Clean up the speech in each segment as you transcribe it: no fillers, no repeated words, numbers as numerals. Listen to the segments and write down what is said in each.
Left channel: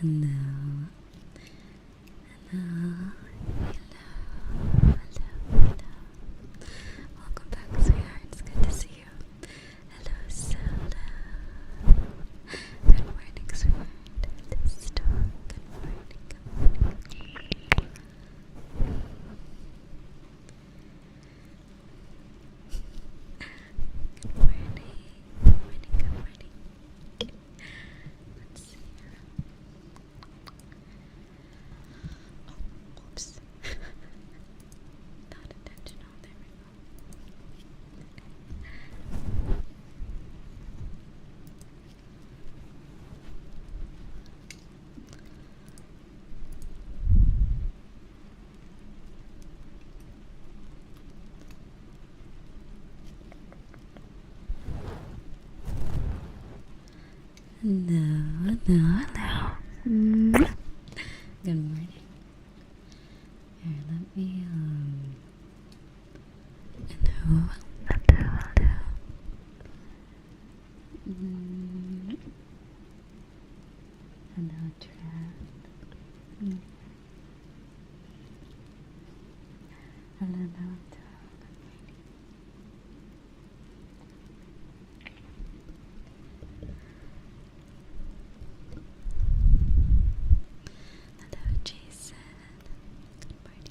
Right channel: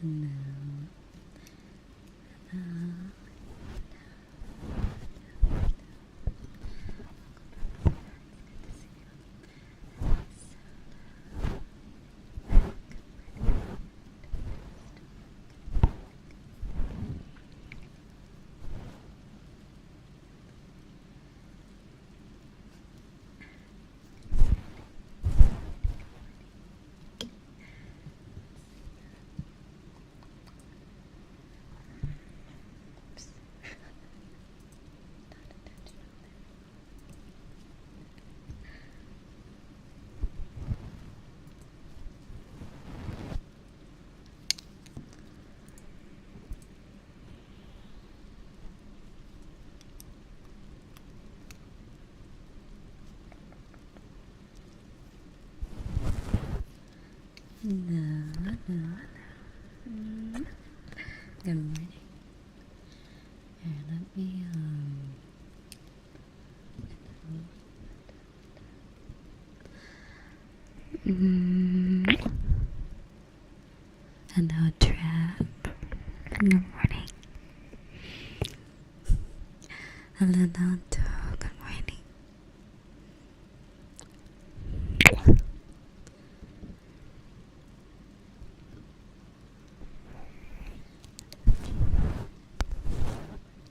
Hello. Welcome back, sweetheart. It's good to see you. Hello, Soda. Good morning, sweetheart. This dog. Good morning, good morning. Good morning, good morning. Let's see. Oops. Not intentional there. Hello, hello, hello. Good morning. Here, let me, hello, hello, Trap. Good morning. Hello, Nanto. Good morning. Hello, Jason. Good morning.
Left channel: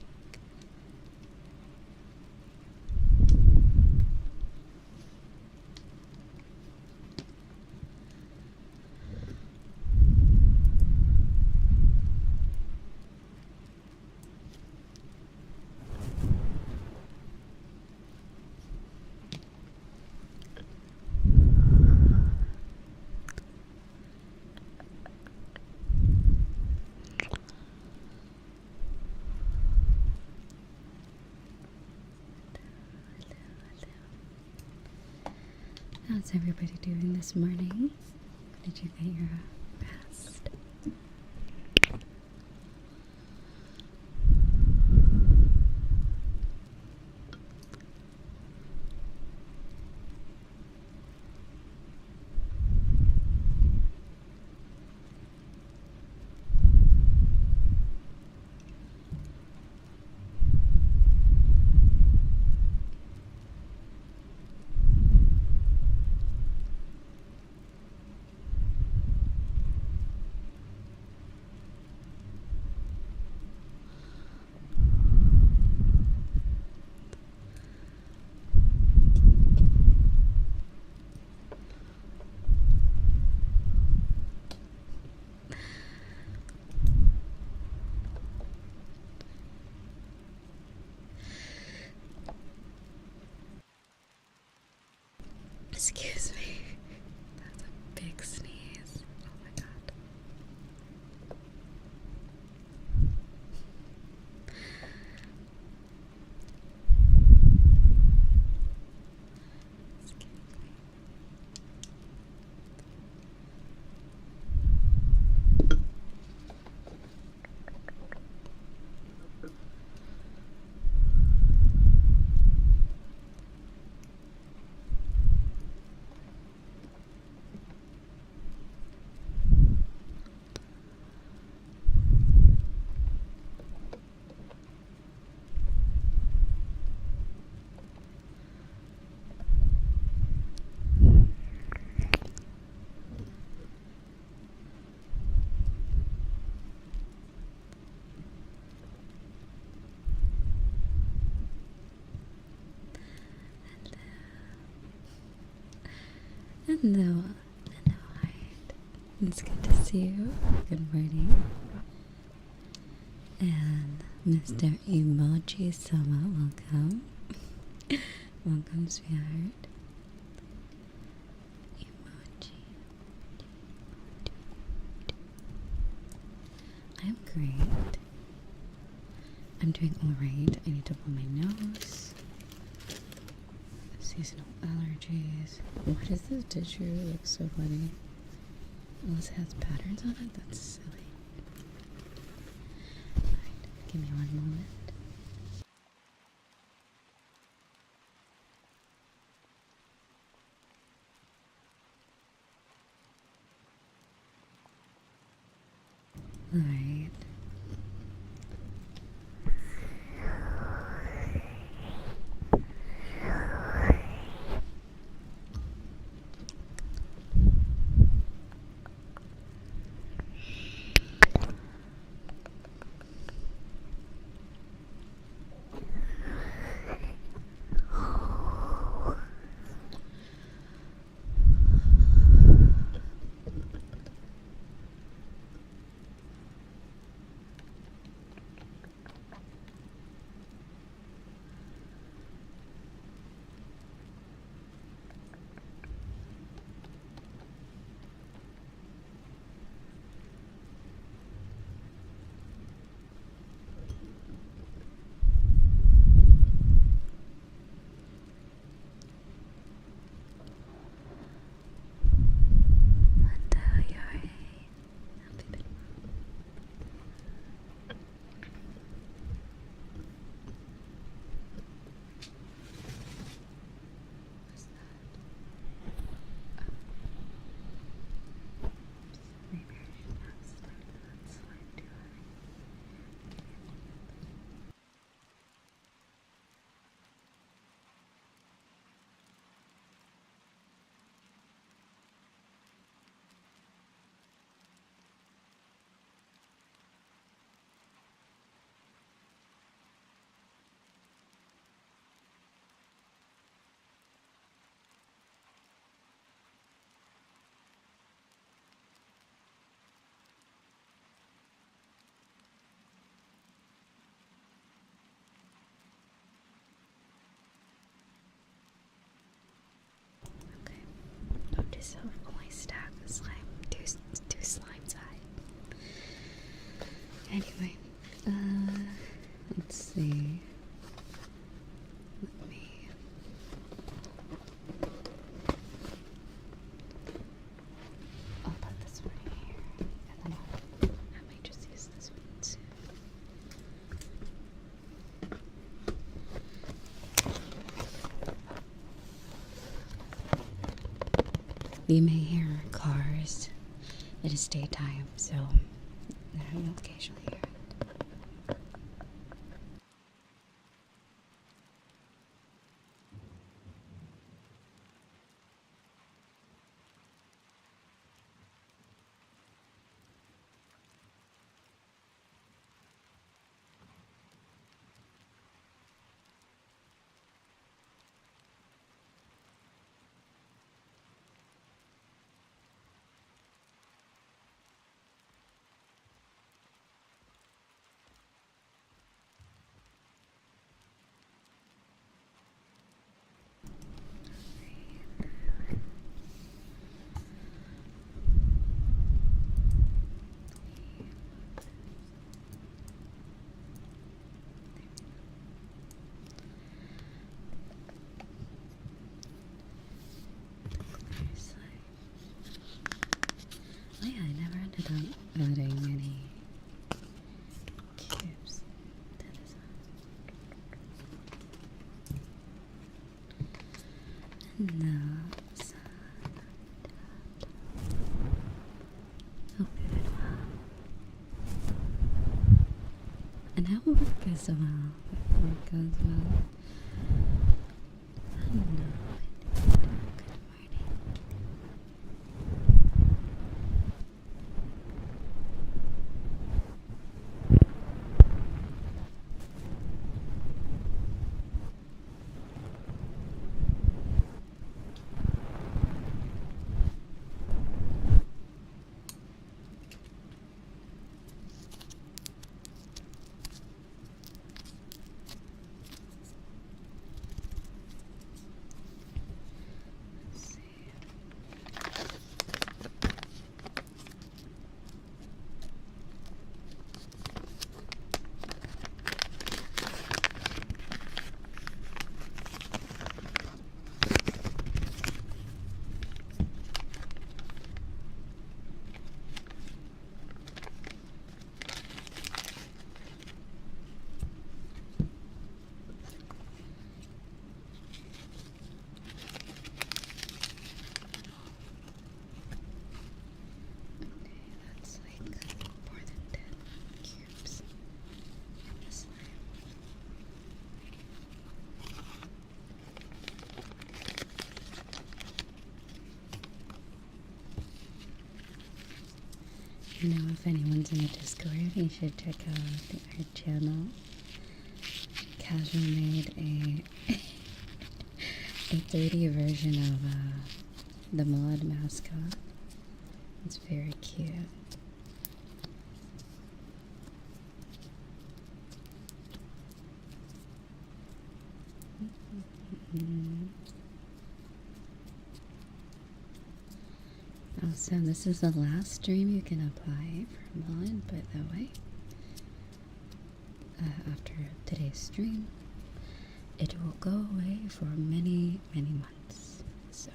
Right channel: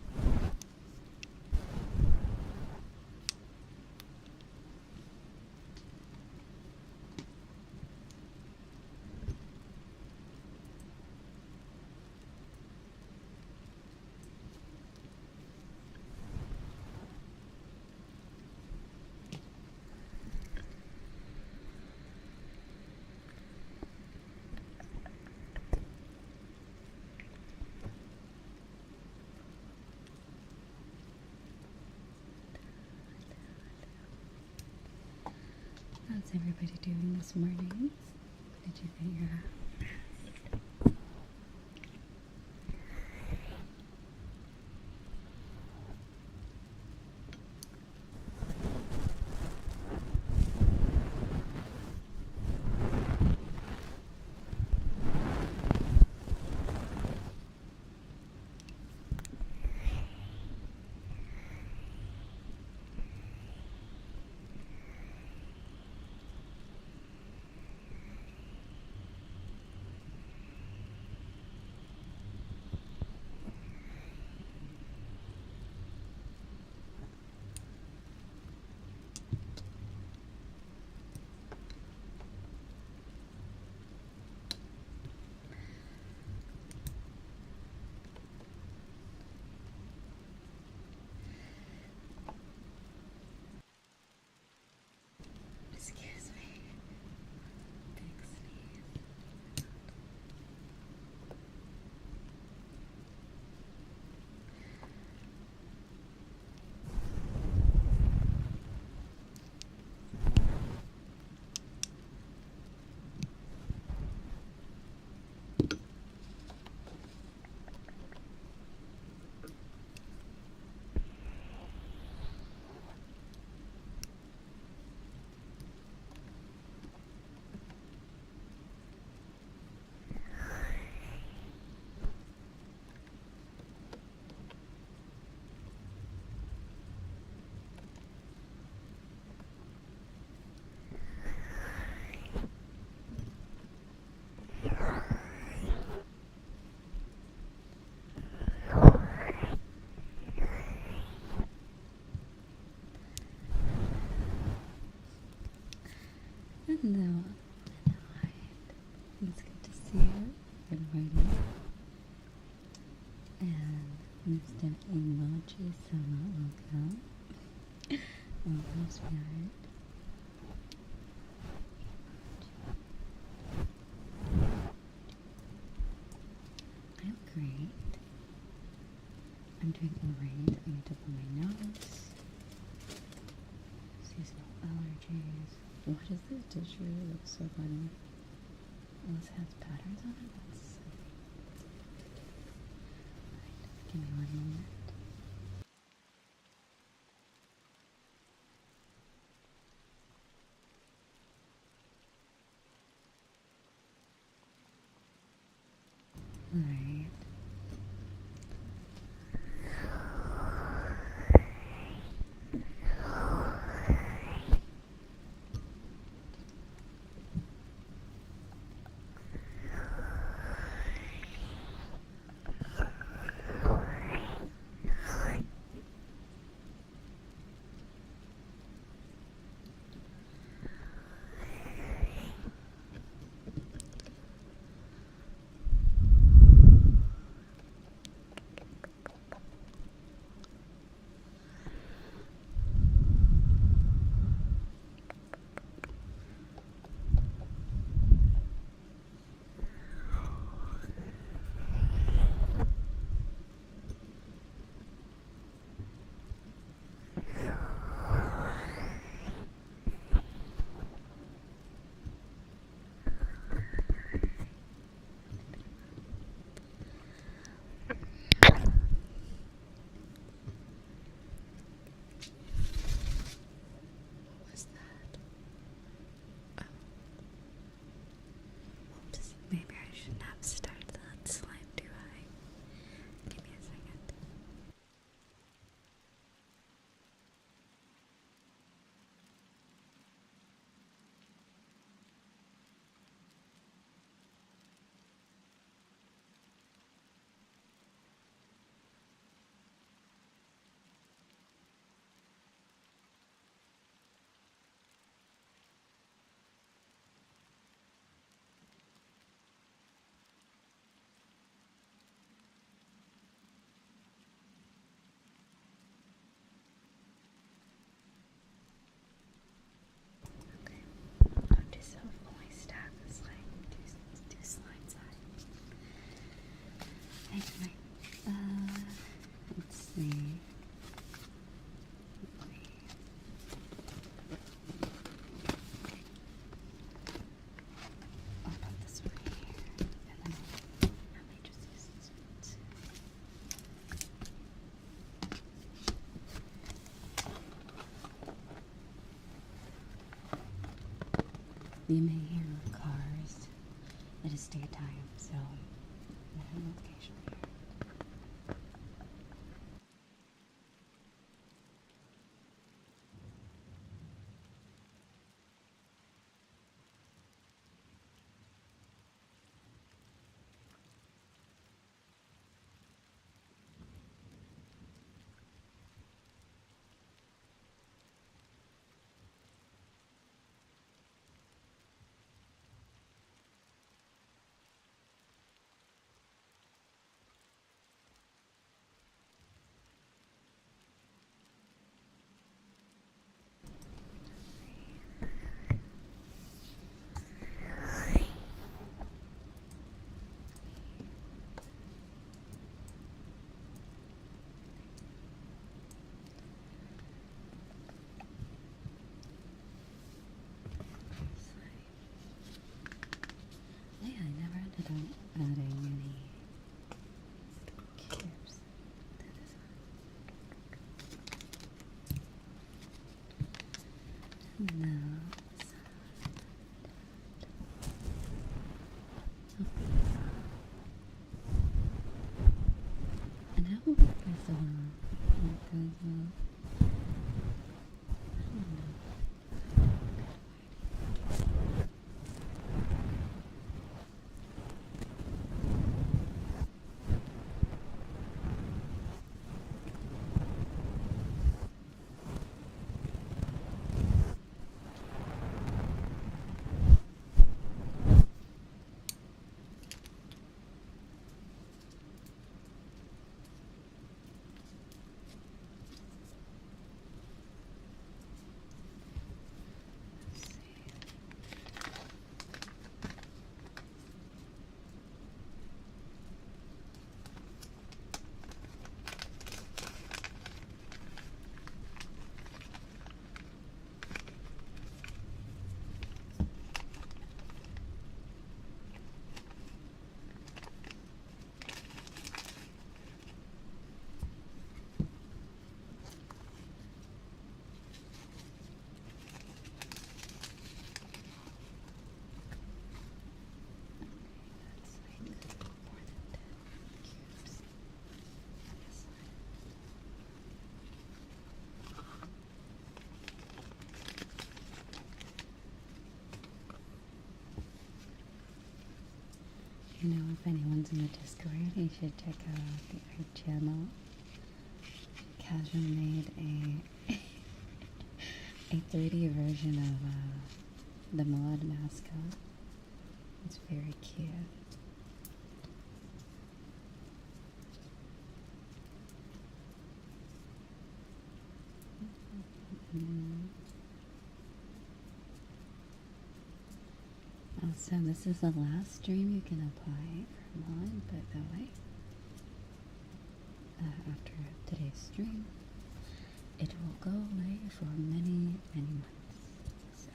How's everybody doing this morning? Did you get your rest? Excuse me. That's a big sneeze. Oh my god. Hello. Hello, Heart. It's good to see you. Good morning. And Mr. Emoji Sama, welcome. Welcome, sweetheart. Emoji. I'm great. I'm doing alright. I need to blow my nose. Seasonal allergies. What is this tissue? It looks so funny. Oh, this has patterns on it? That's silly. Right, give me one moment. Let's see. Let me. I'll put this one here, and then I might just use this one too. You may hear cars. It is daytime, so I will occasionally hear it. Oh yeah, I never ended up adding any cubes to this one. No. Oh. And how will work as well? Work as well. I don't know. You know, if anyone's in the Discord, you should check out the art channel. Casual made a 3D version of the mod mascot. It's very cute. Also, this is the last stream you can apply for mod, by the way. After today's stream, it will go away for many, many months. So.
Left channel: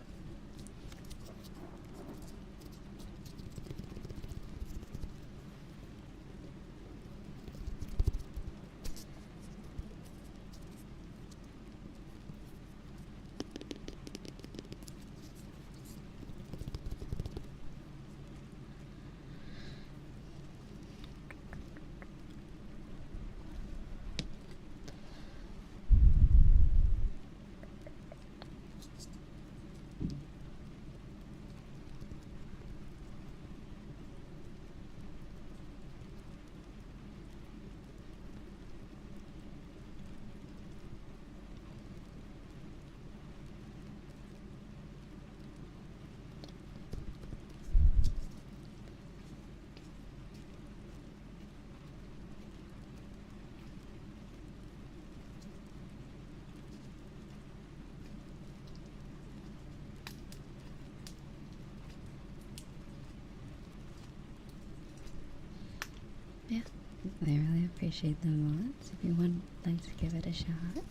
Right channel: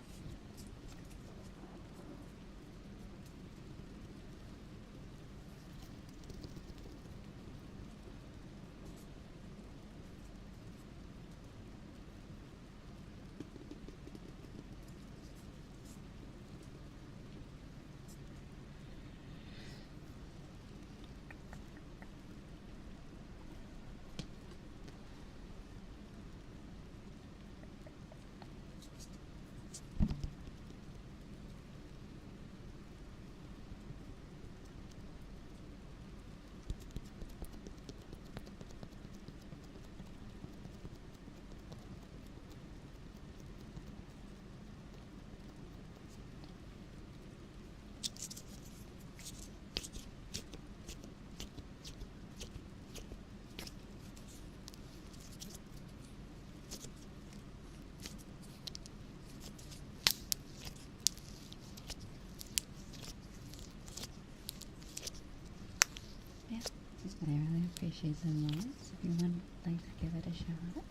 I really appreciate them lots. If you would like to give it a shot, you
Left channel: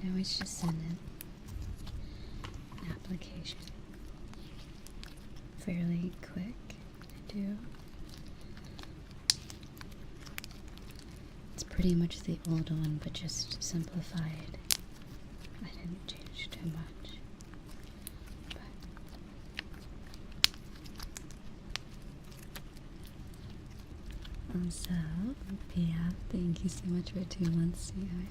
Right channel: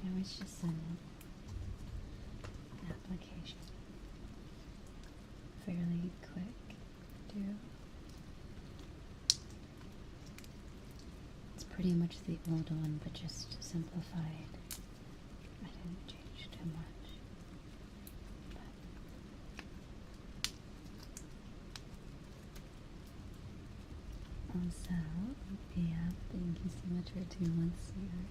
can always just send in an application. Fairly quick to do. It's pretty much the old one, but just simplified. I didn't change too much. Also, Pia, thank you so much for 2 months, sweetheart.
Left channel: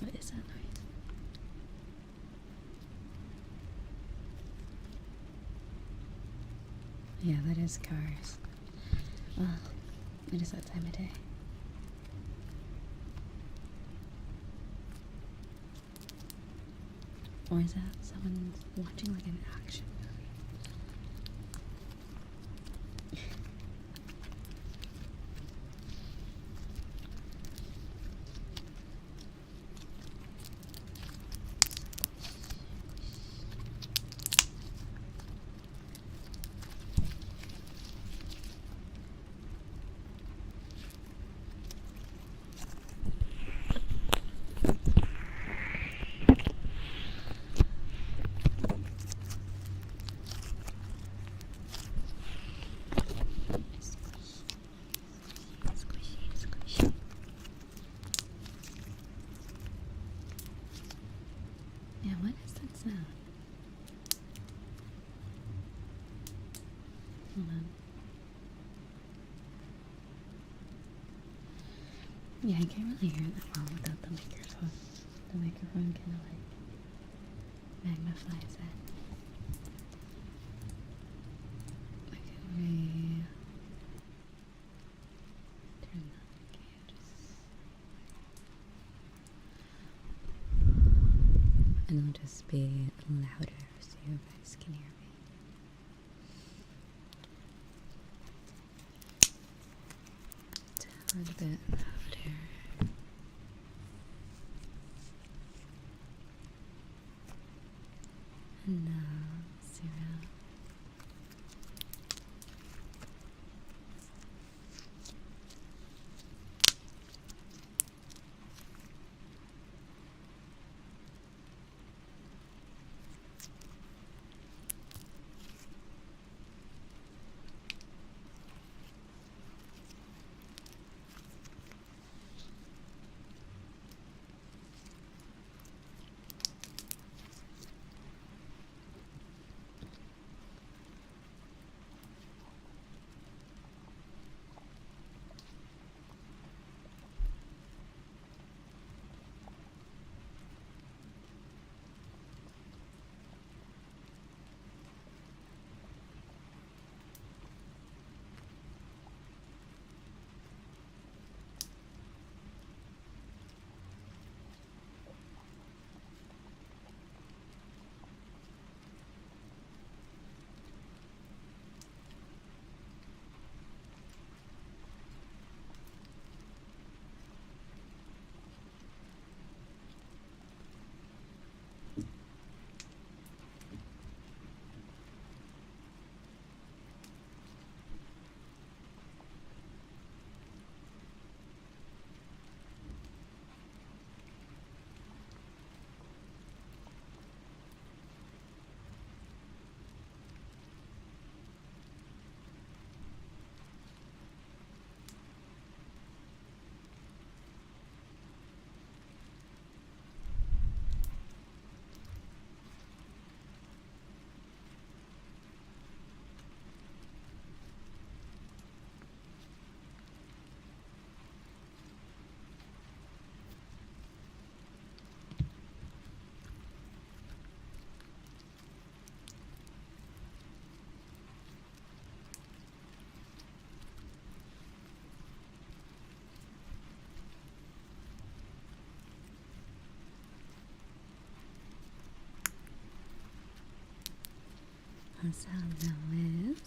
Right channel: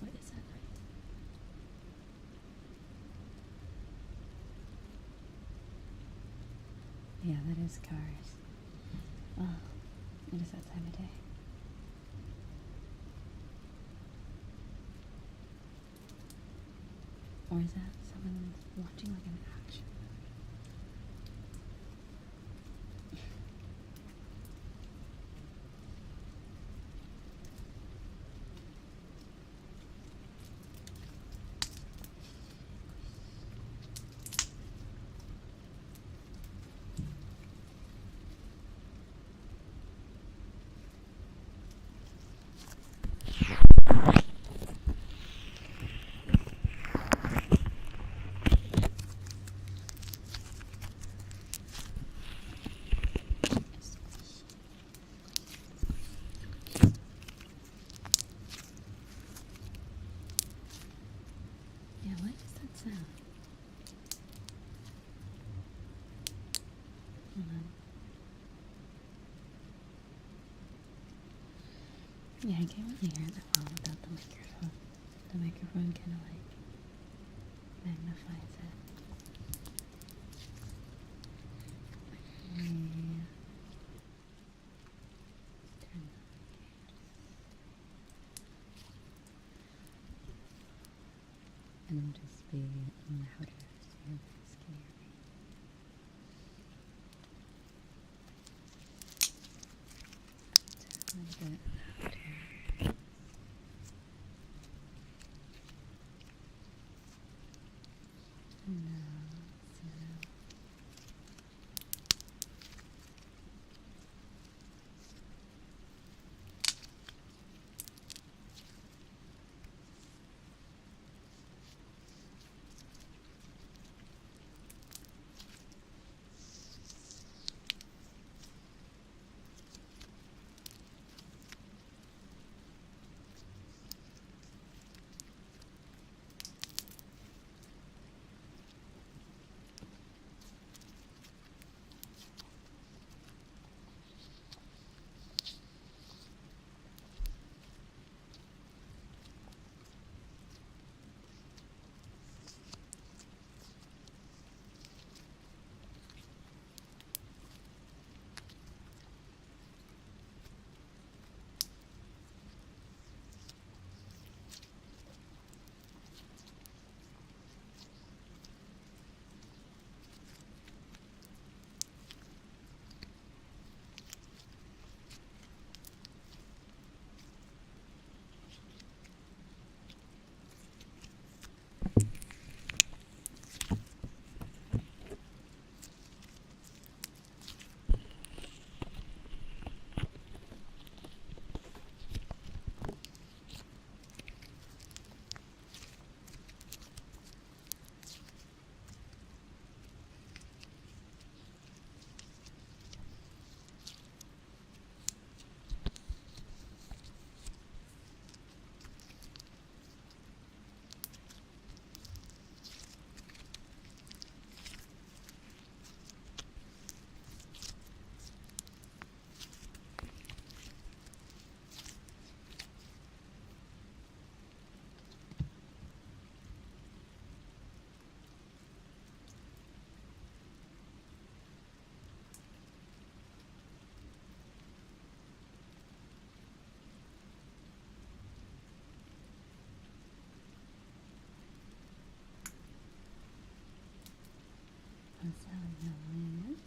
What is that noise? Yeah, that is cars. Well, it is that time of day. Or is that someone watching like an action movie? Yeah, what is that sound? Hold on. Yeah, I can't really hear that well without the microphone. The microphone kind of like magnifies it. Okay. Turn that and just be louder so you guys can hear me. A little bit louder. And so that's how that is.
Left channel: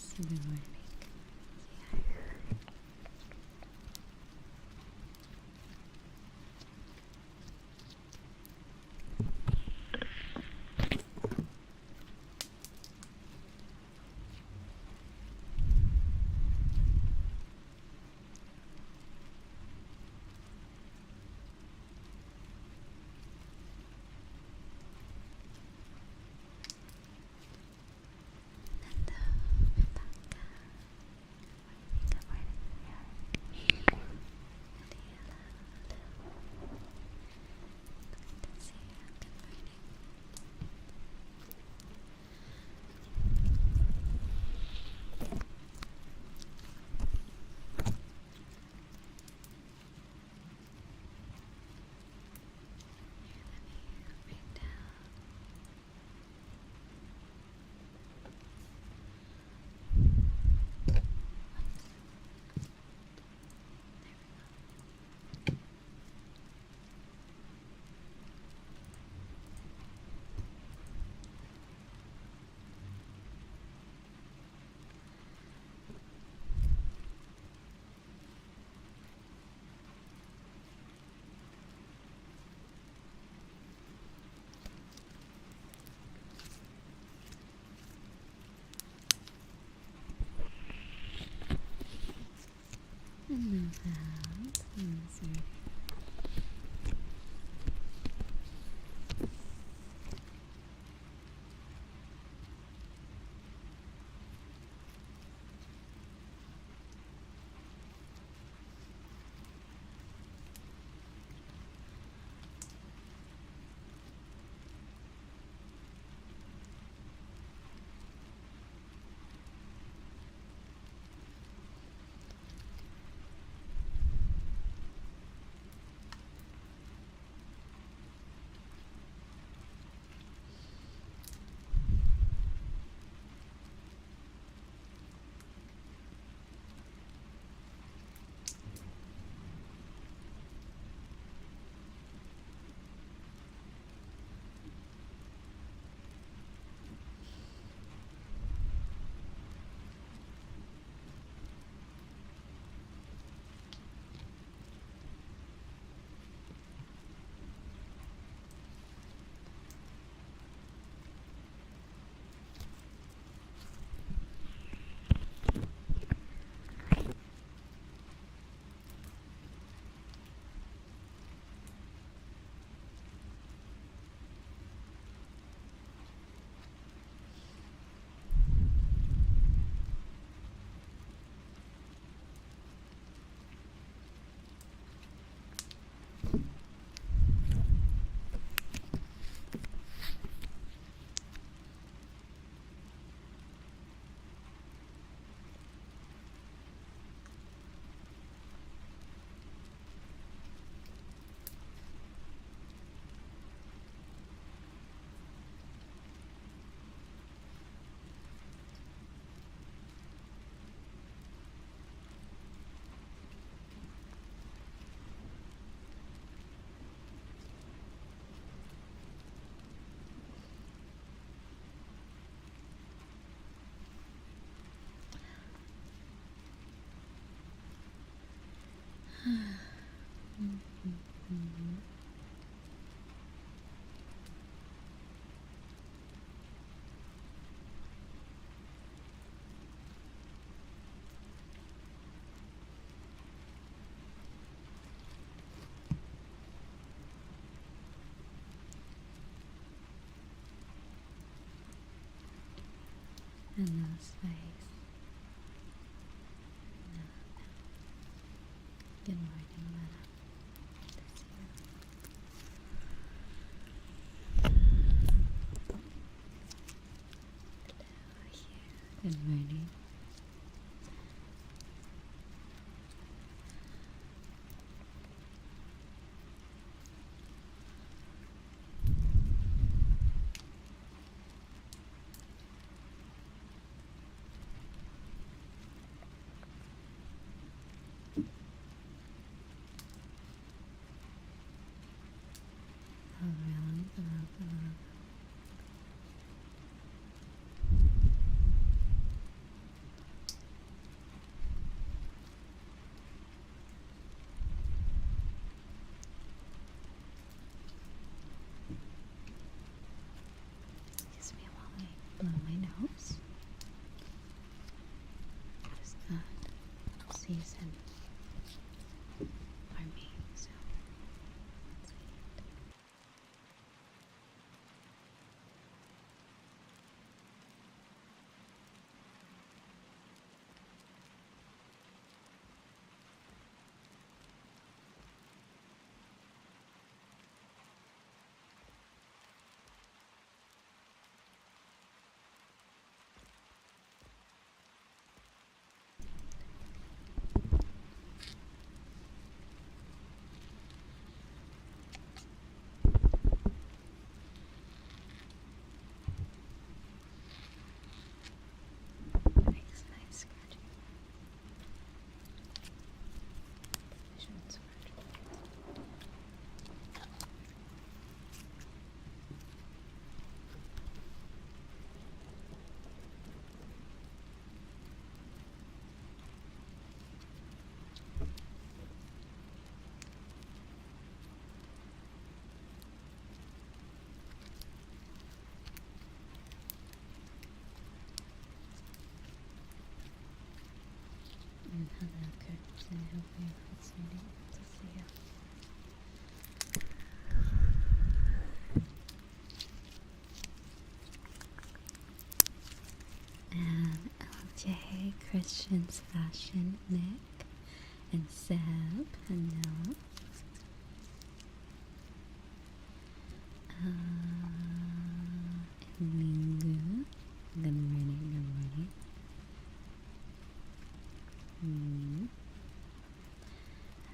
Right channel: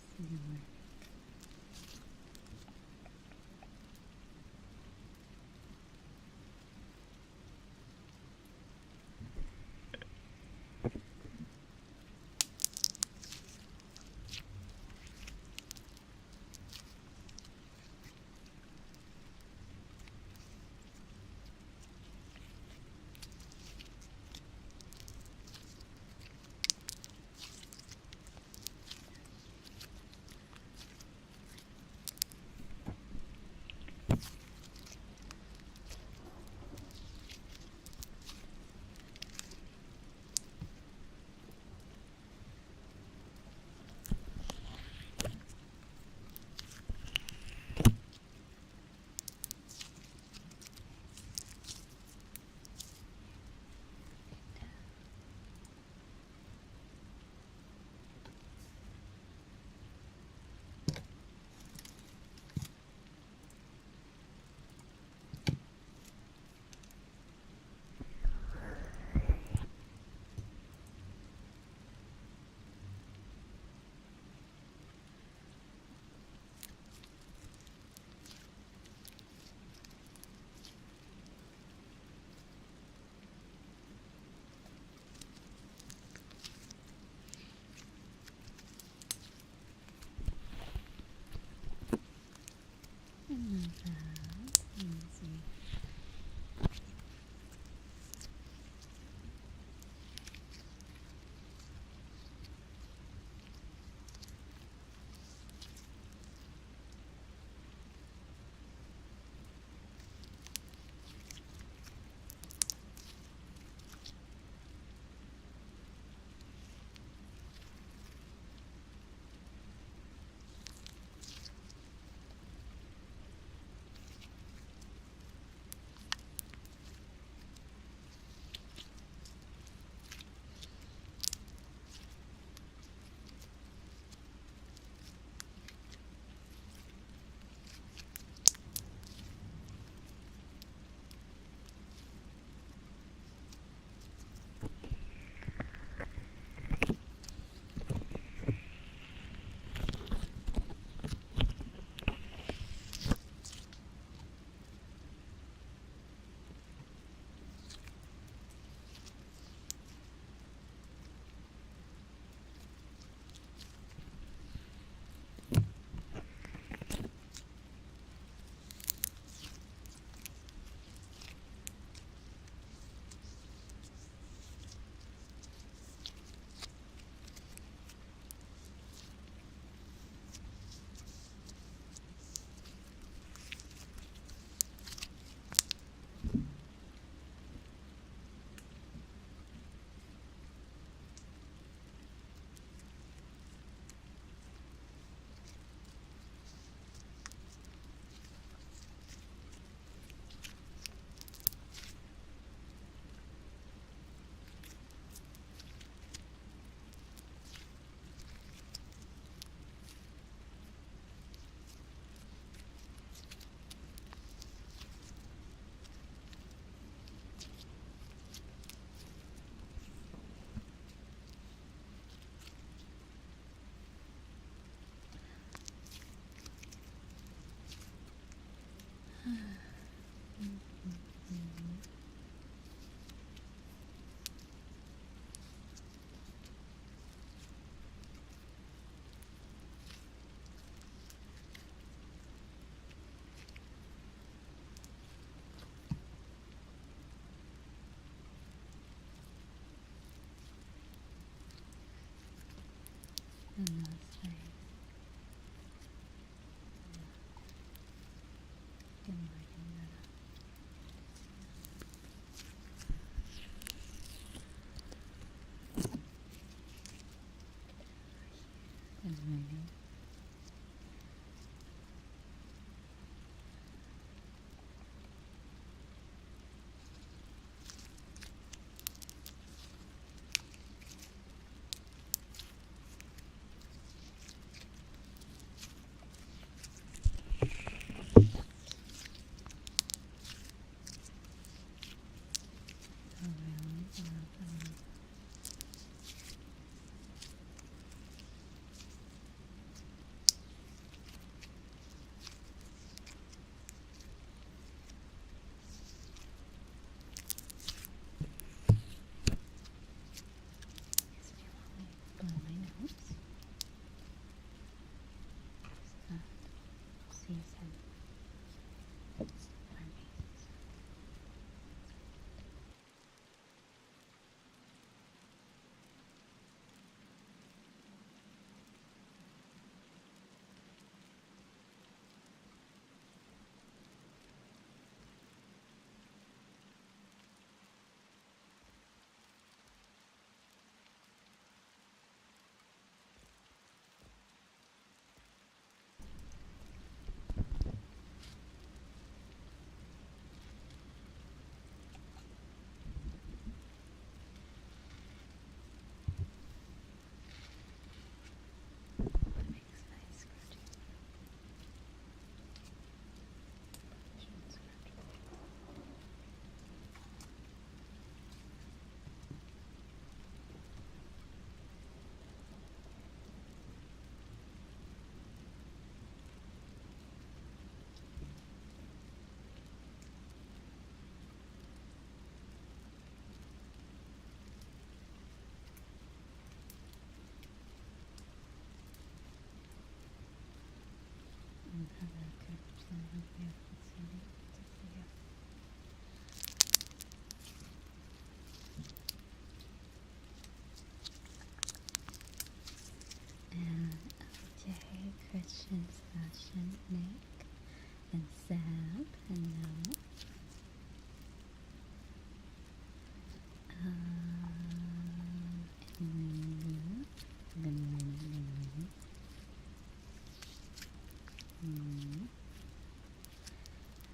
And last night, good morning, Mara. Good morning. Blow my nose. Just that season for me. So hello, Kirsten. I hope you're excited to see you. And LJ, Christian's Fashion, Nick, and Seb, hello. Emilio, good morning.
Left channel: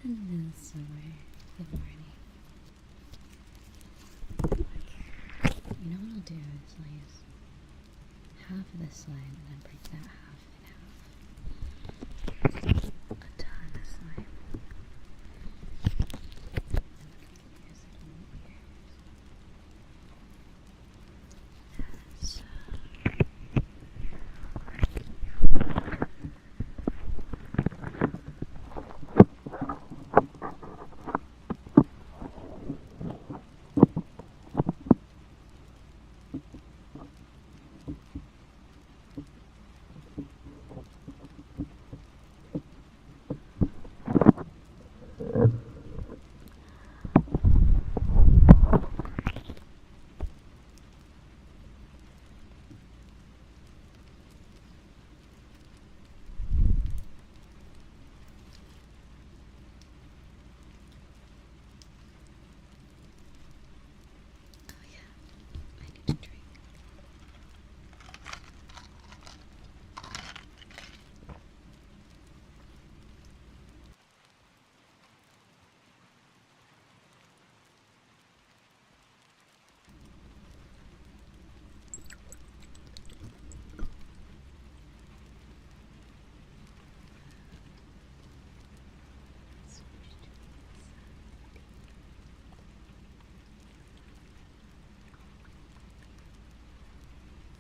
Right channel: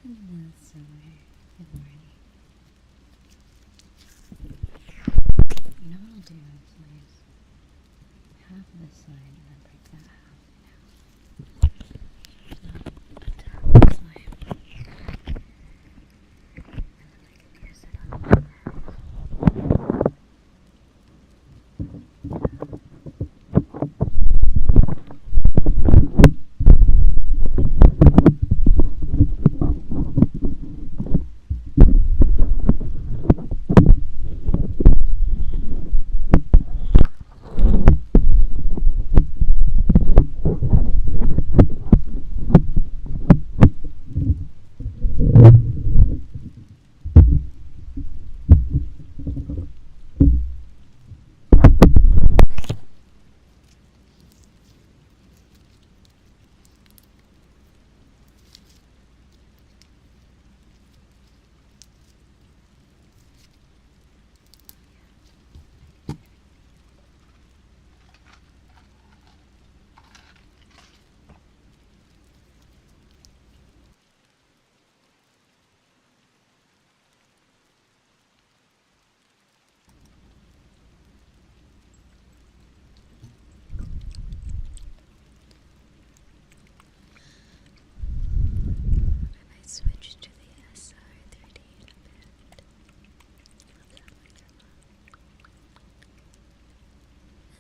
Hello, Zoe, good morning. You know what I'll do is half this way and then break that half in half. Put half this way. And then I can use it on my hair. So. Switch to the SR3D.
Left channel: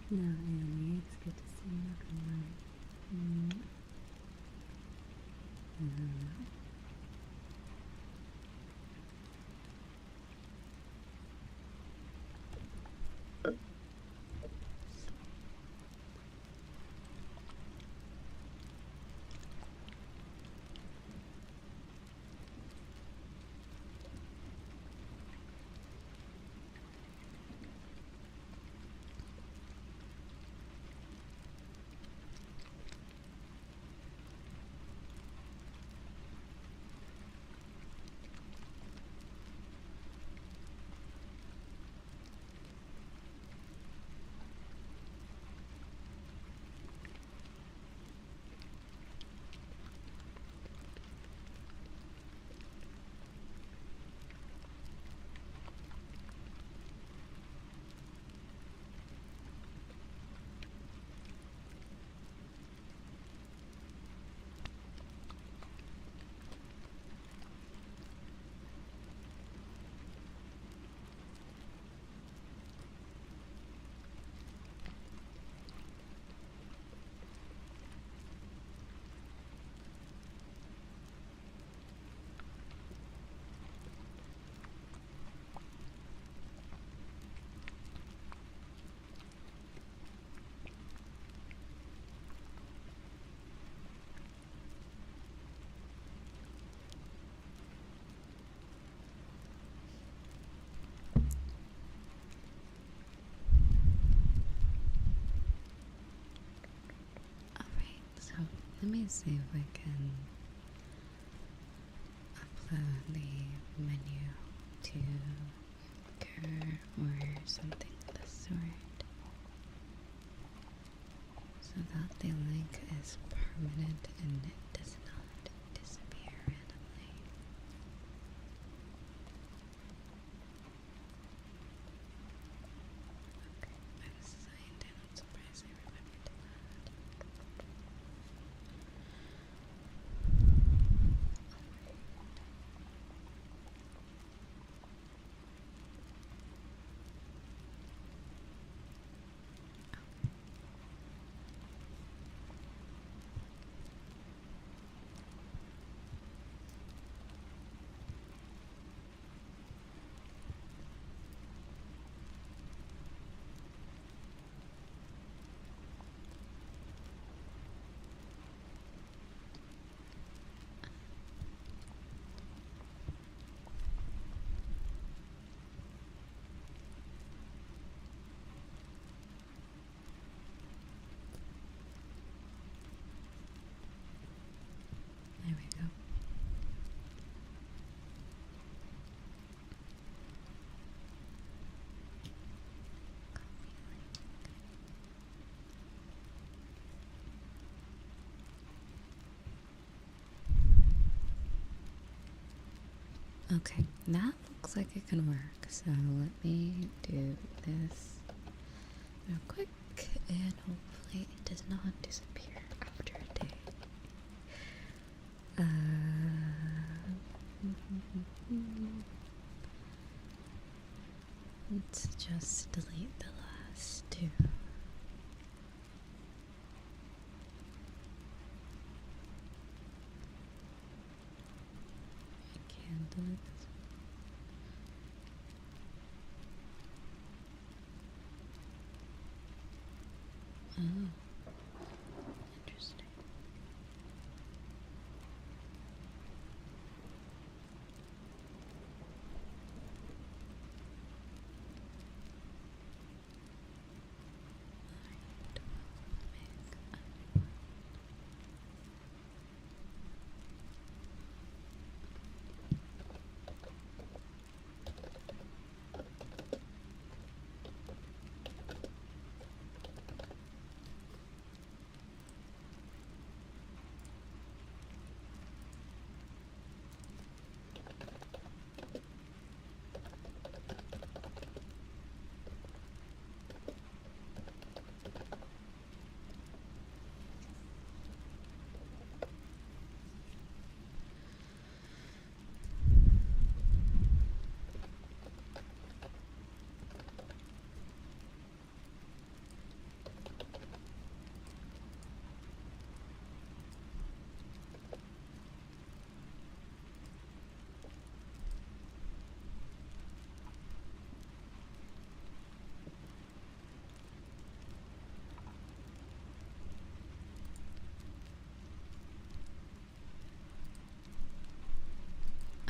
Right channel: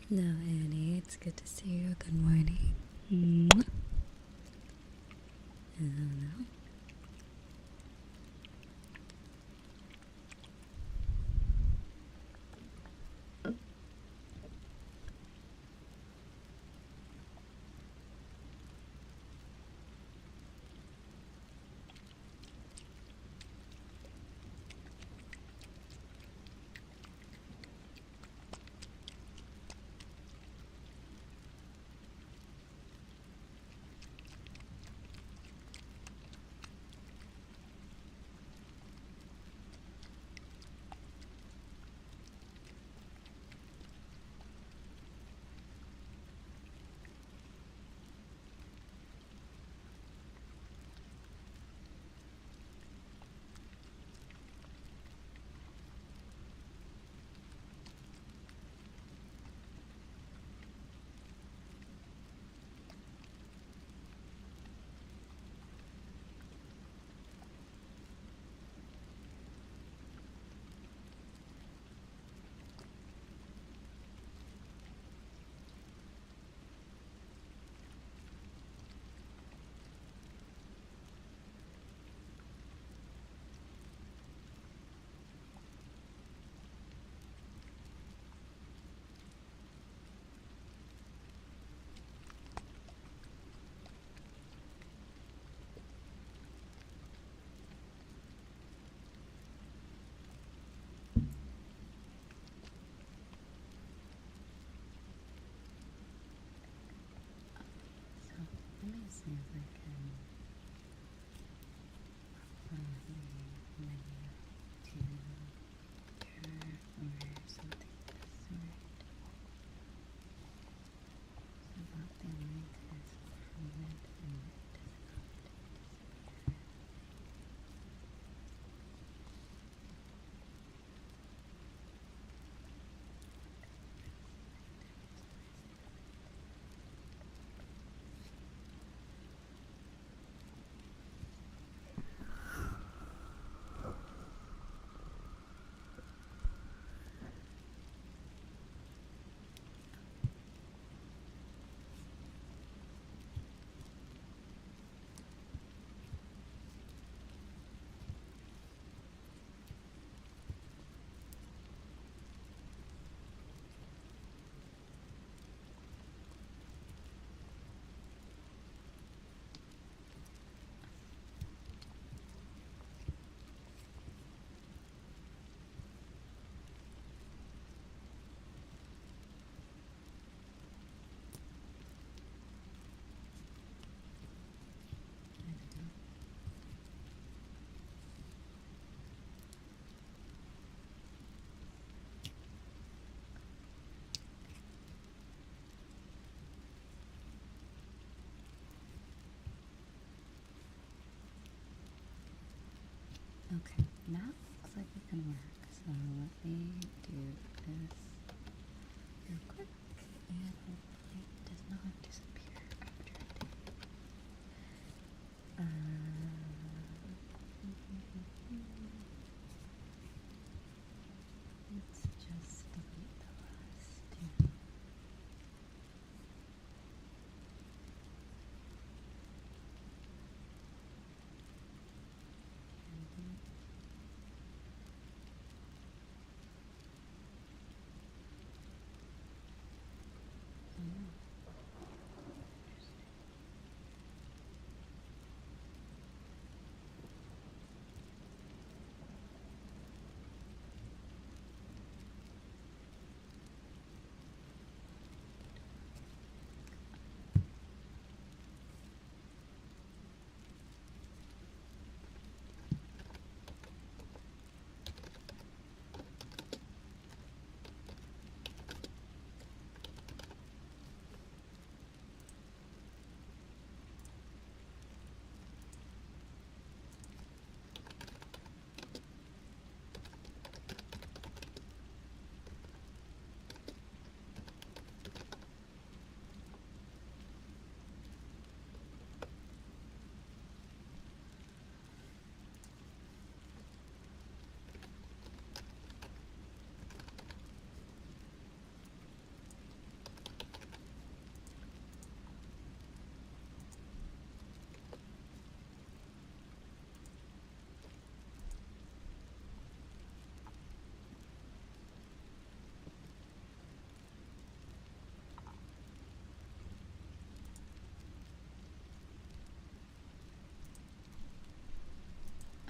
Hello, Annie. It's good to see you. Good morning. Hello. Let me see if I can upload the menu to Twitter or something of the sort so that the link is permanent and it does not disappear randomly. Okay, I signed in. I'm surprised I remembered to do that. Okay, that looks like it can work. So let me do this real quick, and hopefully it does not disappear after a day. Let's just delete the last two. Candles. Oh, interesting.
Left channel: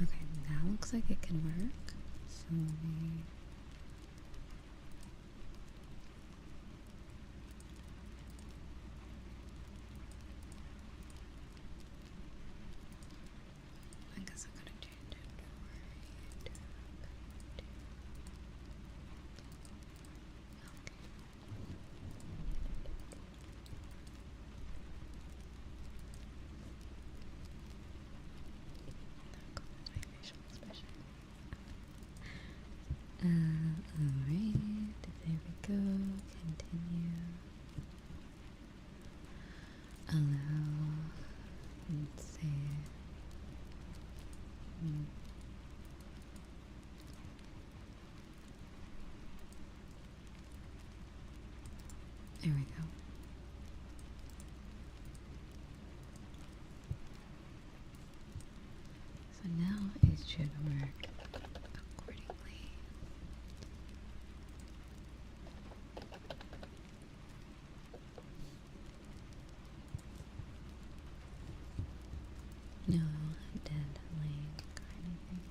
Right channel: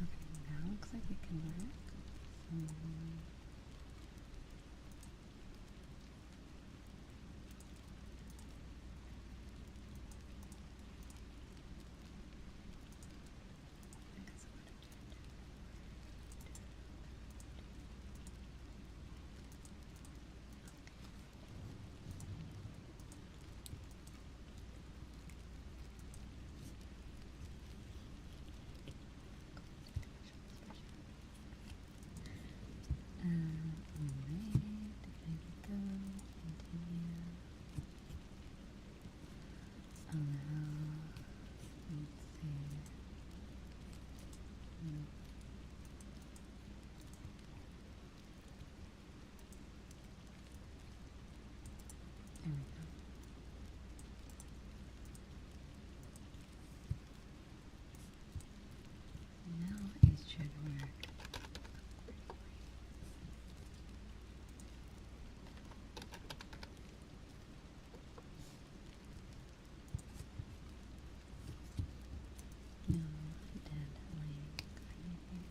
Okay, now looks like it can work. So I guess I'm gonna change it. Alright, there we go. Continue. Allow. Let's see. There we go. So now it should work accordingly. No dead link or anything.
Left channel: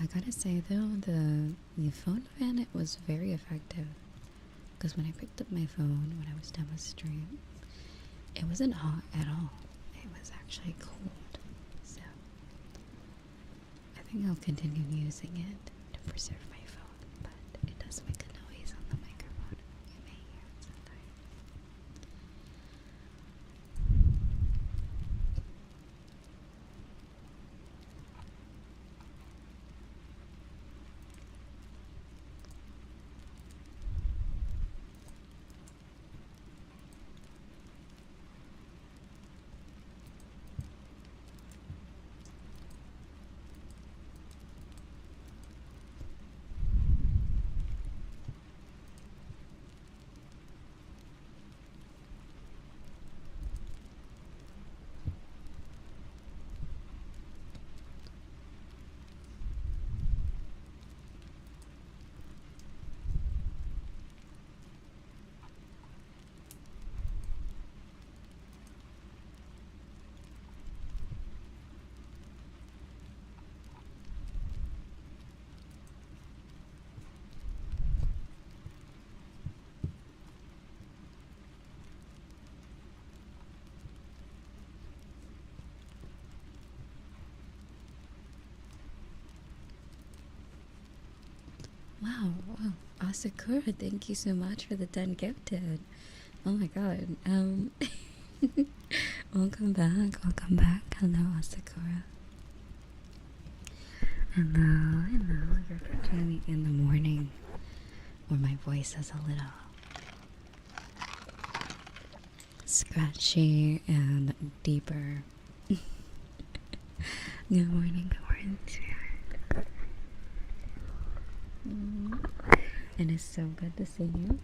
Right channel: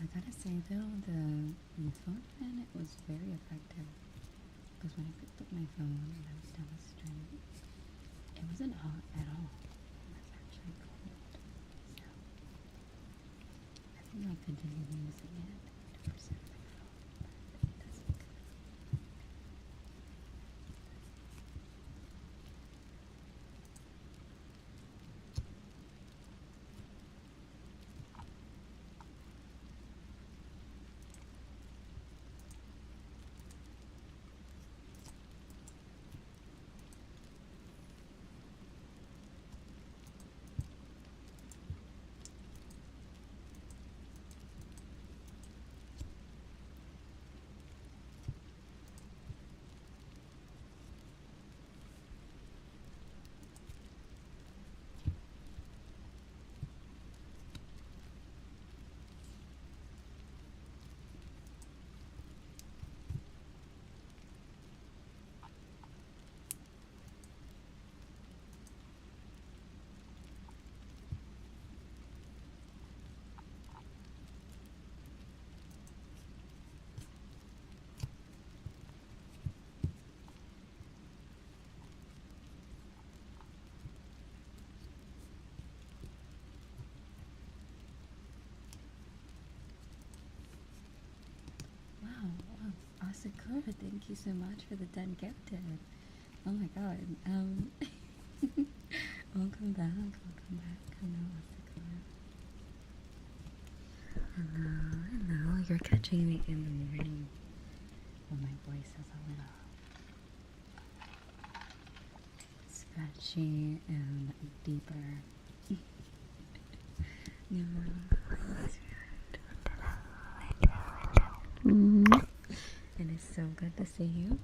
I gotta say though, the phone fan, it was very effective. Because when I picked up my phone when I was done with stream, it wasn't hot at all. It was actually cold. So I think I'll continue using it to preserve my phone, but it does make a noise on the microphone. You may hear it sometimes. Wow, Sakura, thank you so much for the 10 gifted. Oh my god. Welcome back. Welcome back. Hello, Sakura. Hello. You're catching me in the morning where my voice is a little scratchy and deeper. Good morning, spirit. It is so good to see you.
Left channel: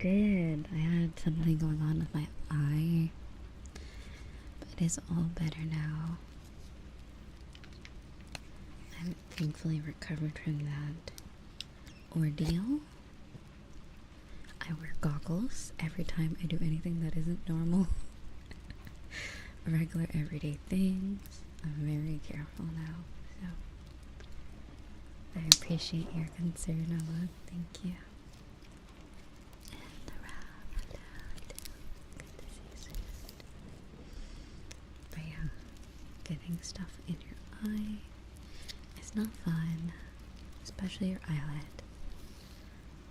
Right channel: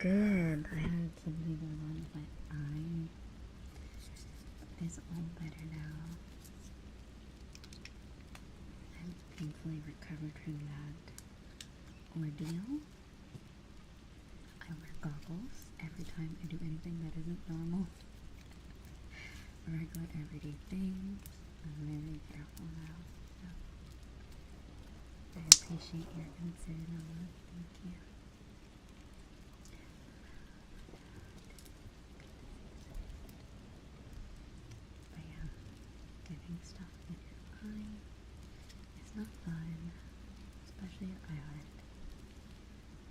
And I had something going on with my eye, but it is all better now. I'm thankfully recovered from that ordeal. I wear goggles every time I do anything that isn't normal. Regular everyday things. I'm very careful now, so I appreciate your concern, Ella. Thank you. But yeah, getting stuff in your eye is not fun, especially your eyelid,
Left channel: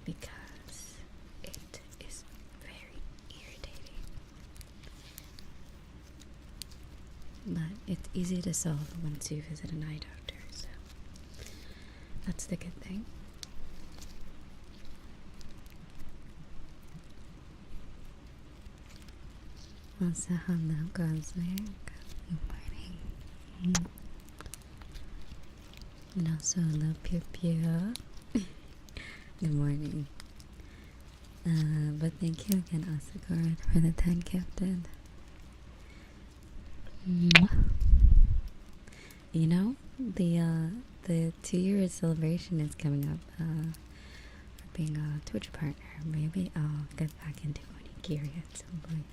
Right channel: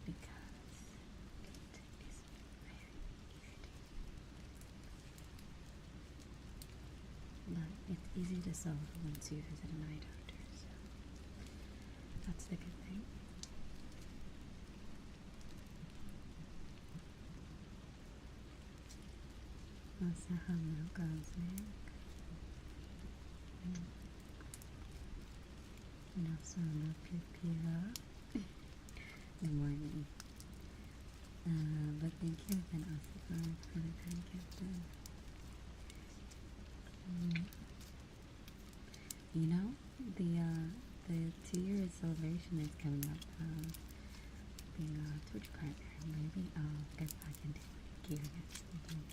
because it is very irritating. But it's easy to solve once you visit an eye doctor, so that's the good thing. Also, hello, Cosplay. Good morning. And also, hello, Pew Pew. Good morning. But thank you again, Asakura, for the 10 gifted. You know, the 2-year celebration is coming up. Being a Twitch partner, maybe I'll get back into Onigiri at some point.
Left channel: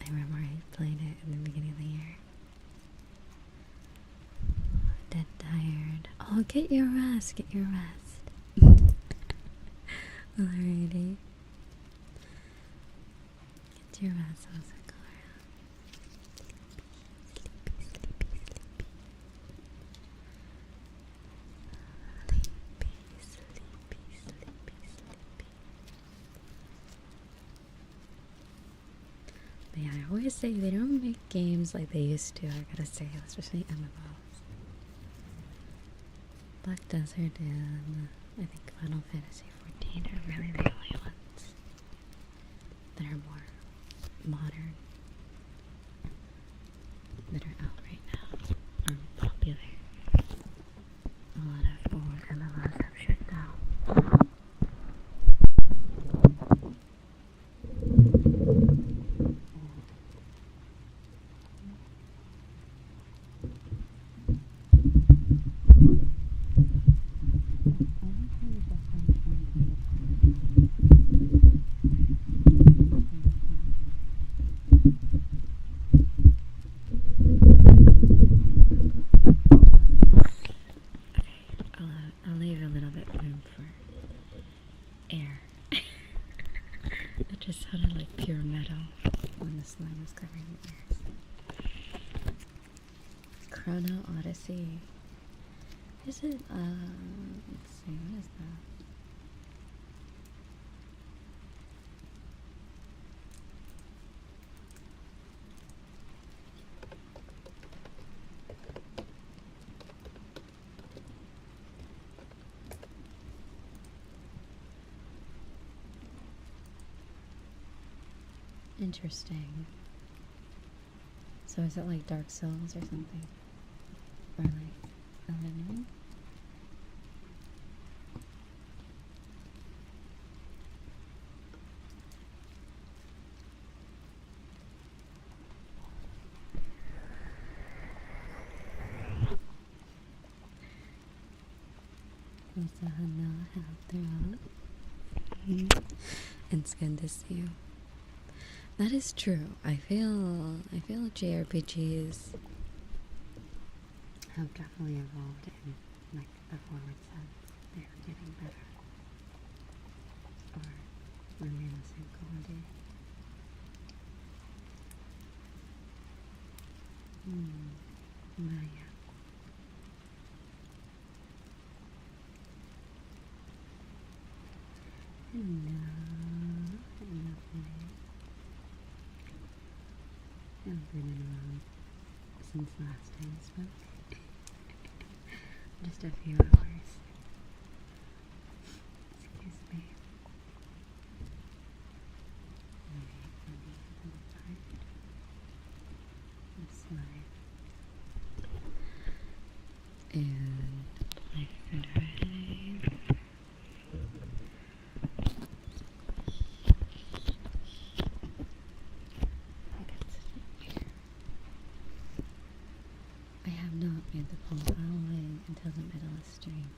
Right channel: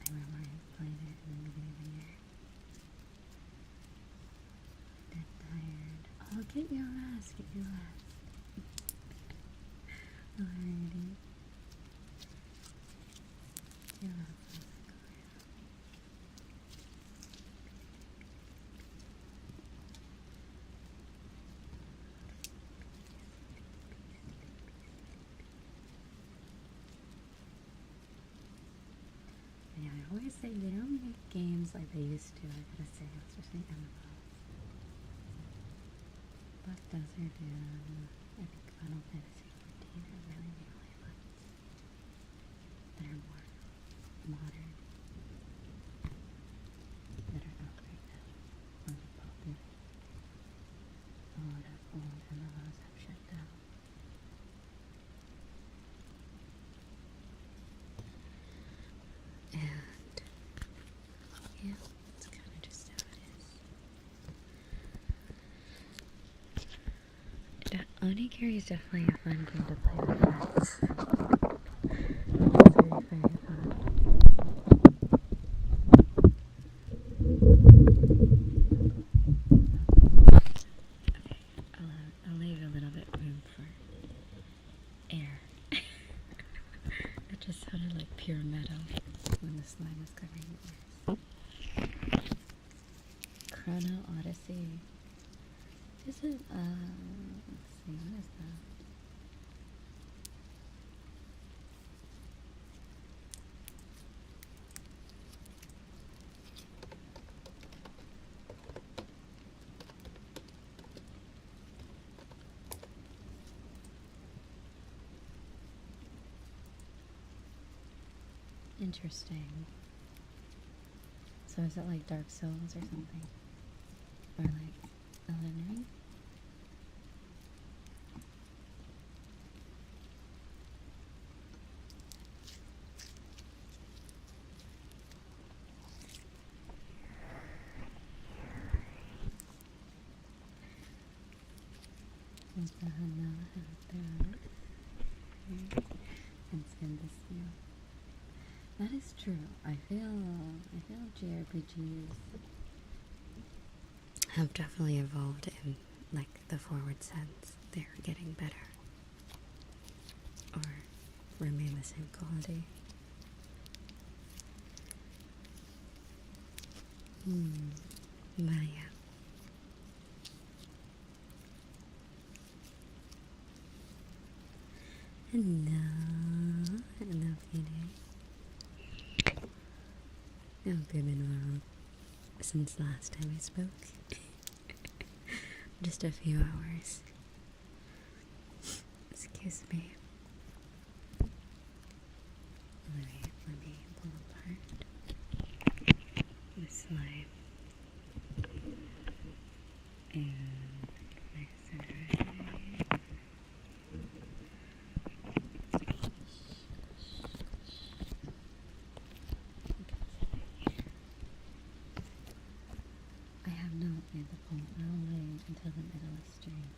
I remember I played it in the beginning of the year. Dead tired. Oh, get your rest. Get your rest. Alrighty. Get your rest, Asakura. But yeah, I always say they don't make games like they used to, I gotta say, especially MMOs. Black Desert and I think Final Fantasy 14 are really the only ones that are more modern, that are out right now, are popular. A lot of old MMOs have shut down. And yeah, it's kind of just how it is. Onigiri is definitely a fun game to play with friends. It's very, very fun. I'll leave a little bit room for air. It just sounded like pure metal when the slime was covering the ears. Chrono Odyssey. Is it, let's see, what is that? Interesting. So is it like Dark Souls or something? Or like Elden Ring? It's good to see you. That is true. I feel JRPGs have definitely evolved in like the forward sense. They're getting better. Or remain the same quality. Vaya. Hello, hello, Phoenix. I hope you've been well since last time we spoke. Just a few hours. Excuse me. Alright, let me pull apart this life. And I said I have not made the poll. I'll wait until the middle of stream.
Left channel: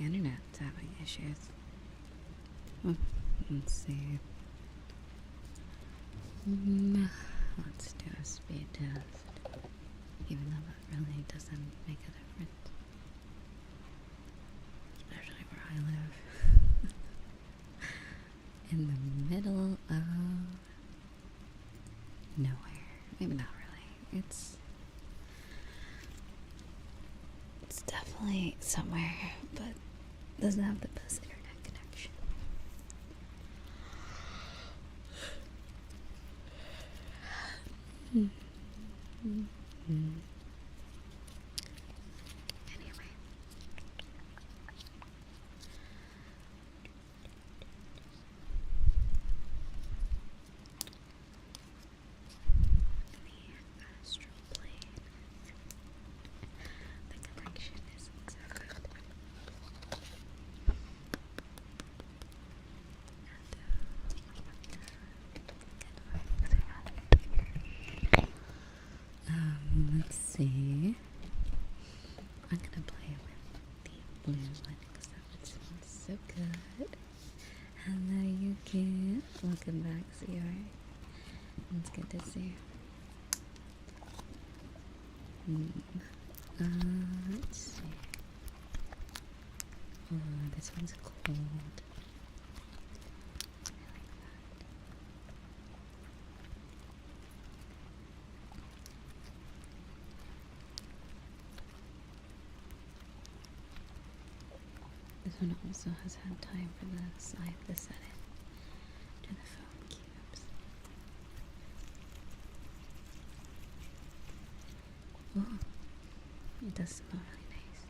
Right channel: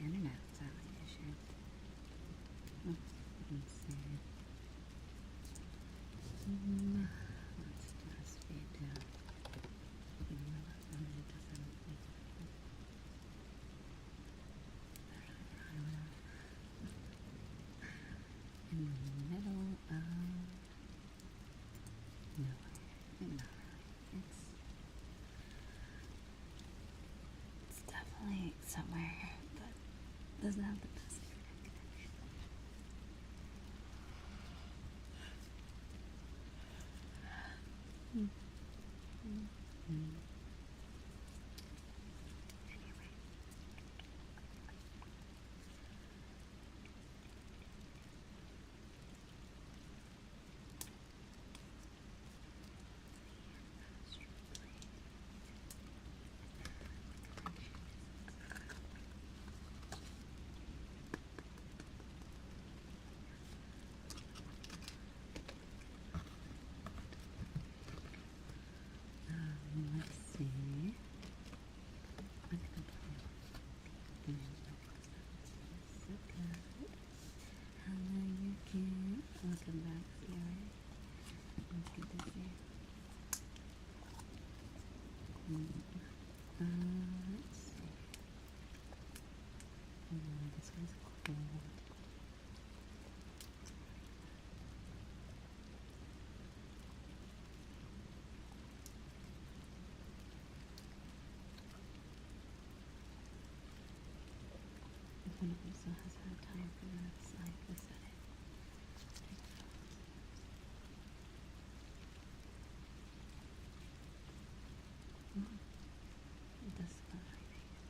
internet's having issues. Let's see. Let's do a speed test, even though that really doesn't make a difference. Especially where I live. In the middle of nowhere. Maybe not really. It's definitely somewhere, but doesn't have the best internet connection. Anyway. The astral plane. The connection isn't so good. Let's see. I'm gonna play with the blue one because that sounds so good. Hello, Yuki. Welcome back, CR. It's good to see you. Let's see. Oh, this one's cold. This one also has had time for the side to set it to the phone cubes. Oh, it does smell really nice.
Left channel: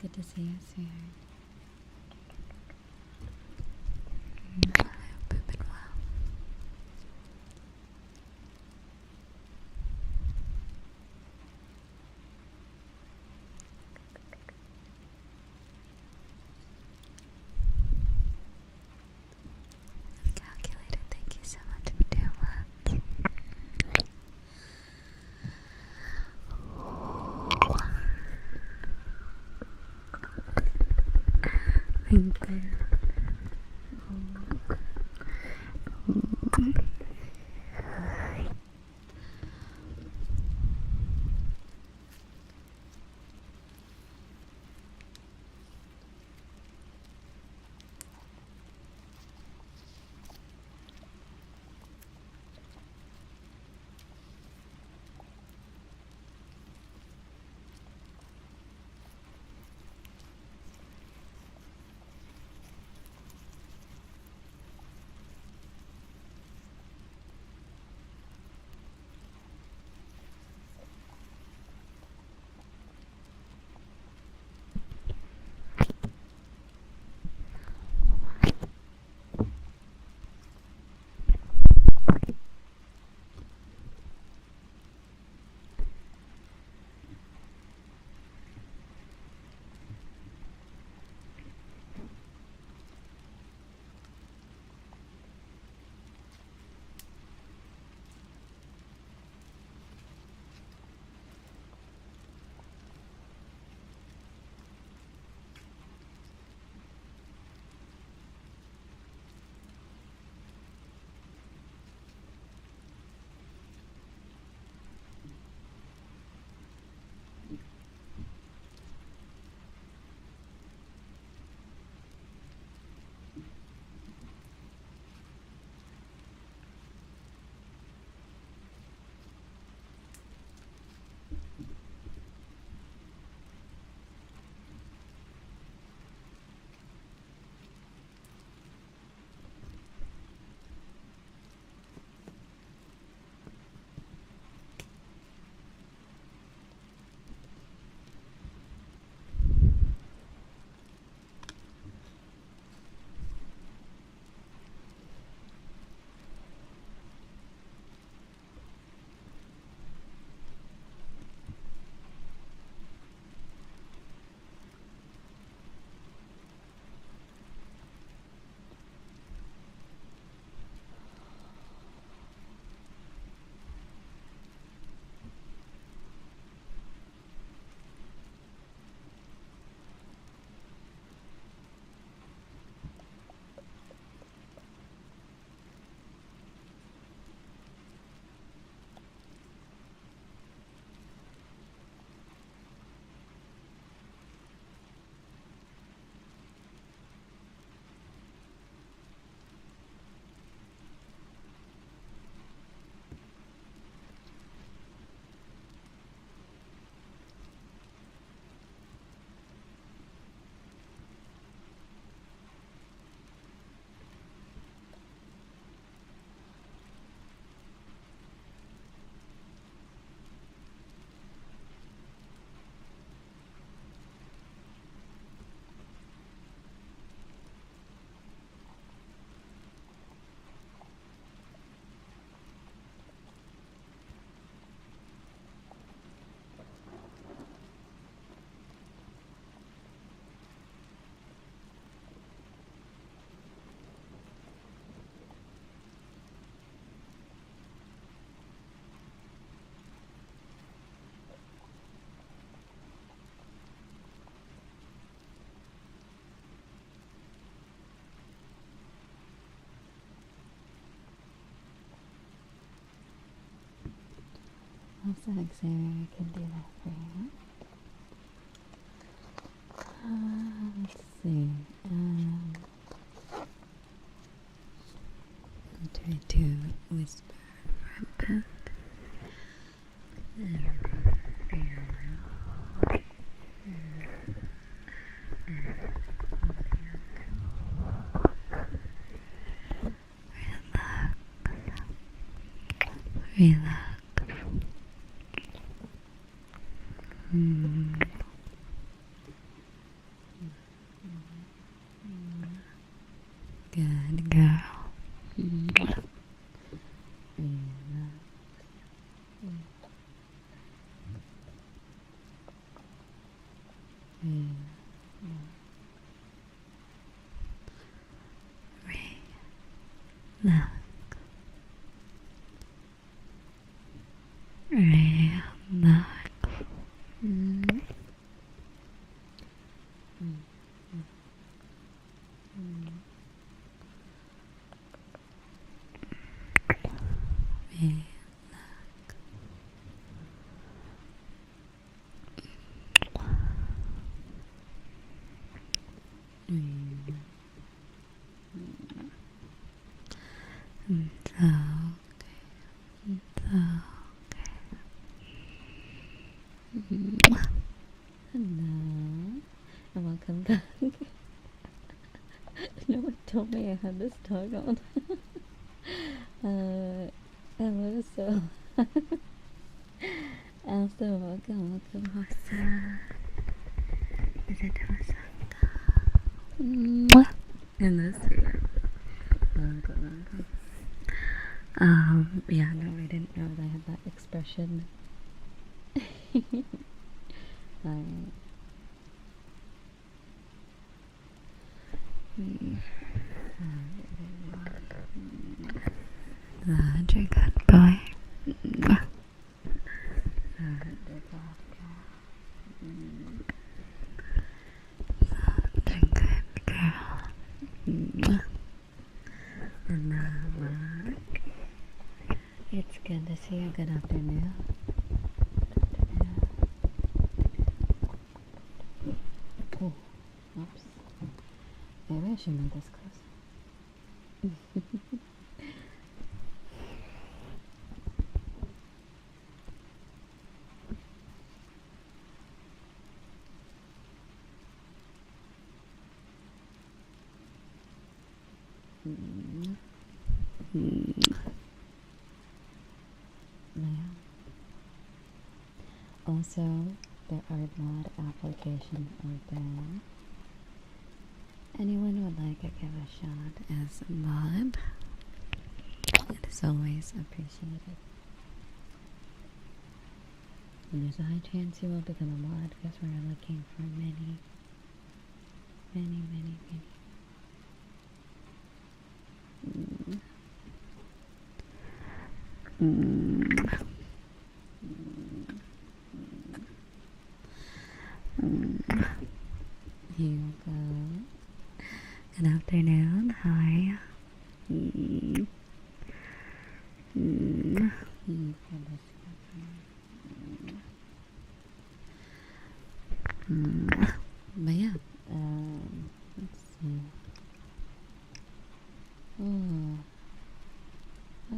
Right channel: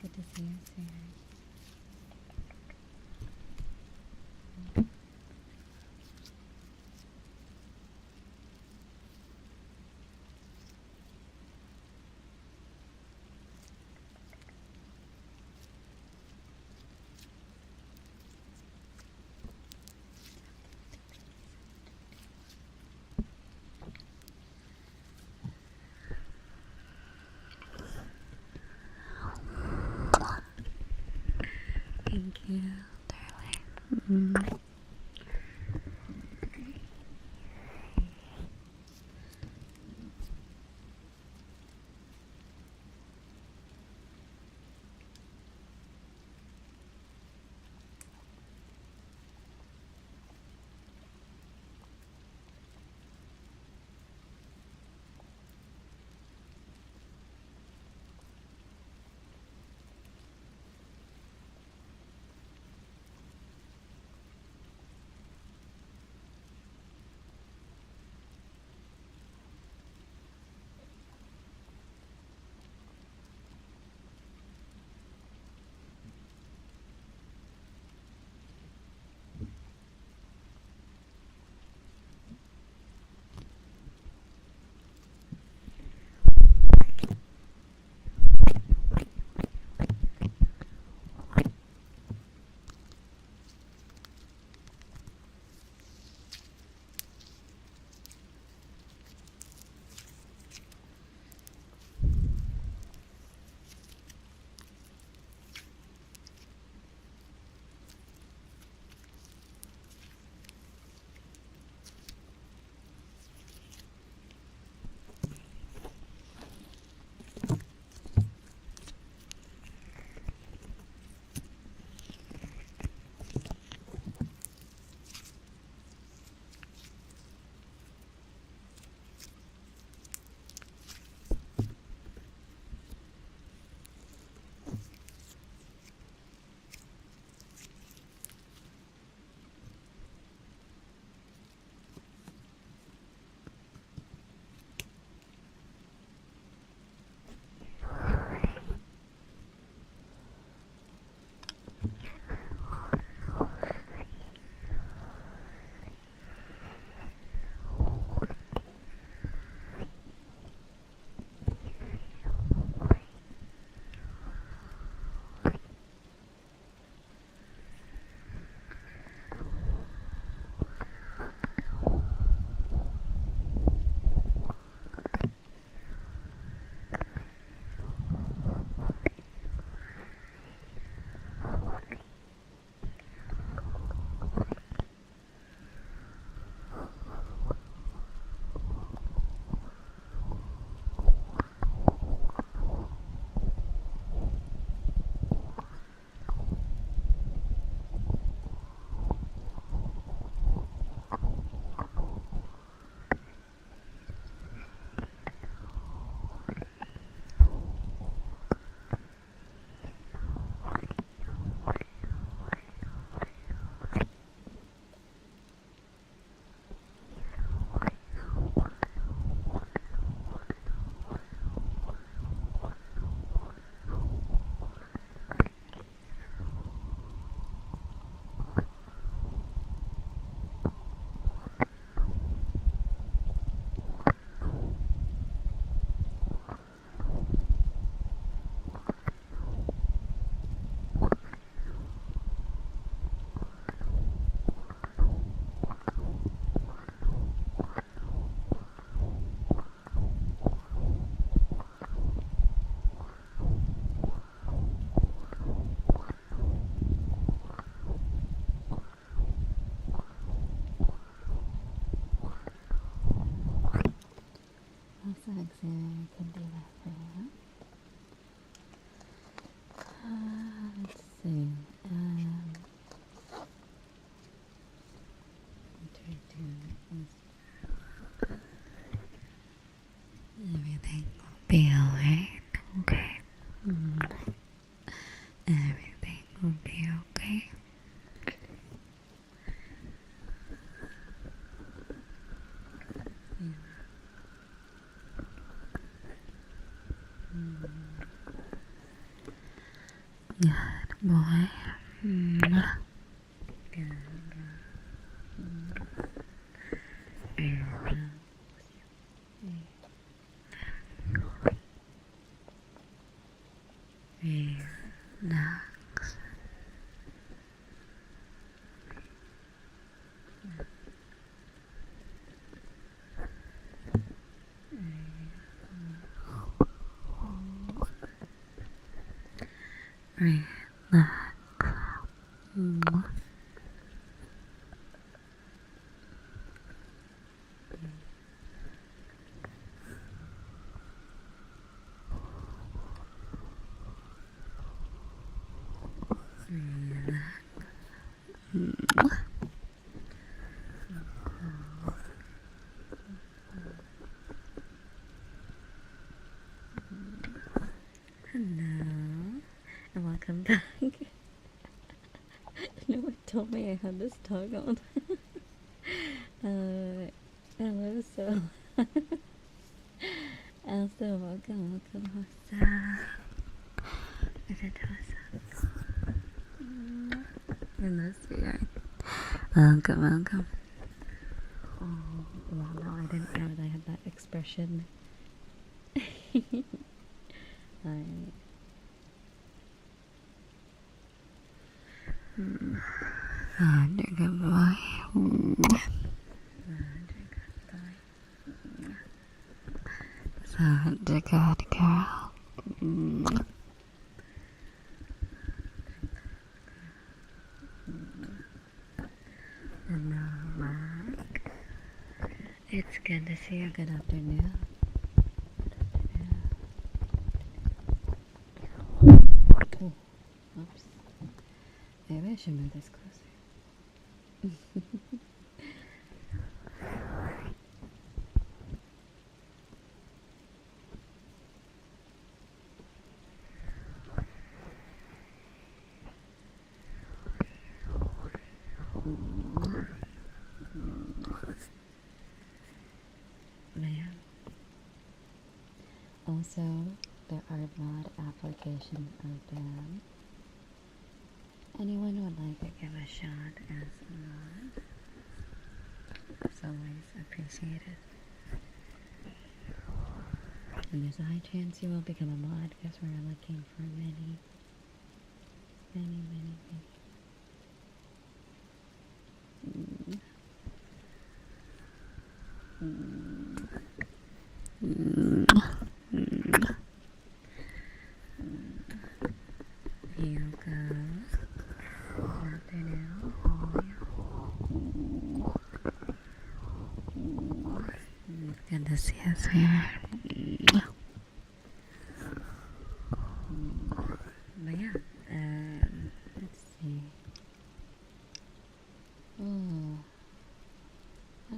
Good to see you, sweetheart. I hope you've been well. Calculator, thank you so much for doing well. Thank you. relax, relax, relax, relax. Hello, and welcome back. No one told me I had this dog on. Hello, so also welcome, Hossa. Is it Hossa? And this regard. Welcome. Yeah, no, I didn't know that I had that expression. Alright. Such a good boy. Such a good boy. Such a good girl. Such a good girl. And now, Mark. It's good to see you. Good afternoon. Oh, oops. Maybe I should move this closer. Man. Also, the art mod application open. Anyone would like to give a shot as a mod? It is always appreciated. And there's a high chance you will become a mod because we're looking for many. Here goes. Good afternoon. Hi. Good to see us here. But yeah, let's see. Oh, I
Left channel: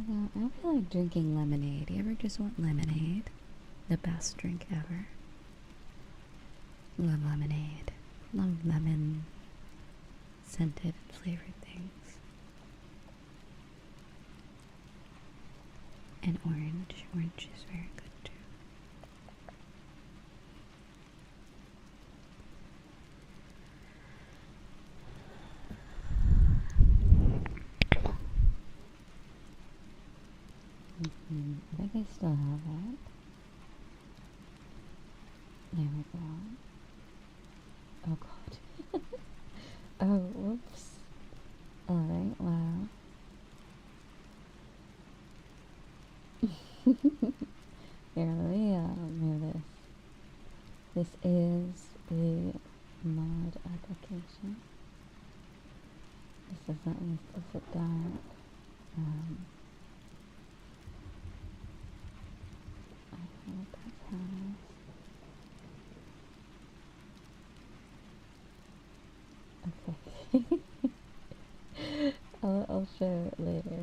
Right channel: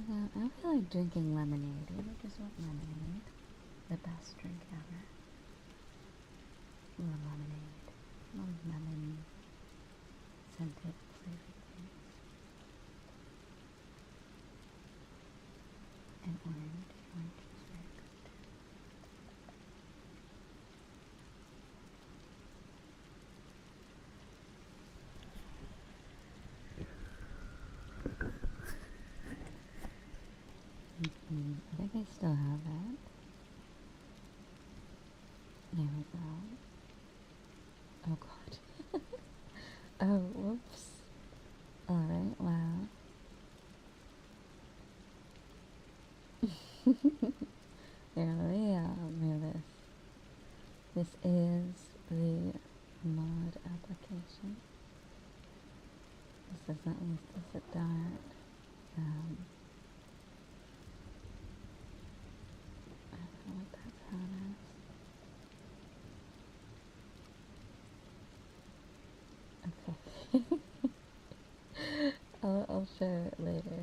feel like drinking lemonade. You ever just want lemonade? The best drink ever. Love lemonade. Love lemon scented flavored things. And orange. Orange is very good too. I think I still have it. There we go. Oh god. Oh, whoops. Alright, wow. Here, let me move this. This is the mod application. This is not an explicit dot. I don't know what that's on. Okay. I'll show it later.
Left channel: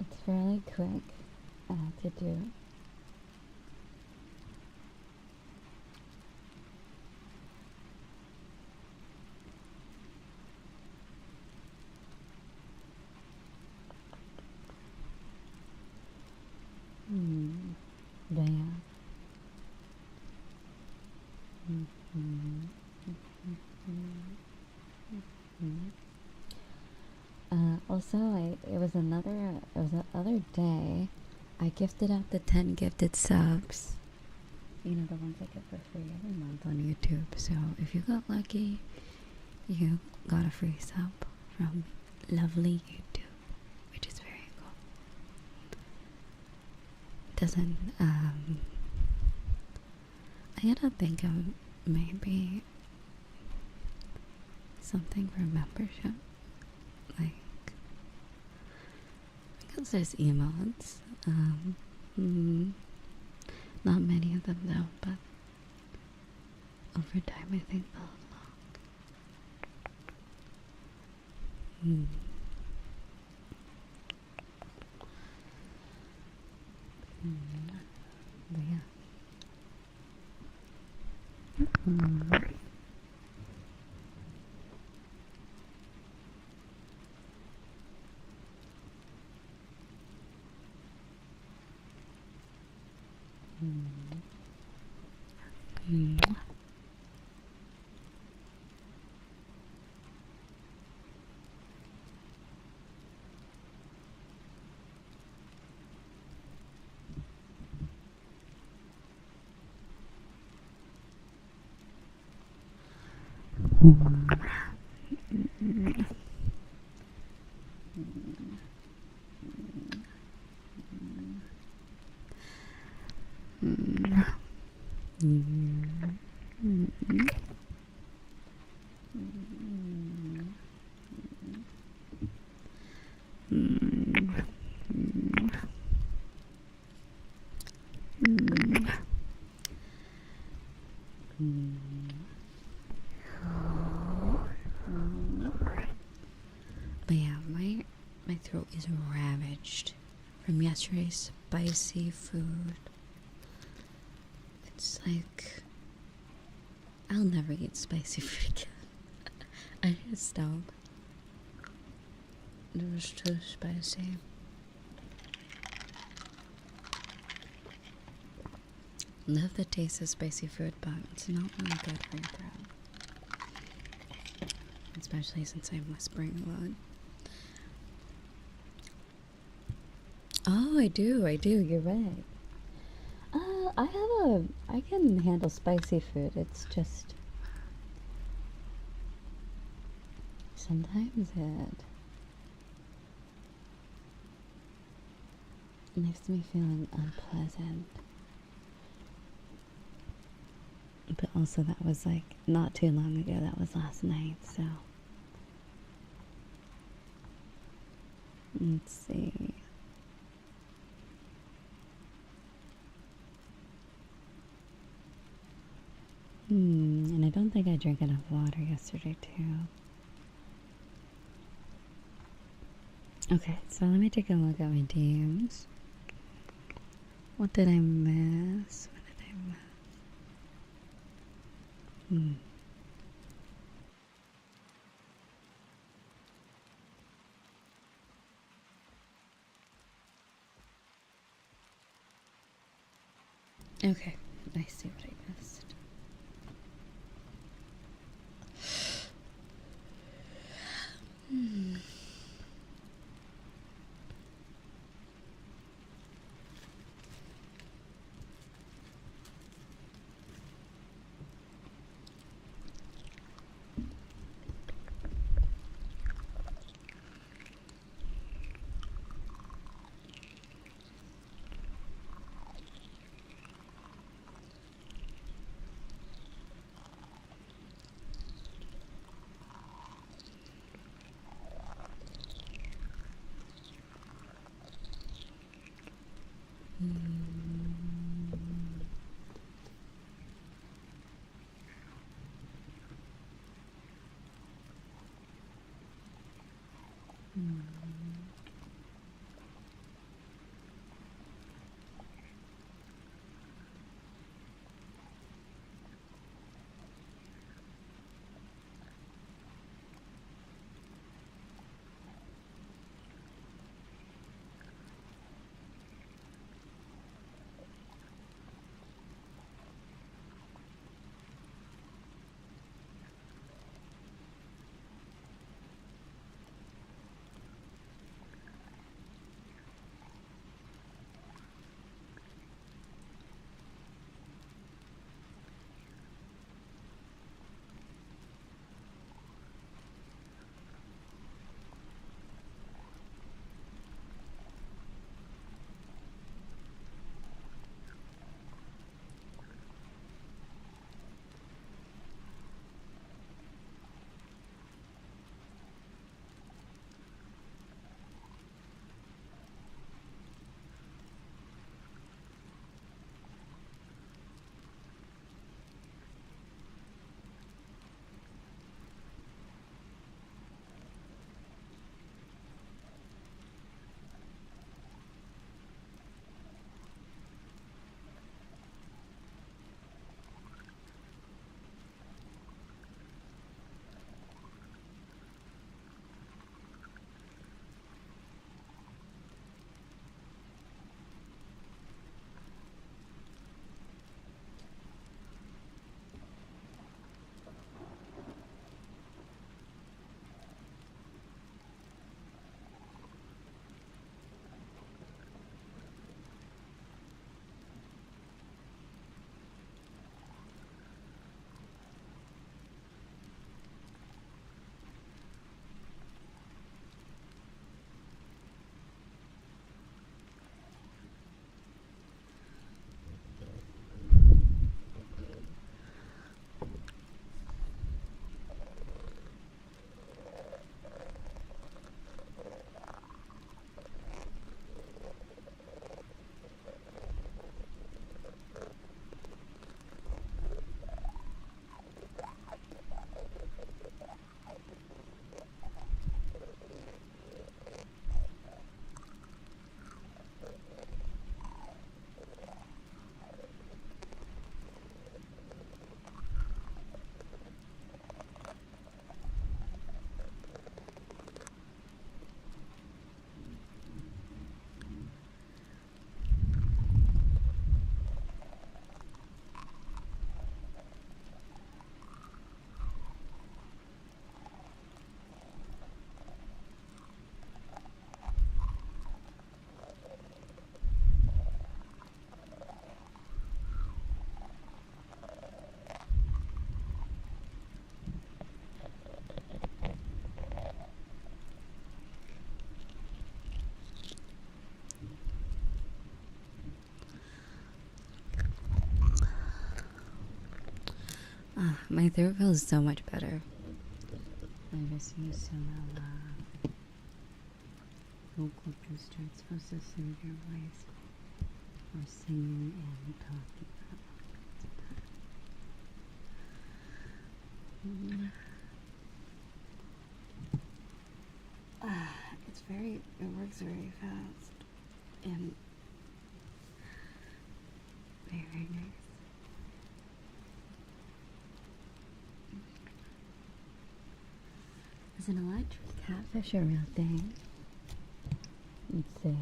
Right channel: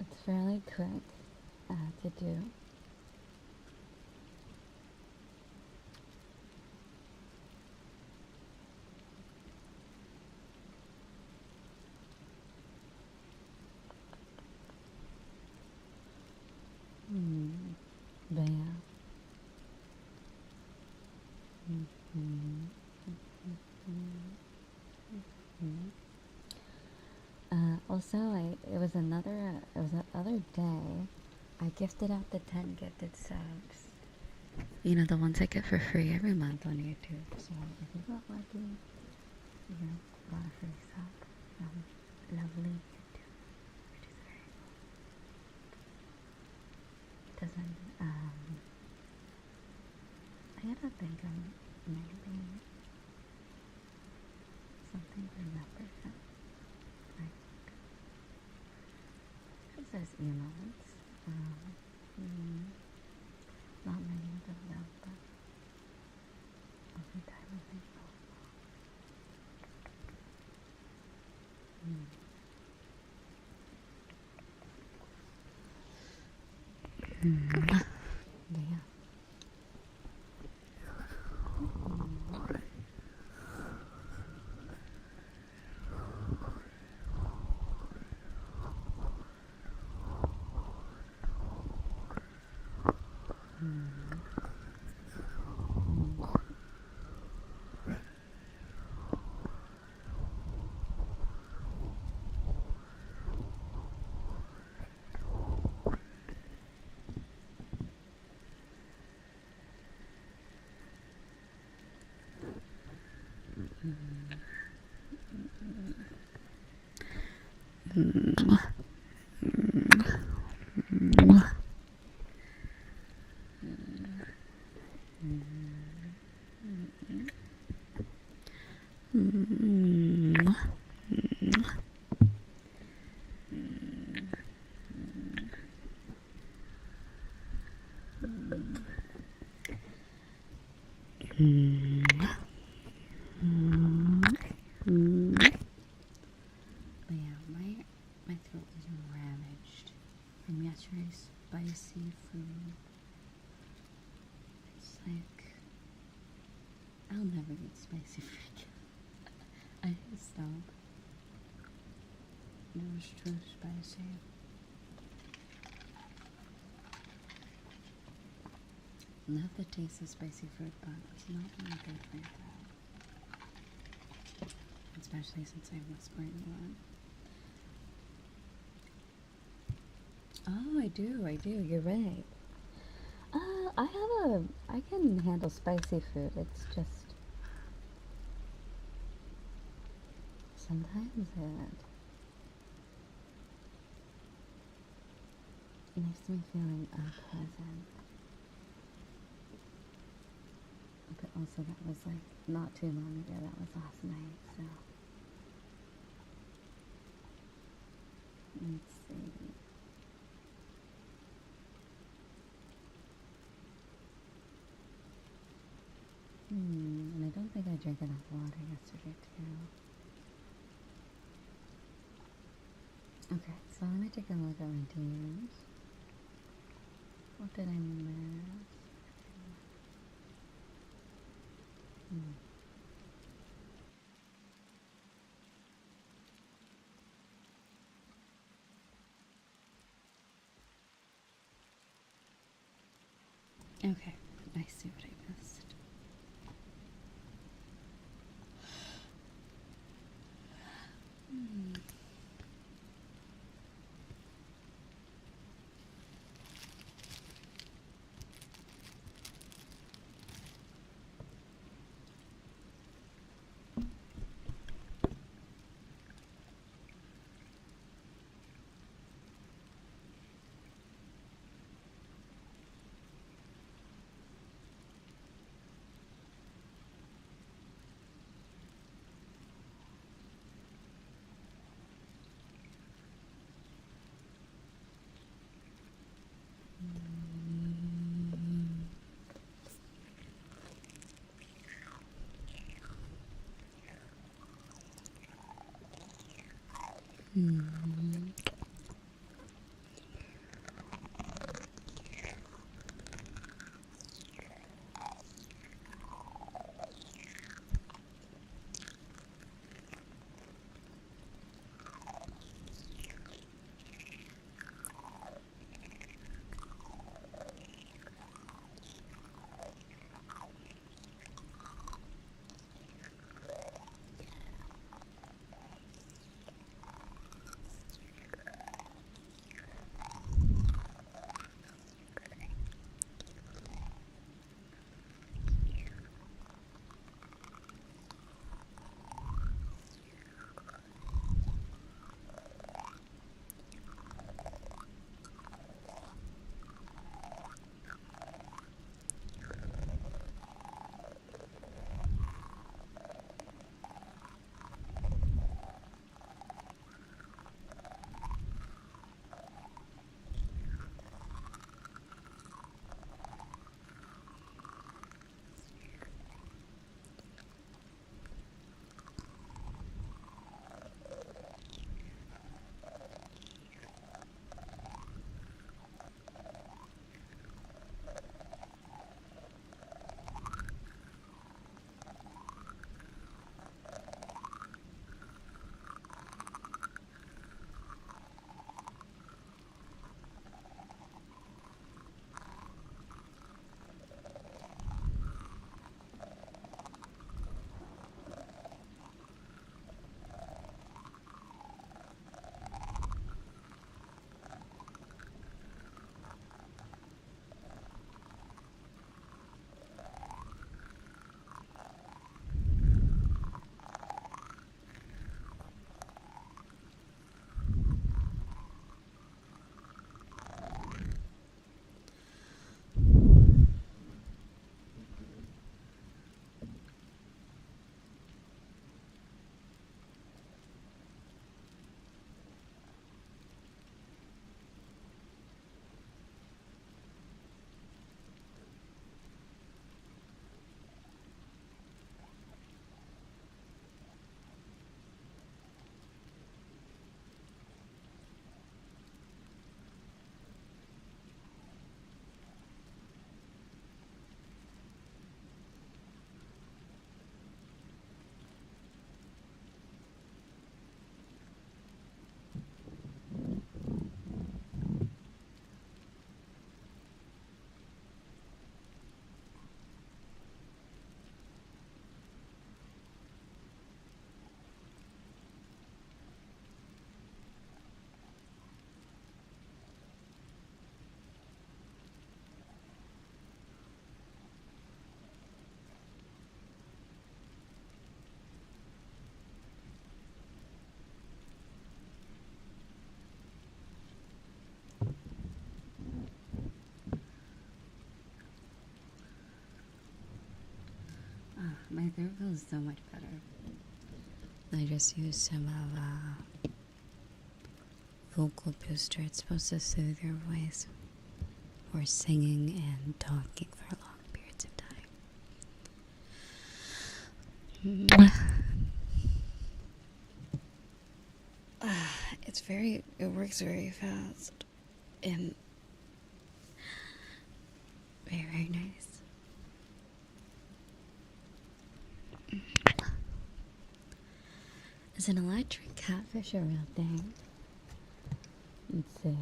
It's fairly quick to do. But yeah. Also, it was the other day, I gifted out the 10 gifted subs You know, the ones I get for free every month on YouTube. So if you got lucky, you got a free sub from lovely YouTube, which is very cool. Doesn't, I gotta think of maybe something for membership. Like, because there's emotes. Not many of them though, but over time I think they'll But yeah, my throat is ravaged from yesterday's spicy food. It's like I'll never eat spicy food again. I just don't. It was too spicy. Love the taste of spicy food, but it's not really good for your throat. Especially since I'm whispering a lot. Oh, I do, you're right. I can handle spicy food, it's just sometimes it makes me feel unpleasant. But also that was like not too long ago, that was last night, so let's see. And I don't think I drank enough water yesterday too. Okay, so let me take a look at my DMs. What did I miss? Okay, I see what I missed. My throat feels so much better. I just used some of vocal booster. It's supposed to soothe your voice for singing and talking for long periods of time. It works very fast and very, very nice. Is an electric catfish a real thing? Let's see.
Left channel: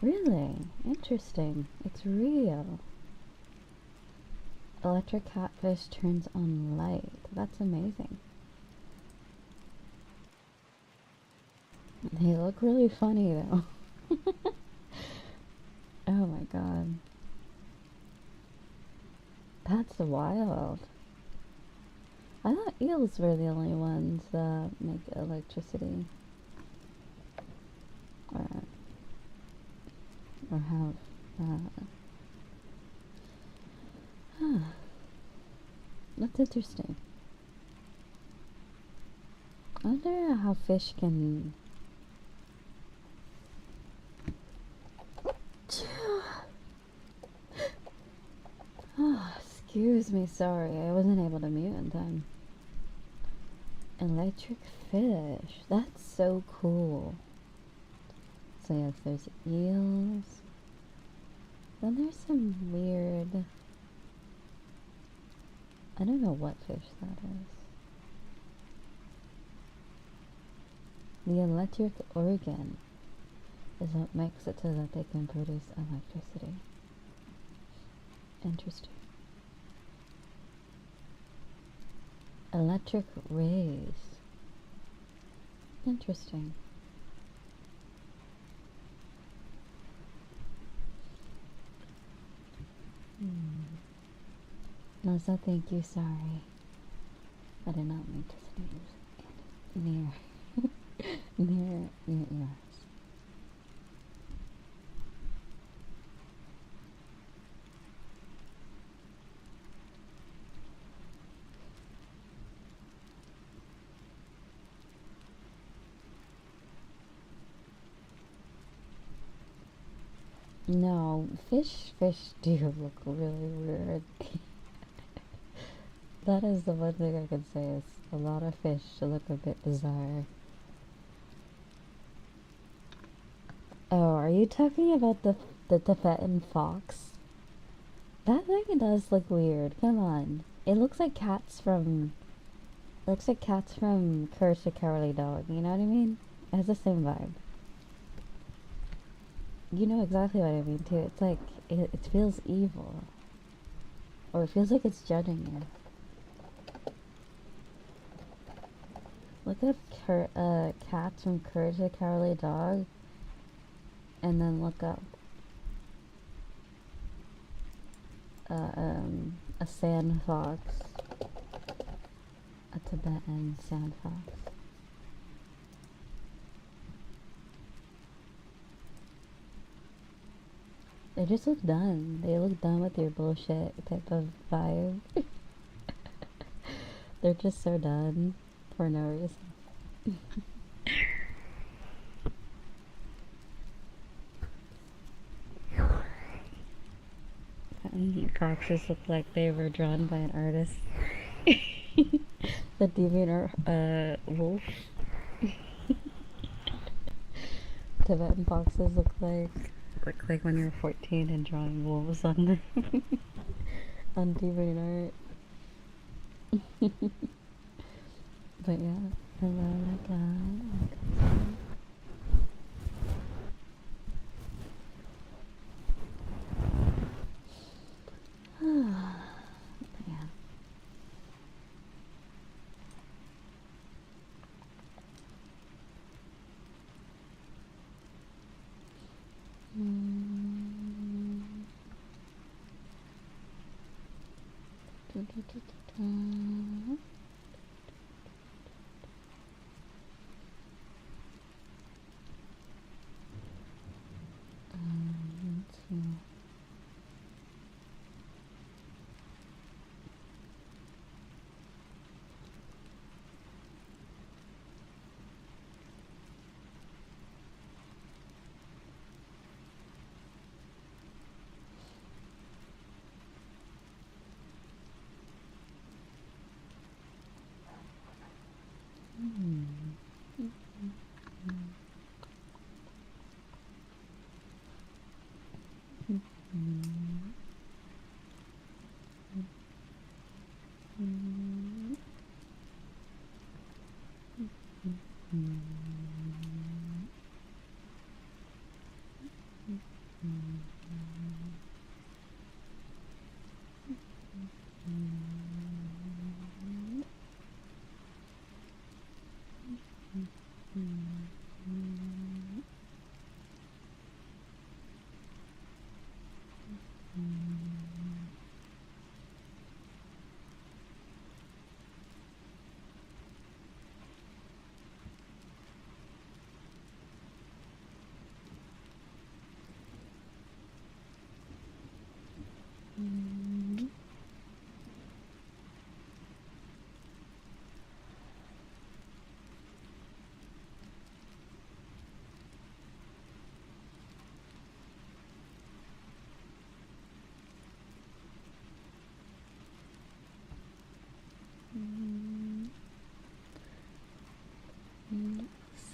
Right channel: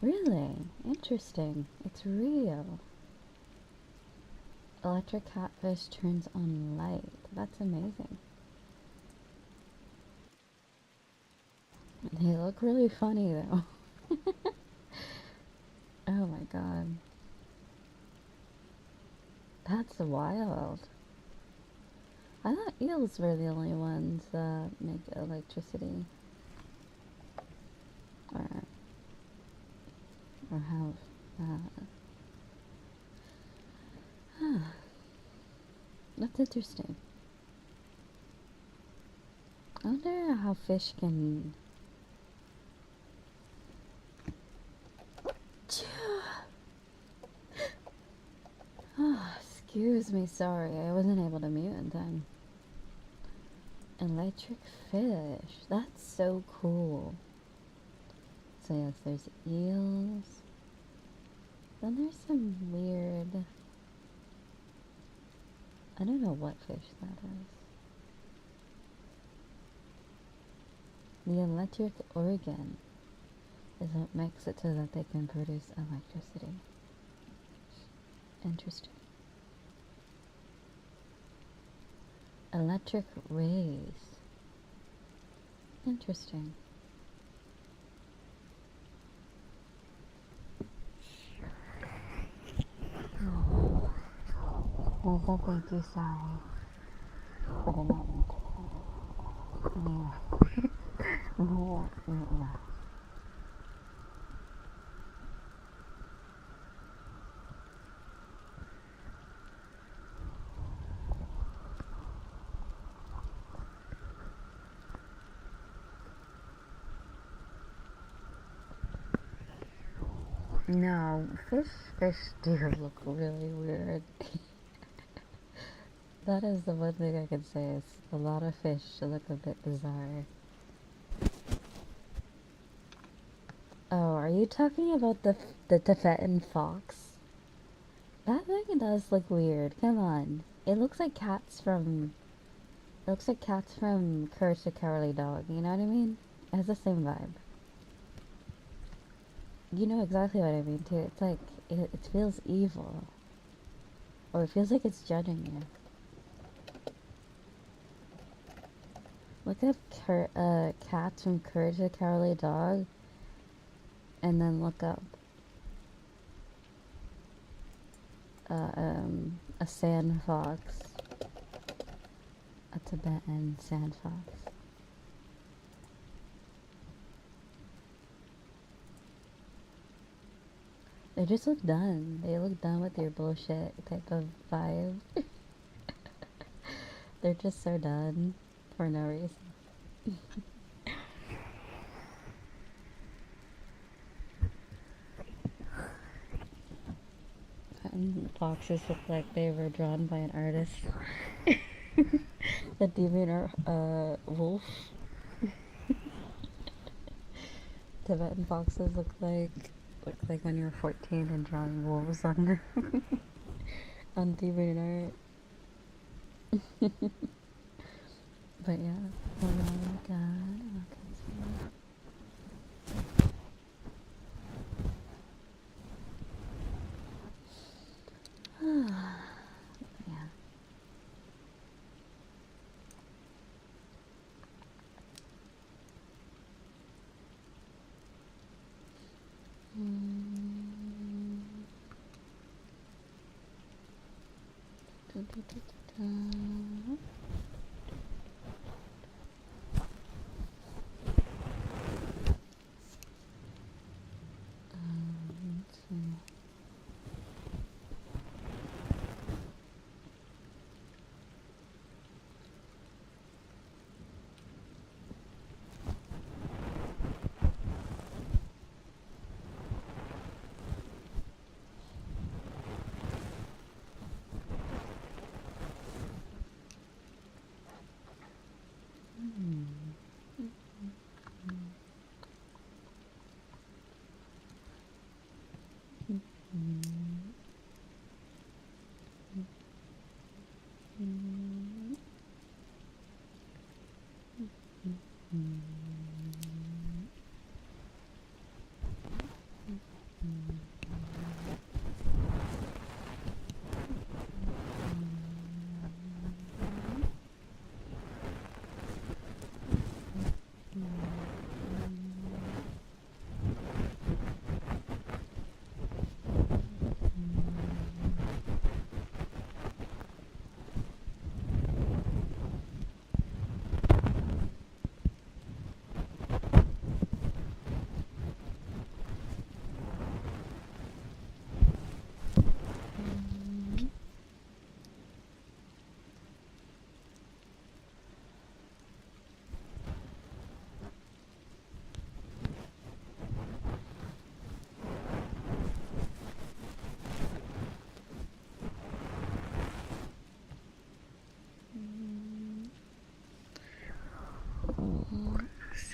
Really? Interesting. It's real. Electric catfish turns on light. That's amazing. They look really funny though. Oh my god. That's wild. I thought eels were the only ones that make electricity. Or have that's interesting. I wonder how fish can excuse me, sorry, I wasn't able to mute in time. Electric fish. That's so cool. So yes, there's eels. Then there's some weird... I don't know what fish that is. The electric organ is what makes it so that they can produce electricity. Interesting. Electric rays. Interesting. Also, thank you, sorry. But I didn't mean to say yeah. No, fish do look really weird. That is the one thing I can say is a lot of fish look a bit bizarre. Oh, are you talking about the Tibetan fox? That thing does look weird. Come on, it looks like cats from Courage the Cowardly Dog. You know what I mean? It has the same vibe. You know exactly what I mean too. It's like it feels evil, or it feels like it's judging you. Look up cats from Courage the Cowardly Dog, and then look up a sand fox, a Tibetan sand fox. They just look done. They look done with your bullshit type of vibe. They're just so done for no reason. Foxes look like they were drawn by an artist. The deviant wolf. Tibetan foxes look like when you're 14 and drawing wolves on on deviant art. But yeah, oh my god. Yeah.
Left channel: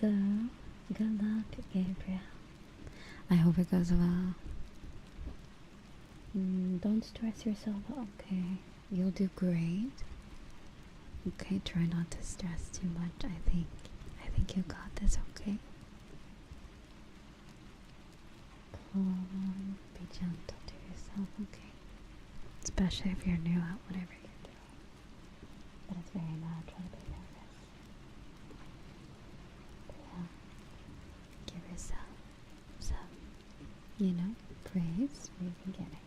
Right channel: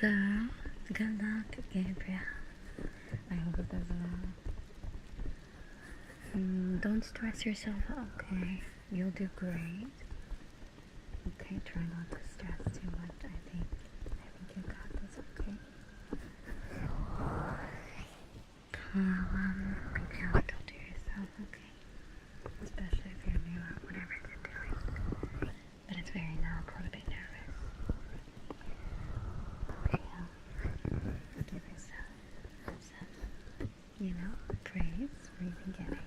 So, good luck, Gabriel. I hope it goes well. Don't stress yourself, okay? You'll do great. Okay, try not to stress too much. I think you got this, okay? Be gentle to yourself, okay? Especially if you're new at whatever you're doing. But it's very natural to be nervous. Give yourself some, praise for the beginning.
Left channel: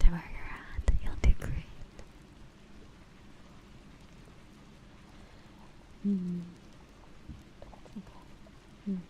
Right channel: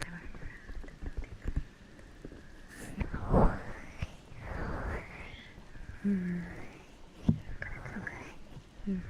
Throw your hat, you'll do great. Okay.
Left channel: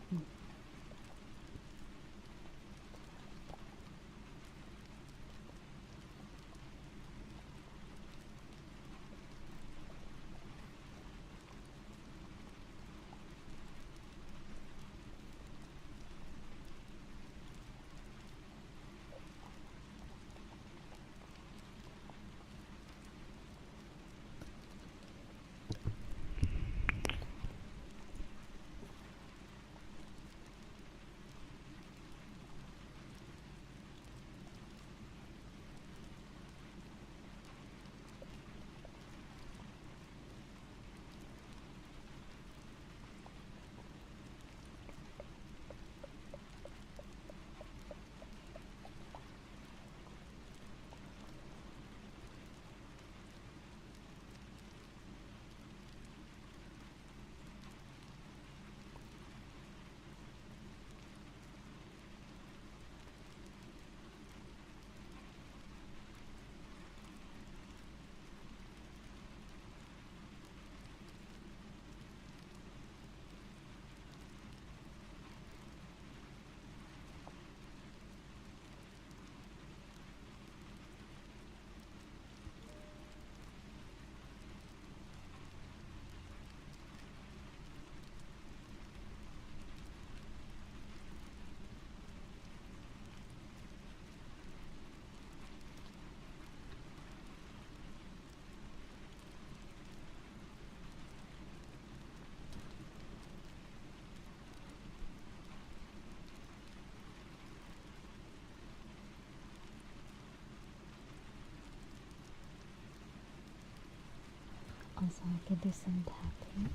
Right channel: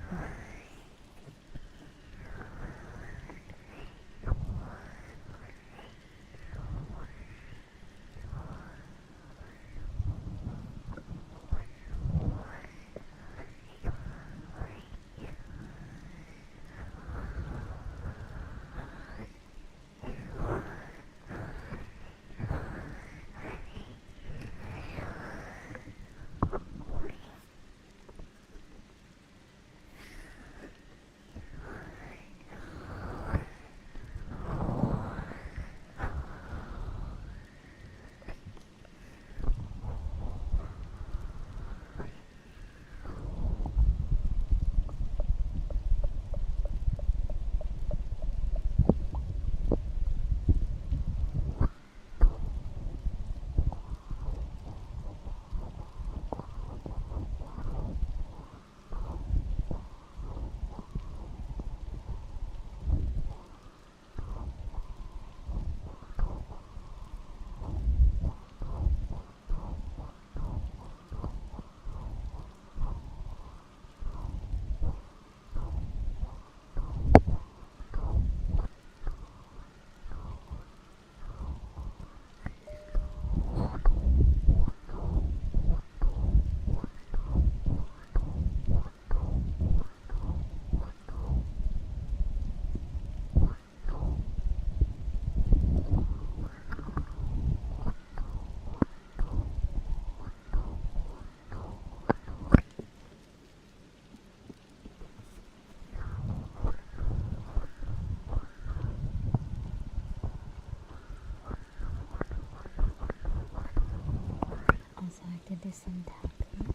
So I could do some tapping.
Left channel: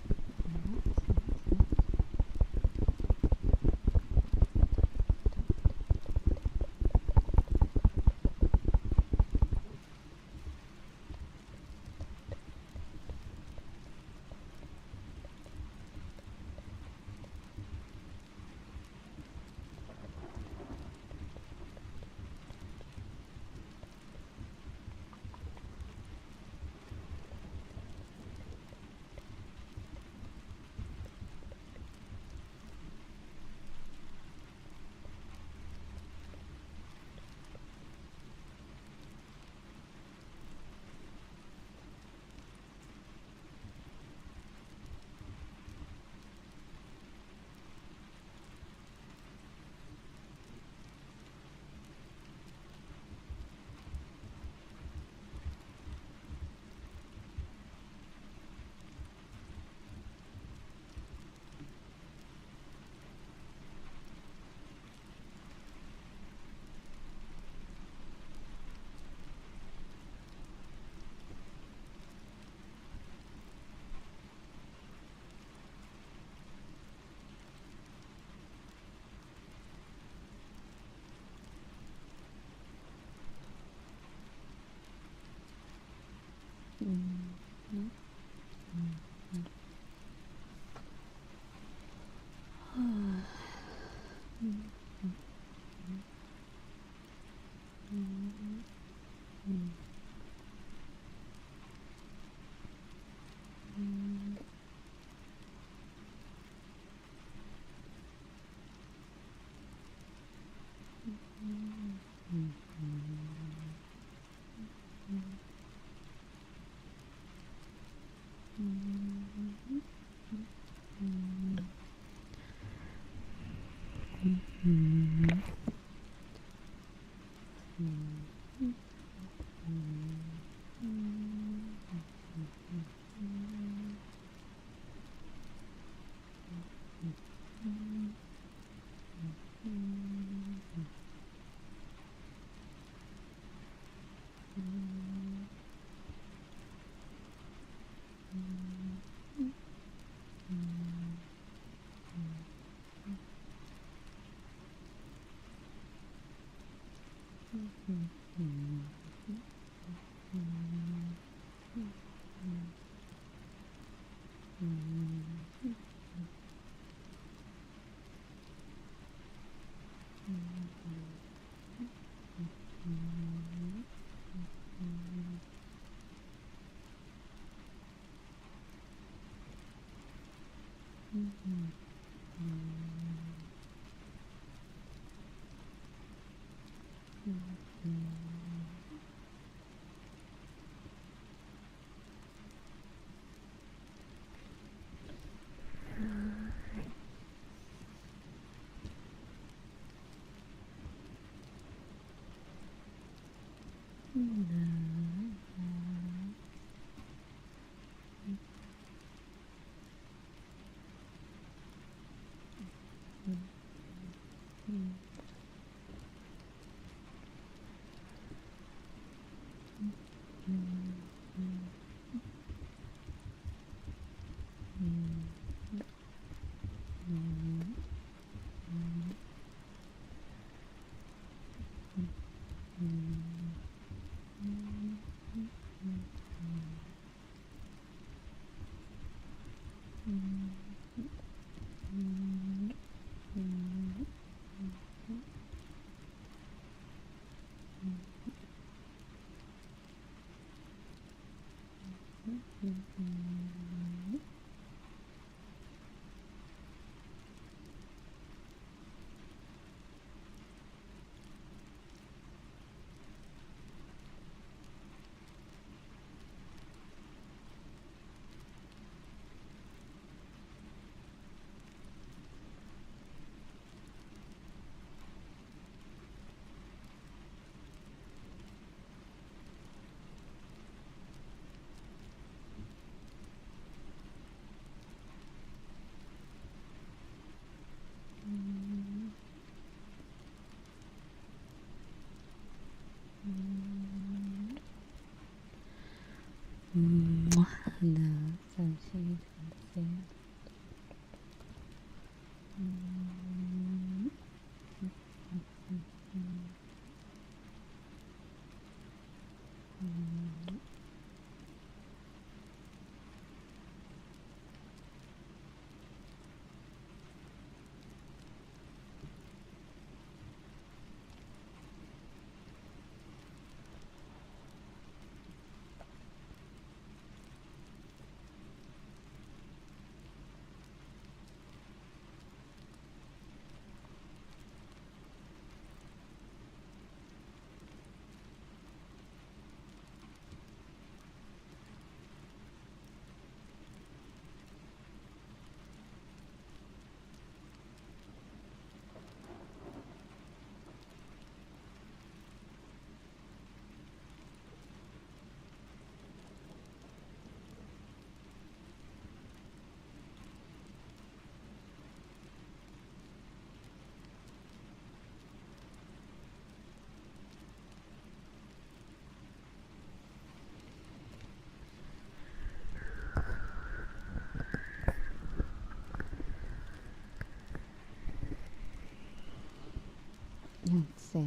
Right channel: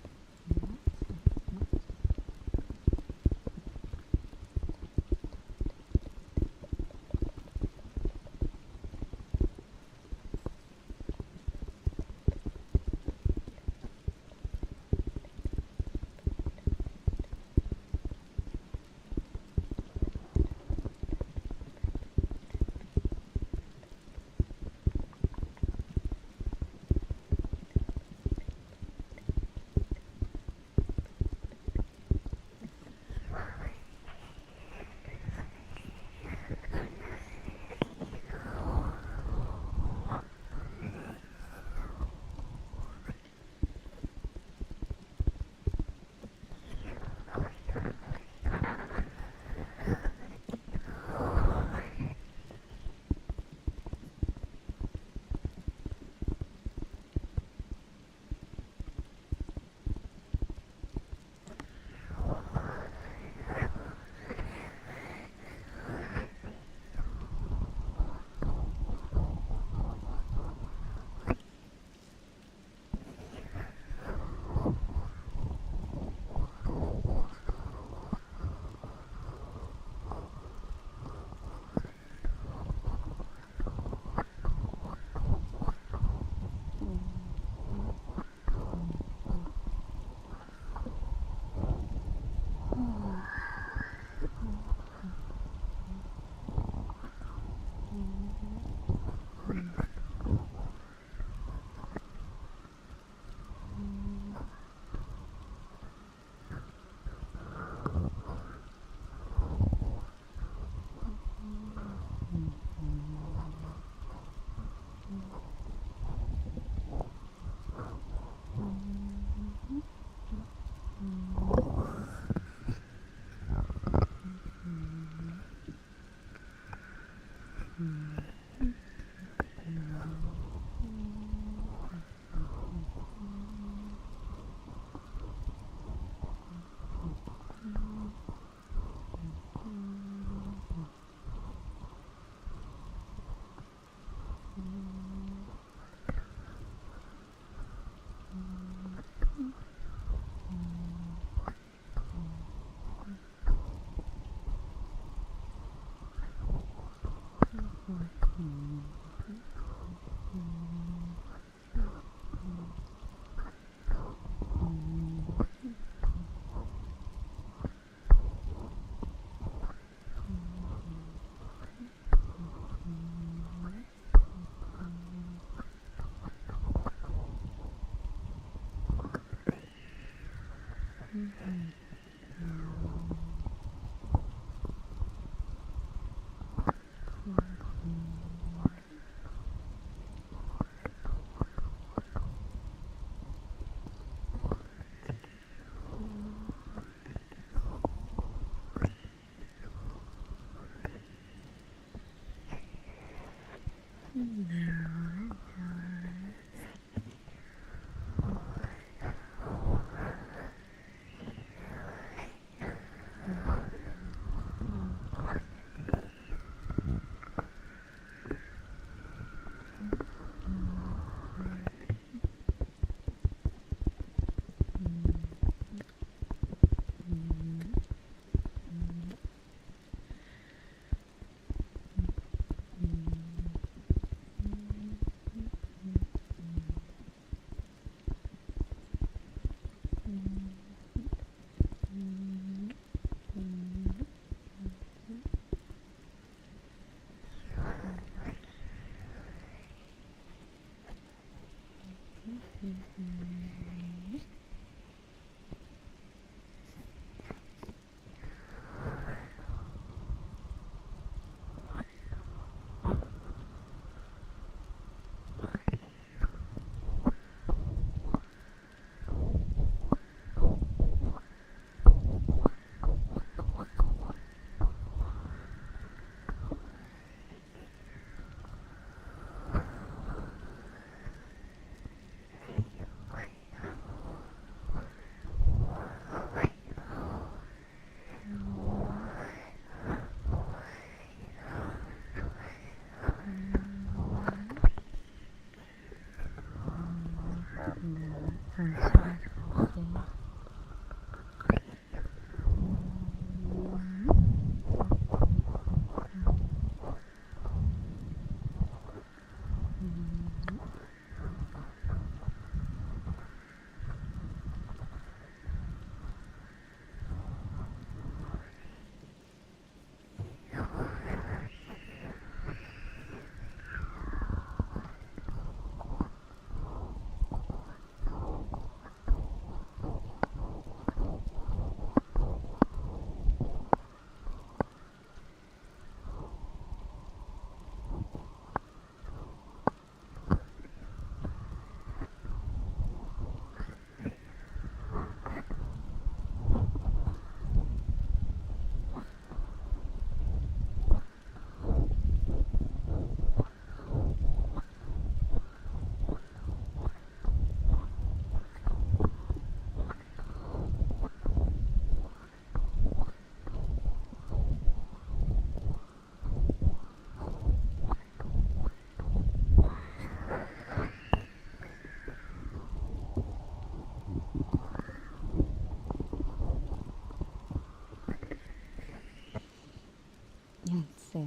Let's see.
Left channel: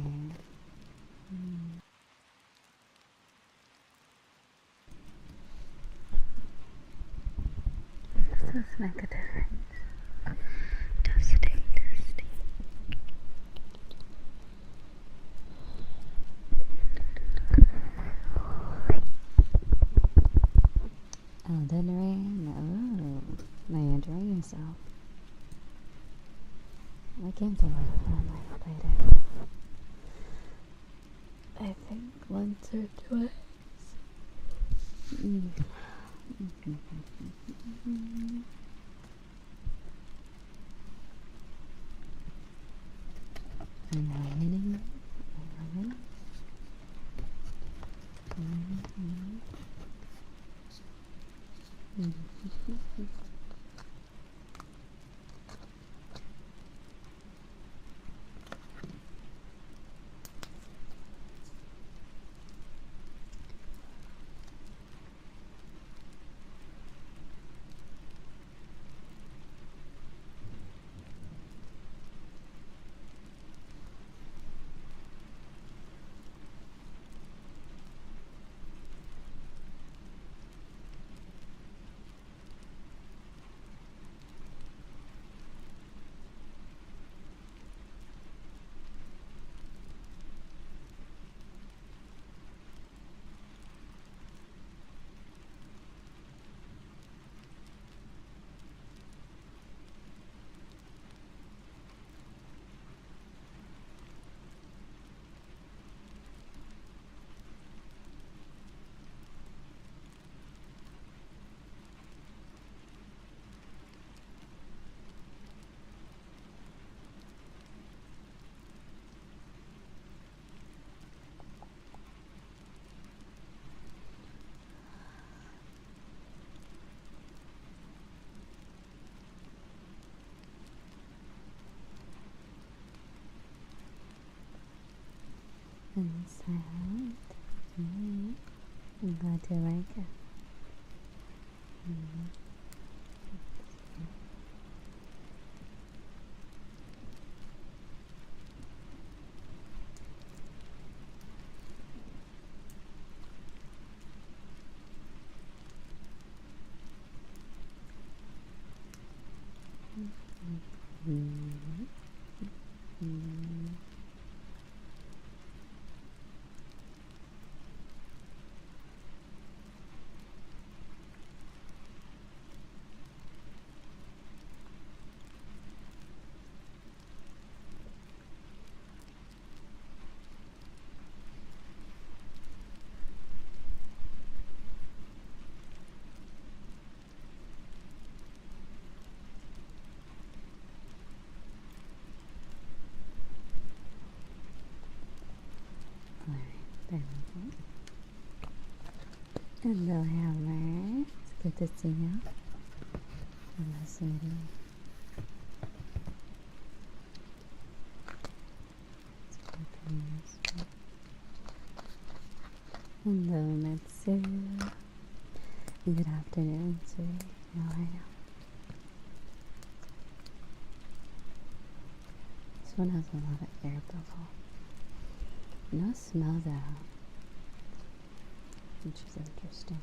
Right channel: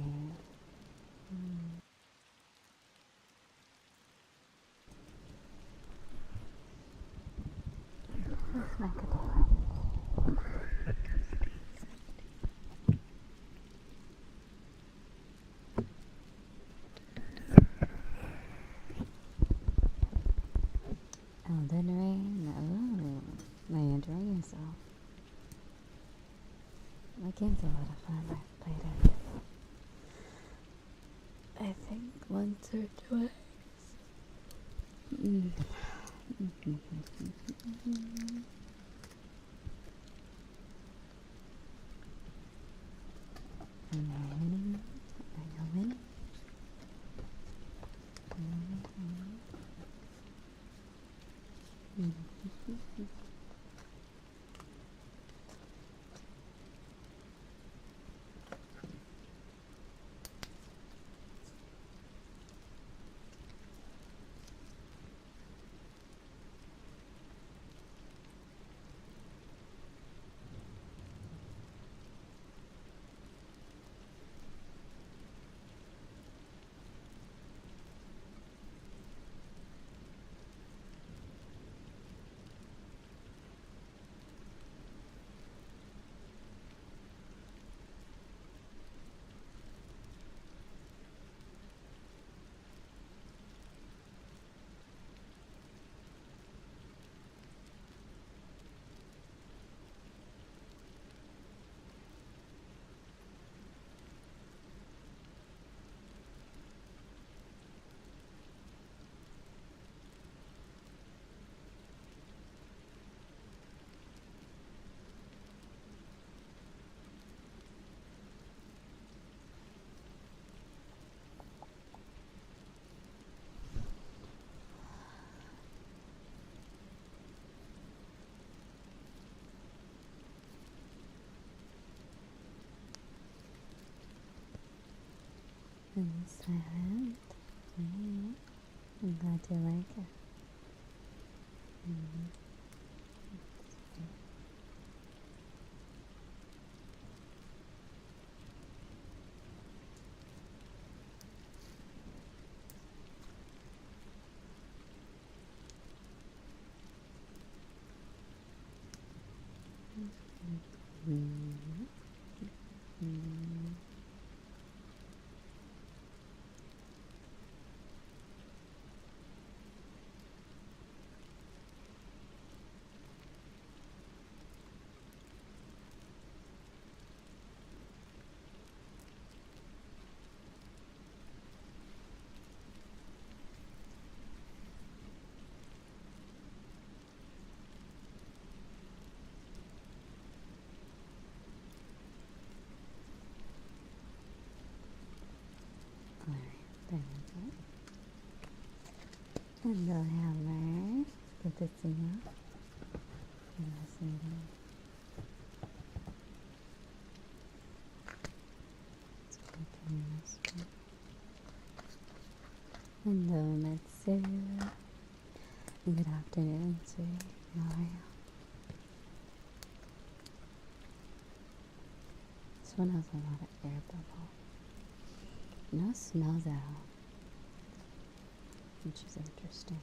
Does this make a difference? Testing. Elden Ring? Oh, now you're enjoying yourself. That game's a lot of fun. I've played it, I think, once or twice. and silent. I'm glad you like it. There we go. Hello, Hammer. It's good to see you. Hello, sweetie. Let's open this one. Hello, Mitsu. Good afternoon, sweetie. How are you? This one has a lot of air bubble. No smell though, which is interesting.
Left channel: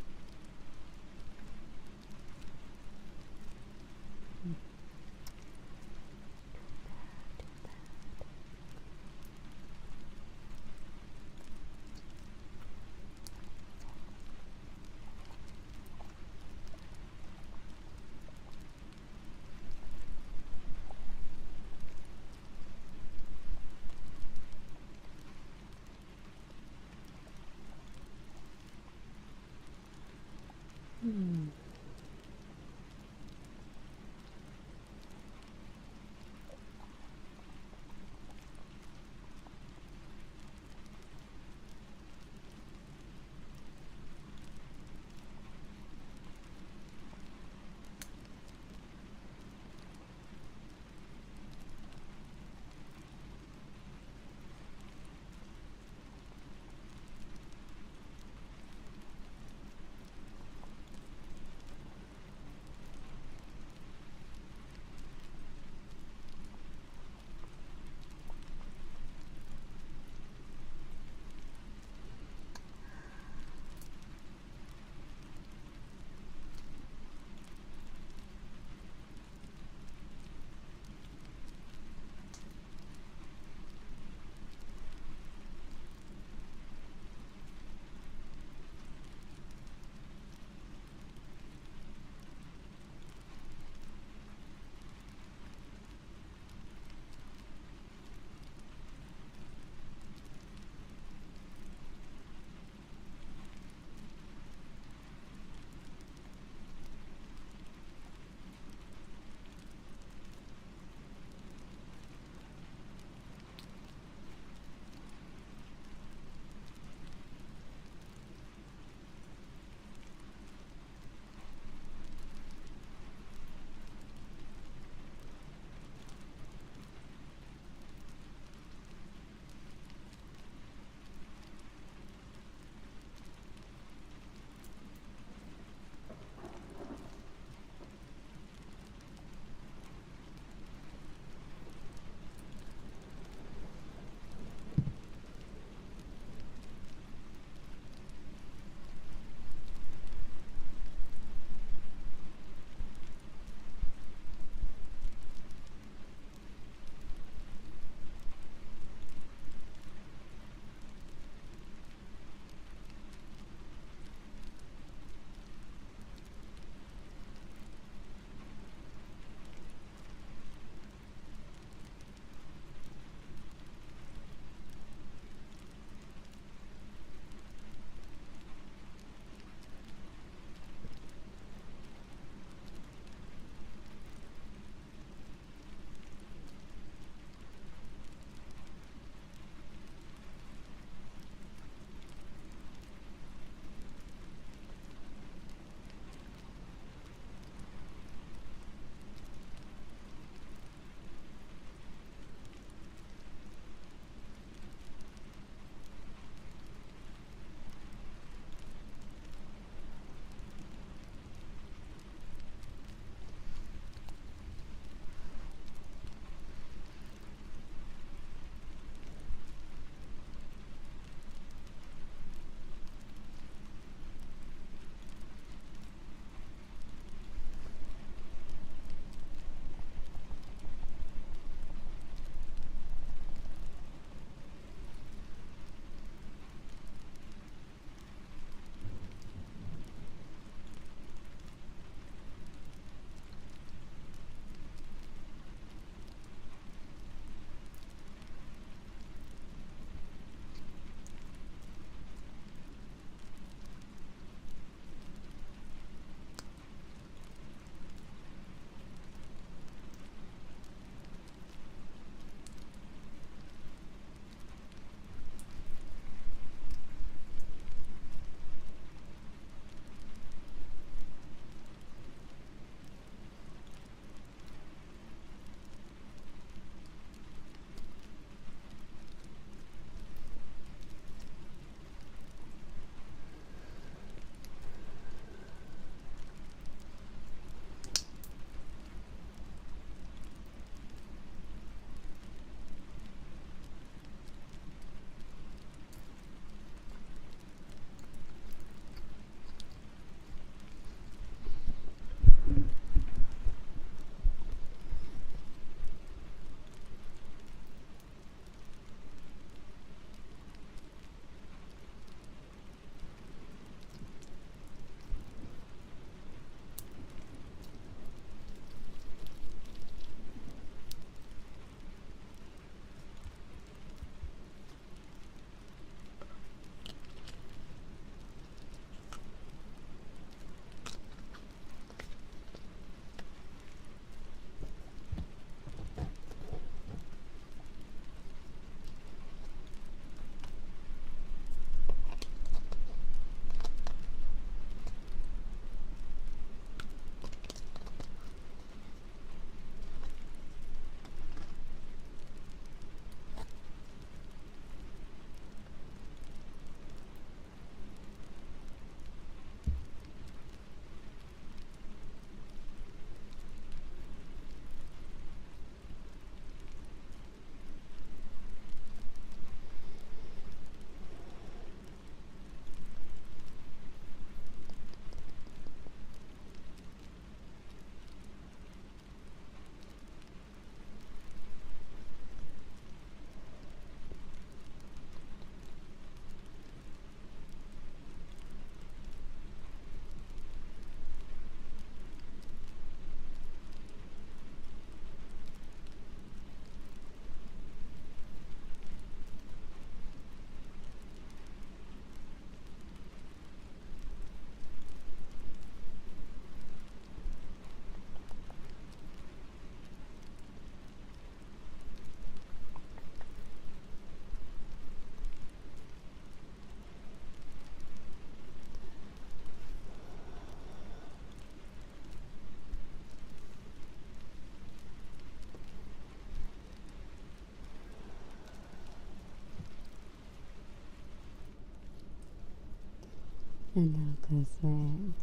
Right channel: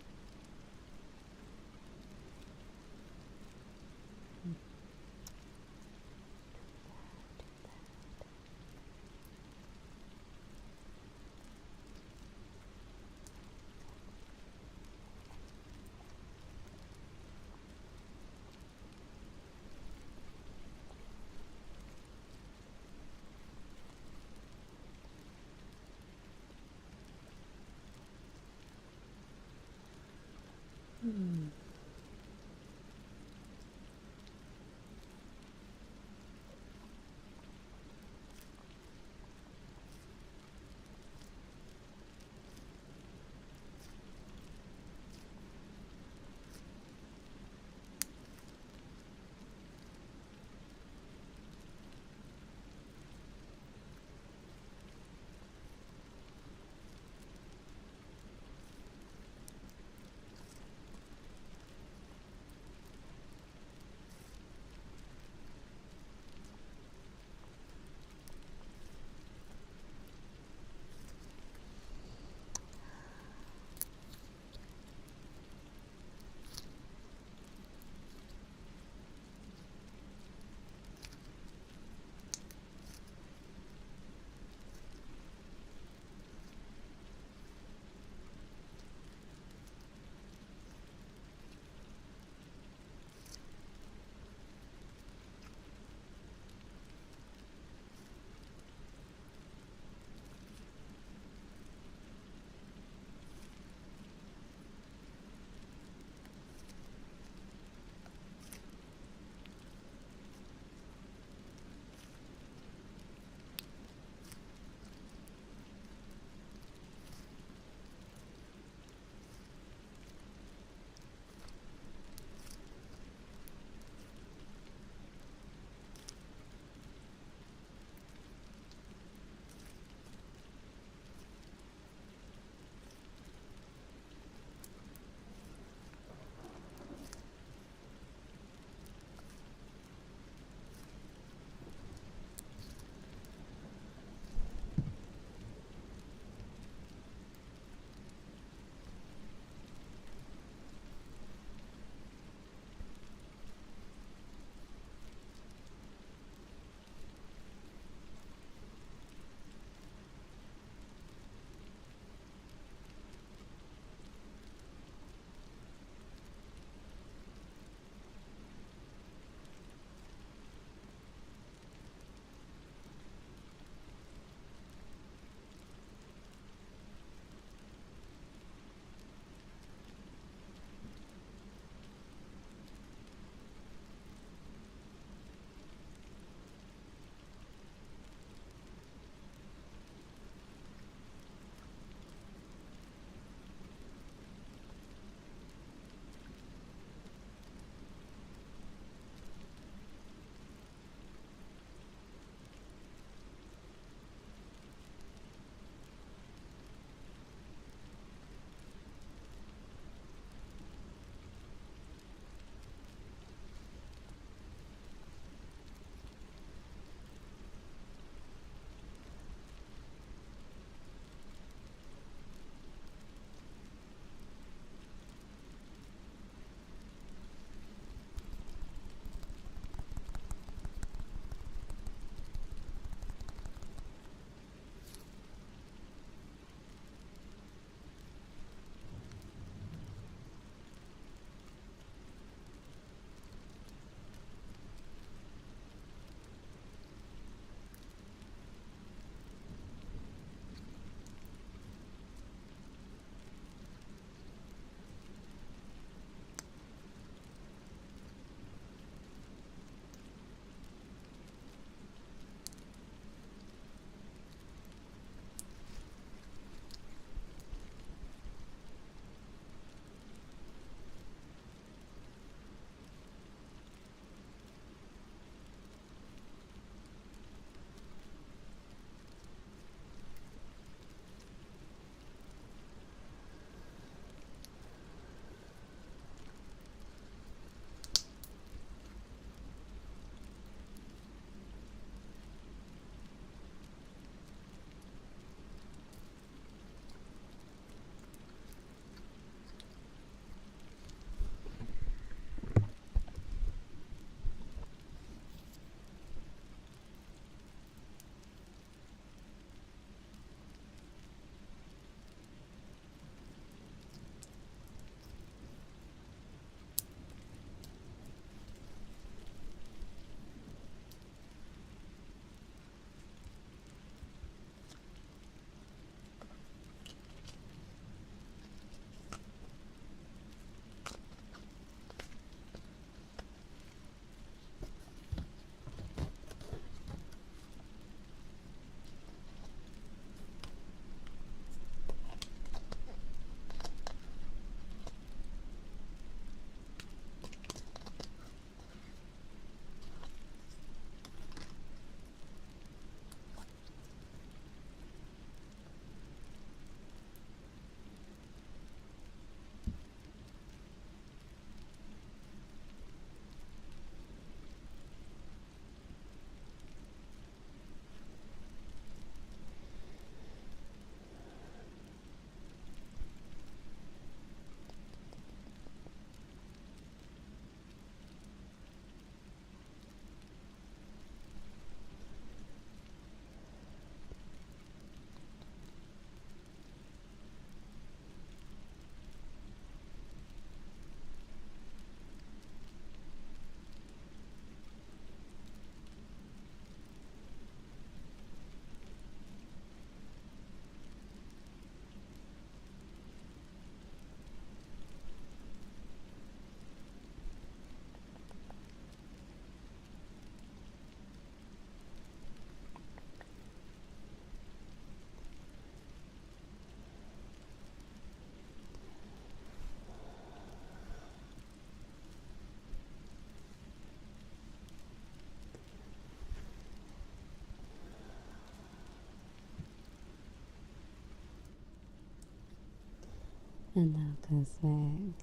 Hello, Cosplay.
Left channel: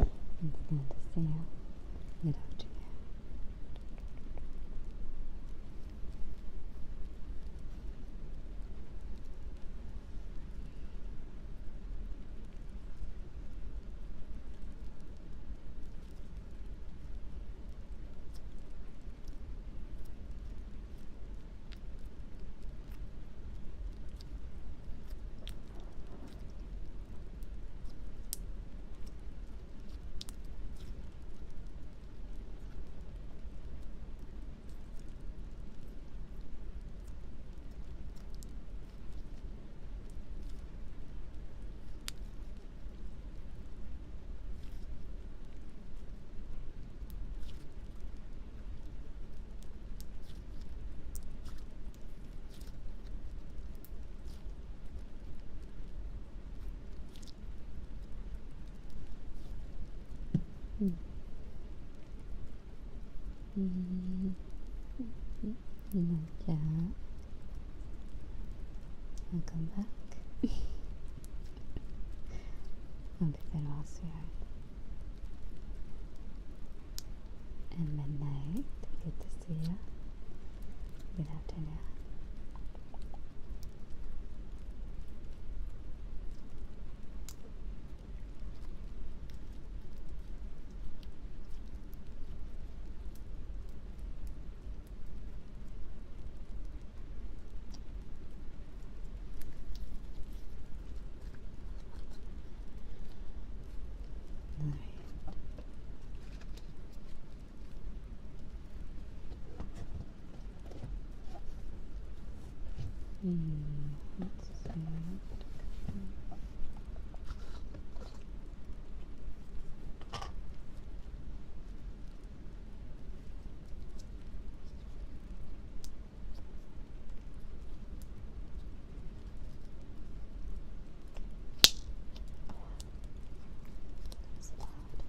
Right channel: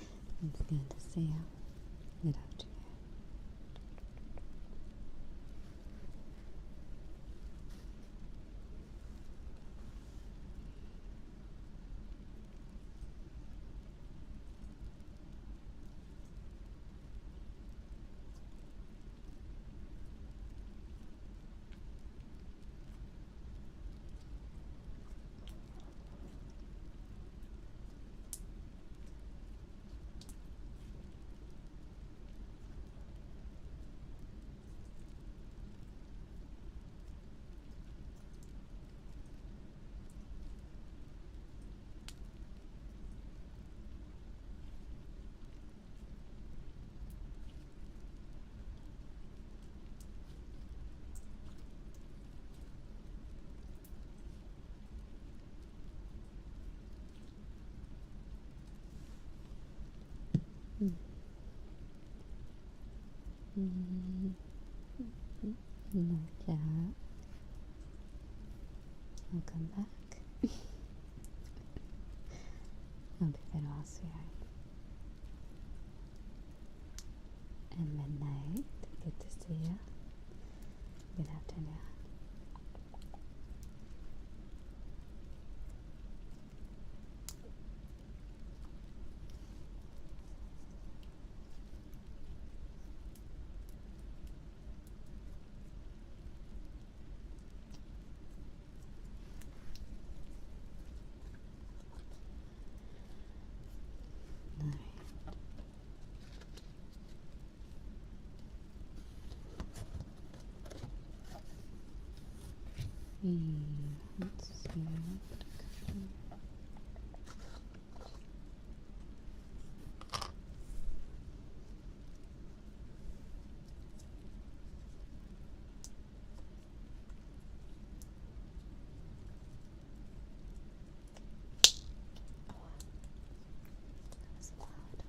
It's good to see you. Good afternoon. Gacha. Welcome back. Hope you've been well, sweetheart. And midnight. Good to see you. Good afternoon. Let's see. That was loud.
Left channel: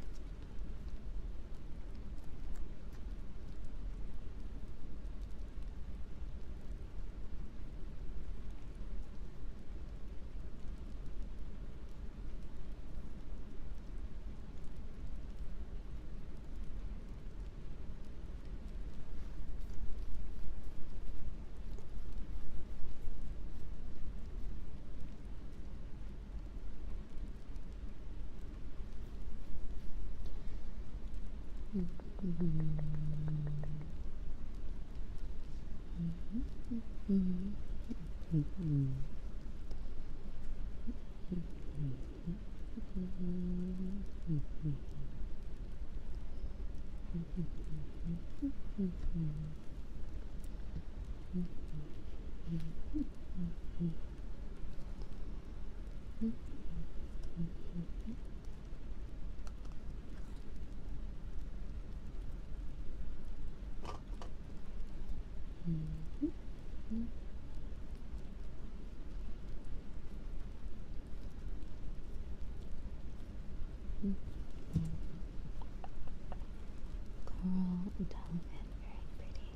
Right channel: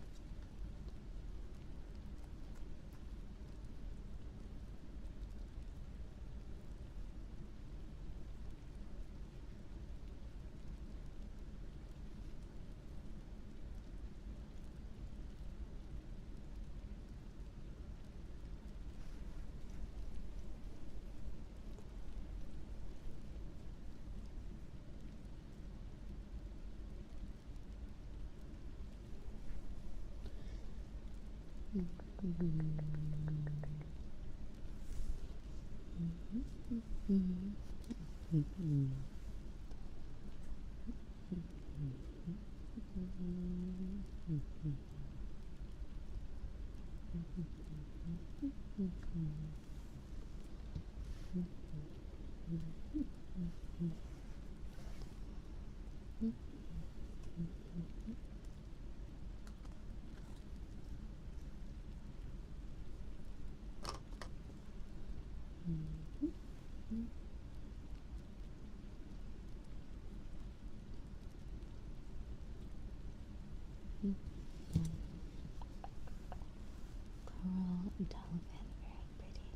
Coral dolphin, very pretty.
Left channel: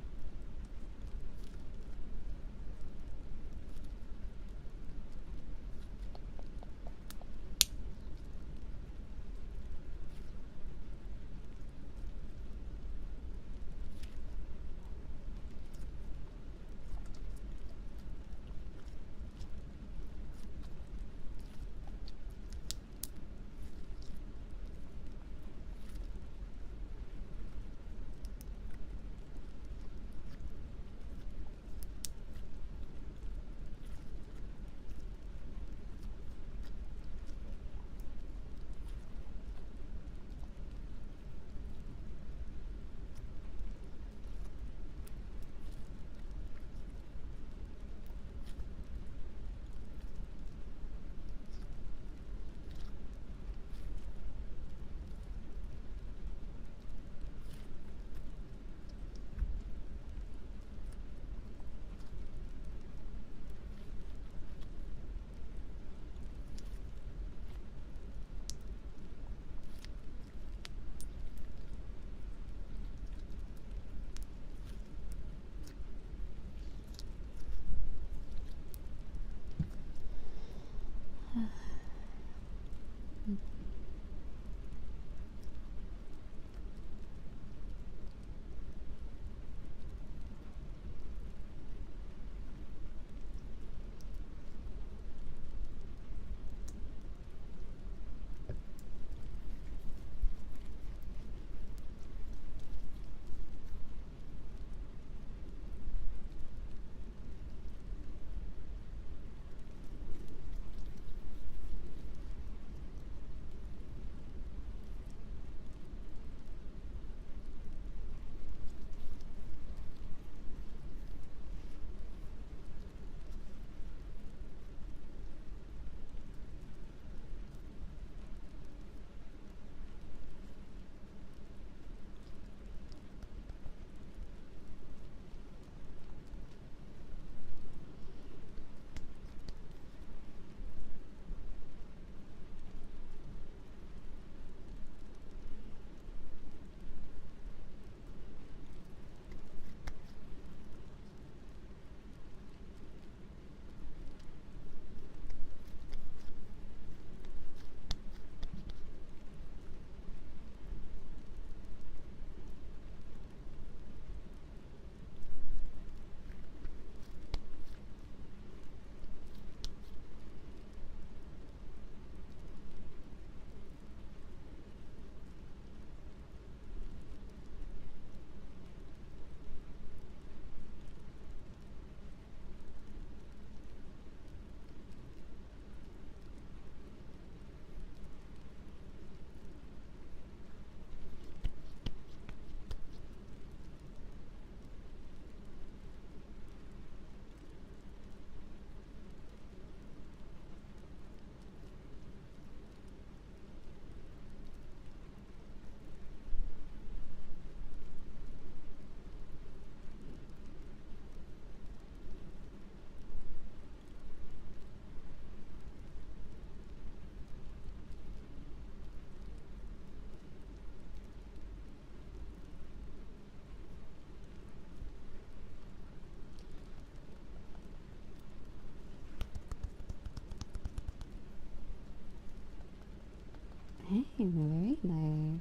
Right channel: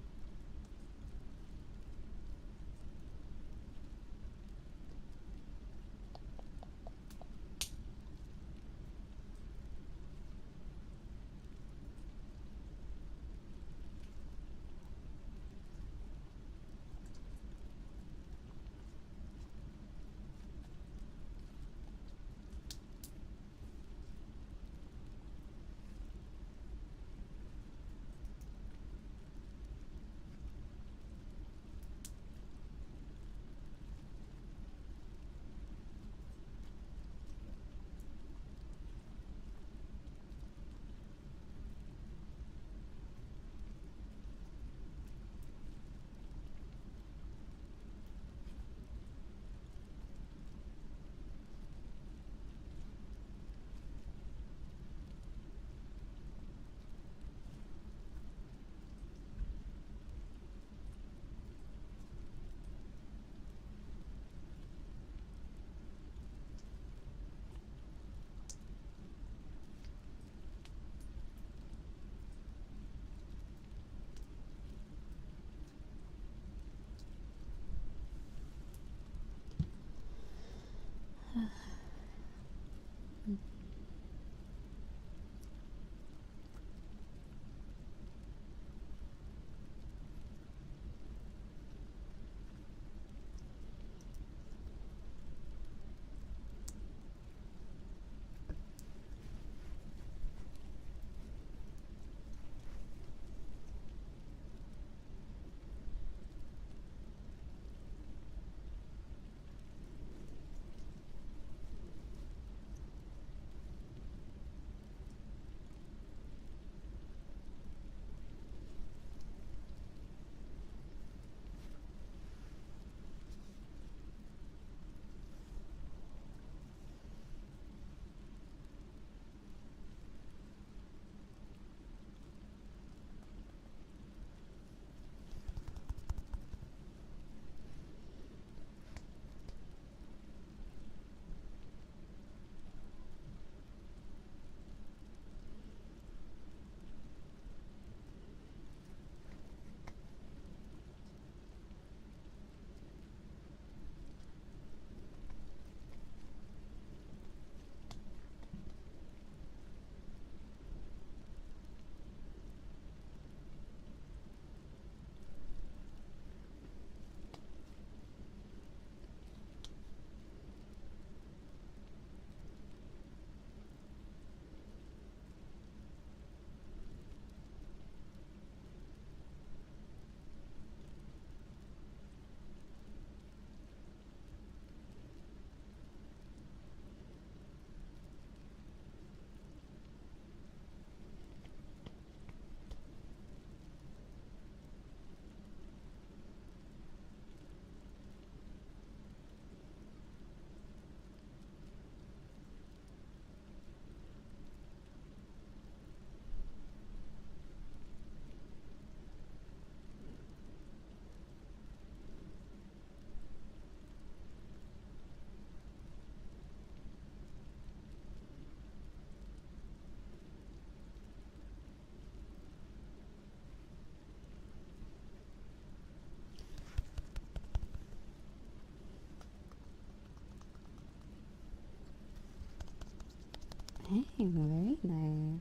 Very nice.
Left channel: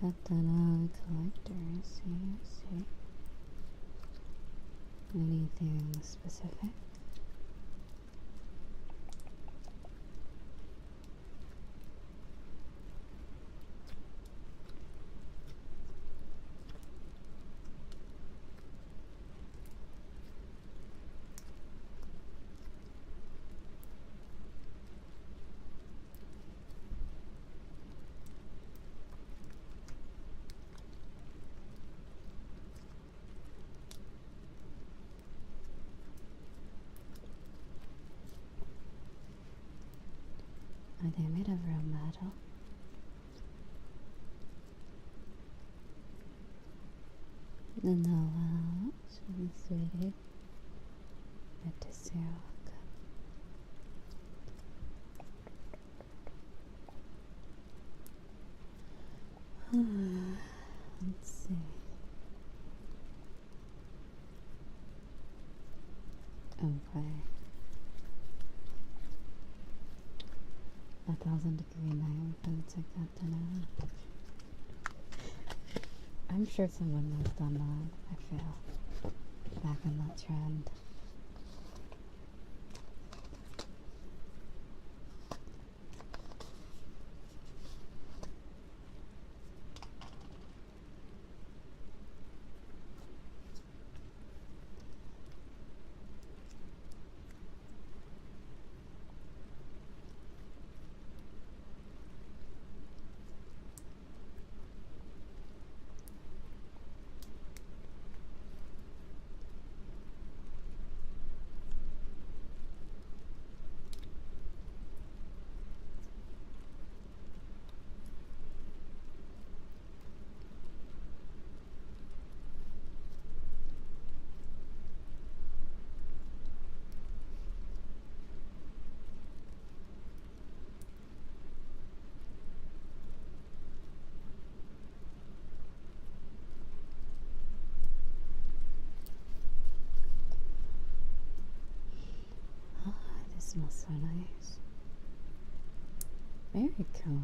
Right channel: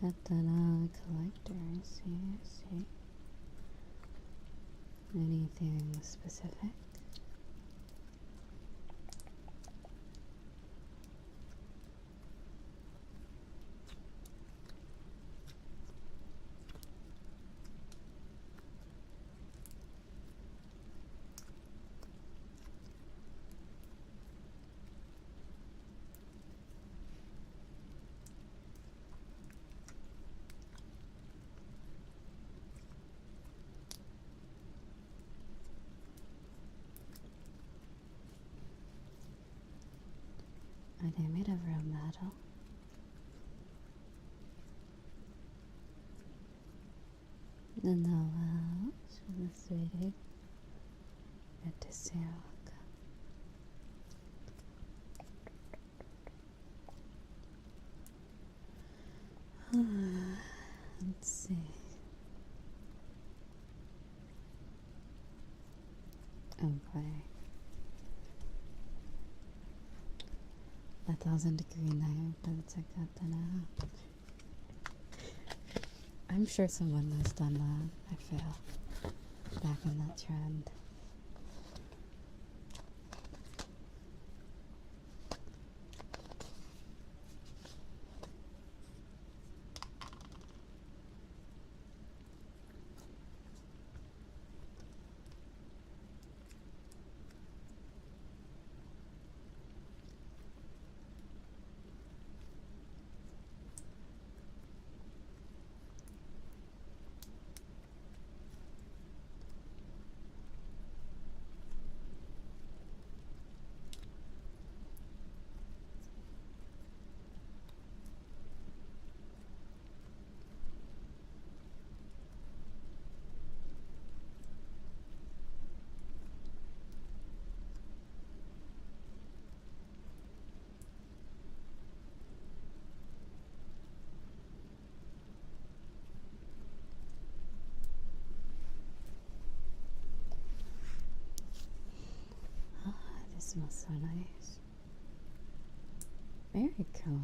Got that collectors here, see? Anything specific? Are they made of real metal? No, sweetie. Good to see you. Let's see. Okay. 1,000-degree night, but it's like that now. I'm sure someone has done that, I feel, back in that trend. Smells so nice. Very cool.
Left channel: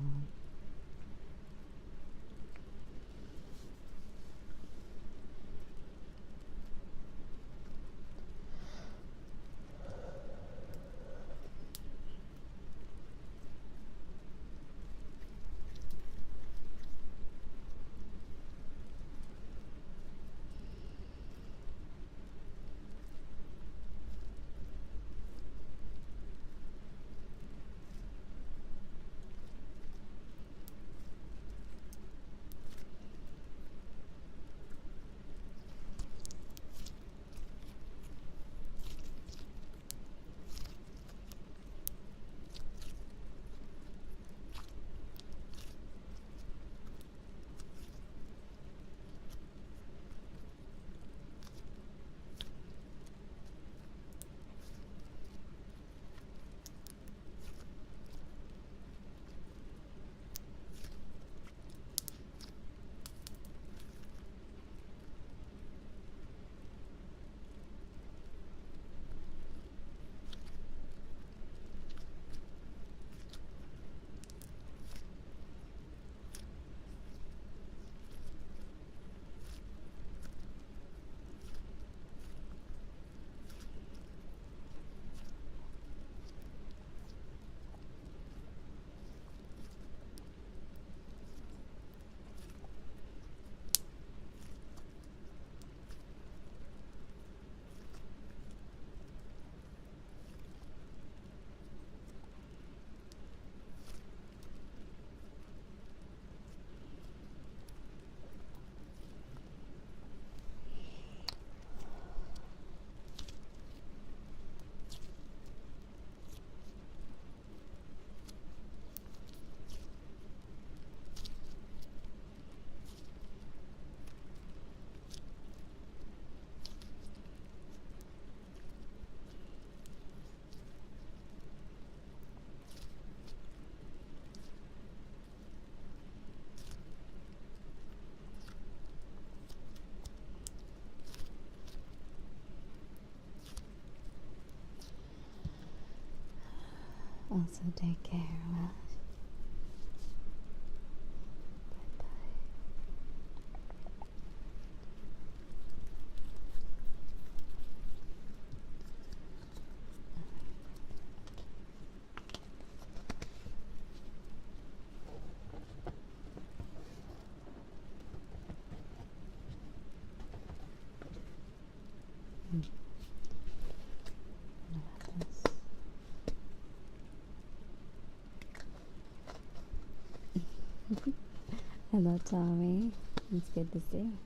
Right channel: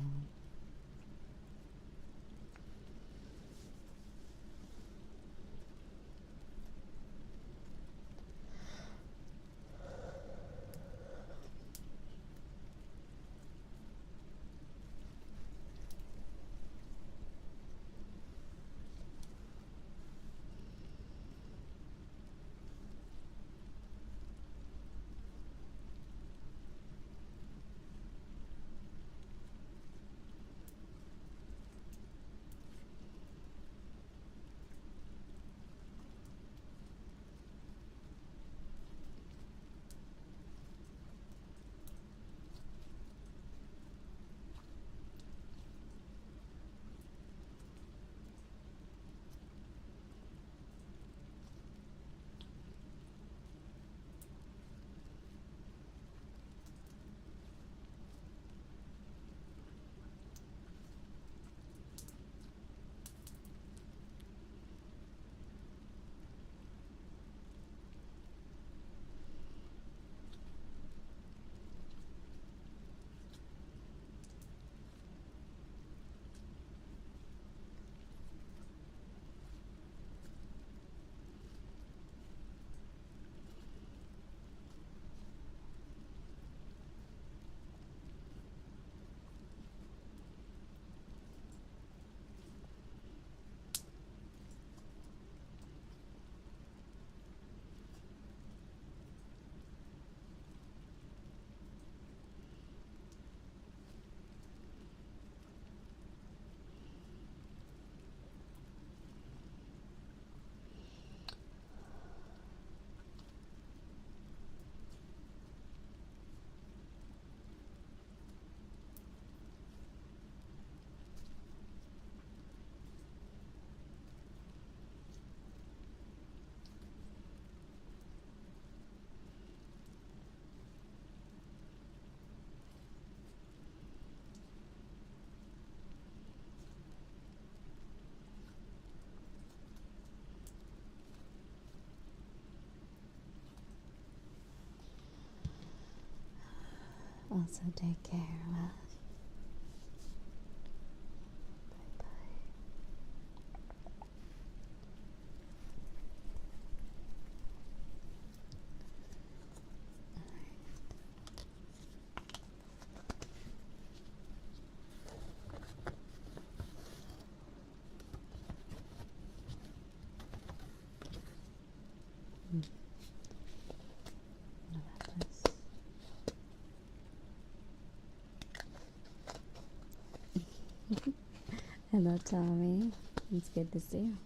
also take care, love. Bye bye. Hello, Tommy. It's good to see you.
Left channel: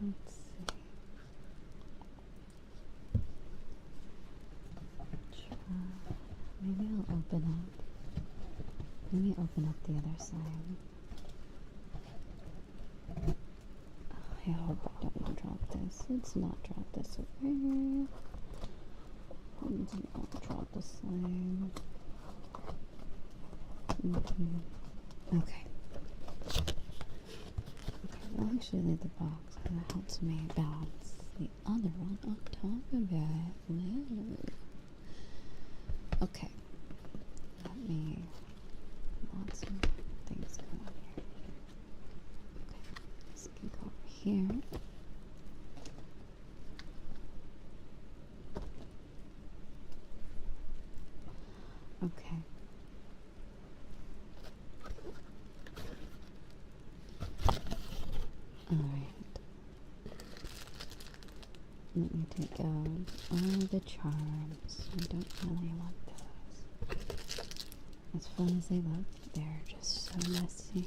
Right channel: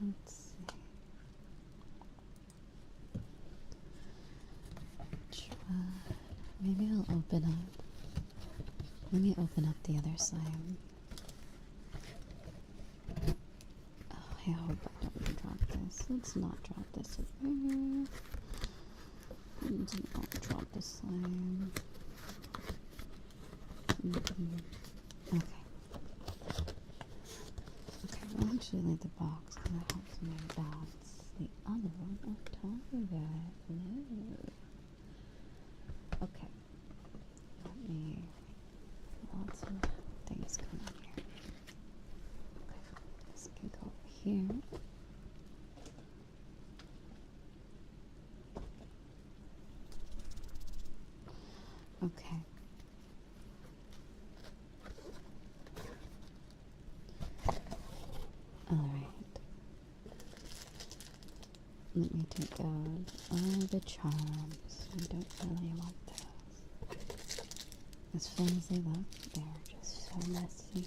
Let's see. Maybe I'll open up. Let me open up the other side. Oh, I hope I don't drop this. Let's not drop this. Okay. Let's not drop the slime. Okay. Okay, we'll actually leave the box because that helps me bounce the other one on top of it. No. Okay. Let me lots of things going on here. Okay, this can go over here. Okay. Alright. Let me take out all the charms. I don't really want those. As fun as they look, they're just so messy.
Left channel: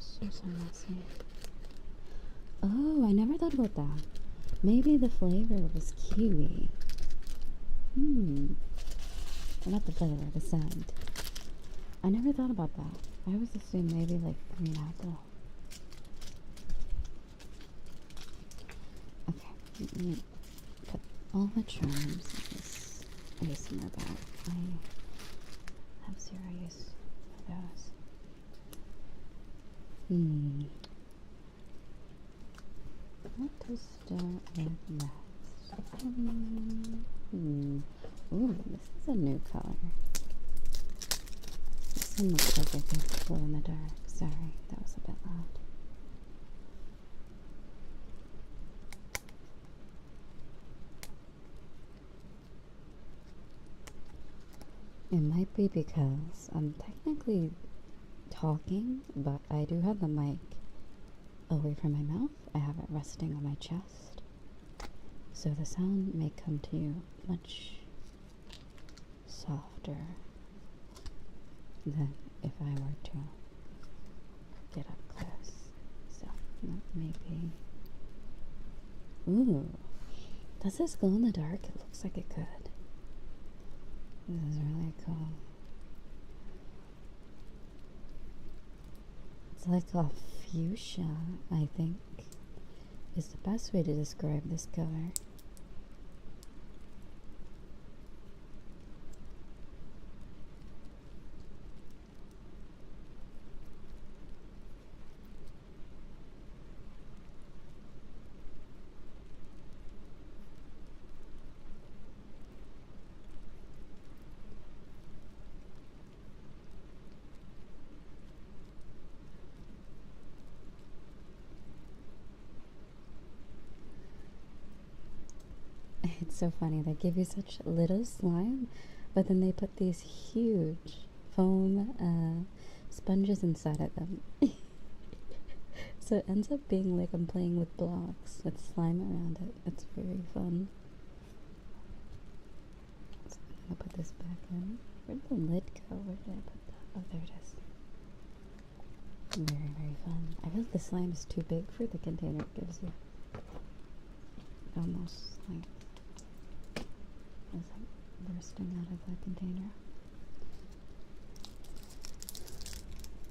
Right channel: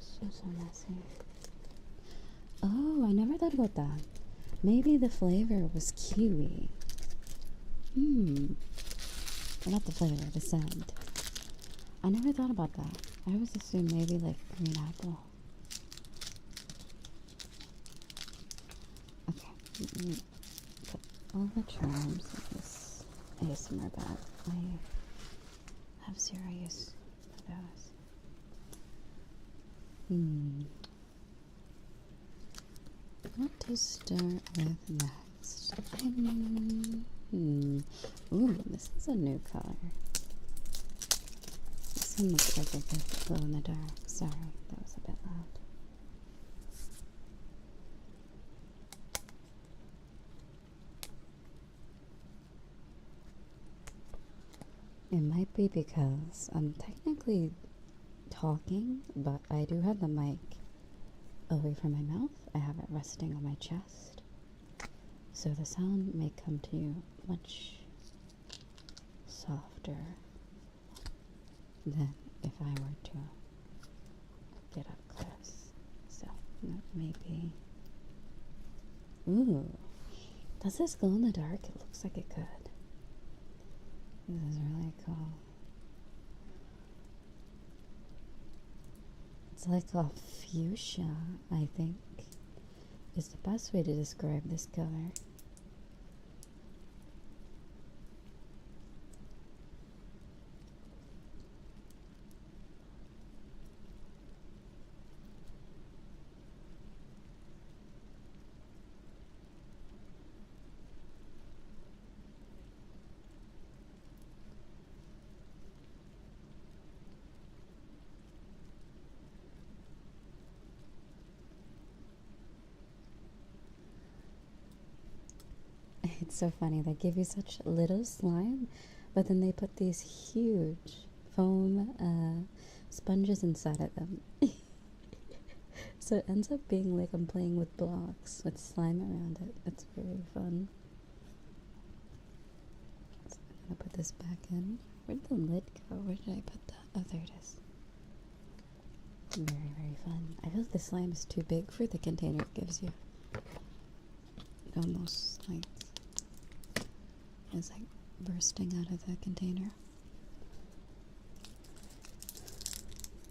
So messy. Oh, I never thought about that. Maybe the flavor was kiwi. Not the flavor, the scent. I never thought about that. I always assumed maybe like green apple. Okay, let me put all the charms in this ASMR bag. I have zero use for those. What to start with next? Ooh, this is a new color. This one looks like it could glow in the dark. Sorry, that was a bit loud. It might be because I'm technically talking, but I do have the mic away from my mouth. I have it resting on my chest. So the sound may come to you much softer than if I were to get up close. So that may be... Ooh. Does this glow in the dark? It looks like it could. This is really cool. It's like a fuchsia, I think, is the best way to describe this color. It's so funny, they give you such little slime, but then they put these huge foam sponges inside of them. So it ends up being like I'm playing with blocks with slime around it. It's very fun. So I'm gonna put this back in. Where'd the lid go? Where did I put that? Oh, there it is. Very, very fun. I feel like the slime is too big for the container it gives you. Almost like it's like bursting out of the container.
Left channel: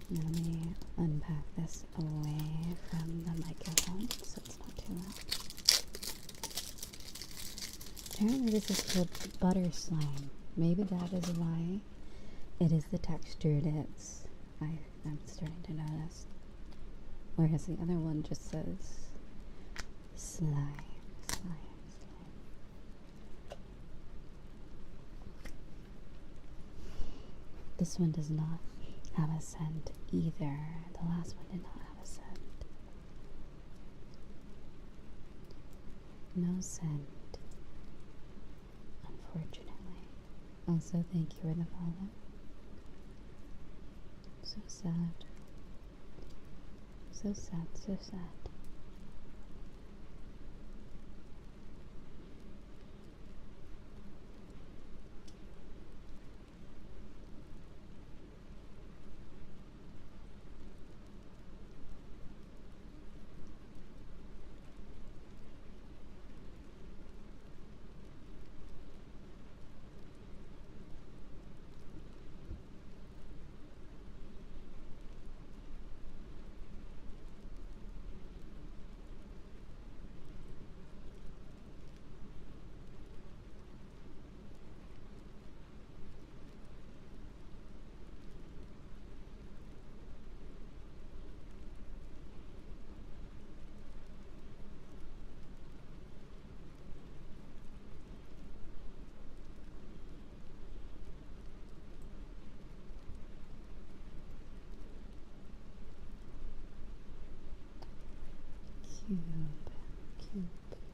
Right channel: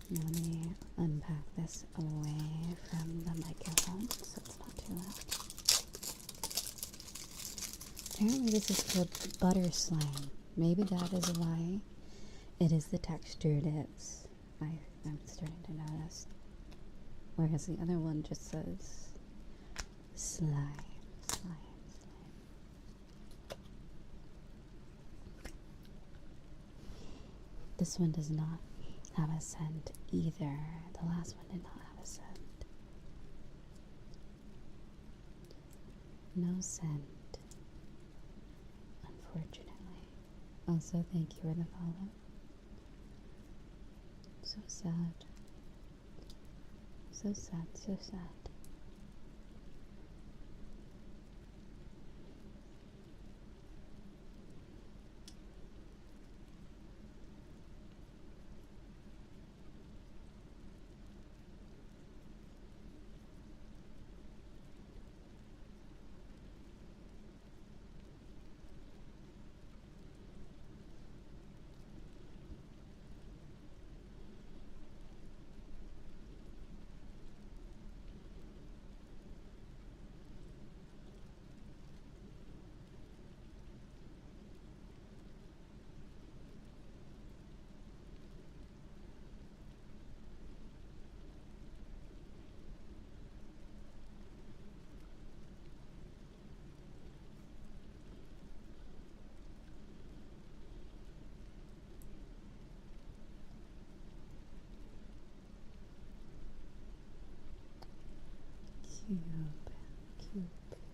Let me unpack this away from the microphone so it's not too loud. Apparently this is called butter slime. Maybe that is why it is the texture it is. I'm starting to notice. Whereas the other one just says slime, slime, slime. This one does not have a scent either. The last one did not have a scent. No scent, unfortunately. Also, thank you for the follow. So sad. So sad, so sad.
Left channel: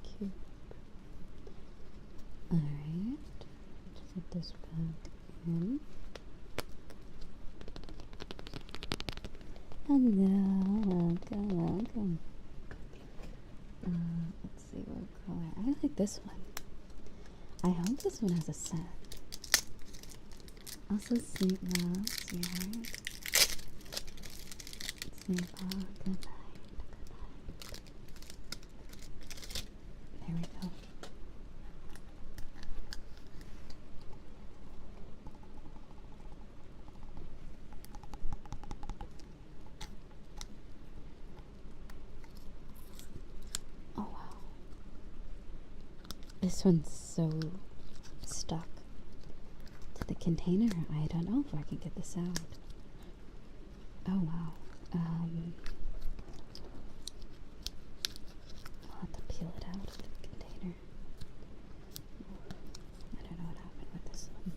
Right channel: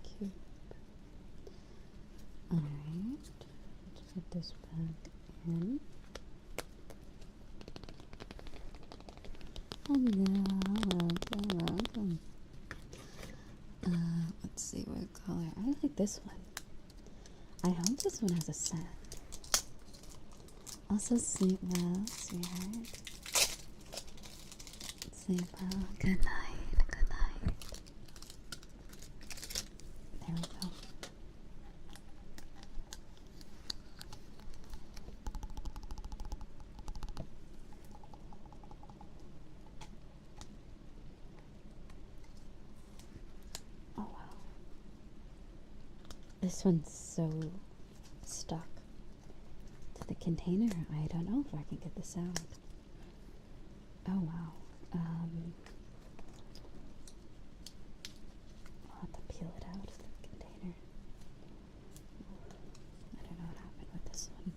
Cube. Alright, let's put this back in. Hello, welcome. Let's see what color. I like this one. I hope this one has a scent. Also, sleep well, sweetheart. Sleep well. Good night. Good night. There we go. Oh wow. This one's so stuck to the container. I don't know if I can get this out. Oh wow. I'll have to peel it out of the container. I don't know what happened with this one.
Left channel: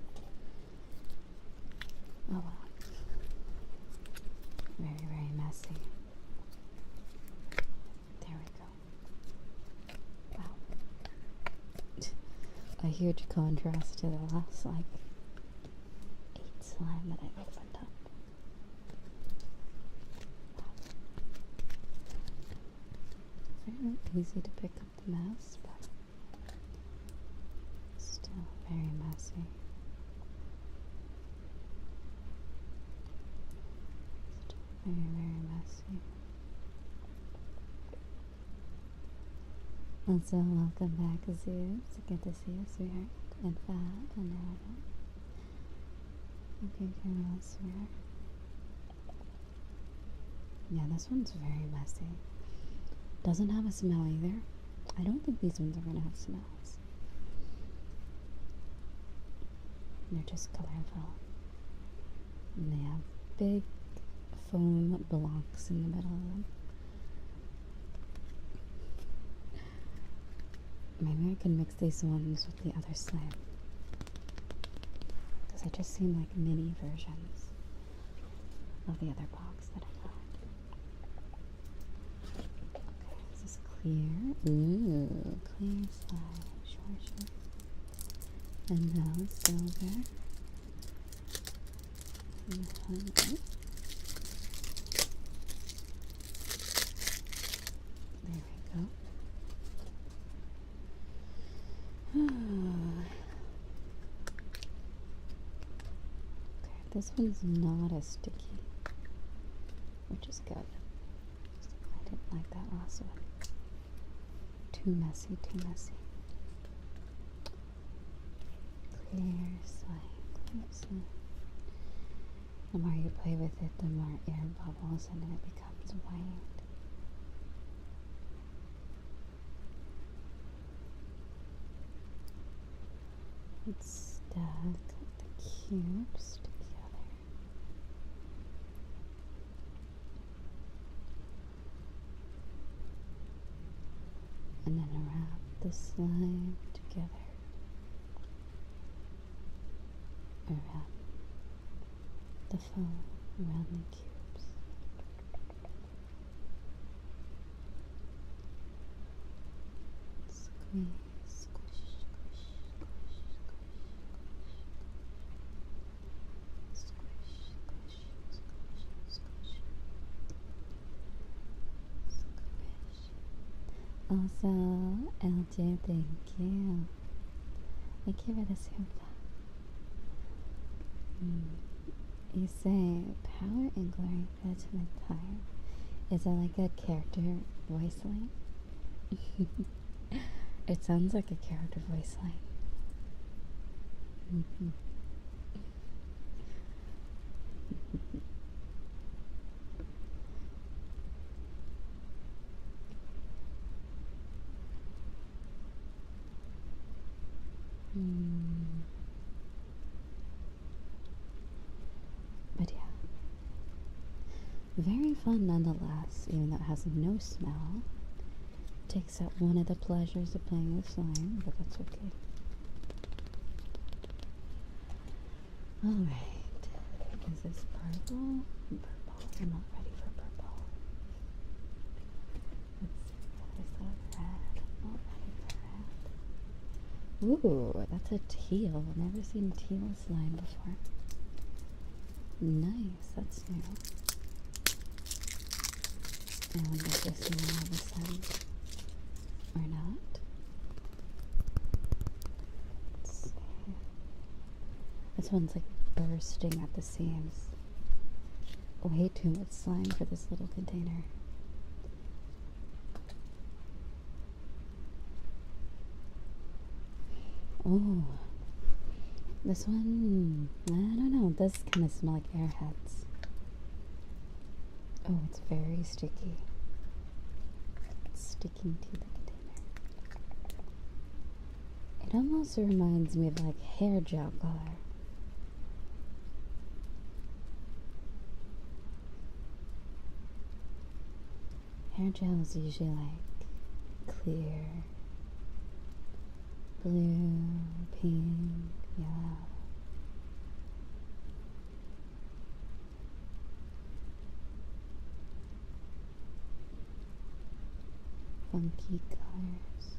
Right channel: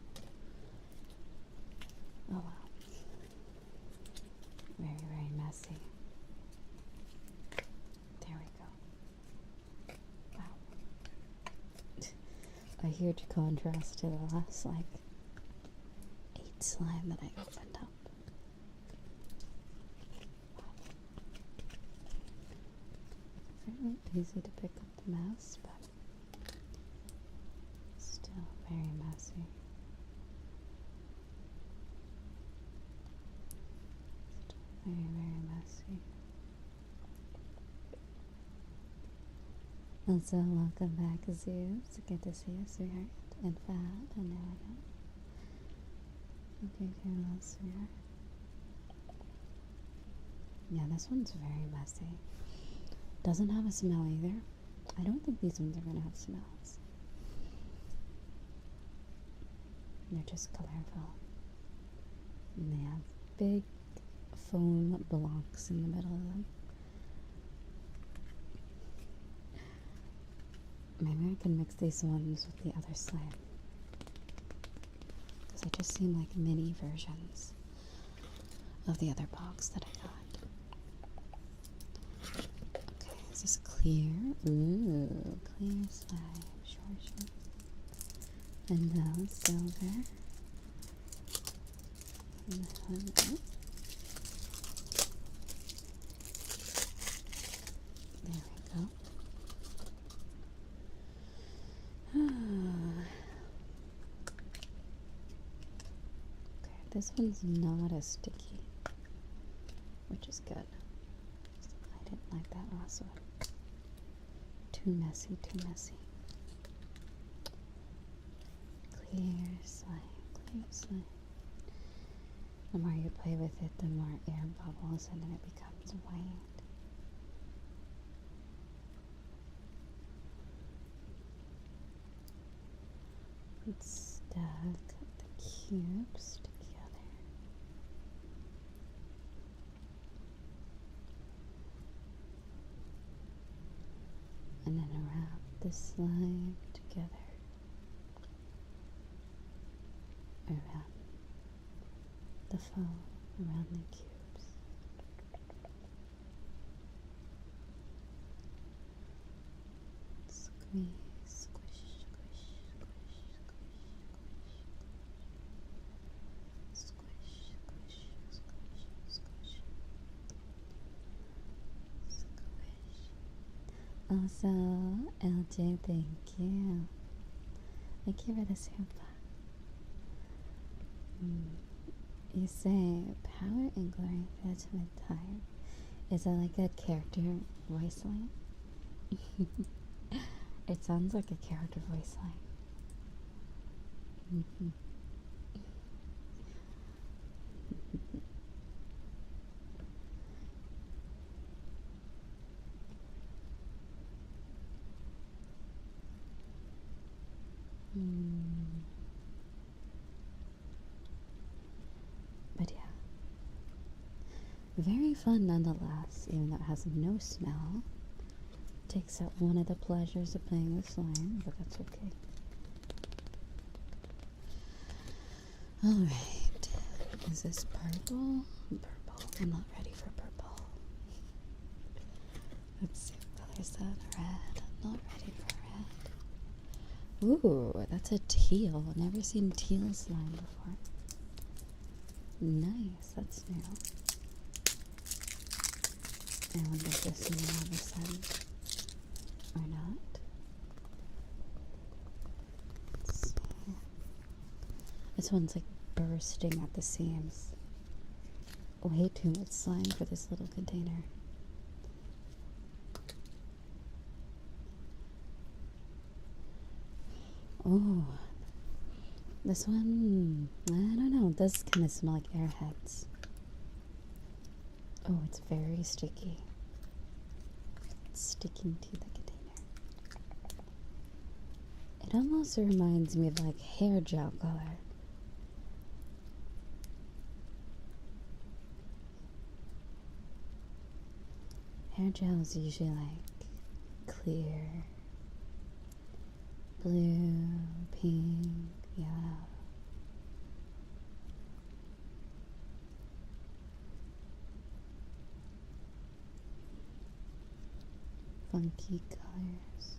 Oh wow. Very, very messy. There we go. Wow. A huge contrast to the last, like, 8 slime that I opened up. Fairly easy to pick up the mess, but still very messy. Still very, very messy. Also, welcome back, Azur. It's good to see you, sweetheart. And Fab, and Anna. Okay, well, sweetheart. Yeah, this one's very messy. Doesn't have a smell either. I don't think these ones are gonna have smells. They're just colorful. And they have big foam blocks in the middle of them. Maybe I can mix these ones with the other slime. Because they just seem like mini versions of the other box that I got. Is this clear? Ooh, clear slime. Sure. And now silver. And there we go. Okay, this one's not as sticky, which is good. I didn't like that last one. Too messy, too messy. Clear slime. The more you play with it, the more air bubbles and then it becomes white. Let's stack the cubes together. the slime together around the foam, around the cubes. Squeeze, squish, squish, squish, squish, squish, squish, squish, squish, squish. Also, LJ, thank you. Thank you for the super. You say power and glory fetch my time. Is that like a character voice line? It sounds like a character voice line. But yeah, very fun nonetheless, even though it has no smell. Takes out one of the pleasures of playing with slime, but that's okay. Alright, is this purple? Purple. I'm not ready for purple. Let's see what colors that red. I'm not ready for red. Ooh, that's a teal. Never seen teal slime before. Nice, that's new. I wonder if this is all of a sudden or not. Let's see. This one's like bursting at the seams. Way too much slime for this little container. Oh, this one, I don't know, it does kind of smell like airheads. Oh, it's very sticky. It's sticking to the container. It almost reminds me of like hair gel color. Hair gel is usually like clear, blue, pink, yellow. Funky colors.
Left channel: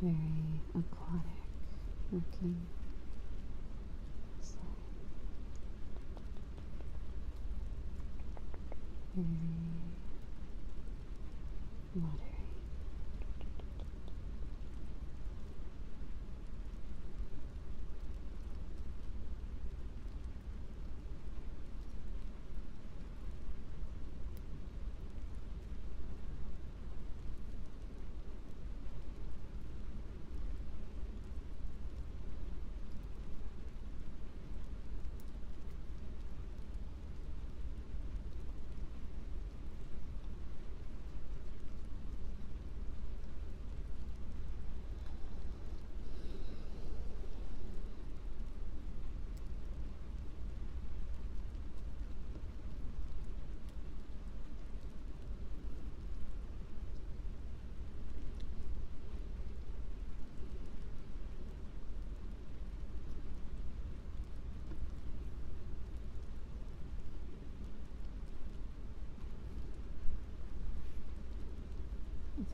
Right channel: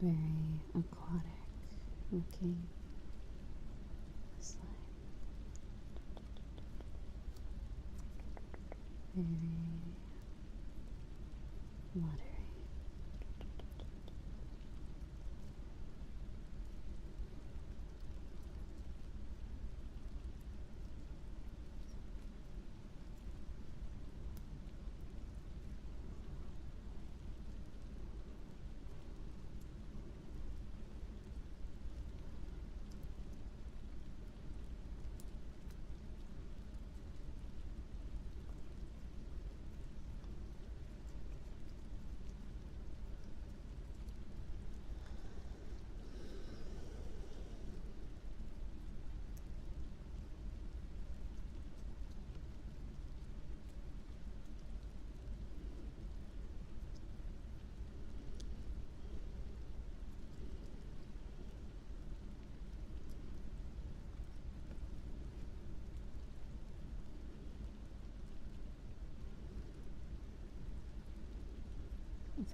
Very aquatic looking slime. Very watery.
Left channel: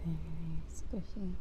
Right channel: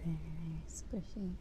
Very squishy.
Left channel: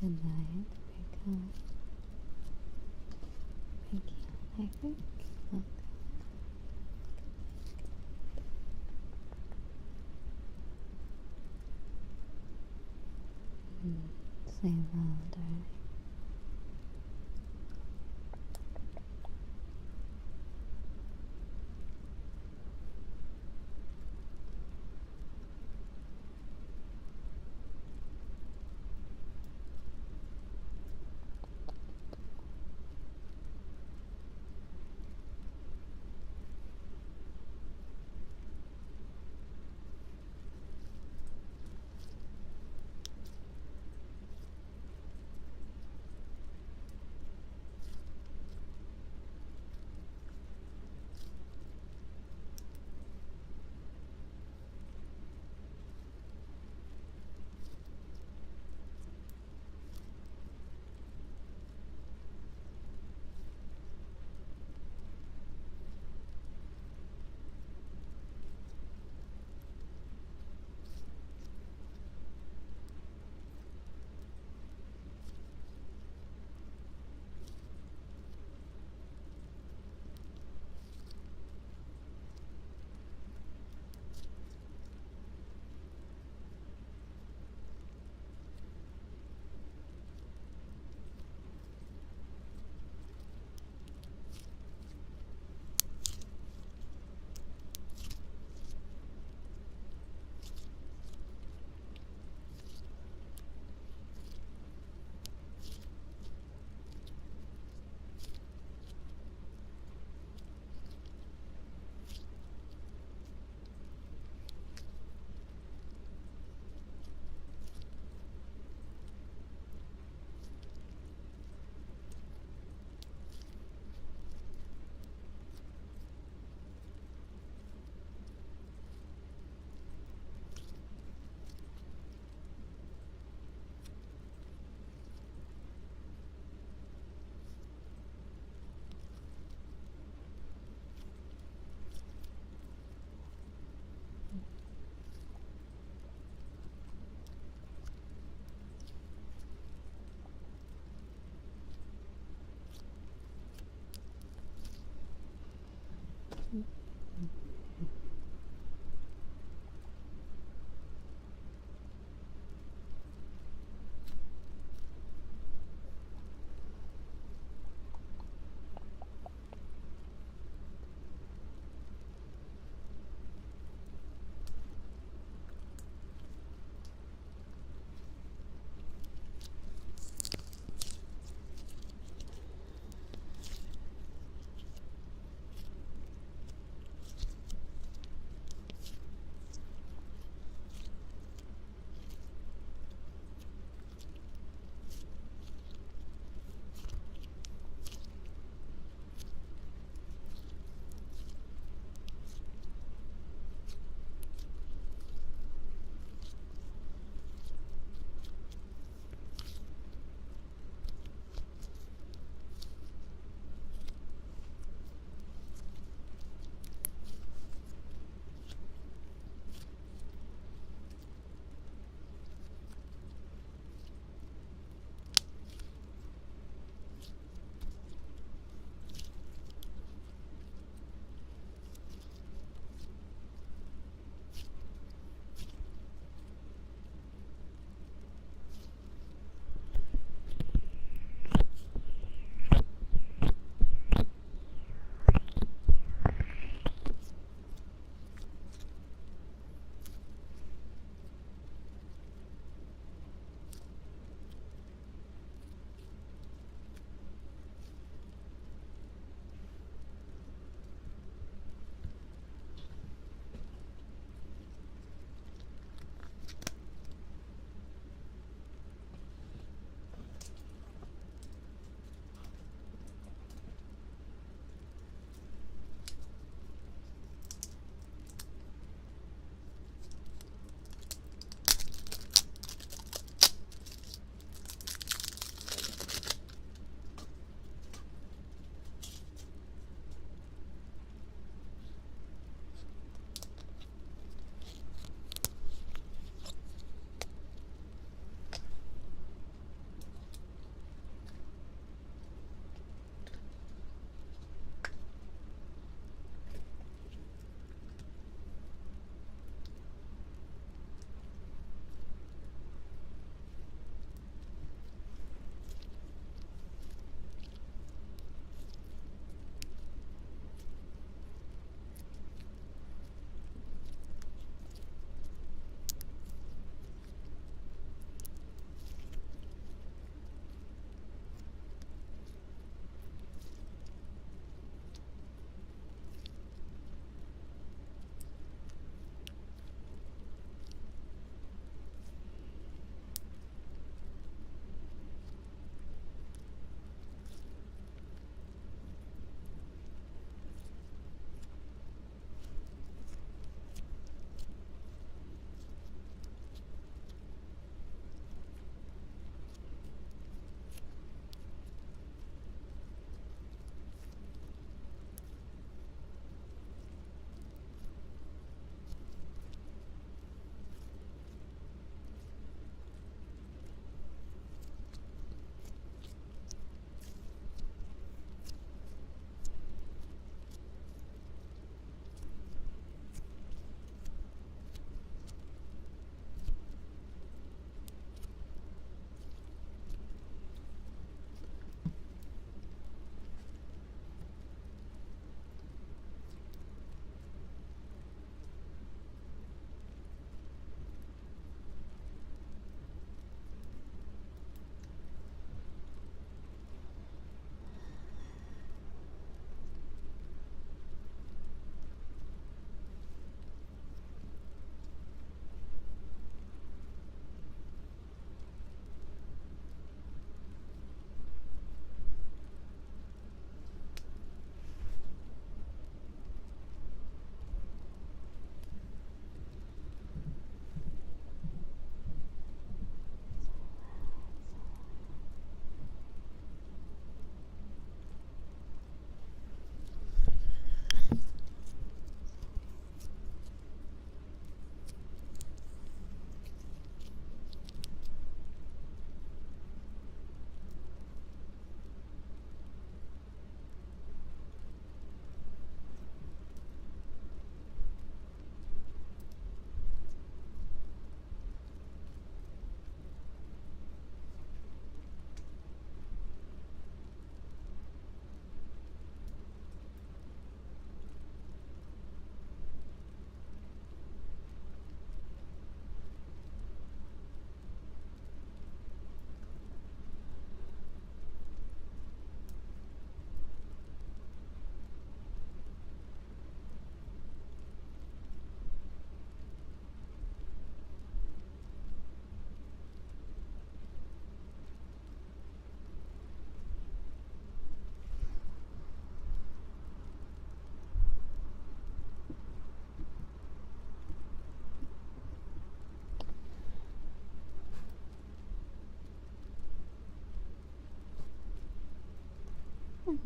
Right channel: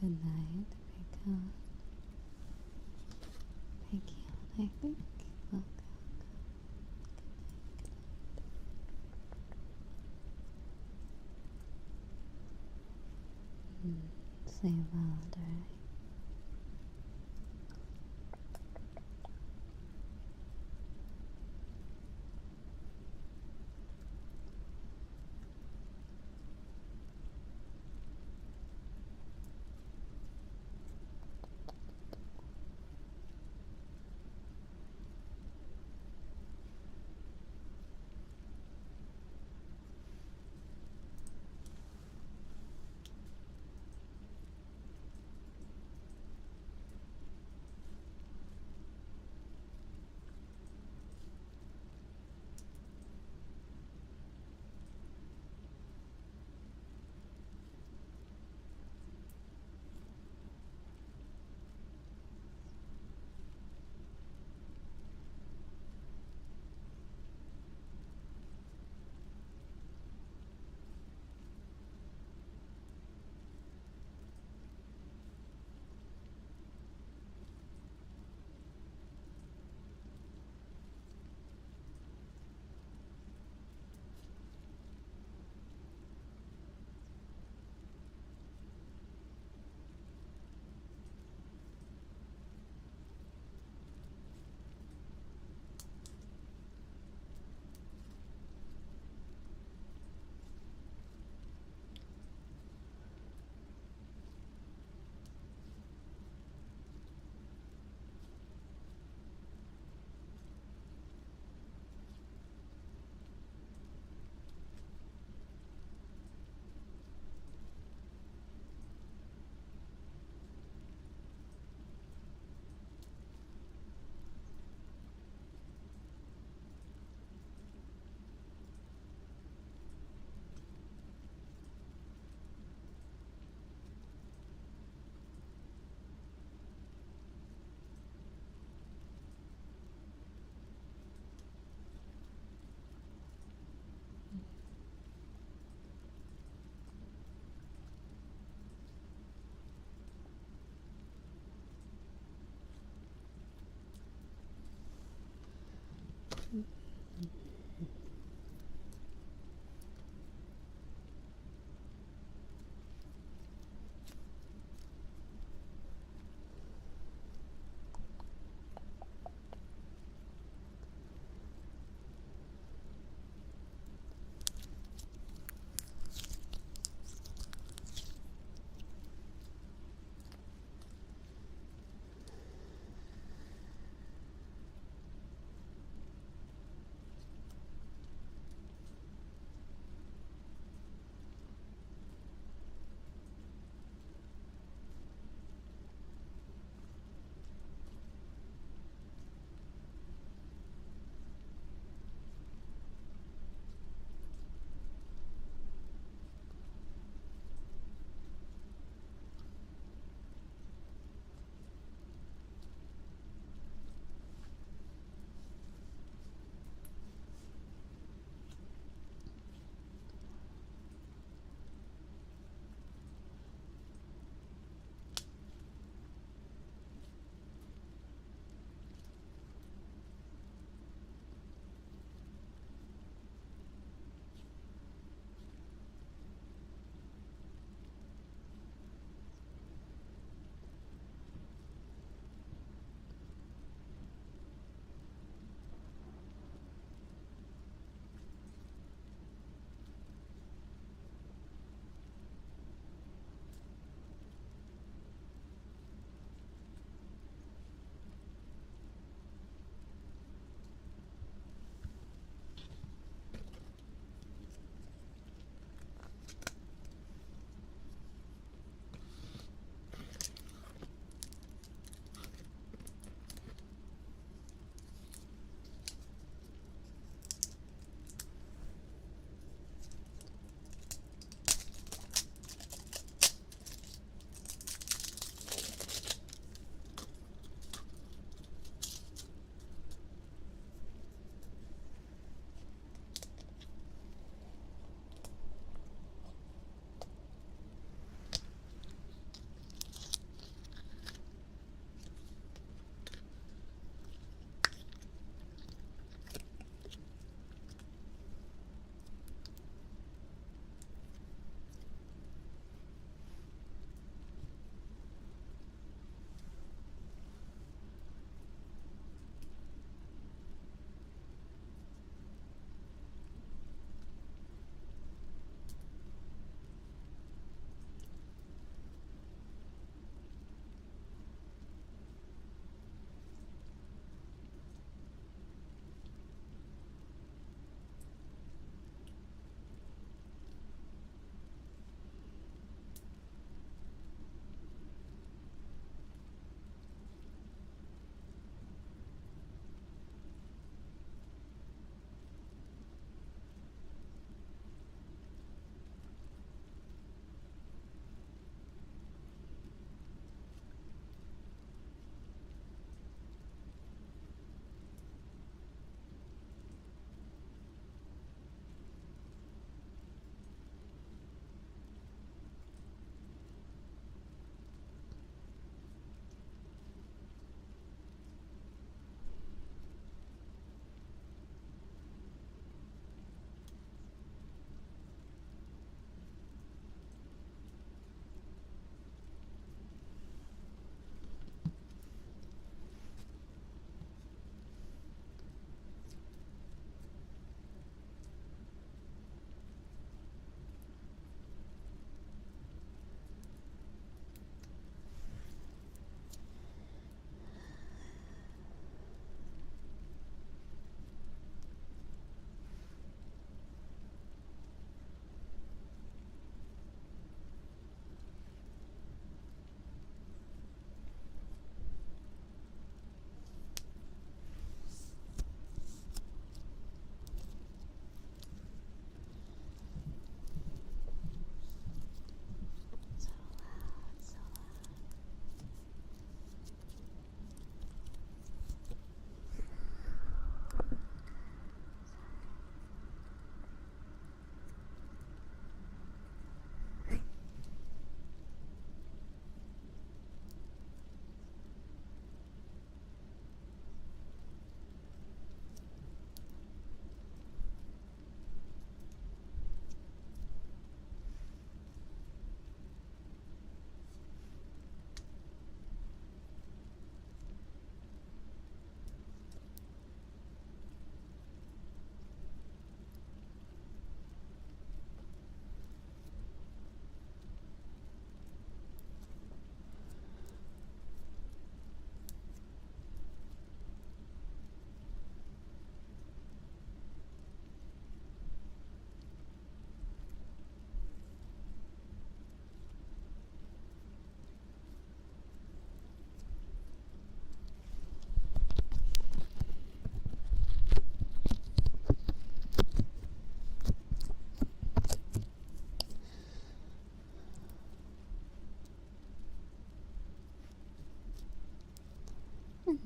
Good night, Rika. Thank you, I think. Okay. Sleep well, darling.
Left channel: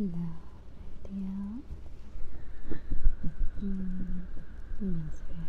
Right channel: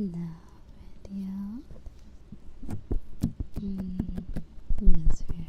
No video. That's weird.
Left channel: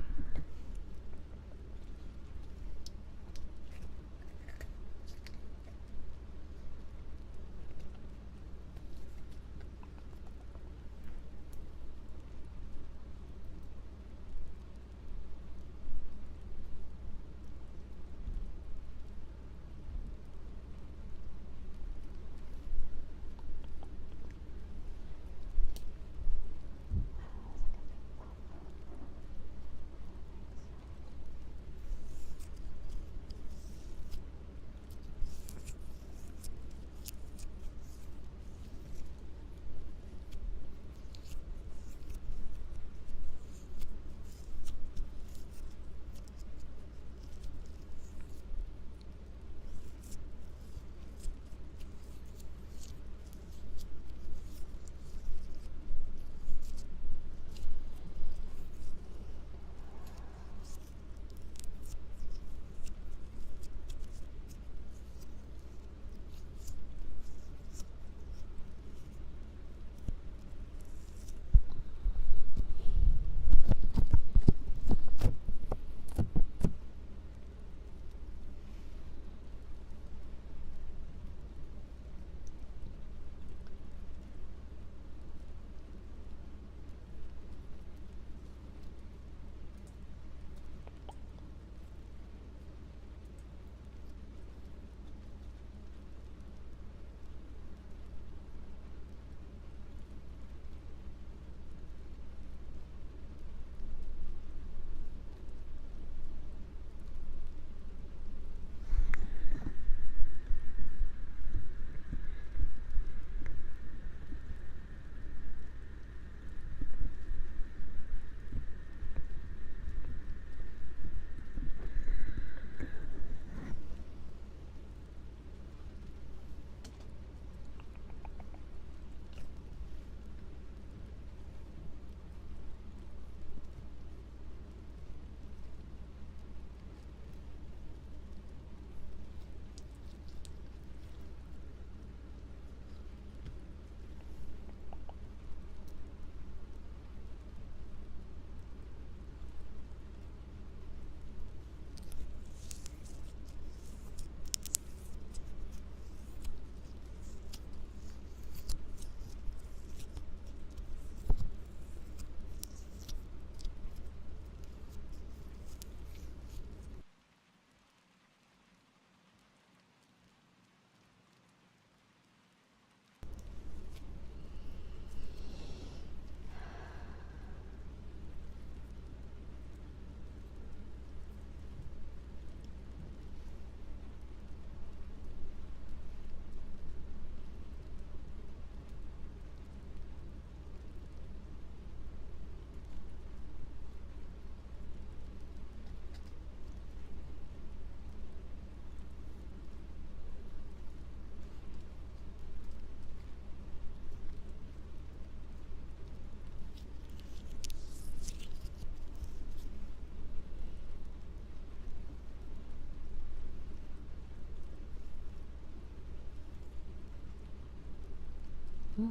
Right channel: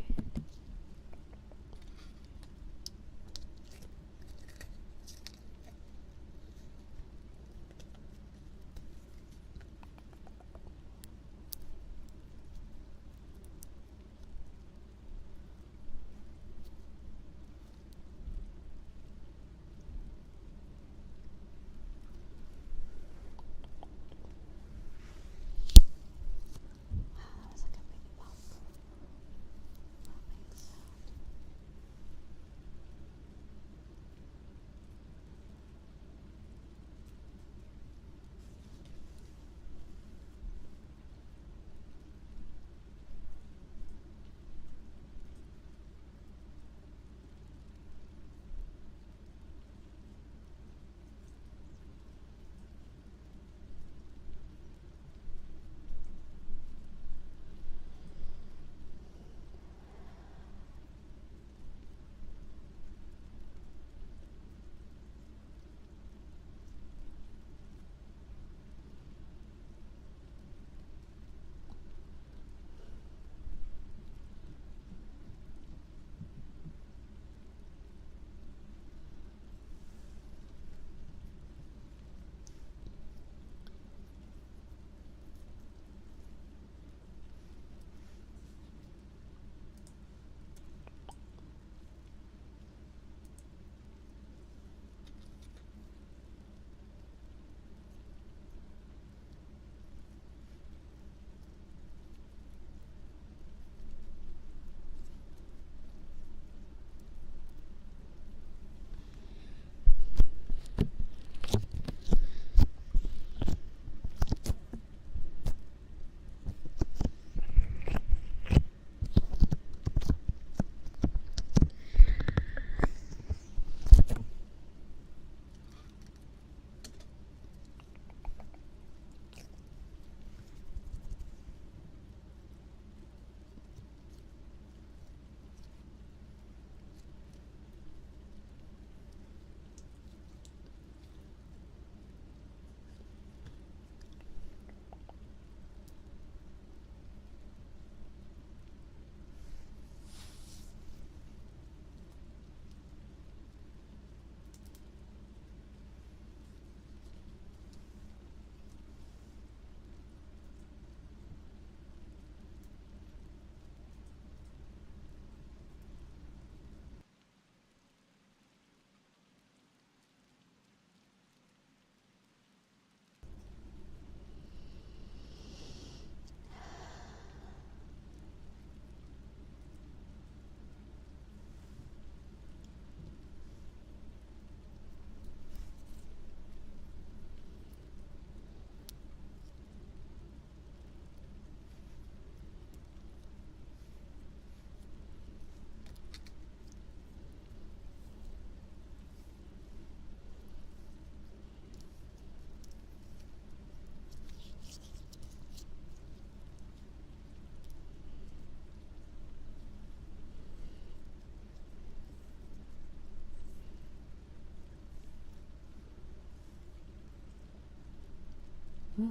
Oh,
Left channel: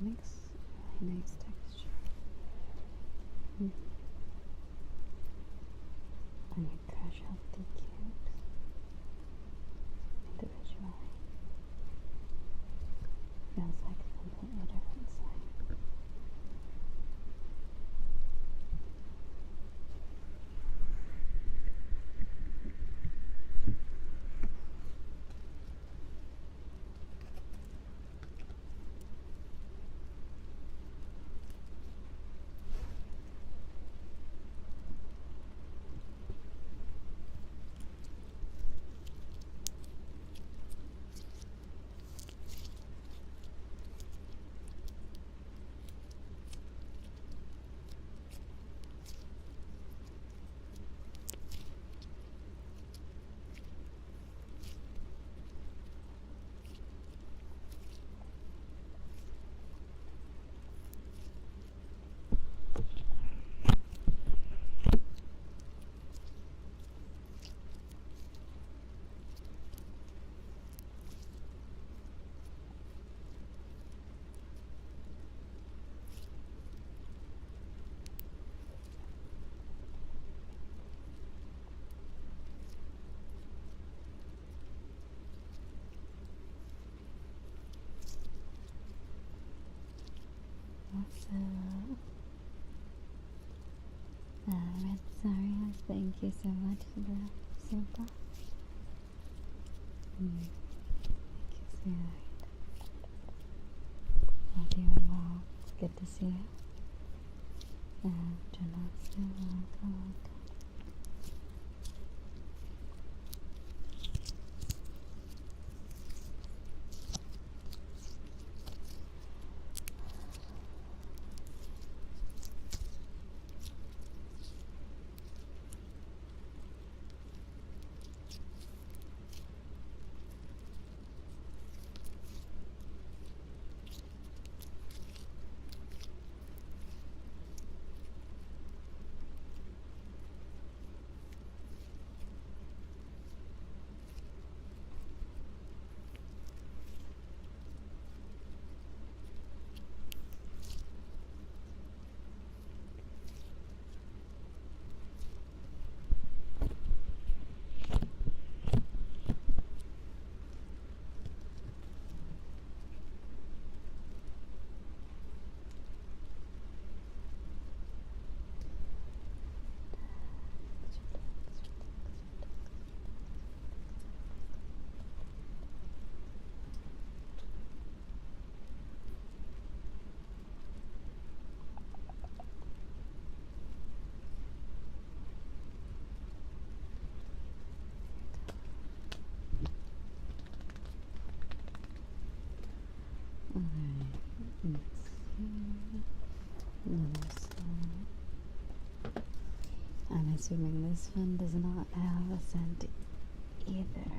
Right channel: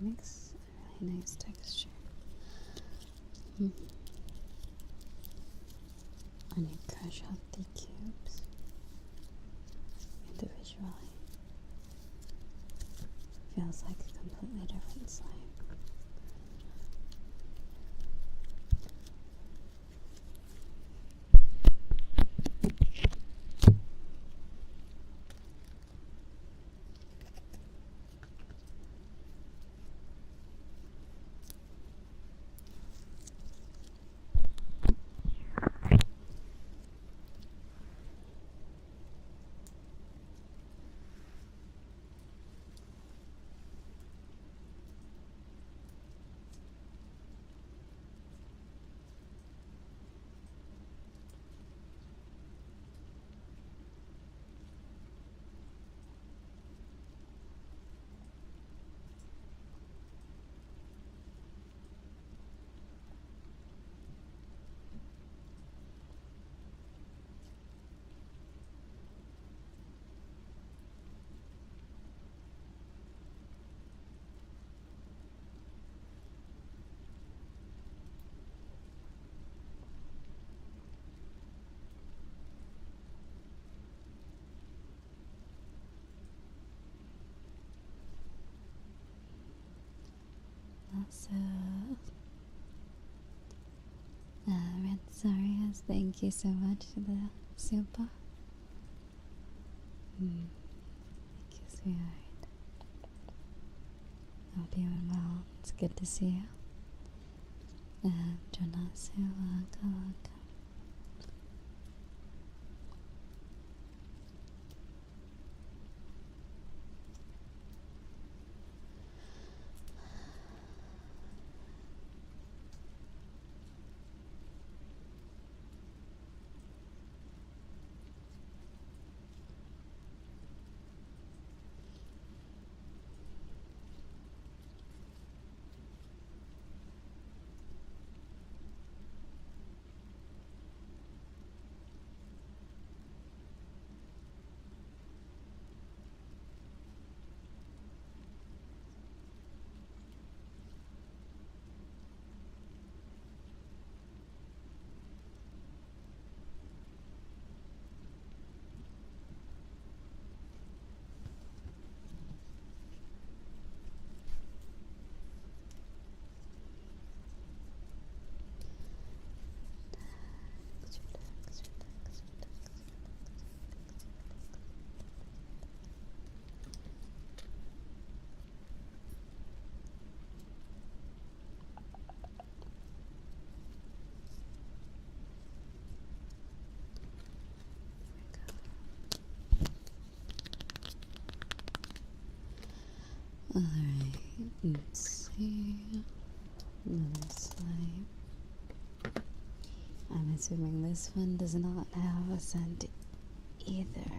makes a really nice texture. I need to crush out the cubes individually. Feels like a completely different slime. So, Red Sarias, thank you so much for the super. Thank you, sweetheart. Hope you are well. It's good to see you. And Jonas, you're welcome. Alright, let's see. Another slide. I'm assuming this one does not have a scent either.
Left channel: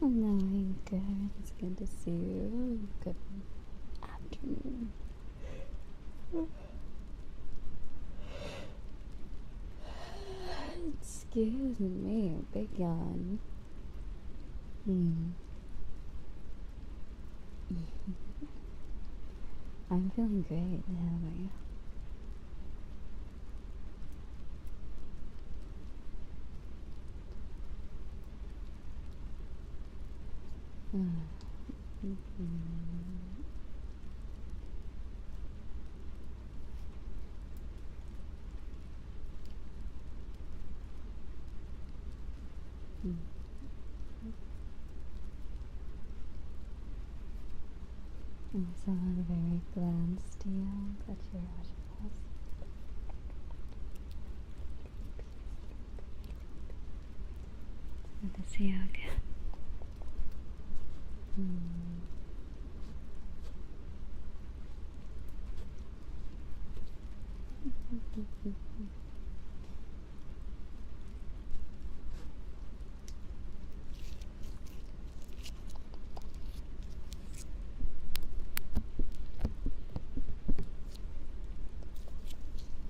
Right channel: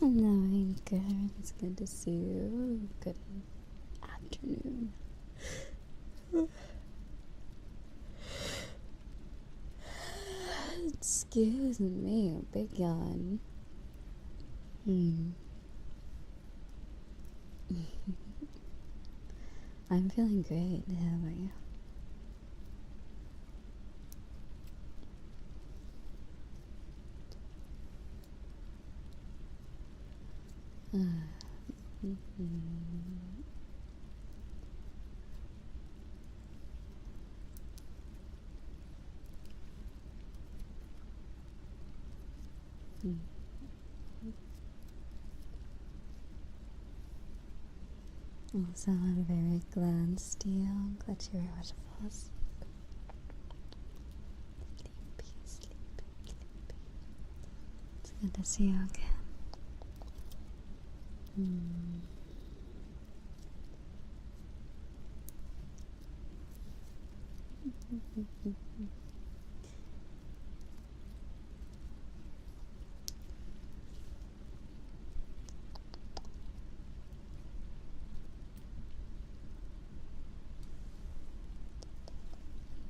Hello, Anchor. It's good to see you. Good afternoon. Excuse me, big yawn. I'm feeling great. How about you? Also, I'm very glad, Steel. Glad you were watching us. It's good to see you again.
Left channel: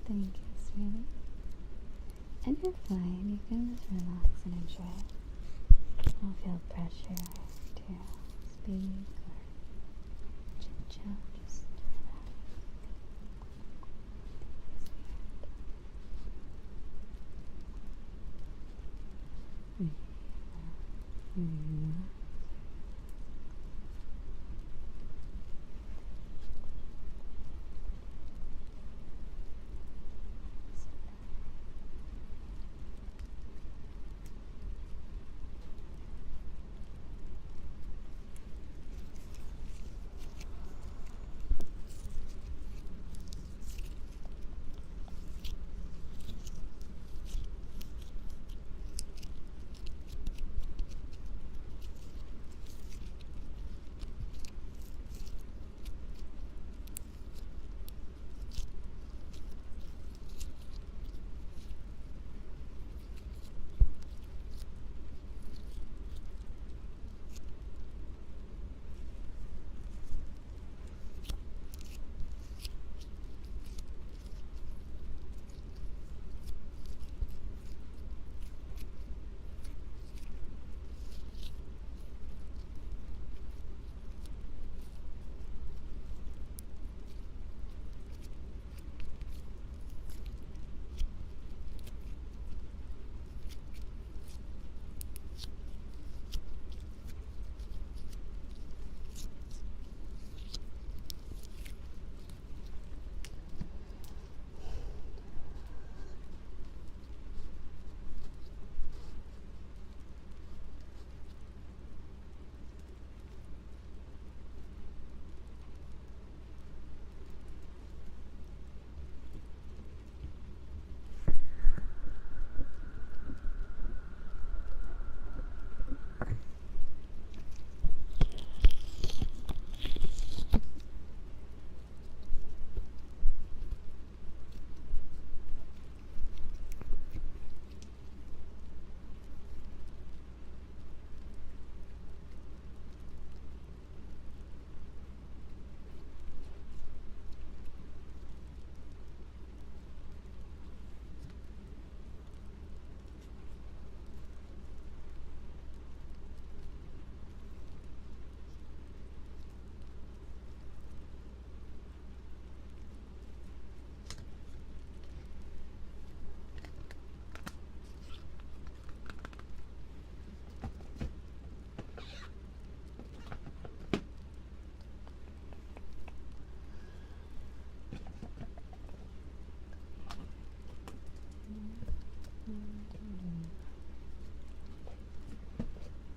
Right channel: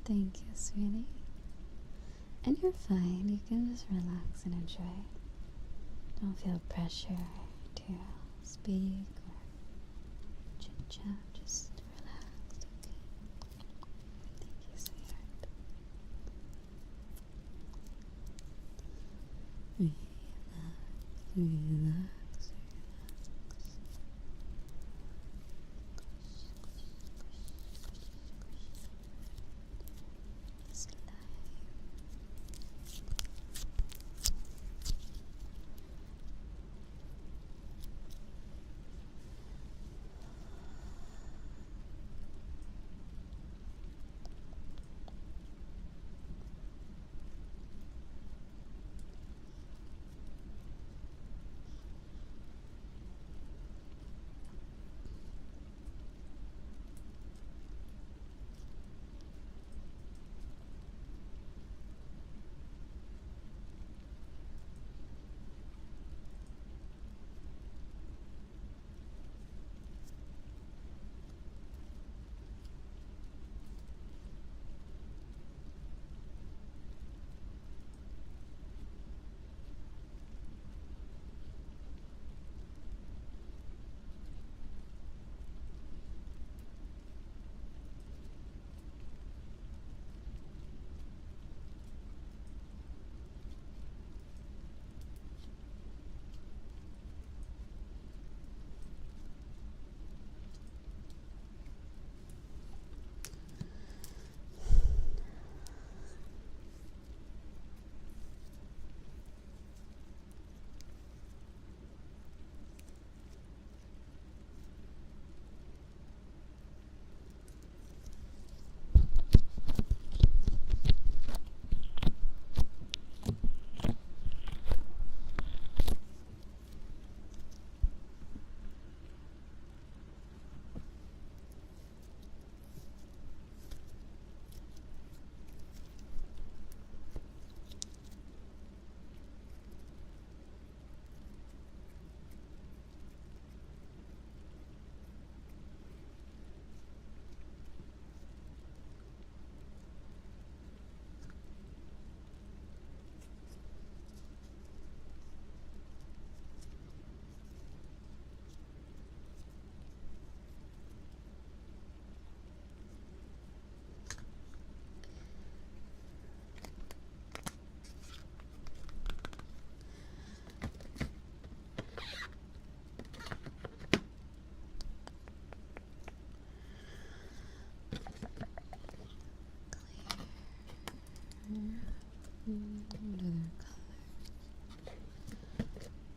Thank you, sweetie. And you're fine. You can just relax and enjoy. Don't feel pressure to speak or chit chat. Just relax. Thank you, sweetheart. Relax.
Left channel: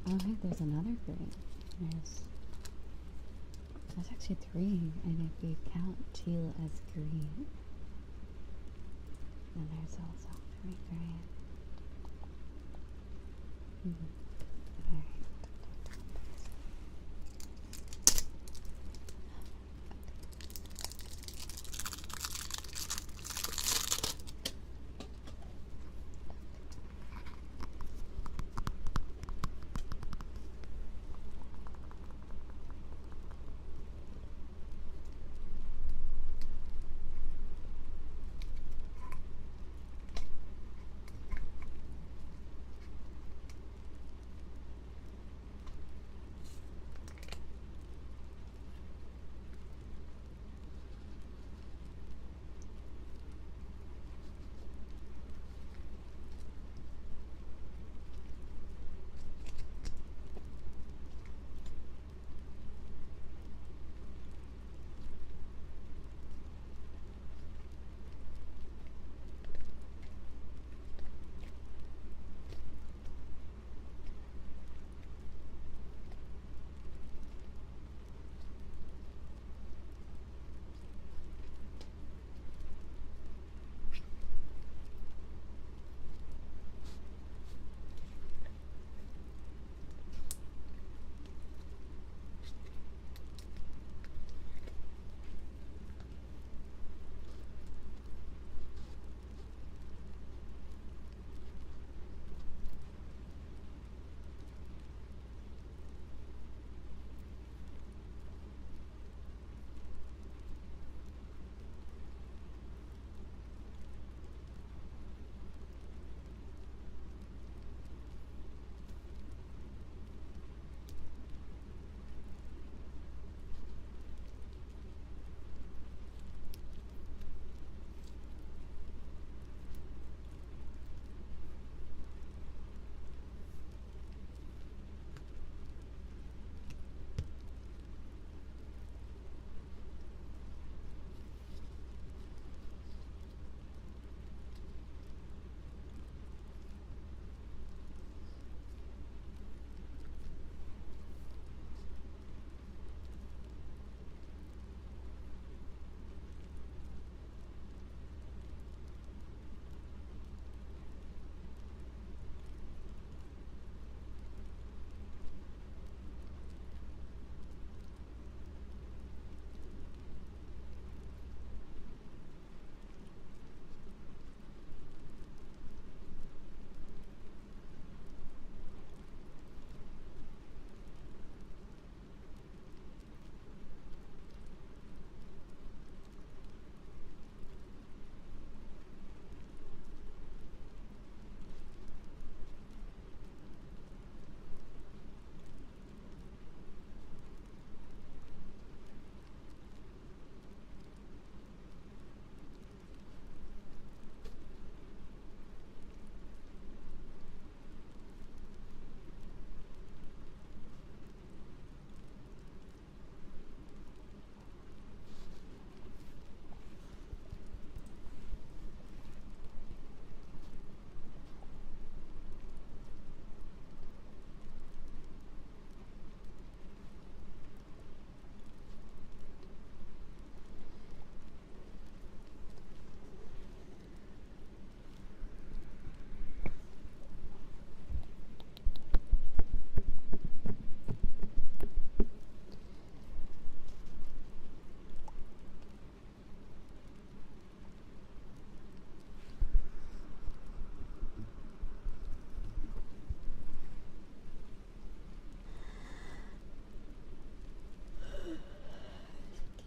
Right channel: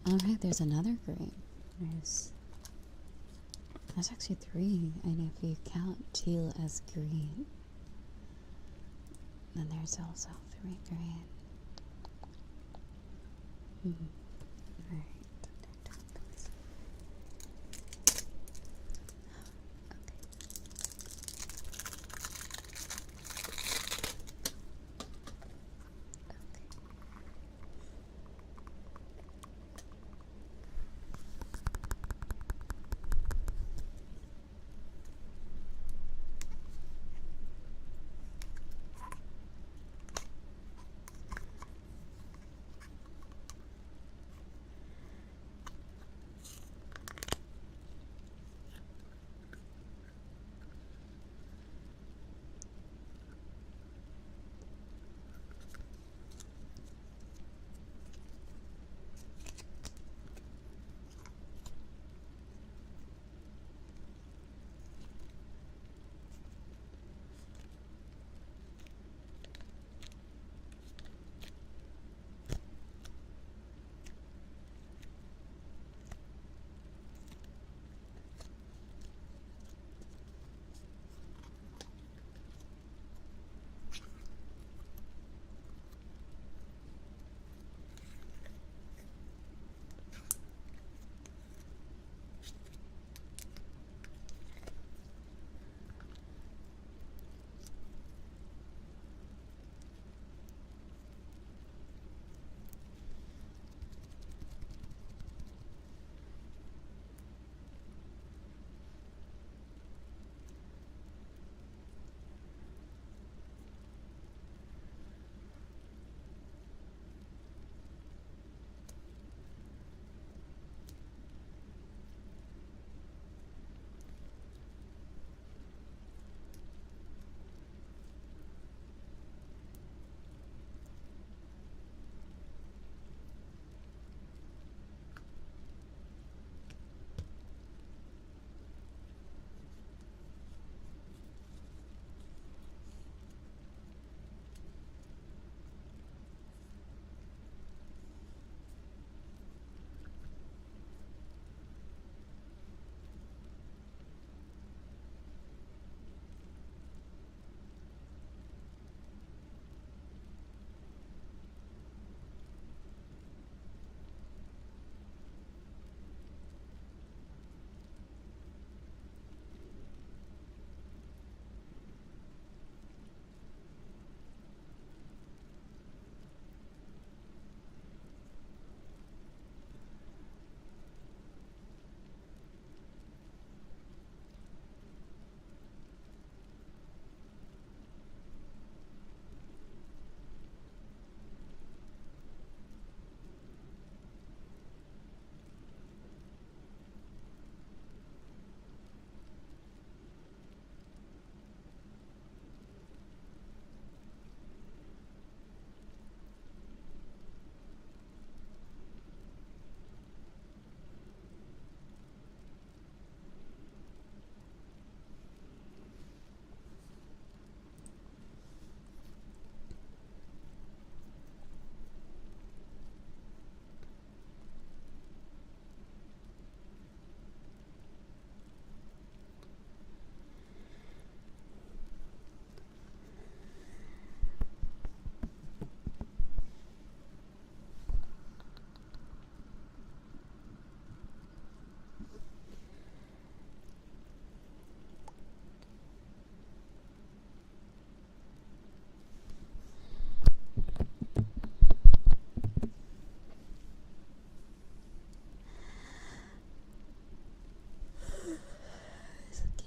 Alright, there's another green. There's actually 3, and if you count teal as green, then there's also 3 green. Alright.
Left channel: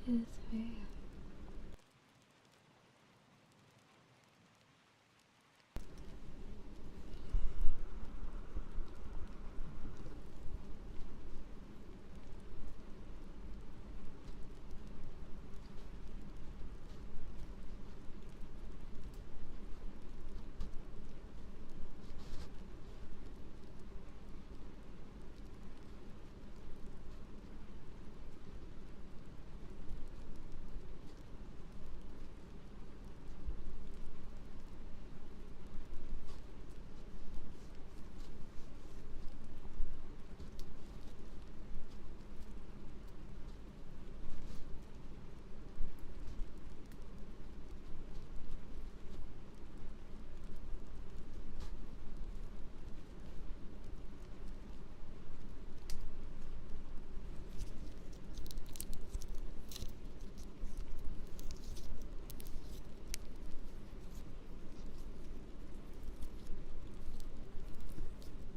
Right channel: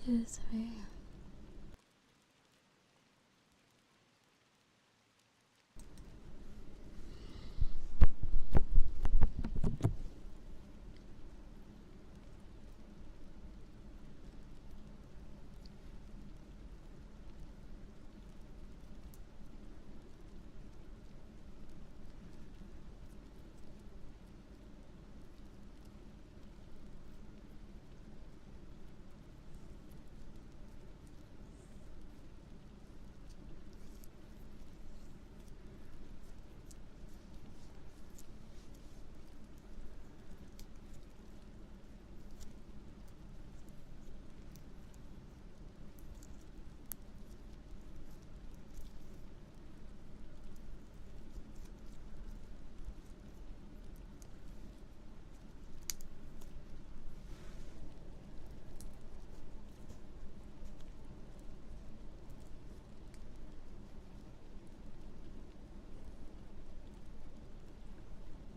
do this for you.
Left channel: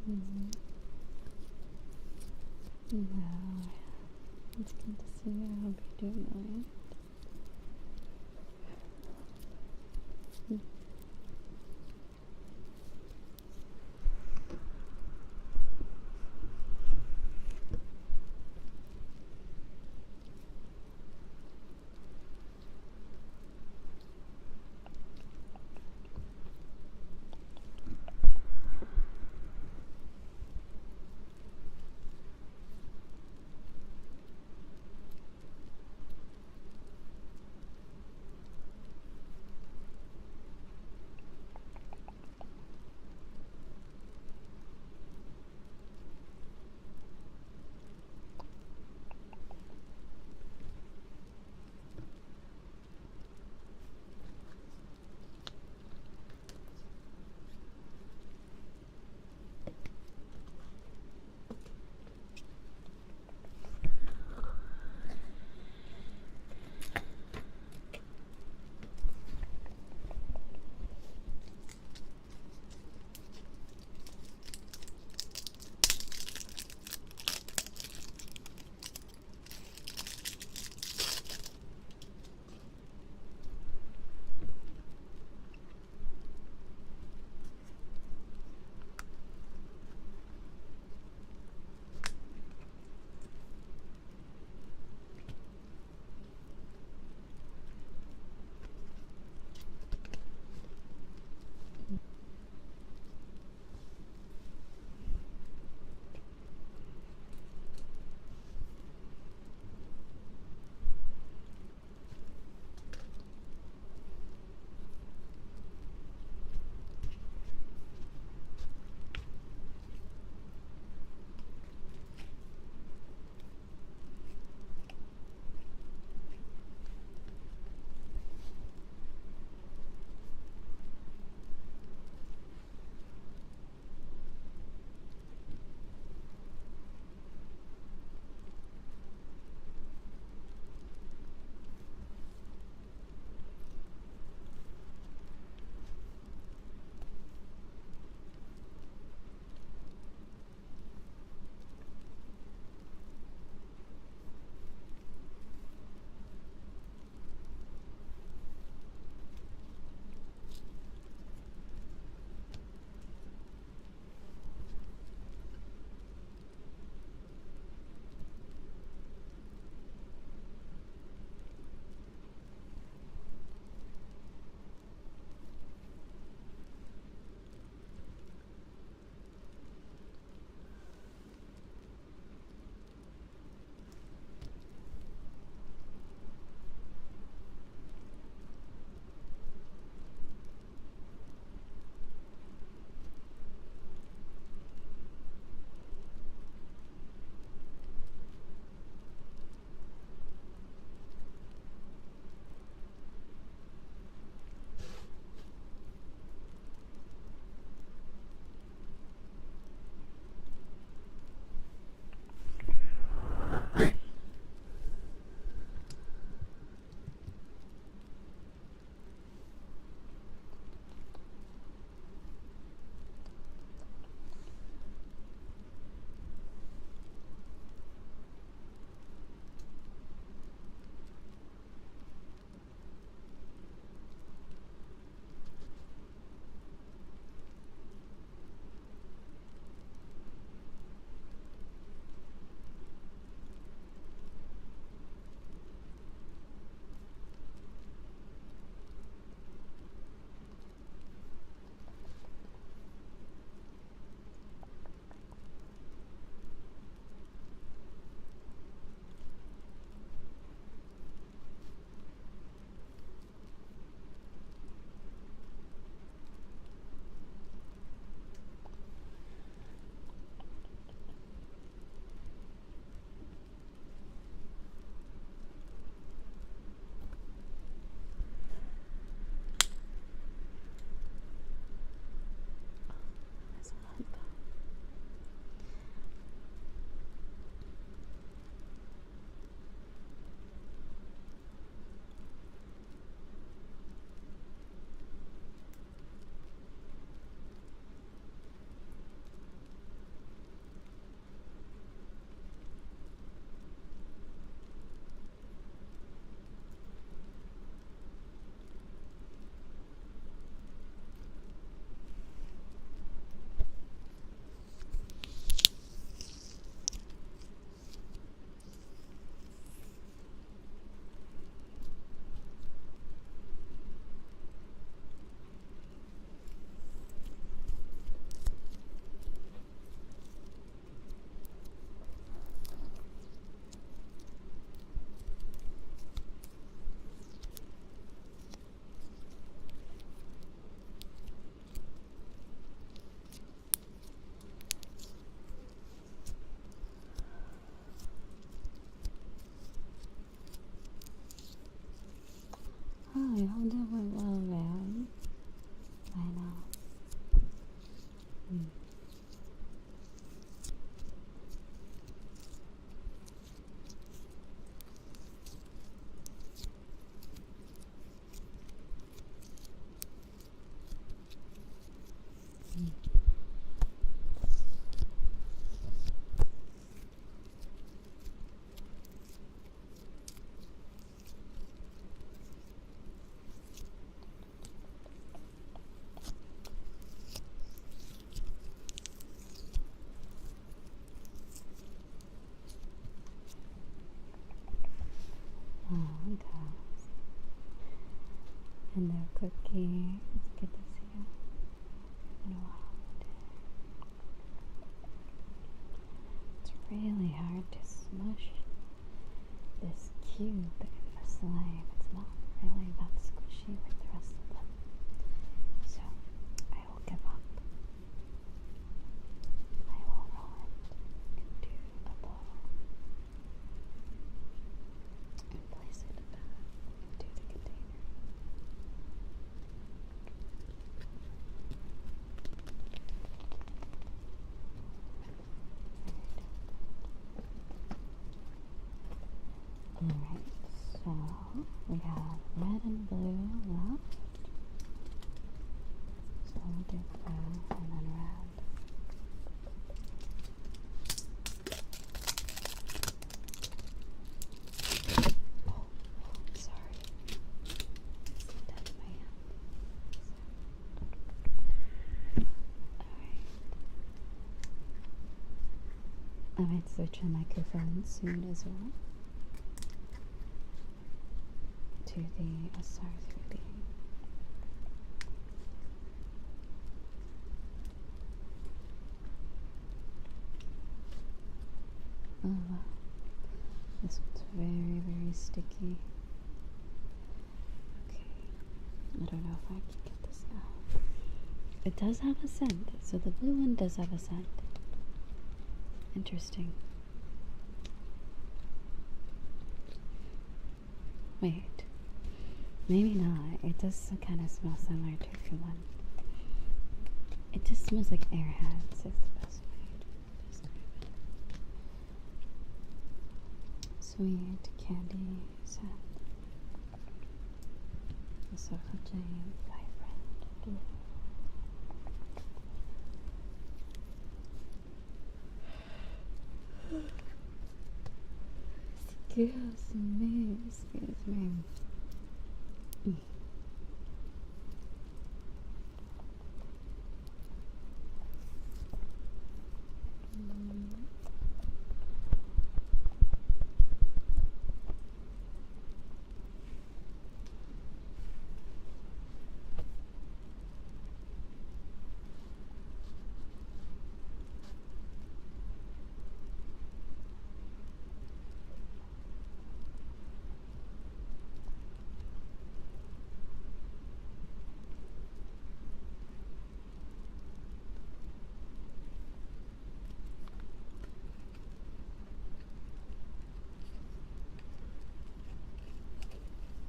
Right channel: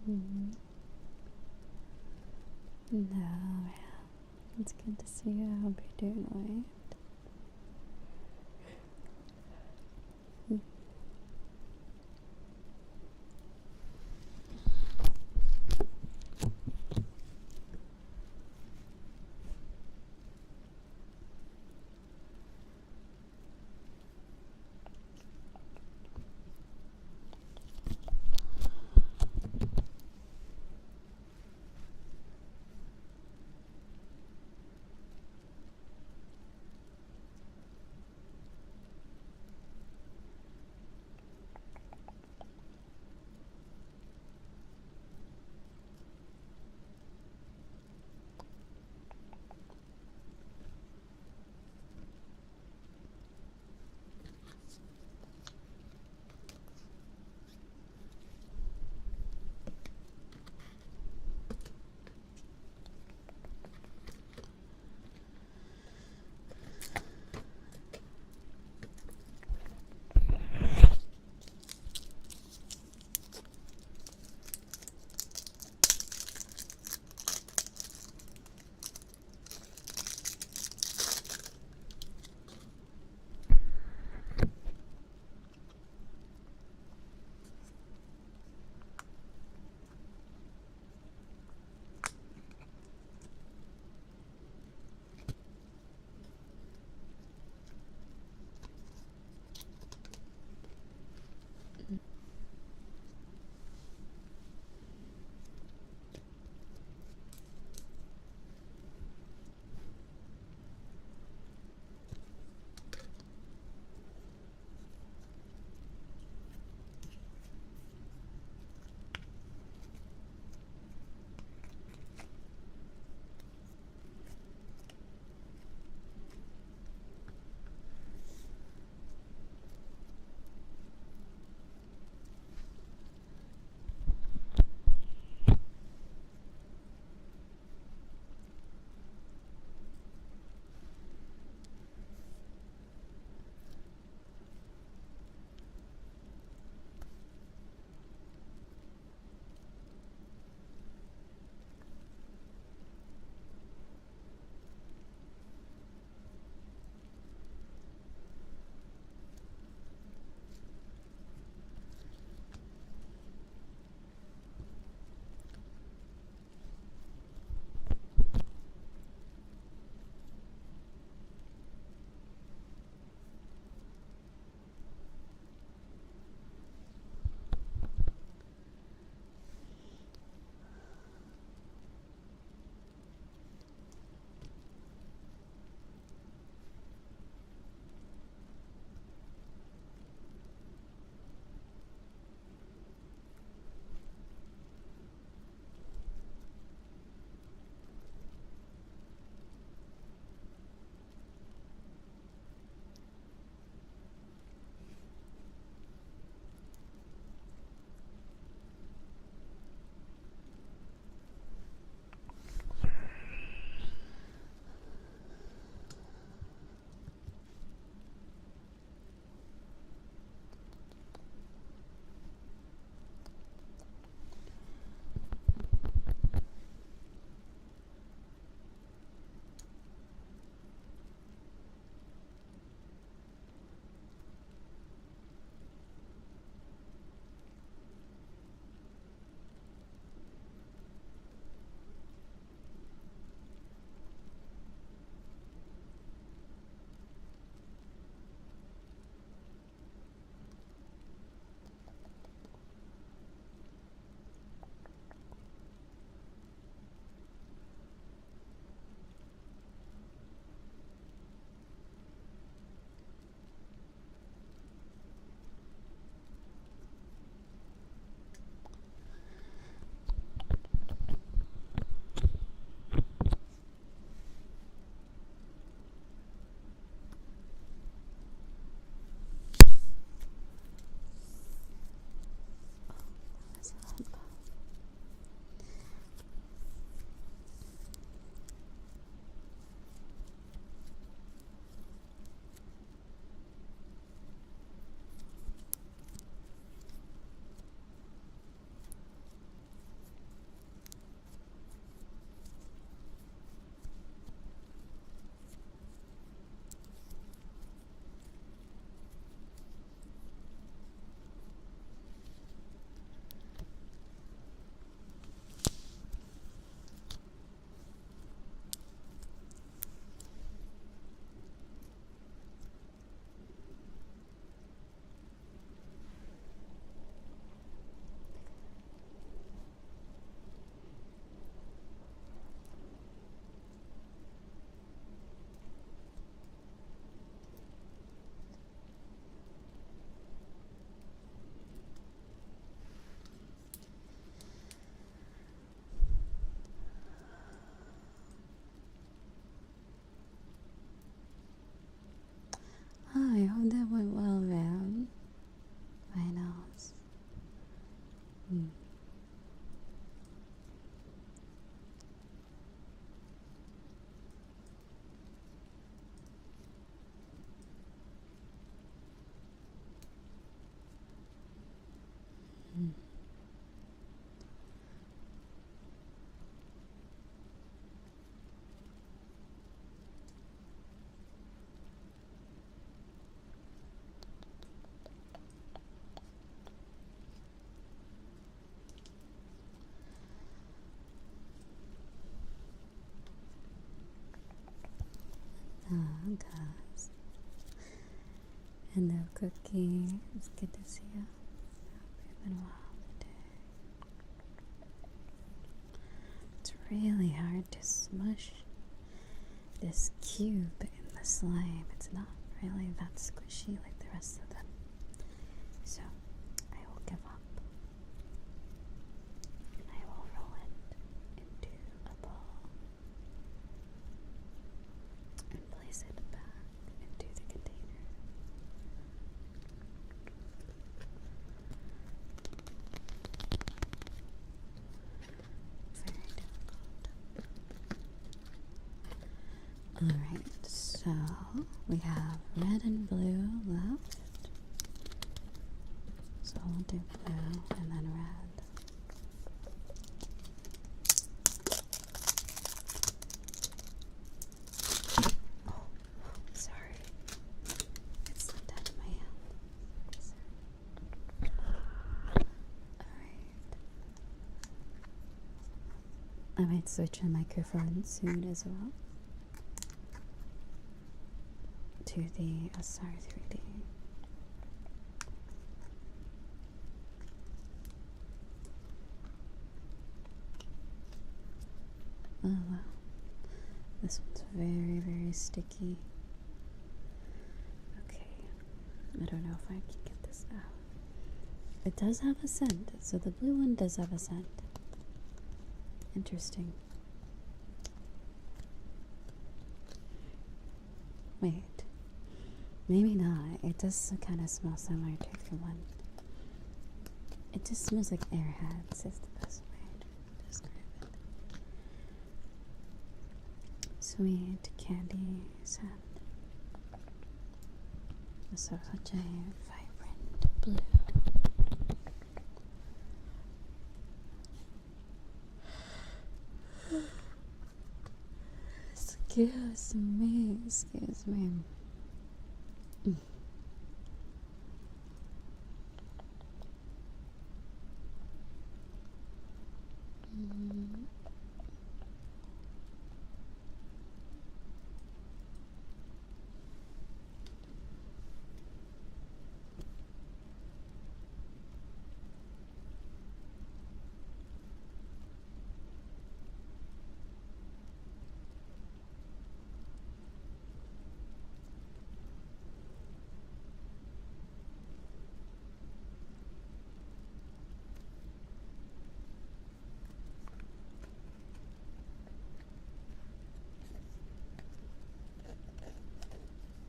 No, yeah. It's good to see you. I hope you're doing alright. Oh, guys. Hello, Cookie. It's good to see you. It's been a while today. It's really hard to smush this cube in the slime. It's not really that squishy like the rest of them. So, I will give up. And I will roll it into a ball. And place it back into the container. Very difficult. Alright, so we have red and blue left. So we'll do blue and then red. Oh, sorry. It slipped out of my hand. Alright. I might switch a microphone soon as well to the SR3D. Oh wow, this one's very, very sticky. Okay, I don't know if I can get this out. It does have a scent, so the blue one does have a scent. Interesting. Wait, maybe not. It does kind of smell similar to the one. It just smells like airheads, is the best way to describe it. Sweet candy scent. So such a vibrant blue. Excuse me, excuse me.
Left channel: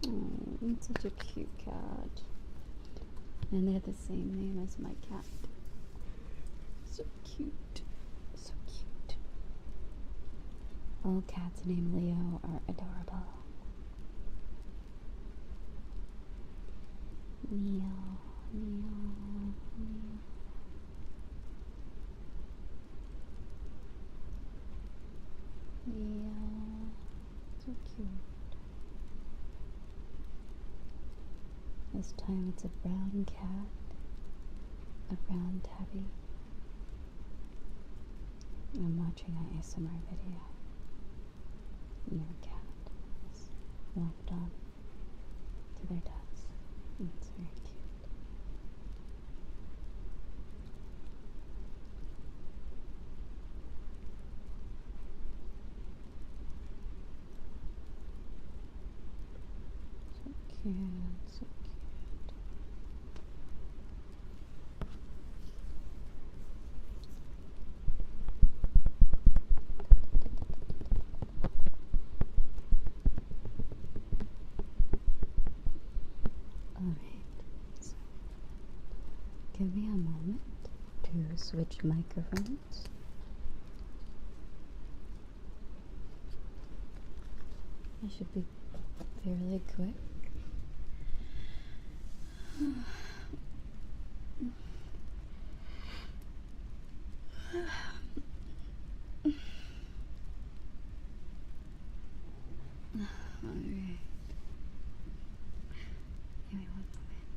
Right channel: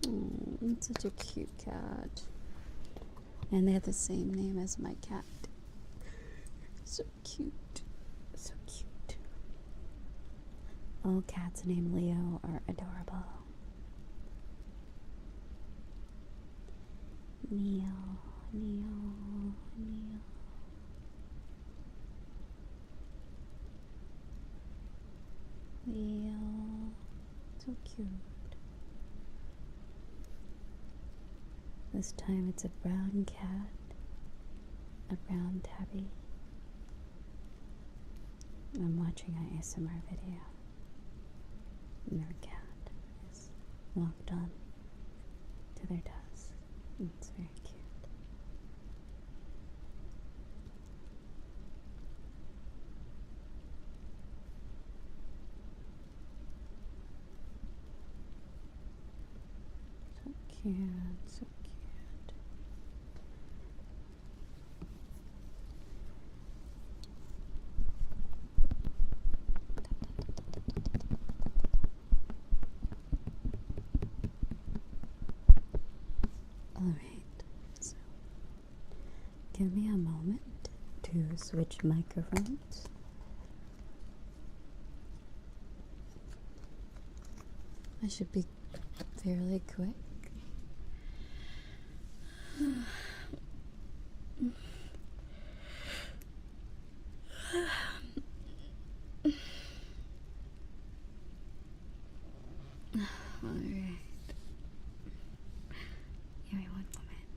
Oh, it's such a cute cat. And they have the same name as my cat. So cute. So cute. All cats named Leo are adorable. Neo, Neo, Neo. Leo. So cute. This time it's a brown cat, a brown tabby. I'm watching an ASMR video. And their cat is locked on to their desk. It's very cute. So cute, so cute. Alright, so give me a moment to switch microphones. I should be fairly quick. Alright. Give me one moment.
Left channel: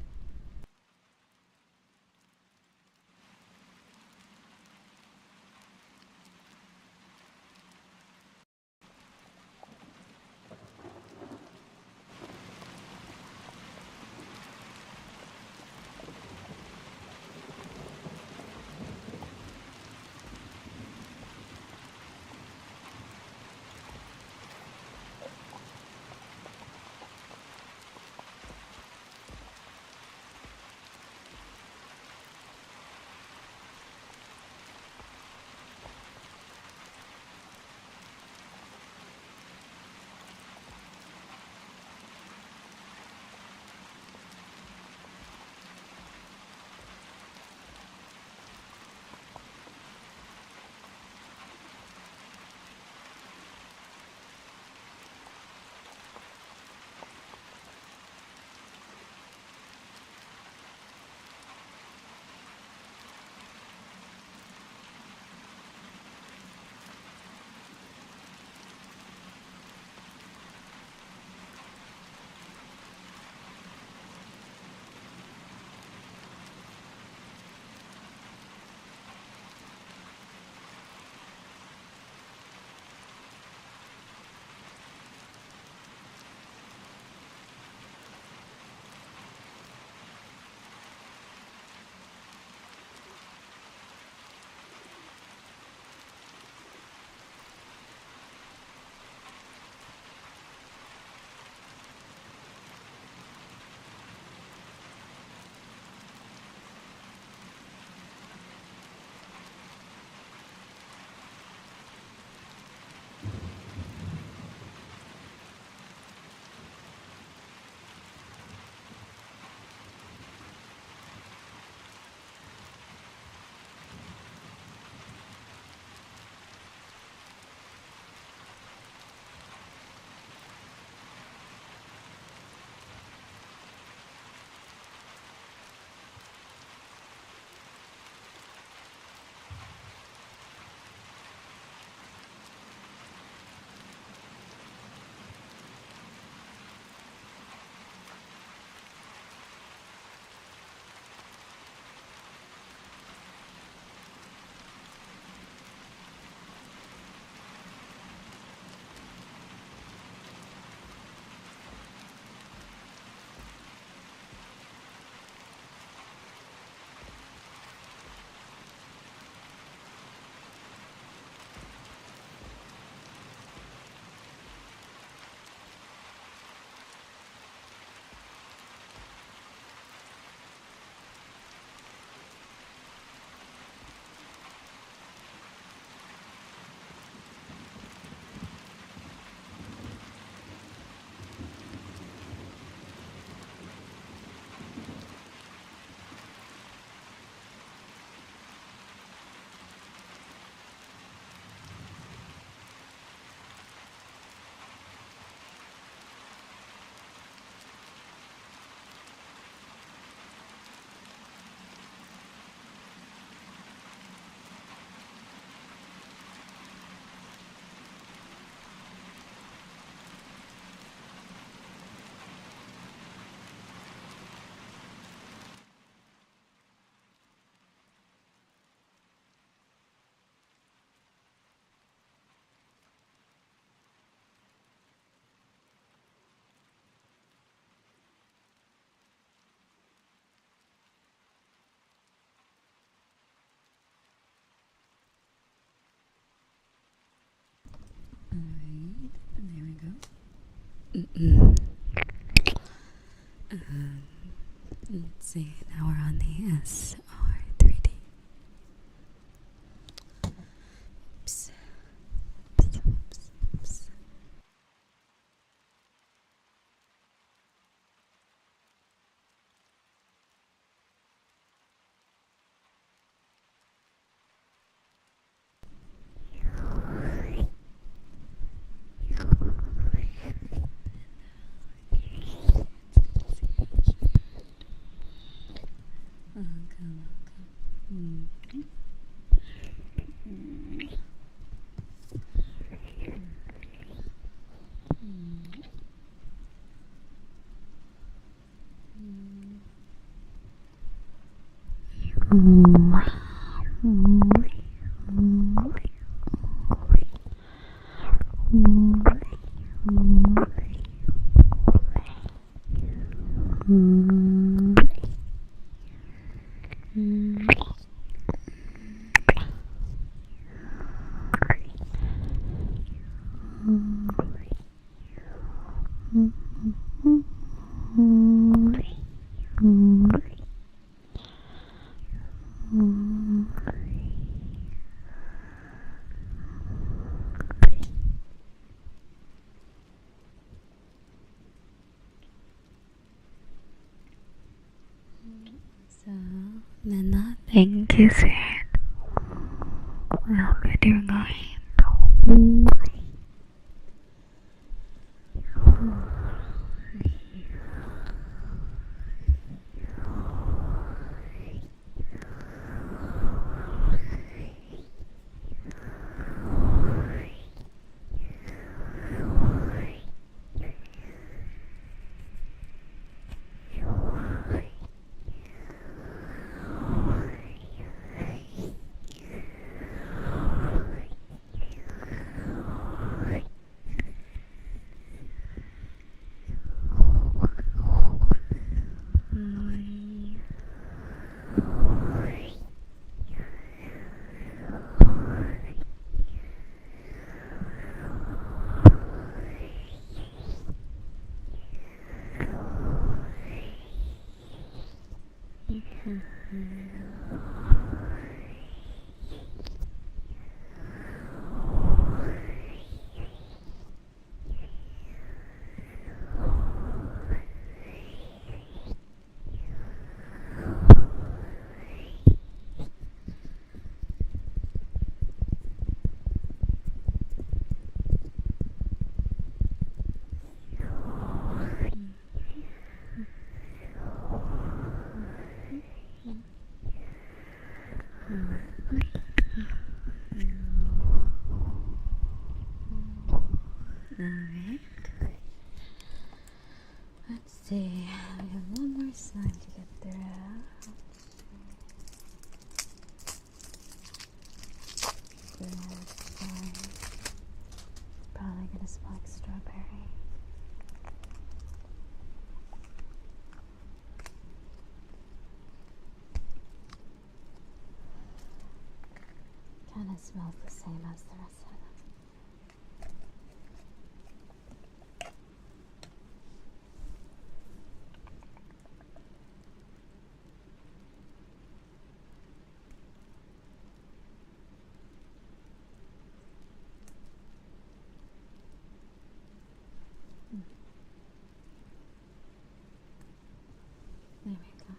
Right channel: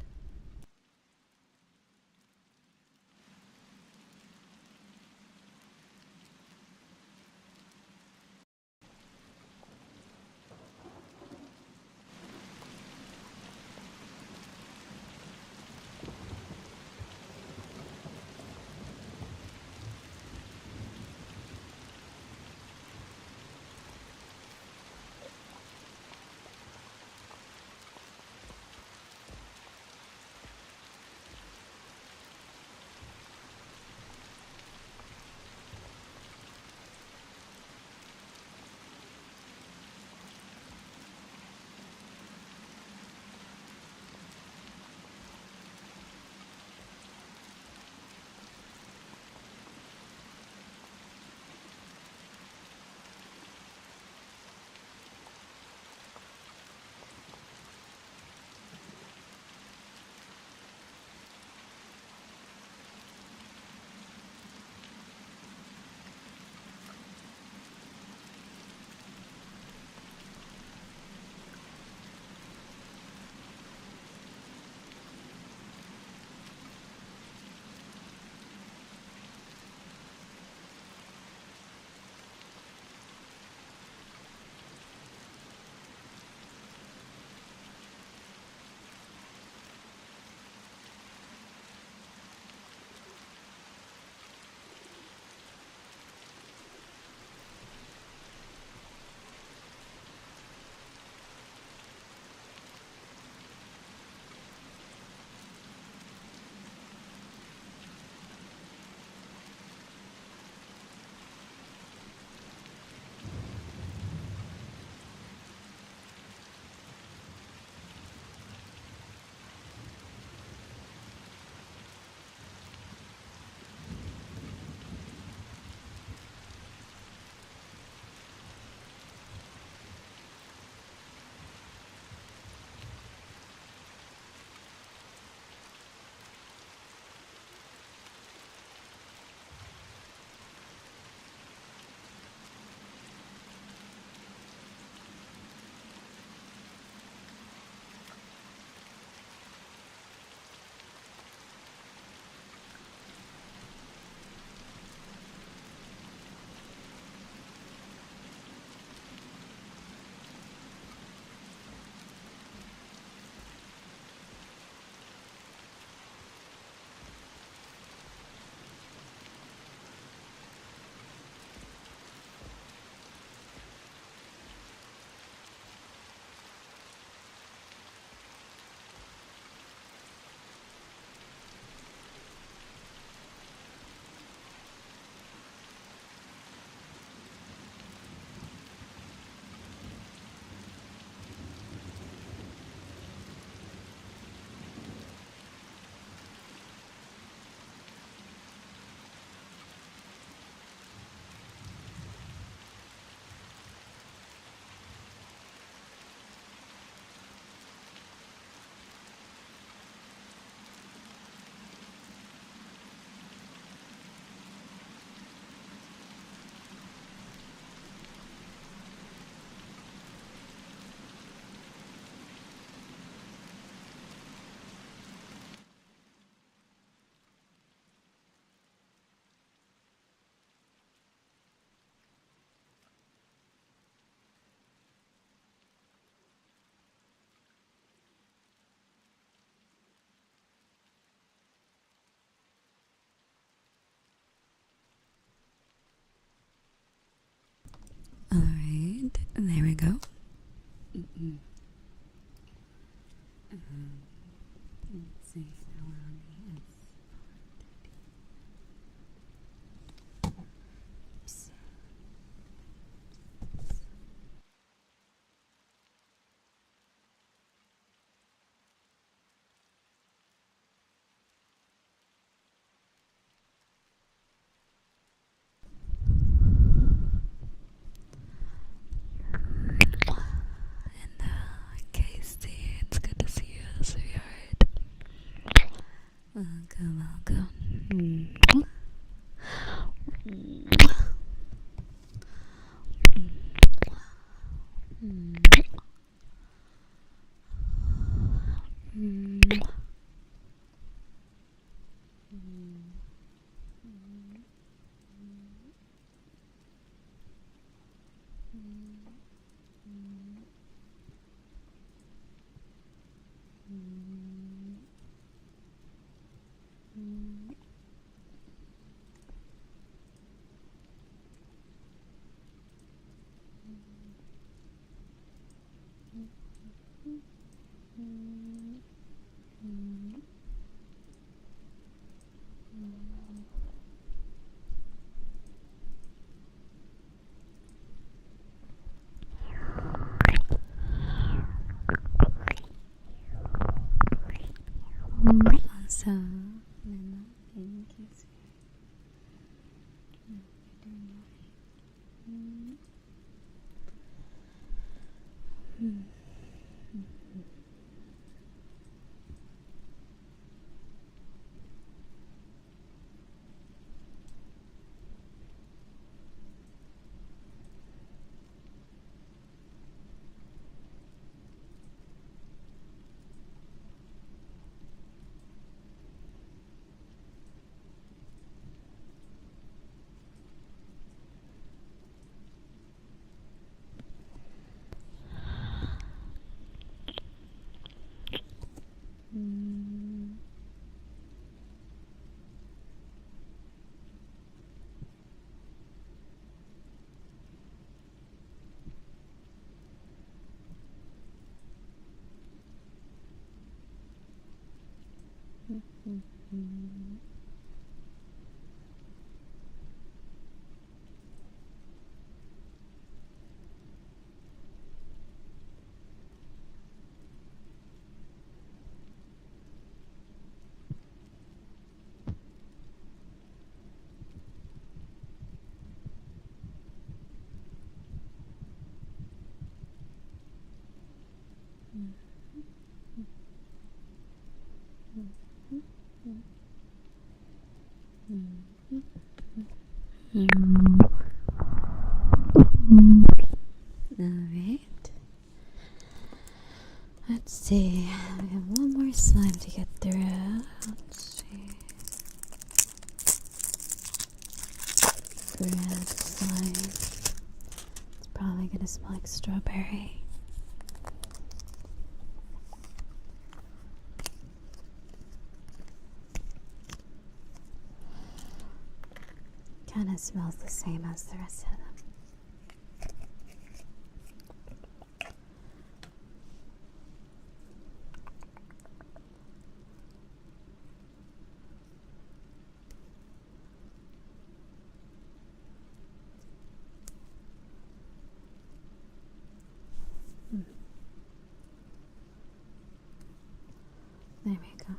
see, now we're on the SR3D. Oops. Oops, oops, oops. And Casey, it's good to see you, sweetheart. Welcome, welcome. So, Nana, thank you, sweetheart. I hope you're doing great. Alright. Let's see. I have one more slime to get through. Let's see. Red slime. It's probably gonna smell like strawberry. Kinda smells the same as the rest of them. There we go.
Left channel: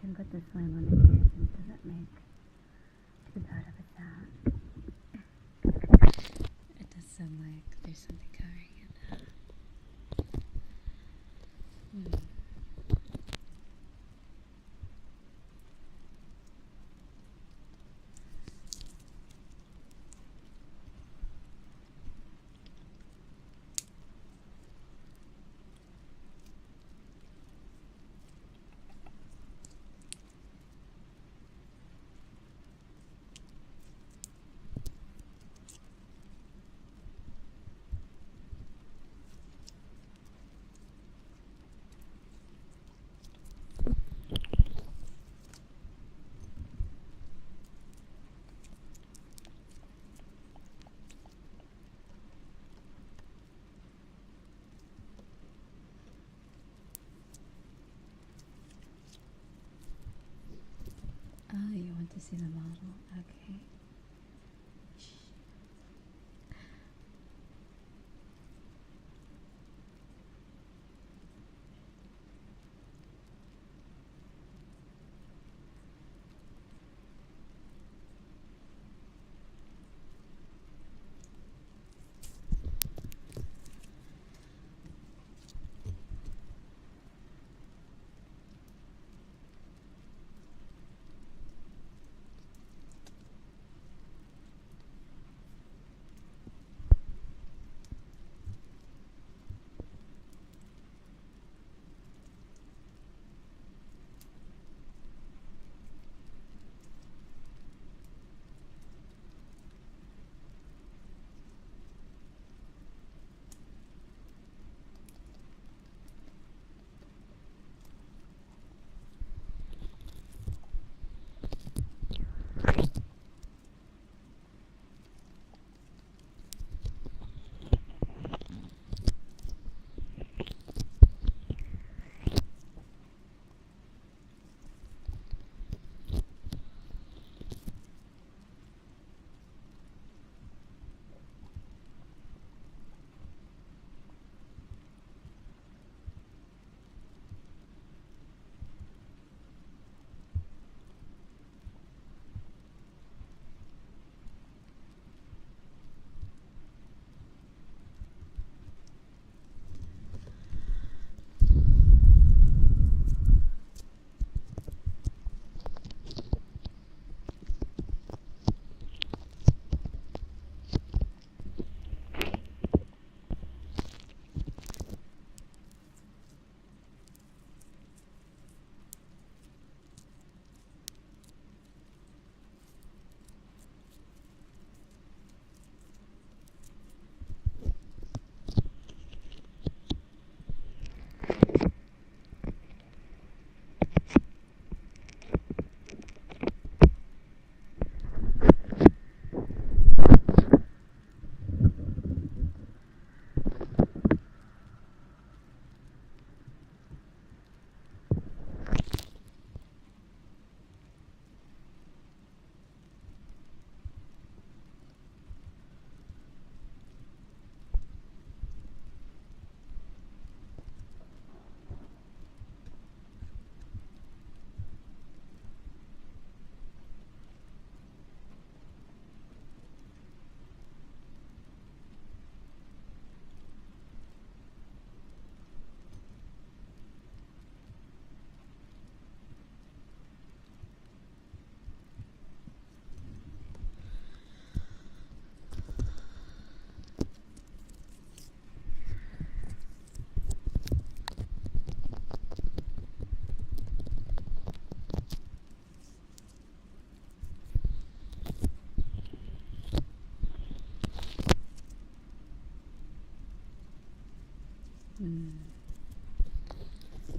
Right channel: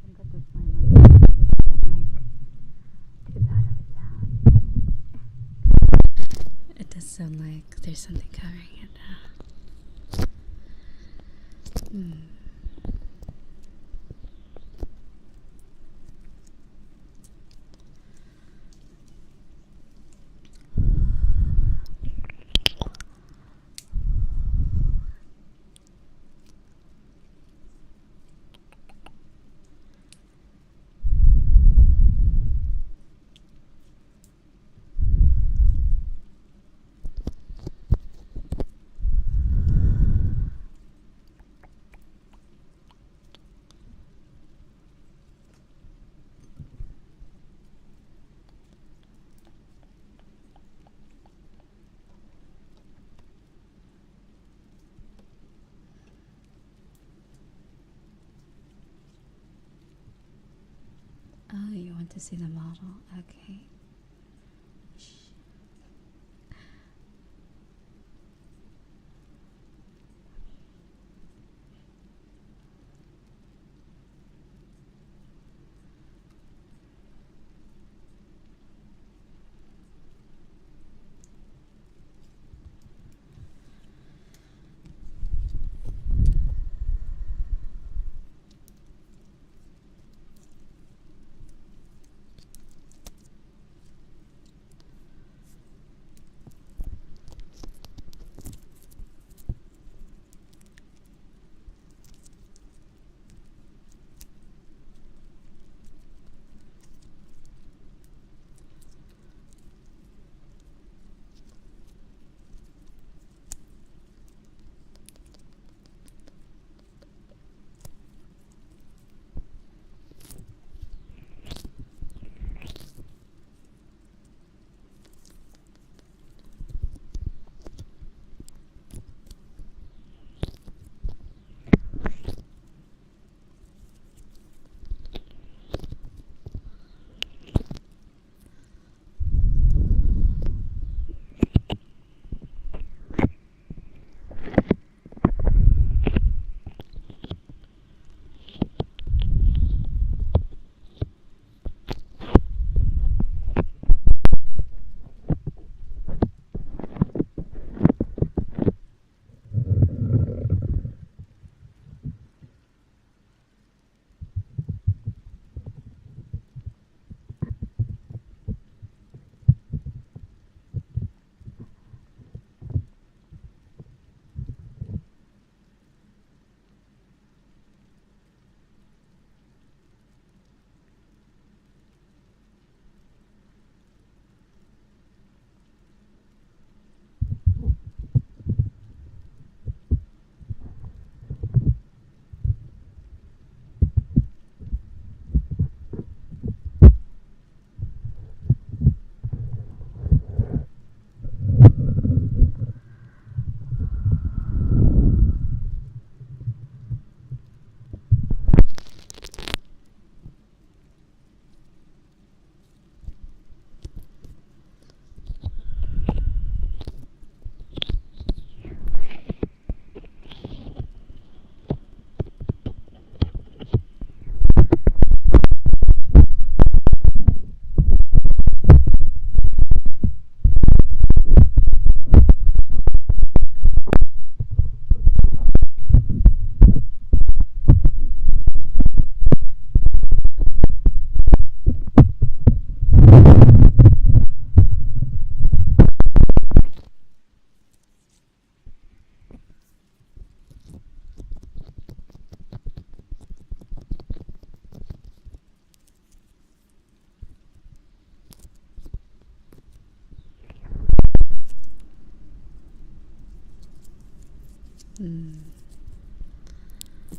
Can put the slime on the doesn't make too bad of a sound. It does sound like there's something covering it now. want to see the model. Okay.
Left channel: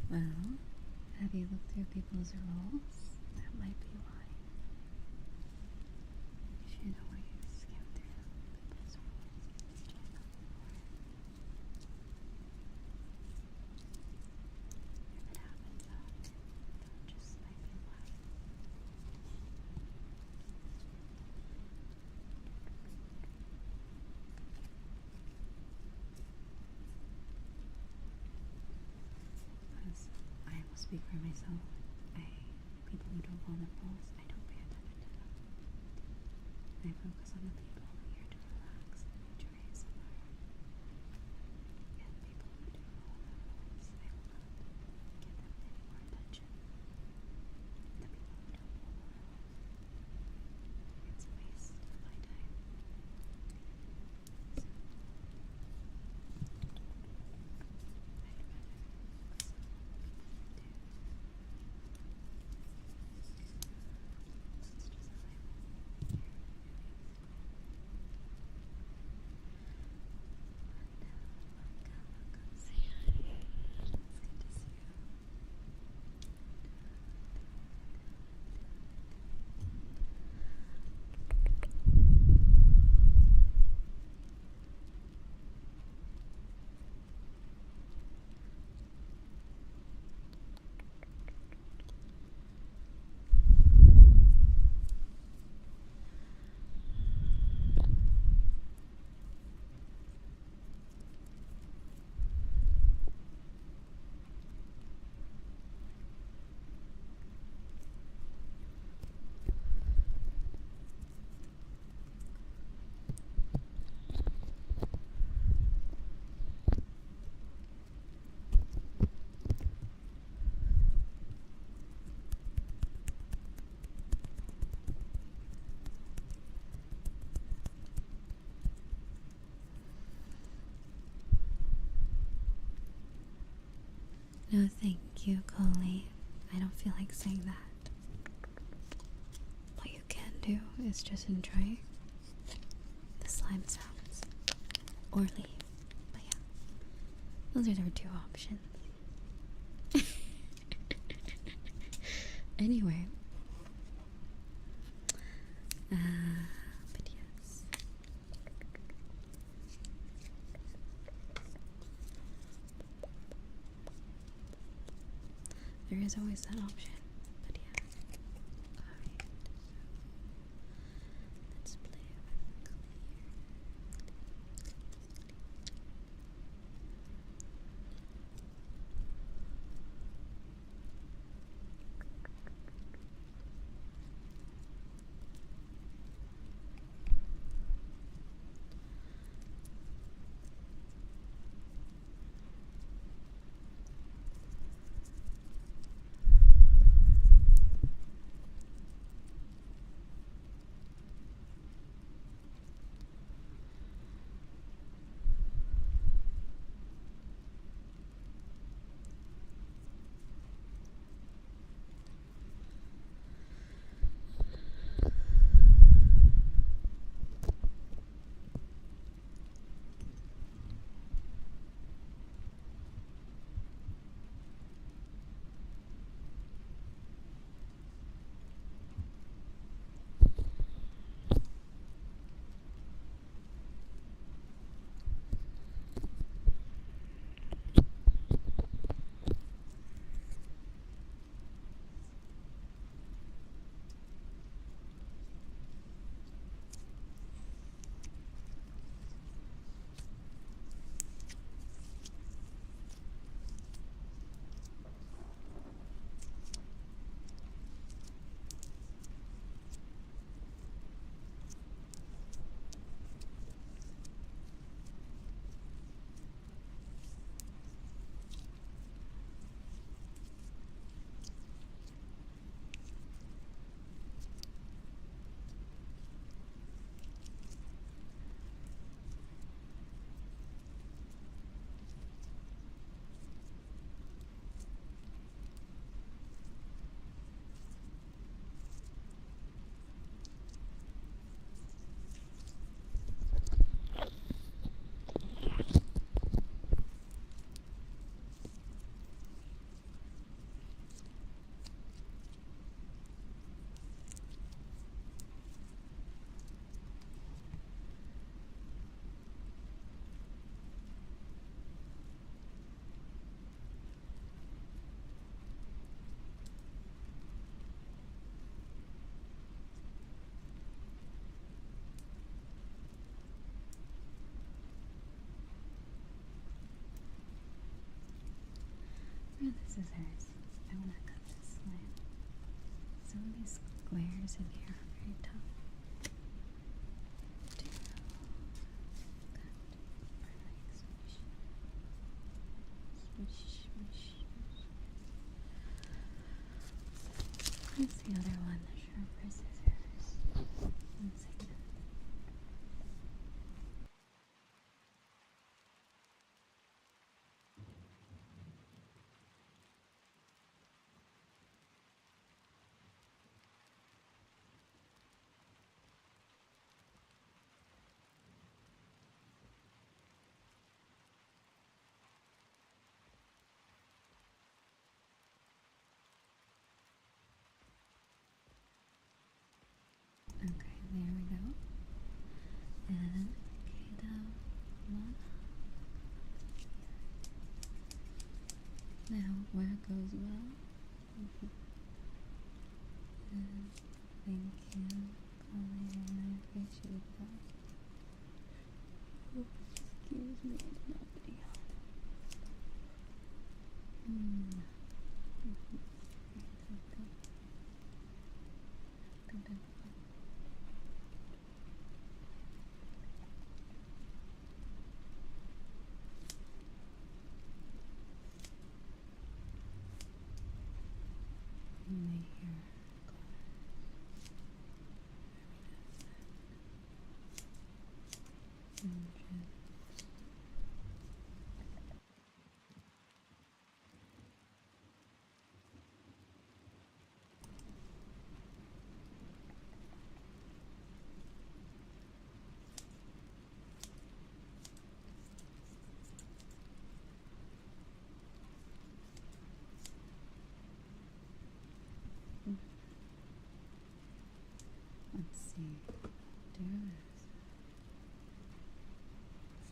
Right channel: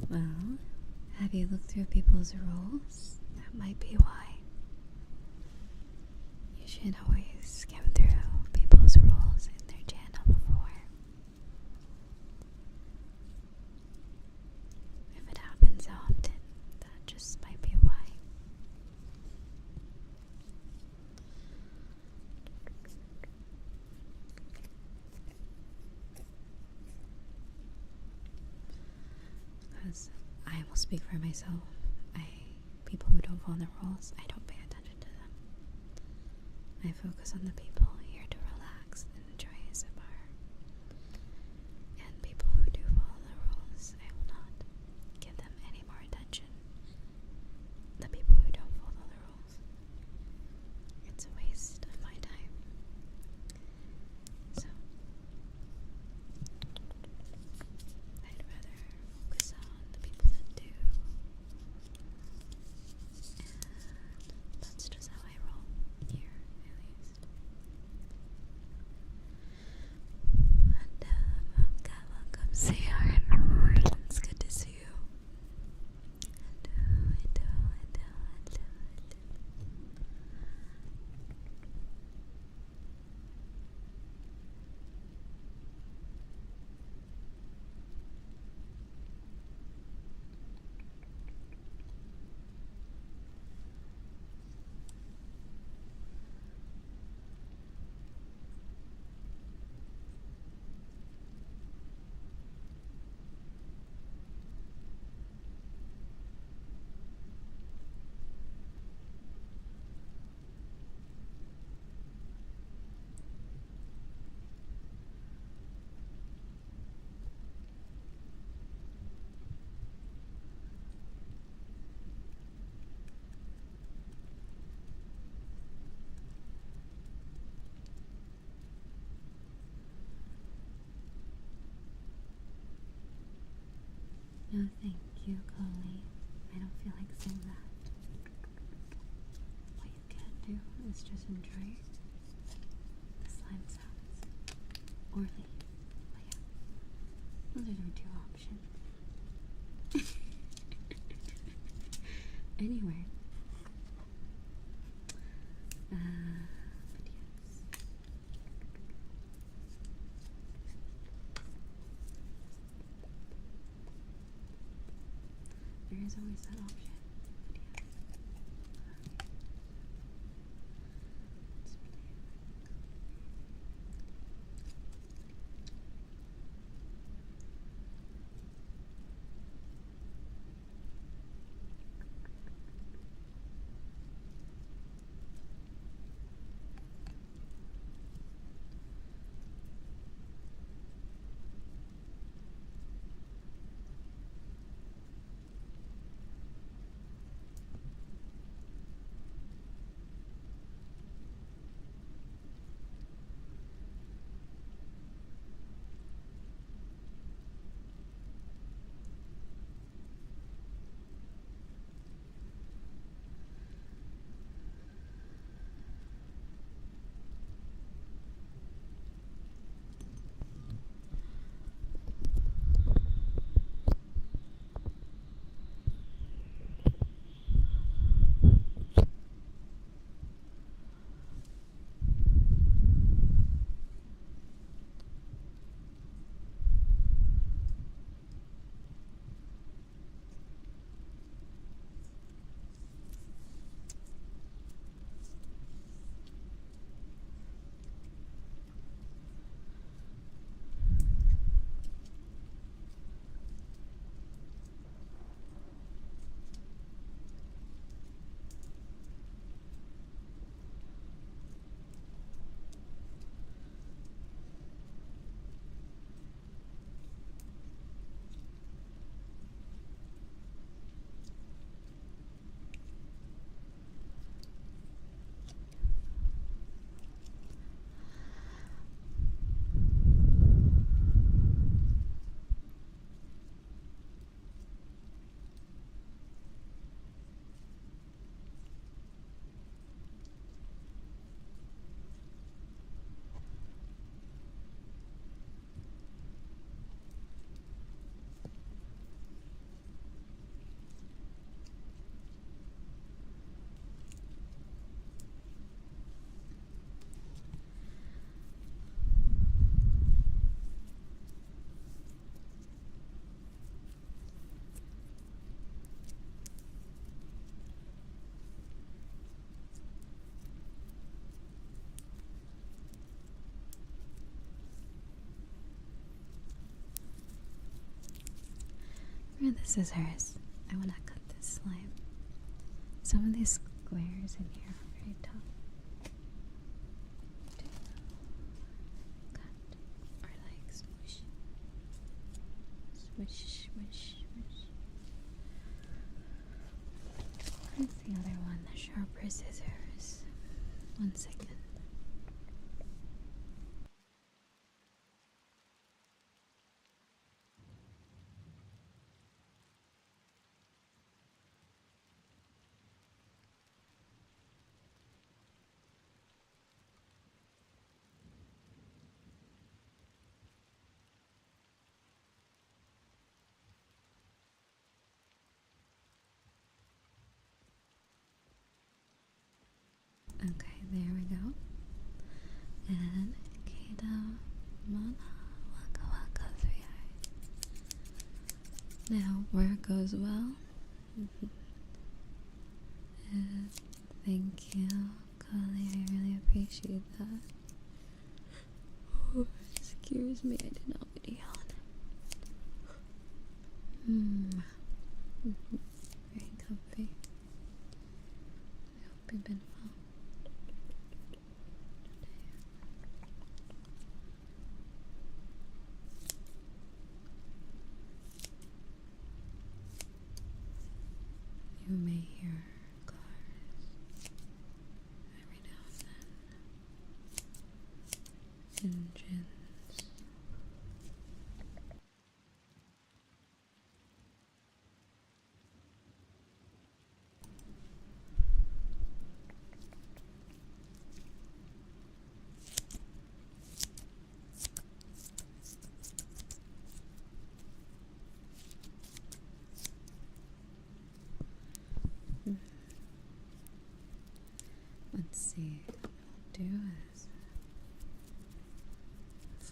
Well, have you looked through people's roles? That might be why. You should always skim through people's roles in their channel before. If it happens often, that just might be why. Because I will speak for myself. People who don't follow the rules, I don't pay attention to them. I focus on the people here to relax and enjoy ASMR. And people who do follow the rules, I will not give them any more attention. The people who don't follow the rules, it's a waste of my time. So, I'd rather focus on the people that do. And that's just how I roll here, at least. No, thank you, Coley. I don't feel like saying that. What you can do is just enjoy the slime sounds. Or leave. But yeah, those are our 2 options. Anyway. But yes. There is always that option, but yeah. Alright. Let's play around. Yeah, this is hers. I want to cut this slime. Some of these squares in here are very tough. To cut or like squish. Swish, swish, swish. Where's the other one? The sharper scissors. 1 second. Okay, there we go. And Kato, Mama, Waka Waka, sweetheart. Now, work goes well. Thank you, Collie. I really appreciate that. Oh, excuse me, I did not want to yawn. Very comfy. Hope you've been well. You may hear cars every now and then. Engines.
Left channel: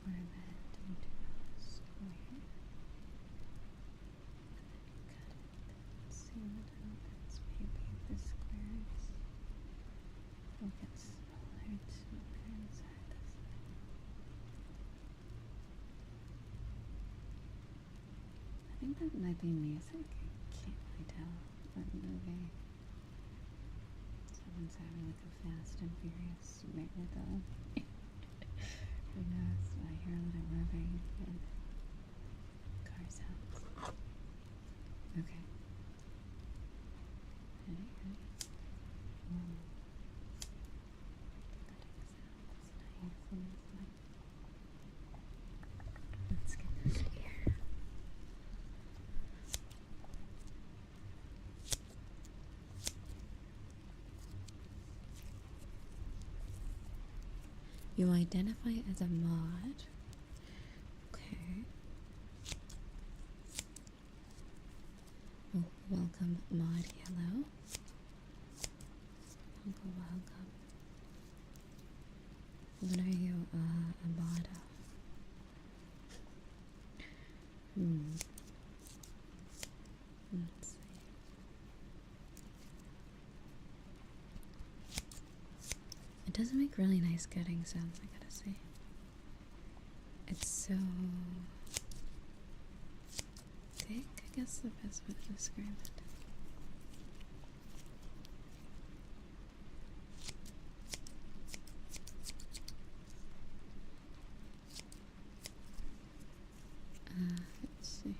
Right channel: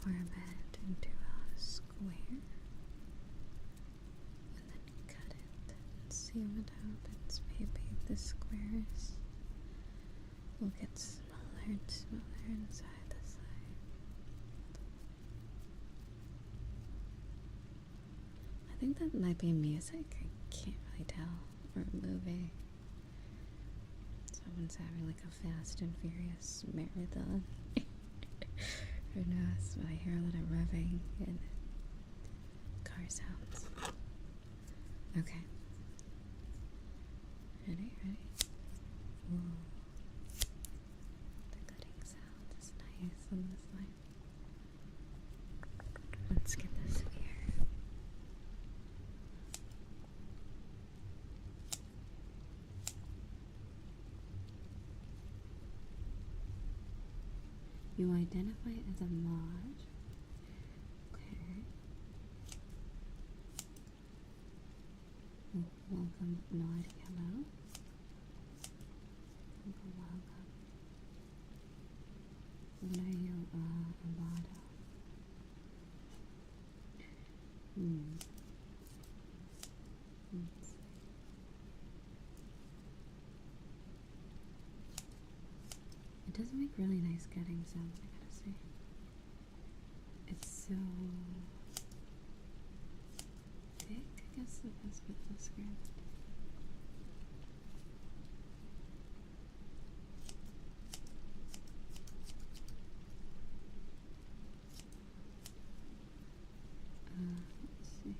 form it into a square. And then cut it and seal it up. Maybe the squares will get smaller and smaller inside the side. I think that might be music. I can't really tell. Or a movie. Someone's having like a Fast and Furious marathon. Who knows? But I hear a lot of revving and car sounds. Okay. Ready? Ooh. The cutting sound is nice and fun. Let's get this here. You identify as a mod. Okay. Oh, welcome, mod yellow. Welcome. What are you a mod of? Let's see. It does make really nice cutting sounds, I gotta say. It's so thick, I guess the best way to describe it. Let's see.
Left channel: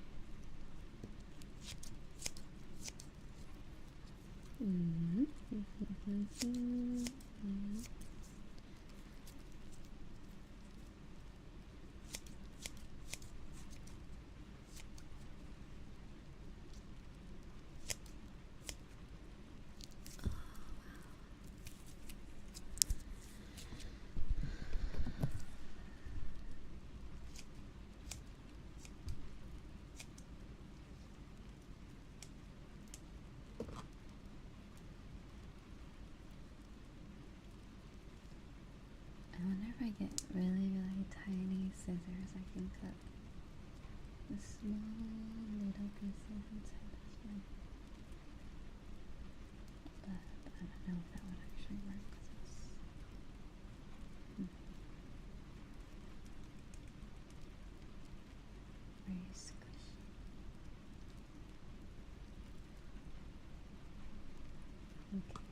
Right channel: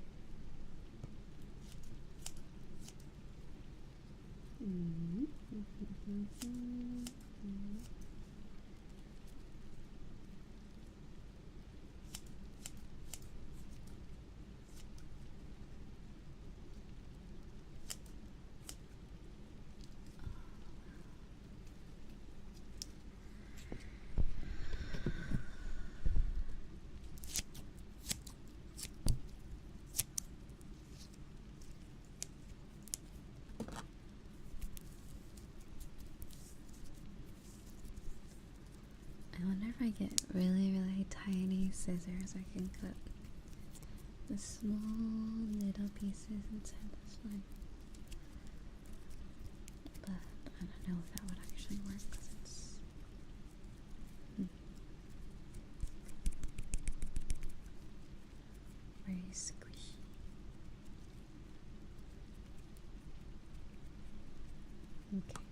I wonder if I get really, really tiny scissors, I can cut the small little pieces inside this one. But I don't know if that would actually work because it's very squishy. Okay.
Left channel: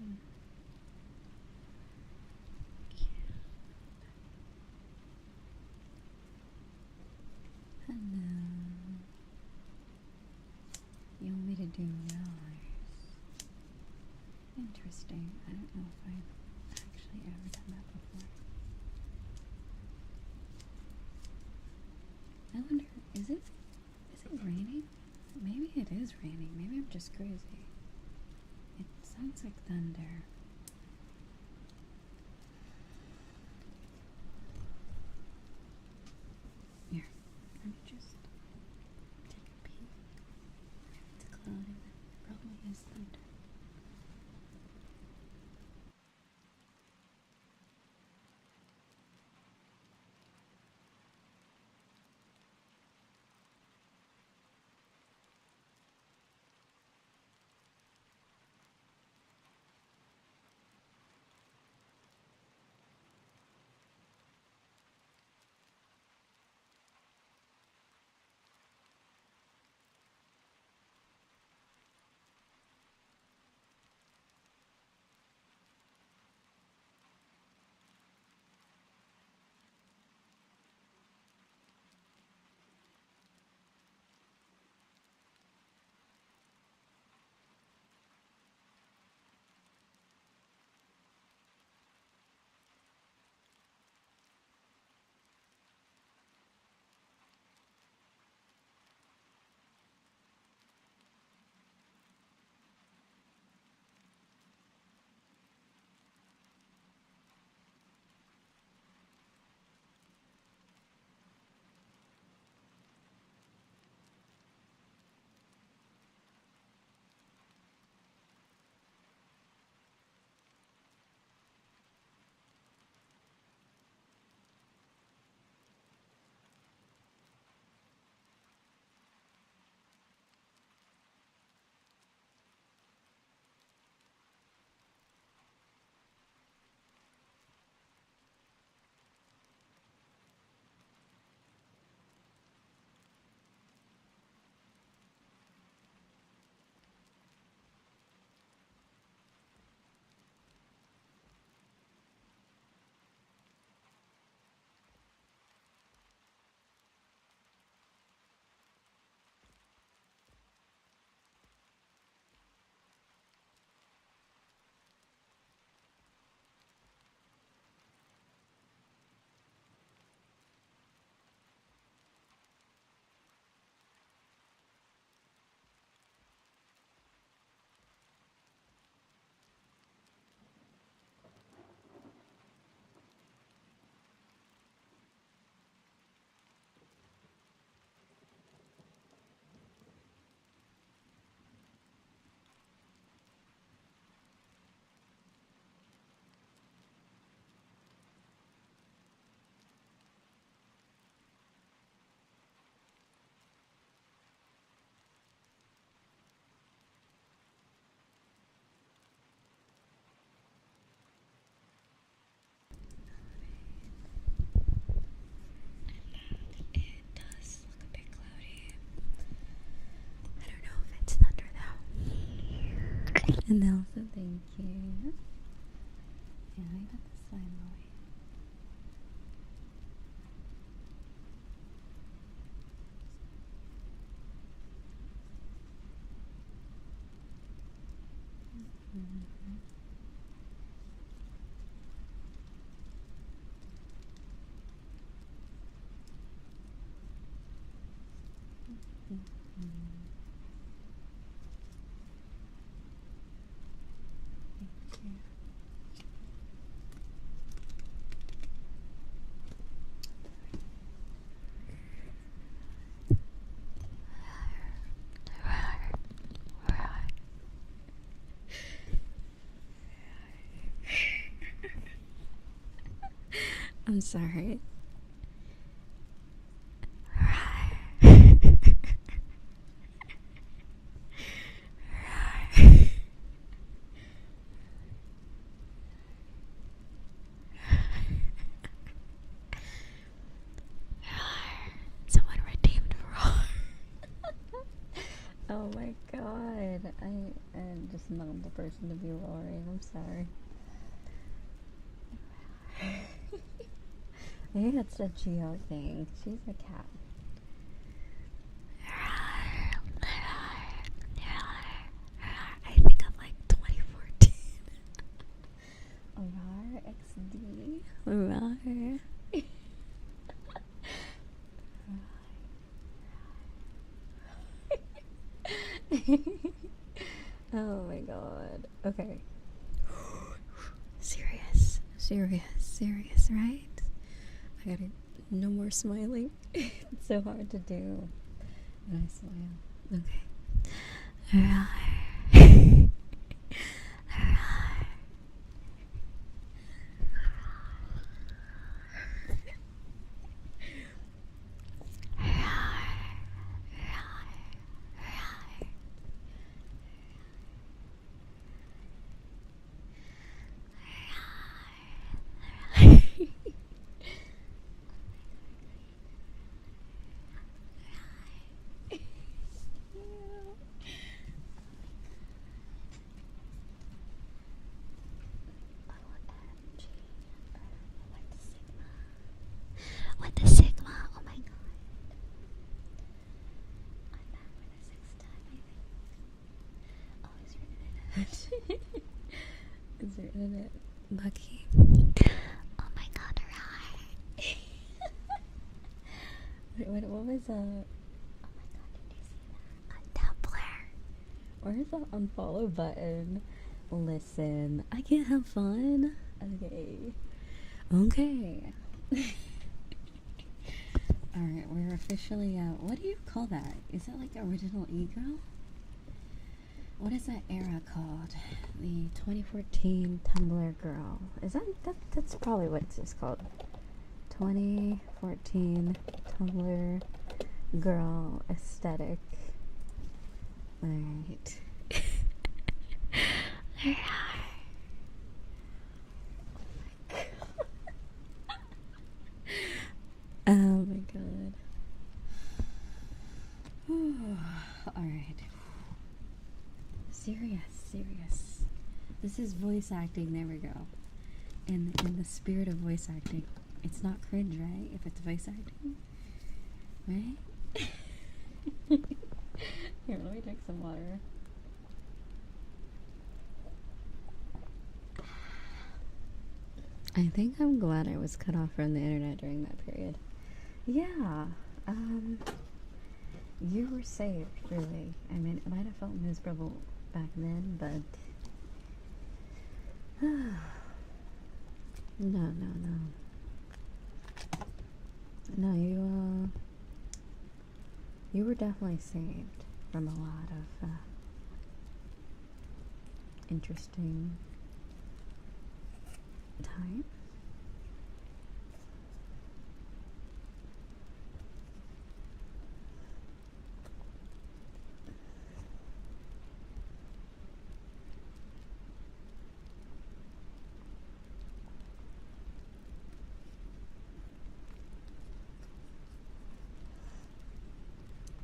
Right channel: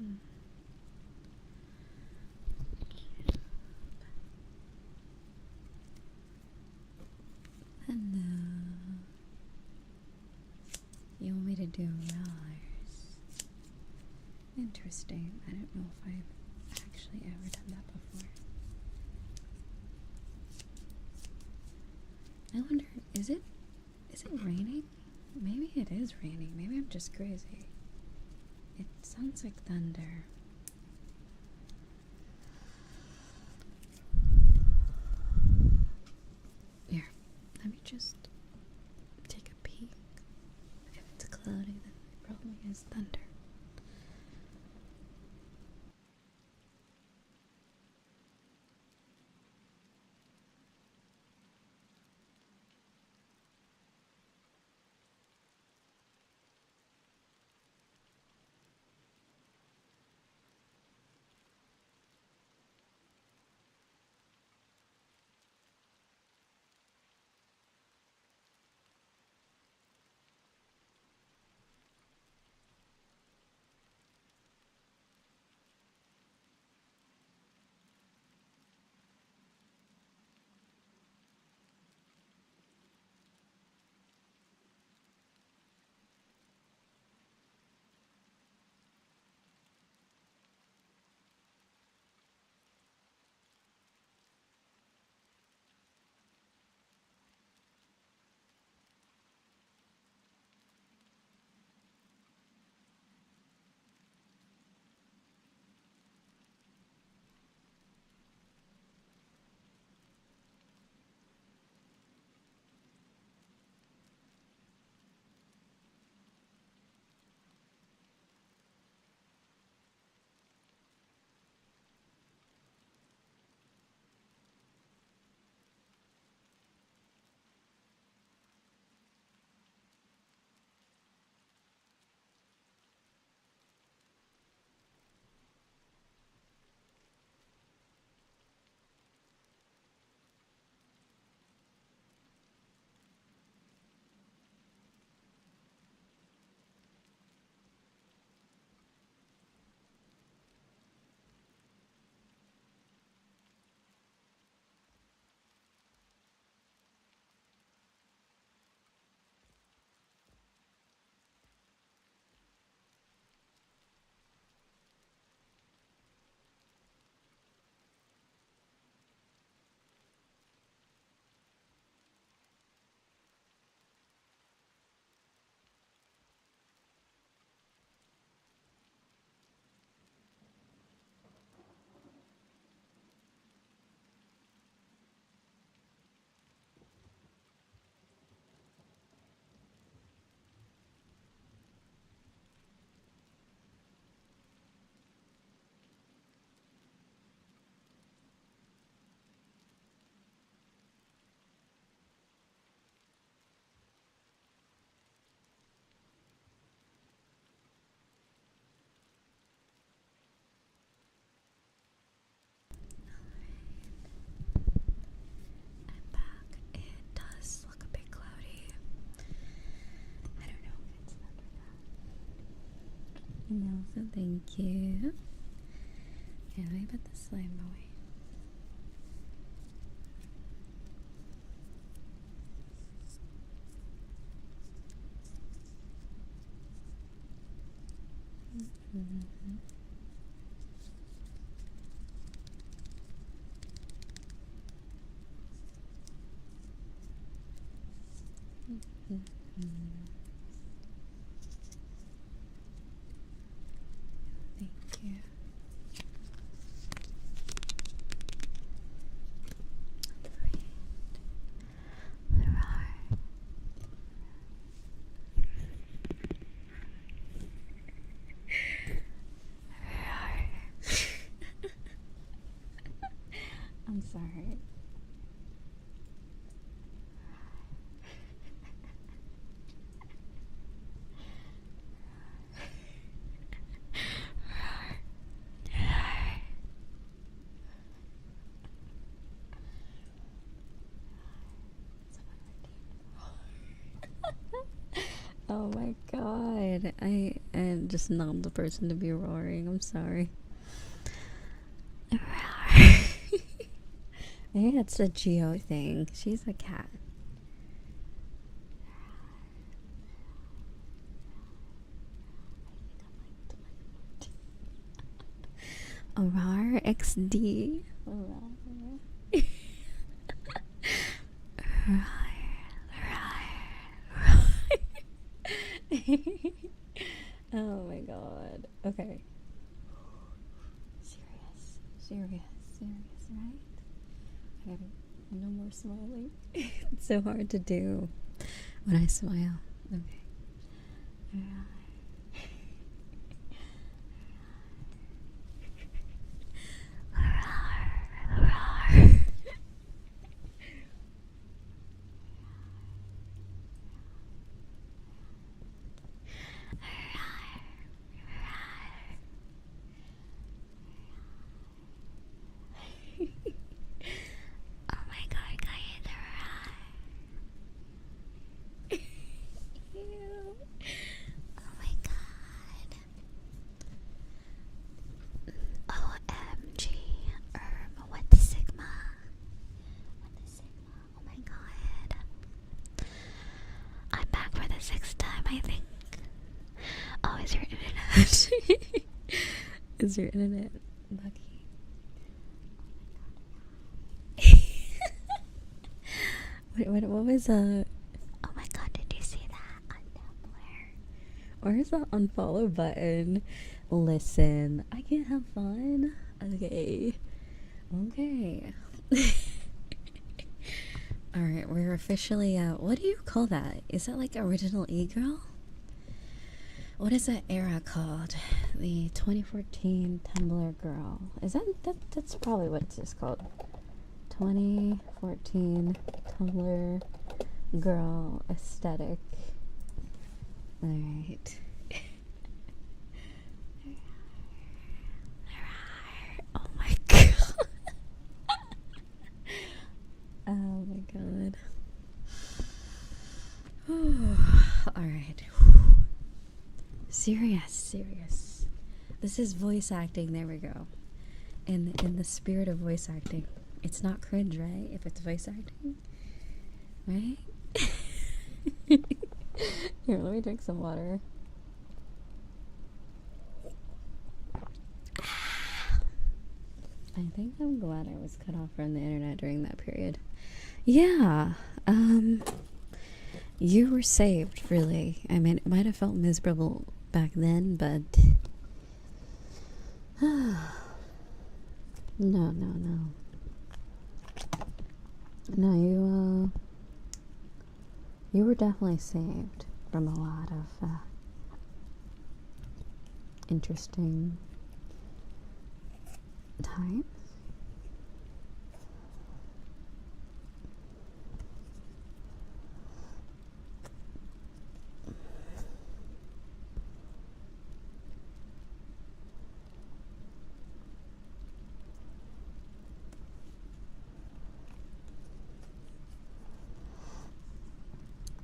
Hello. You want me to do yours? Interesting. I don't know if I've actually ever done that before. I wonder, is it raining? Maybe it is raining. Maybe I'm just crazy. It sounds like thunder. Here, let me just take a peek. If it's cloudy, then it probably is thunder. And also, thank you. Yeah, let me put the slime away. I'm sorry. Someone redeemed roar. Oh my god. I am just not the person to be roaring. I'm sorry. Maybe that's a Geo thing. She's a cat. I think I'm like 2014. Rar XD. Rar. Oh my god. Okay. Serious, right? I gotta, no more smiling. It's so hard to do when I smile. Okay. Is your internet lucky? Oh my god, right. What was oh my god, did you see that on Tumblr? Where's that unfollow button? Listen, I can't have fun. Okay. Alright, we're officially what do you call that? Is that like original e-girl? What is that era called? The 2014 Tumblr girl. Is that's probably what it's just called. 2014 Tumblr girl aesthetic. Alright. Oh my god. Oh my god. Alright. Serious. This is voice acting. There we go. In the spirit of voice acting, it's not cringe, right? If it's voice acting, right? Here, let me drink some water. I think I'm glad I was cut off from the internet during that period. Yeah. You were saved, really. I mean, it might have felt miserable back then, but no, you were definitely saved from a lot of interesting times.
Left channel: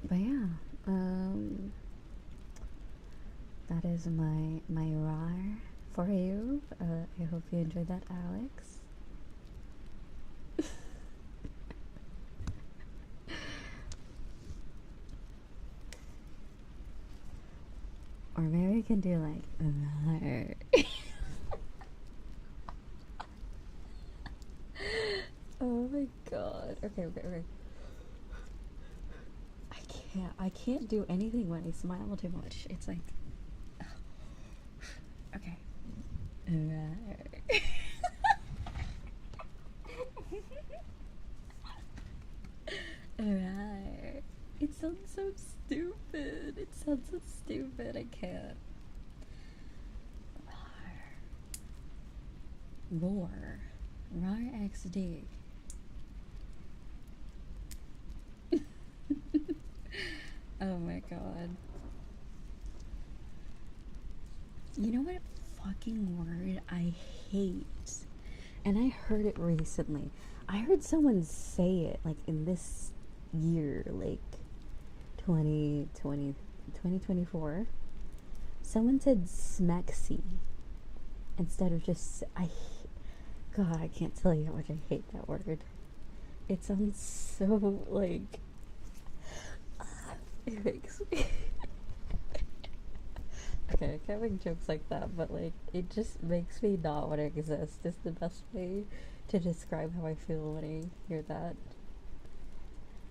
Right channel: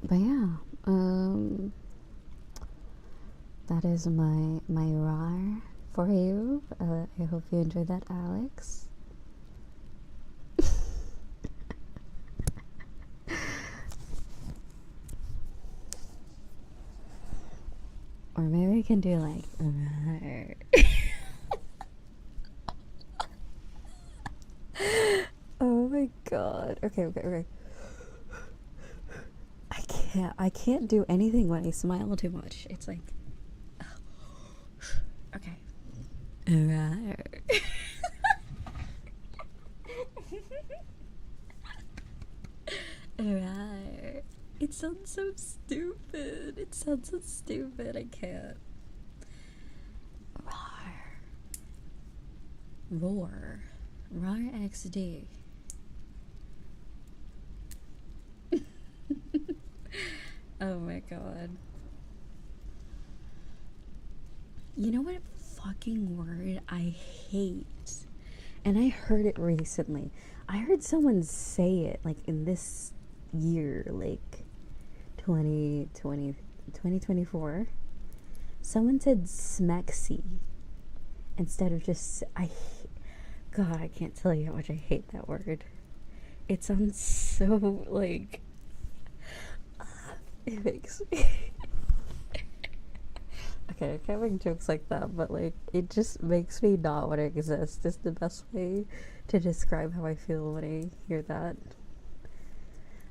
But yeah, that is my rar for you. I hope you enjoyed that, Alex. Or maybe we can do like oh my god. Okay. I can't do anything when I smile too much. It's like okay. Alright. It sounds so stupid. I can't. Roar. XD. Oh my god. You know what fucking word I hate? And I heard it recently. I heard someone say it like in this year, like 2020, 2024, someone said smexy instead of just, God, I can't tell you how much I hate that word. It sounds so, like, it makes me, okay, I can't make jokes like that, but, like, it just makes me not want to exist is the best way to describe how I feel when I hear that.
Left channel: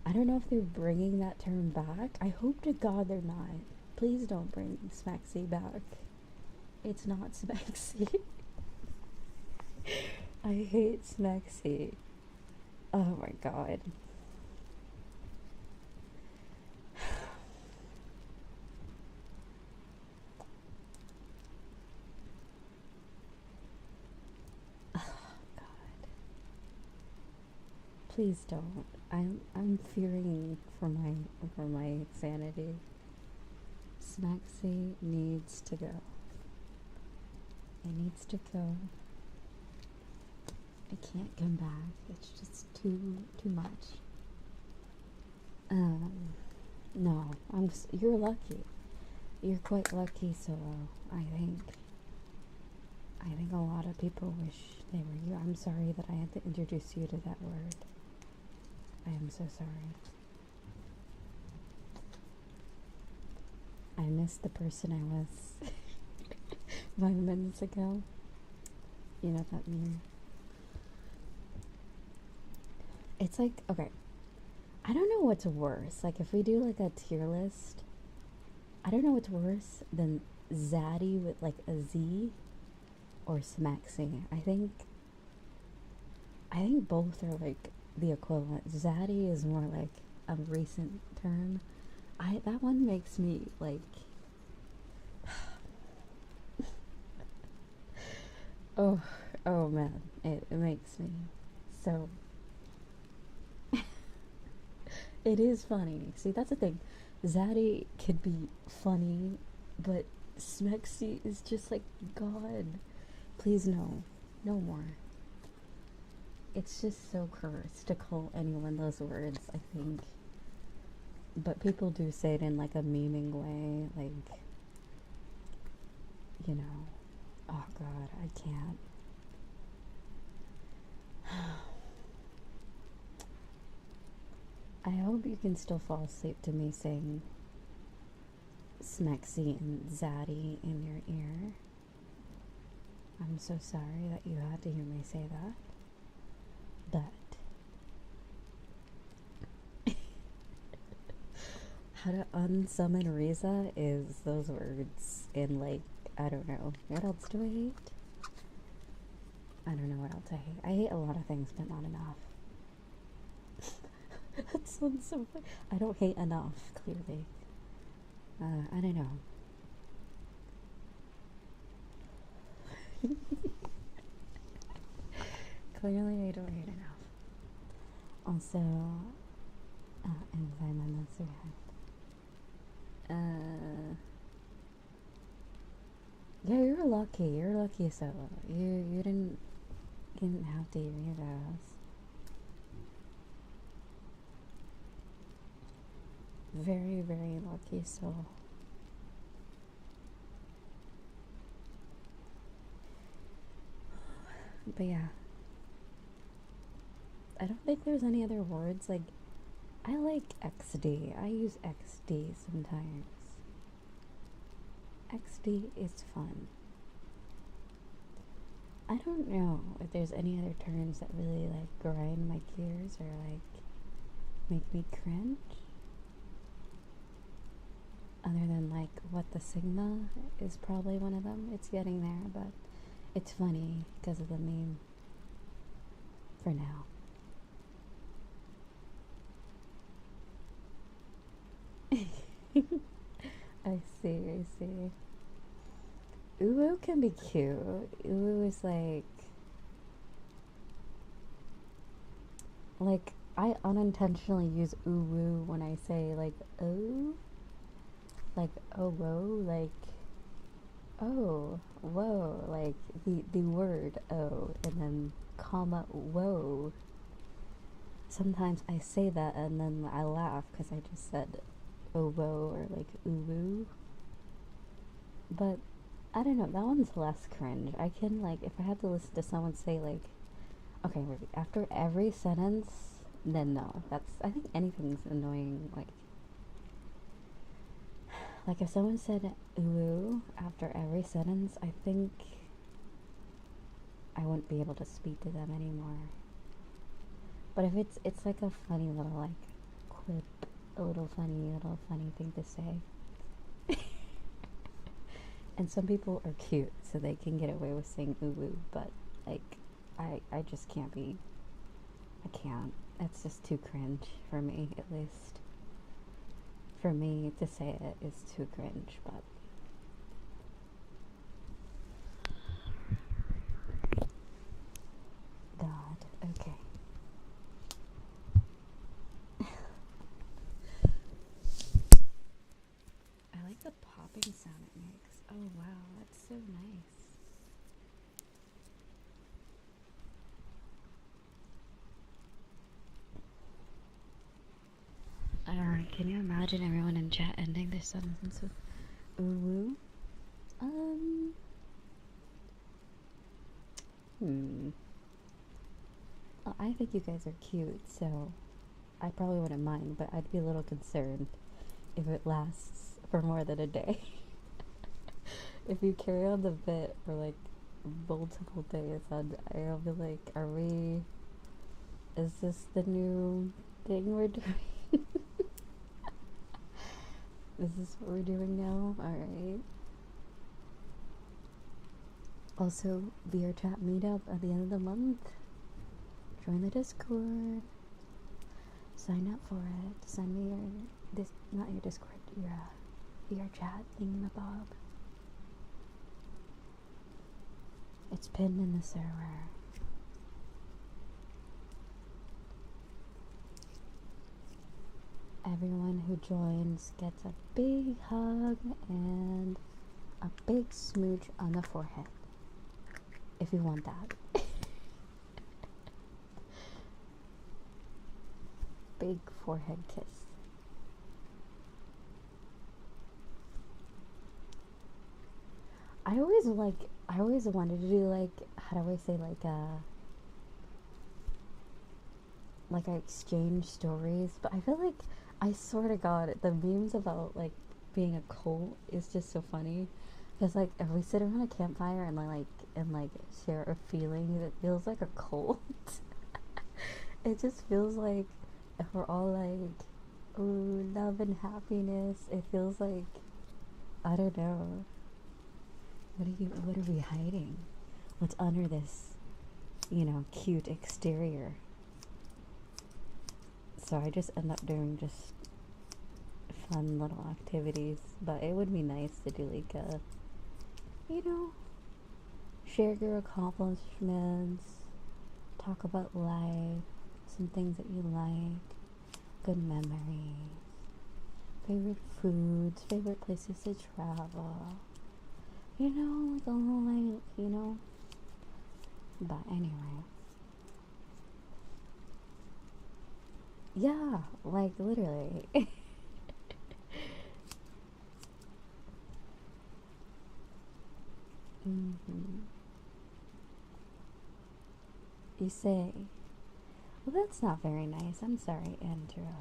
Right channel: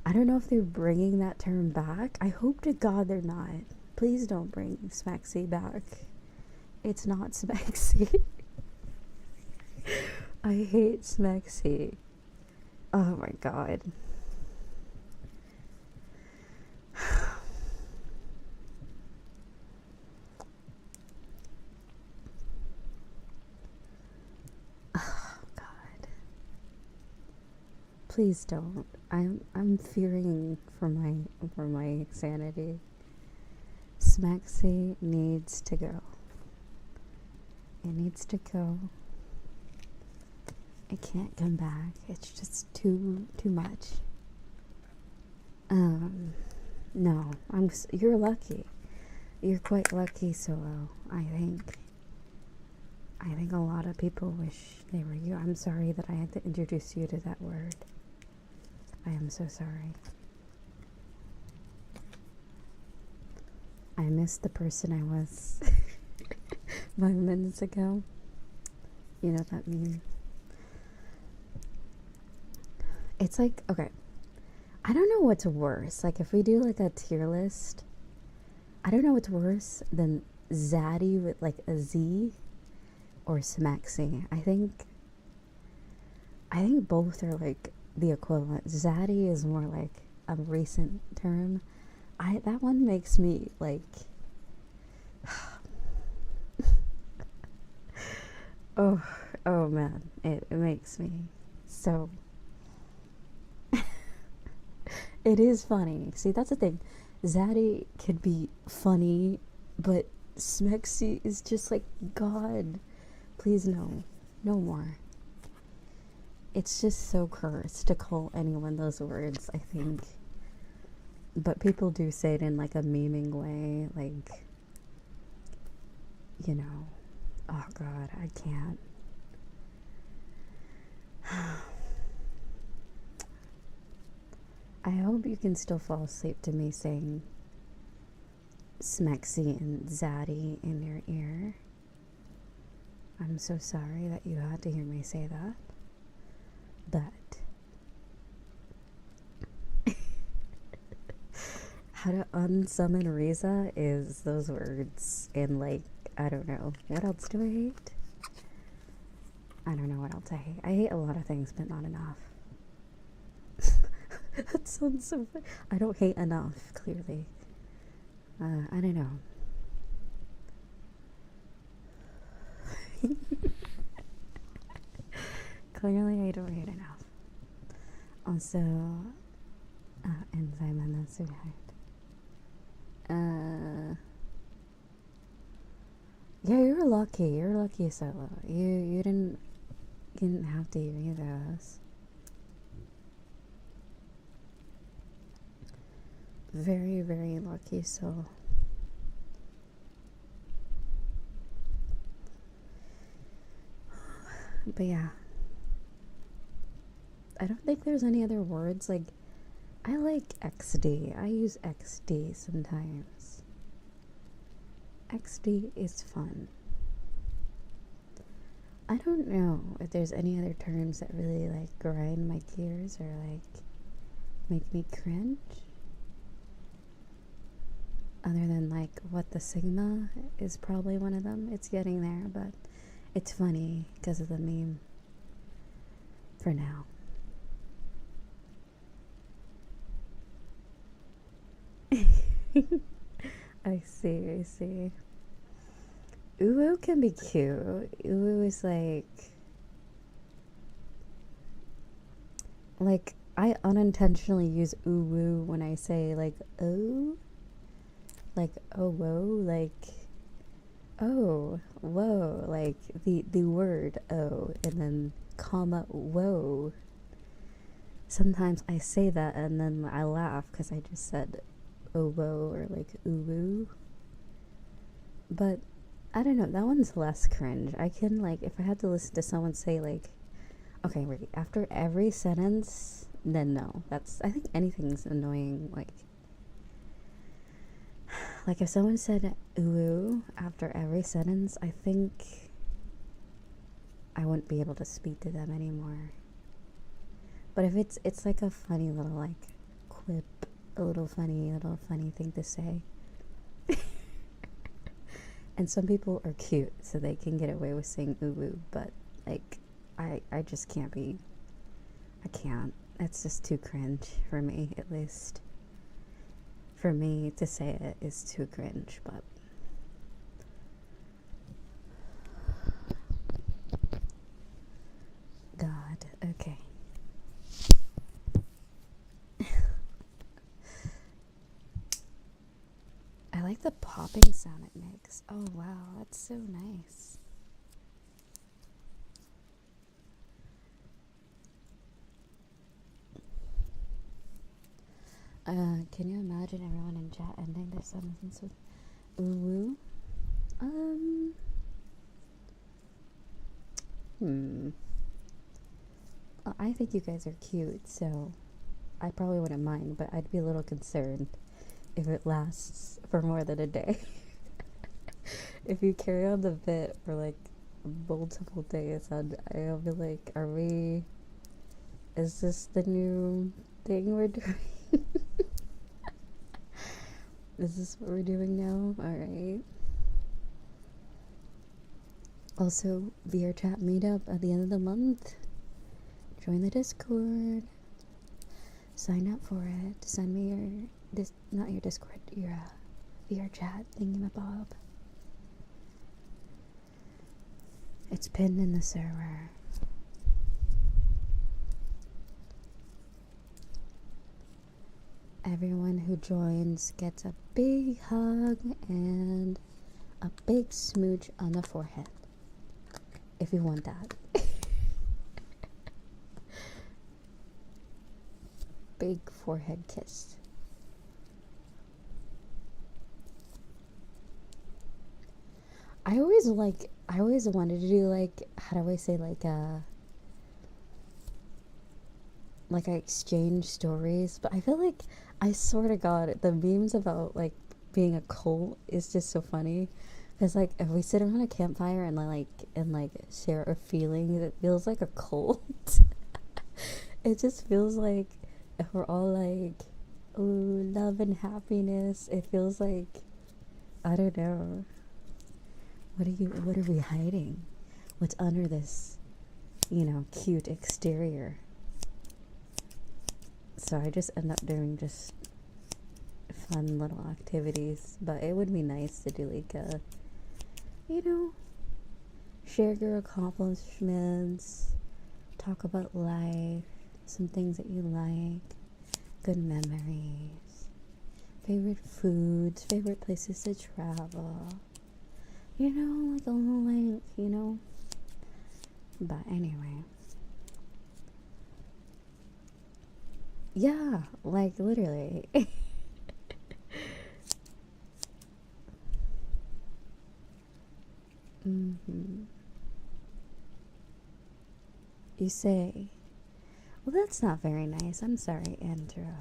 I don't know if they're bringing that term back. I hope to God they're not. Please don't bring smexy back. It's not smexy. I hate smexy. Oh my God. Oh God. Please don't. I'm fearing for my sanity. Smexy needs to go. It needs to go. It can't come back. It's just too much. No, you're lucky. You're quite lucky, Solo. I think a lot of people wish they were you. I'm sorry that I had to introduce you to that word. I am so sorry. I missed the person I was 5 minutes ago. You know what that means? It's like, okay, I don't know what's worse. Like, if we do like a tier list, I don't know what's worse than Zaddy with like a Z or Smexy. I think both are like the equivalent. Zaddy is more like a recent term. That one makes me like oh man, it makes me so it is funny. See, that's the thing. Zaddy could be funny, but Smexy is just like, God, please no more. It's just so cursed to call anyone those words, I think. But people do say it in like a memeing way, like, you know, oh God, I can't. I hope you can still fall asleep to me saying Smexy and Zaddy in your ear. I'm so sorry that you had to hear me say that. But how to unsummon Riza is those words in, like, I don't know. What else do I hate? I don't know what else I hate. I hate a lot of things, but not enough. That sounds so funny. I don't hate enough, clearly. I don't know. Clearly I don't hate enough. Also, enzyme on that survived. Yeah, you're lucky, Solo. You didn't have to hear those. Very, very lucky soul. But yeah, I don't think there's any other words. Like, I like XD. I use XD sometimes. XD is fun. I don't know if there's any other terms that really like grind my gears or like make me cringe. Other than like what the Sigma is probably one of them. It's getting there, but it's funny because of the meme for now. I see. Uwu can be cute. Uwu is like I unintentionally use uwu when I say like oh, like oh whoa, like oh whoa, like the word oh and then comma whoa. Sometimes I say that and then I laugh because I just said oboe or like uwu. But I don't know, that one's less cringe. I can, like, if I had to listen to someone say, like, okay, wait, after every sentence, then no. That's, I think anything's annoying, like if someone said uwu after every sentence, I think I wouldn't be able to speak to them anymore. But if it's like a funny little, like, quip, a little funny thing to say. And some people are cute, so they can get away with saying uwu, but, like, I just can't be, I can't. It's just too cringe for me, at least. For me to say it is too cringe, but God, okay. I like the popping sound it makes. Oh wow, that's so nice. Can you imagine everyone in chat ending their sentence with ooh? Well, I think you guys are cute, so I probably wouldn't mind, but I'd be a little concerned if it lasts for more than a day. If you carry on the bit for like multiple days, I'll be like, is this the new thing we're doing? Is this what we're doing now? Alright. Also, VRChat meetup at the end of the month. Join the Discord. Sign up for it. Send me your, not your Discord, your VRChat thingamabob. It's pinned in the server. Everyone who joins gets a big hug and a big smooch on the forehead. If you want that. Big forehead kiss. I always wanted to do, like, how do I say, like I exchange stories, but I feel like, I swear to God, the memes about, like, being a cult is just so funny. Because, like, if we sit around a campfire and share our feelings, it feels like a cult. It just feels like if we're all like, ooh, love and happiness, it feels like, I don't know. What are we hiding? What's under this, cute exterior? So I just end up doing just fun little activities, but it would be nice to do like a, share your accomplishments, talk about life, some things that you like, good memories, favorite foods, favorite places to travel, like a little life, but anyway. Yeah, like literally. You say, well, that's not very nice. I'm sorry, Andrea.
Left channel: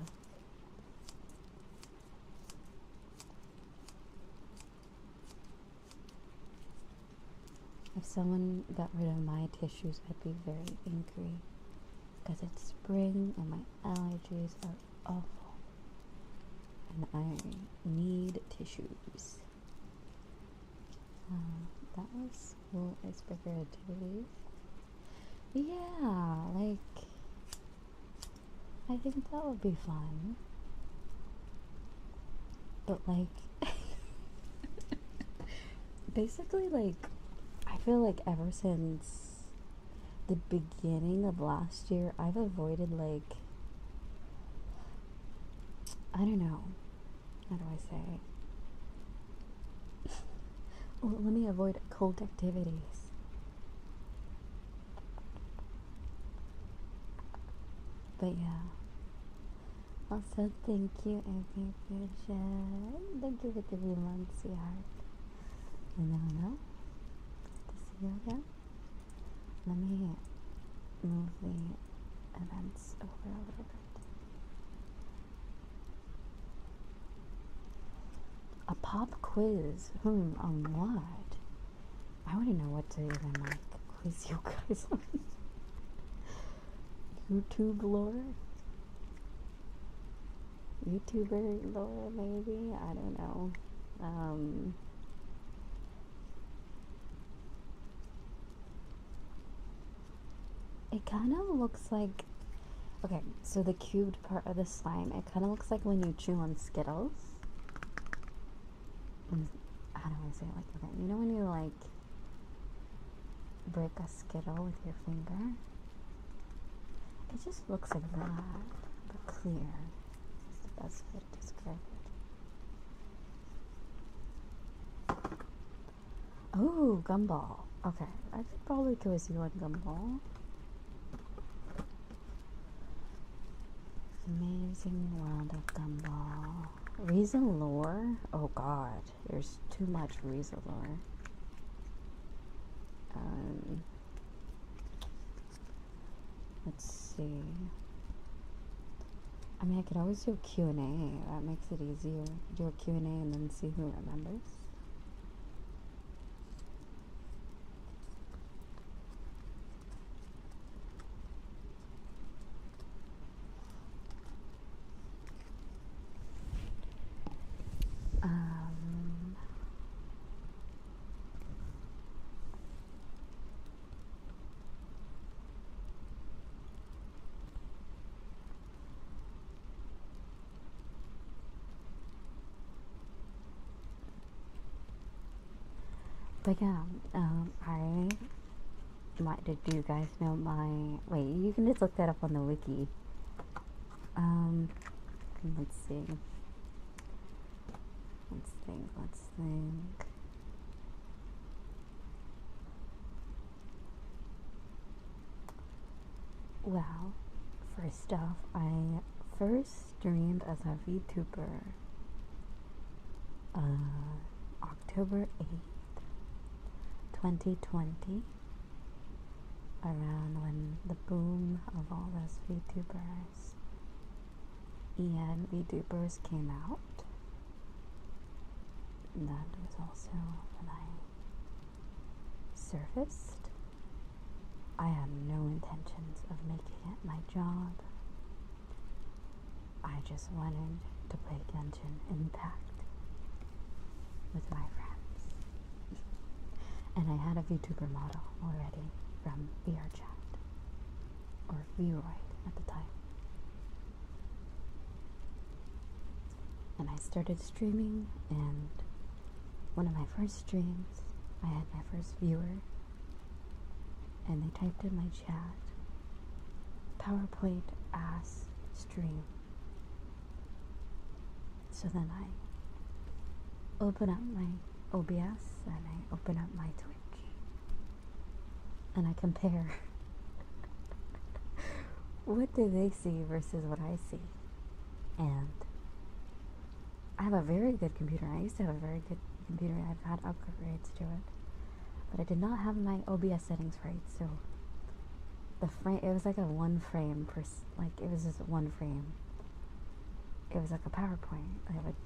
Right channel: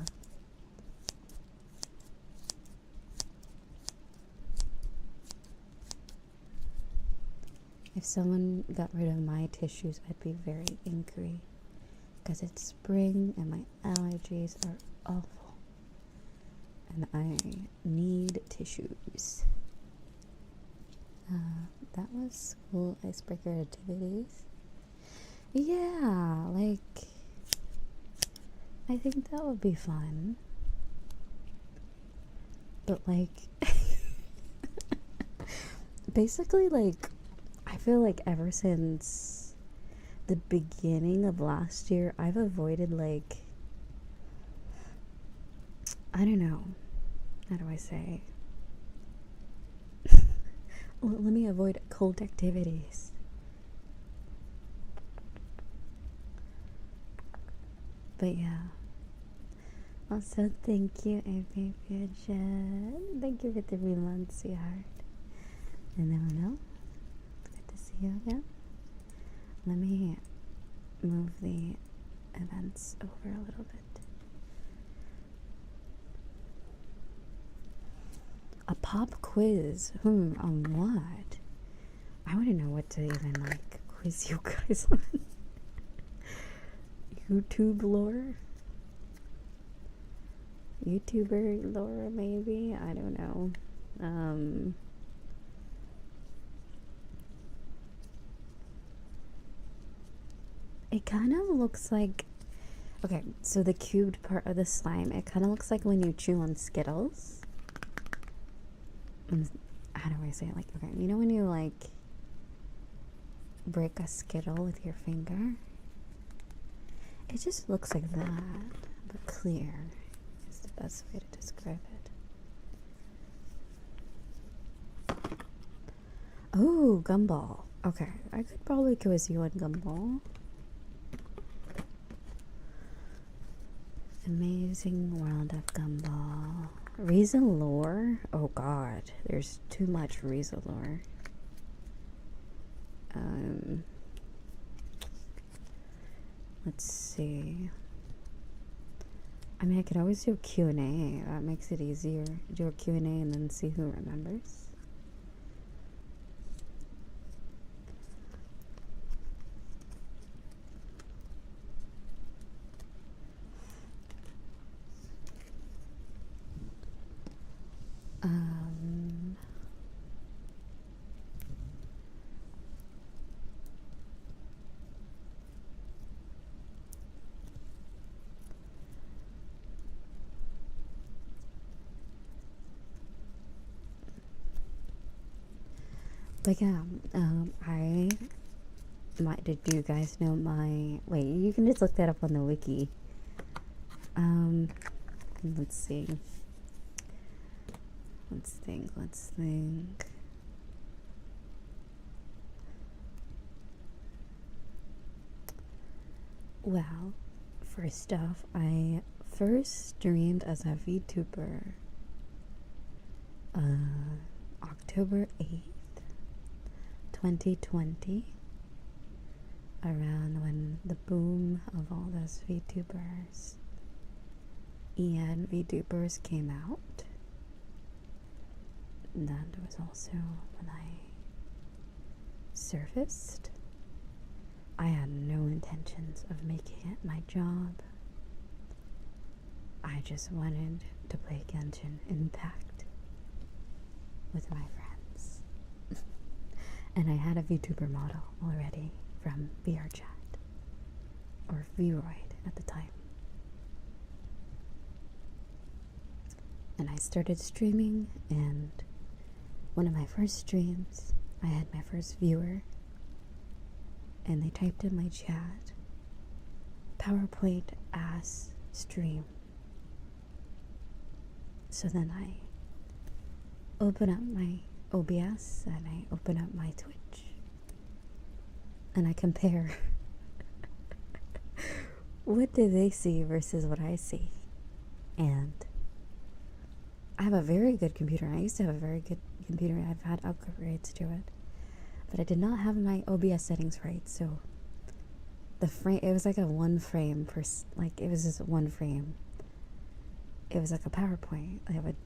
If someone got rid of my tissues, I'd be very angry. Because it's spring and my allergies are awful. And I need tissues. That was school icebreaker activities. Yeah, like, I think that would be fun. But, like, basically, like, I feel like ever since the beginning of last year, I've avoided, like, I don't know, how do I say? Well, let me avoid cold activities. But yeah. Also, thank you, VRChat. Thank you for the 3 months, sweetheart. And then, good to see you again. Let me move the events over a little bit. A pop quiz? On what? I wouldn't know what to even, like, quiz you guys on. YouTube lore? YouTuber lore, maybe? I don't know. It kind of looks like... Okay, so the cubed part of the slime, it kind of looks like when you chew on Skittles. How do I say it? Like, okay, you know when you, like, break a Skittle with your finger? It just looks like that, but clear. It's the best way to describe it. Oh, Gumball. Okay, I could probably quiz you on Gumball. Amazing World of Gumball. Riza lore? Oh god, there's too much Riza lore. Let's see. I mean, I could always do a Q&A. That makes it easier. Do a Q&A and then see who remembers. But yeah, did you guys know my, wait, you can just look that up on the wiki. Let's see. Let's think. Well, first off, I first streamed as a VTuber October 8th, 2020, around when the boom of all those VTubers and VTubers came out. And that was also when I surfaced. I had no intentions of making it my job. I just wanted to play Genshin Impact with my friends. And I had a VTuber model already from VRChat, or Vroid at the time. And I started streaming, and one of my first streams, I had my first viewer, and they typed in my chat, PowerPoint ass stream. So then I open up my OBS and I open up my Twitch and I compare what do they see versus what I see. And I have a very good computer. I used to have a very good computer. I've had upgrades to it, but I did not have my OBS settings right. So the frame, it was like a one frame per, like it was just one frame. It was like a PowerPoint. I would,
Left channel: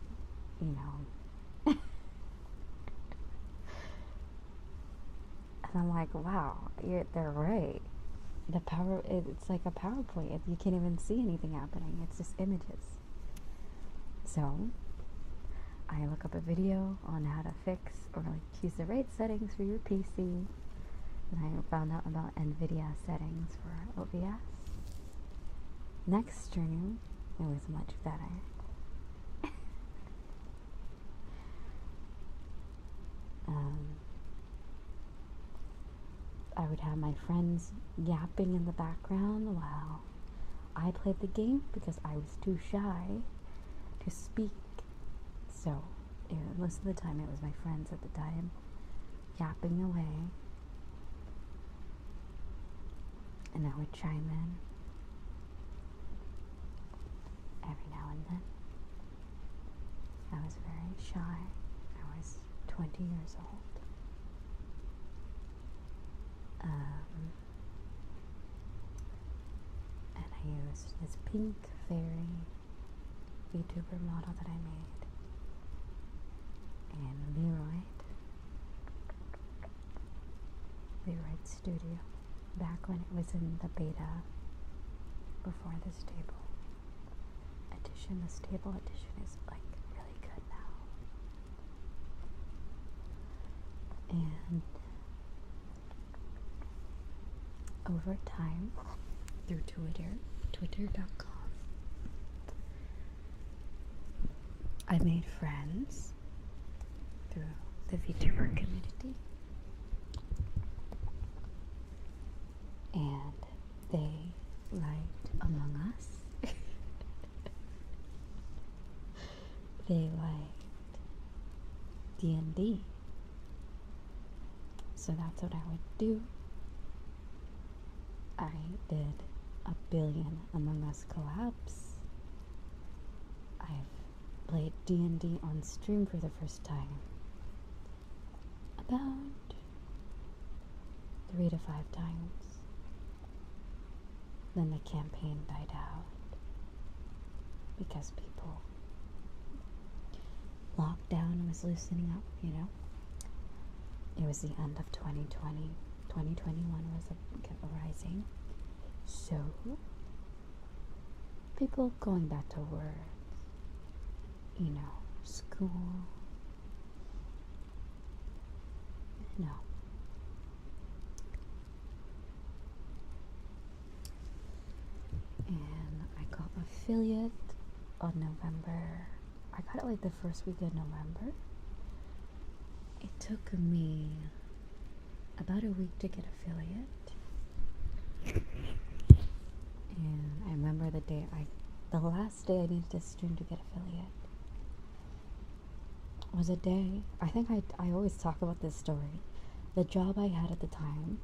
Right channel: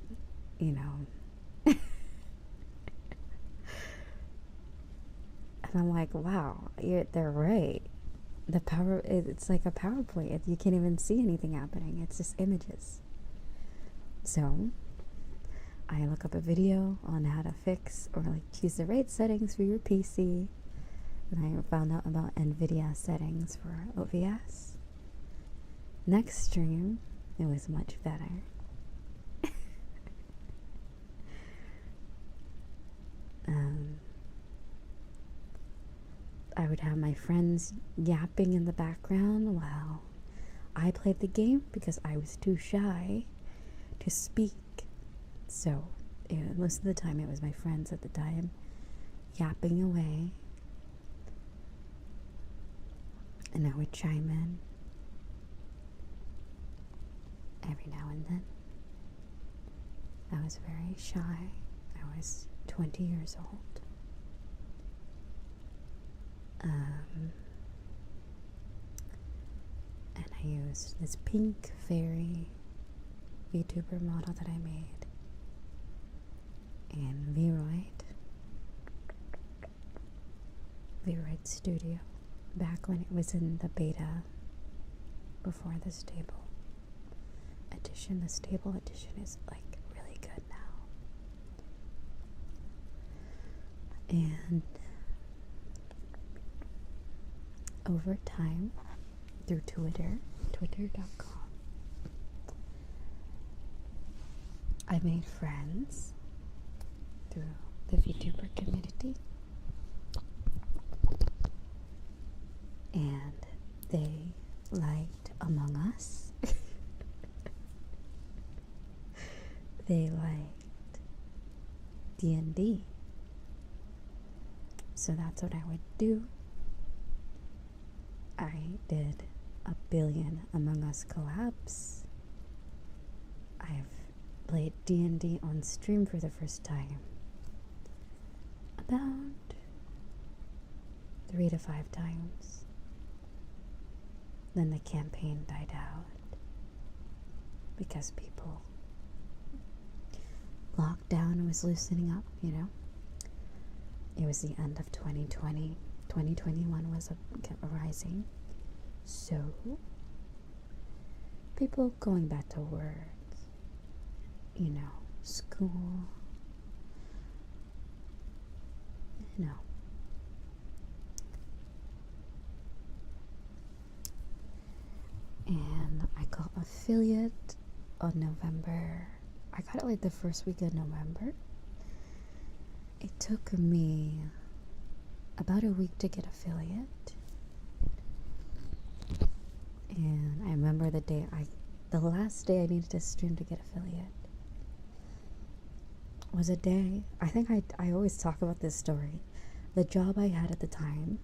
you know. And I'm like, wow, they're right. It's like a PowerPoint. You can't even see anything happening. It's just images. So I look up a video on how to fix or like choose the right settings for your PC. And I found out about NVIDIA settings for OBS. Next stream, it was much better. I would have my friends yapping in the background while I played the game because I was too shy to speak. So most of the time it was my friends at the time yapping away, and I would chime in. every now and then. I was very shy. I was 20 years old. And I used this pink fairy Vtuber model that I made in VRChat Studio back when it was in the beta before the stable edition. The stable edition is like really good now. And over time, through twitter.com, I made friends through the VTuber community, and they liked Among Us. They liked D&D. So that's what I would do. I did 1 billion Among Us collabs. I've played D&D on stream for the first time about 3 to 5 times. Then the campaign died out because people, lockdown was loosening up, you know. It was the end of 2020. 2021 was rising. So, people going back to work, you know, school, you know. And I got affiliate on November. I got it like the first week of November. It took me about a week to get affiliate. And I remember the last day I needed to stream to get affiliate was a day, I think I always talk about this story. The job I had at the time,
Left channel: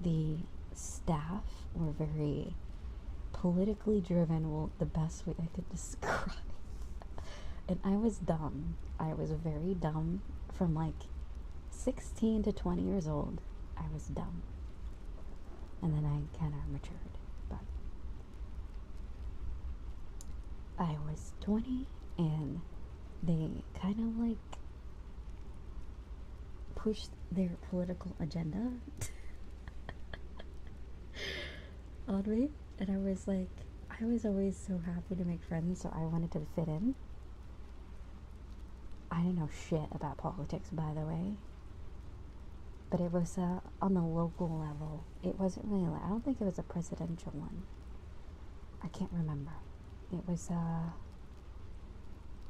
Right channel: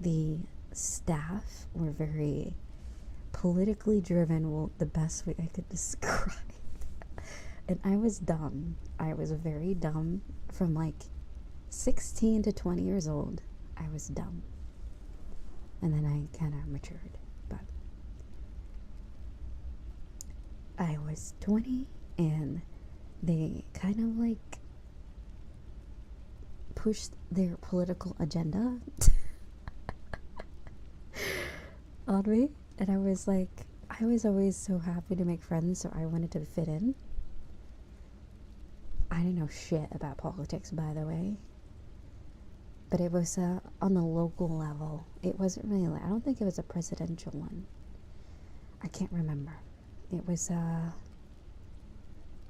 the staff were very politically driven, well, the best way I could describe. And I was dumb. I was very dumb. From like 16 to 20 years old, I was dumb. And then I kind of matured. But I was 20 and they kind of like pushed their political agenda on me. And I was always so happy to make friends, so I wanted to fit in. I didn't know shit about politics, by the way. But it was on the local level. It wasn't really, I don't think it was a presidential one. I can't remember. It was, I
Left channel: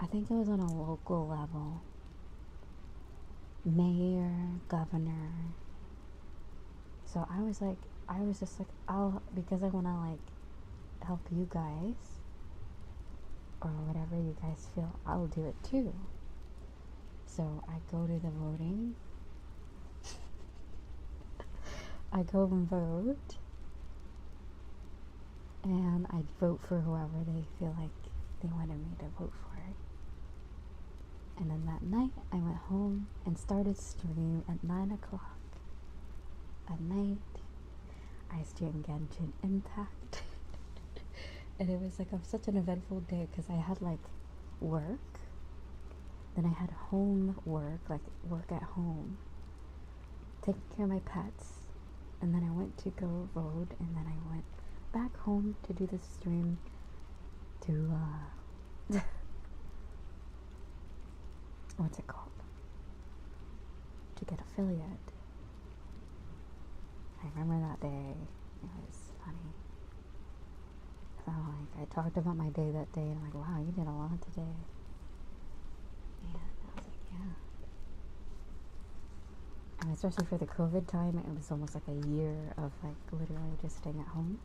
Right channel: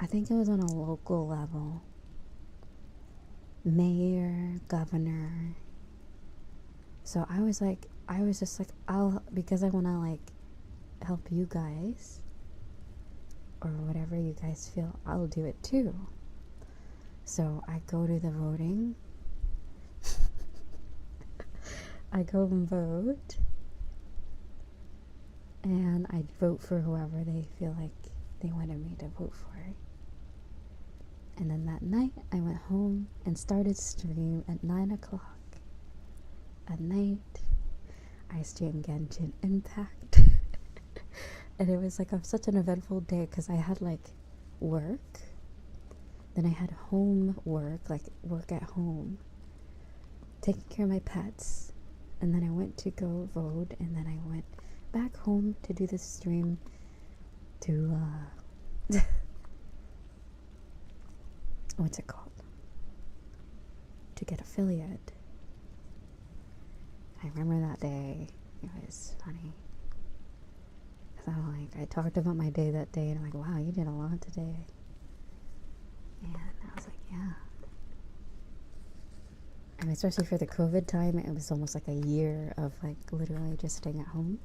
think it was on a local level. Mayor, governor. So I was just like, because I want to like help you guys, or whatever you guys feel, I'll do it too. So I go to the voting. I go and vote. And I vote for whoever they feel like they wanted me to vote for. And then that night, I went home and started stream at 9 o'clock at night. I streamed Genshin Impact. And it was like such an eventful day because I had like work. Then I had home work, like work at home, taking care of my pets. And then I went to go vote, and then I went back home to do this stream to, what's it called? To get affiliate. I remember that day. It was funny. So I talked about my day that day, and I'm like, wow, you did a lot today. And I was like, yeah. And especially for the COVID time, it was almost like a year of like literally just staying at home.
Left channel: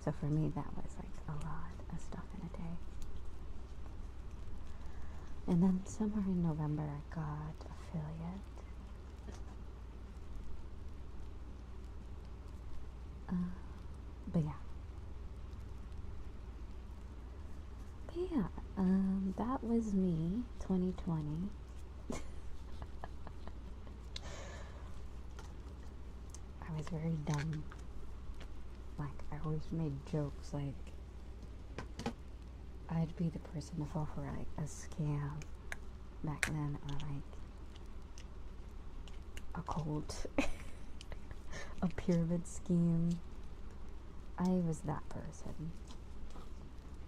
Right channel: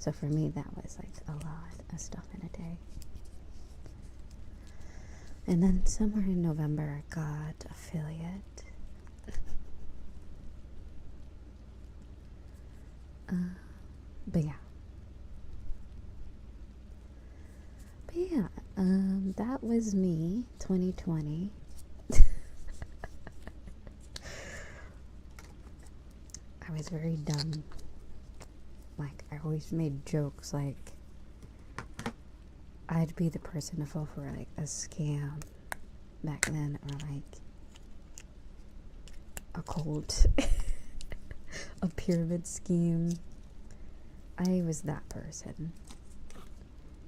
So for me, that was like a lot of stuff in a day. And then somewhere in November, I got affiliate. But yeah. that was me, 2020. I was very dumb. Like, I always made jokes like I'd be the person to fall for like a scam back then, or like a cult, a pyramid scheme. I was that person.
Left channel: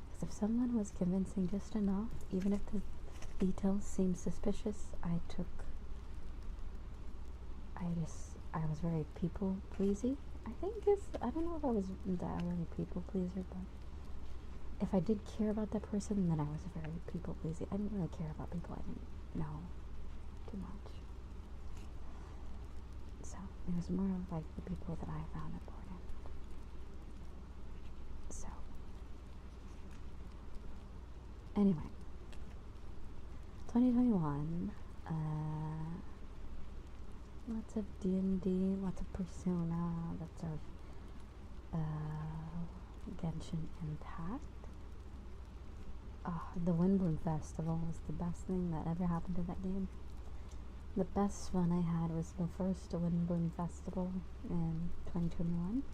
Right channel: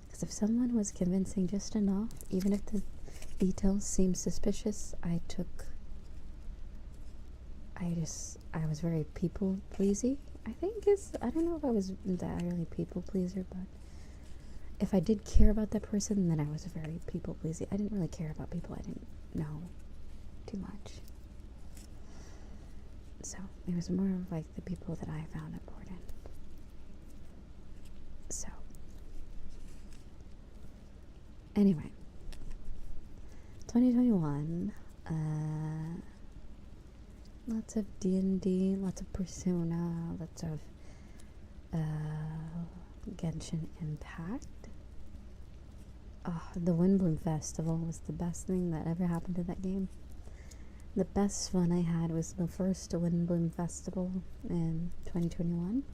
Because if someone was convincing just enough, even if the details seemed suspicious, I was very people pleasy. I don't know if I was that really people pleaser, but if I did care about that person, then I was very people pleasy. I didn't really care about people I didn't know too much. So it was more of like the people that I found important. So anyway, 2021, lots of D&D, lots of Persona, lots of Genshin Impact. Oh, the Windbloom Festival was the best thing that ever happened to that game. The best fun I had was the first Windbloom Festival in 2021.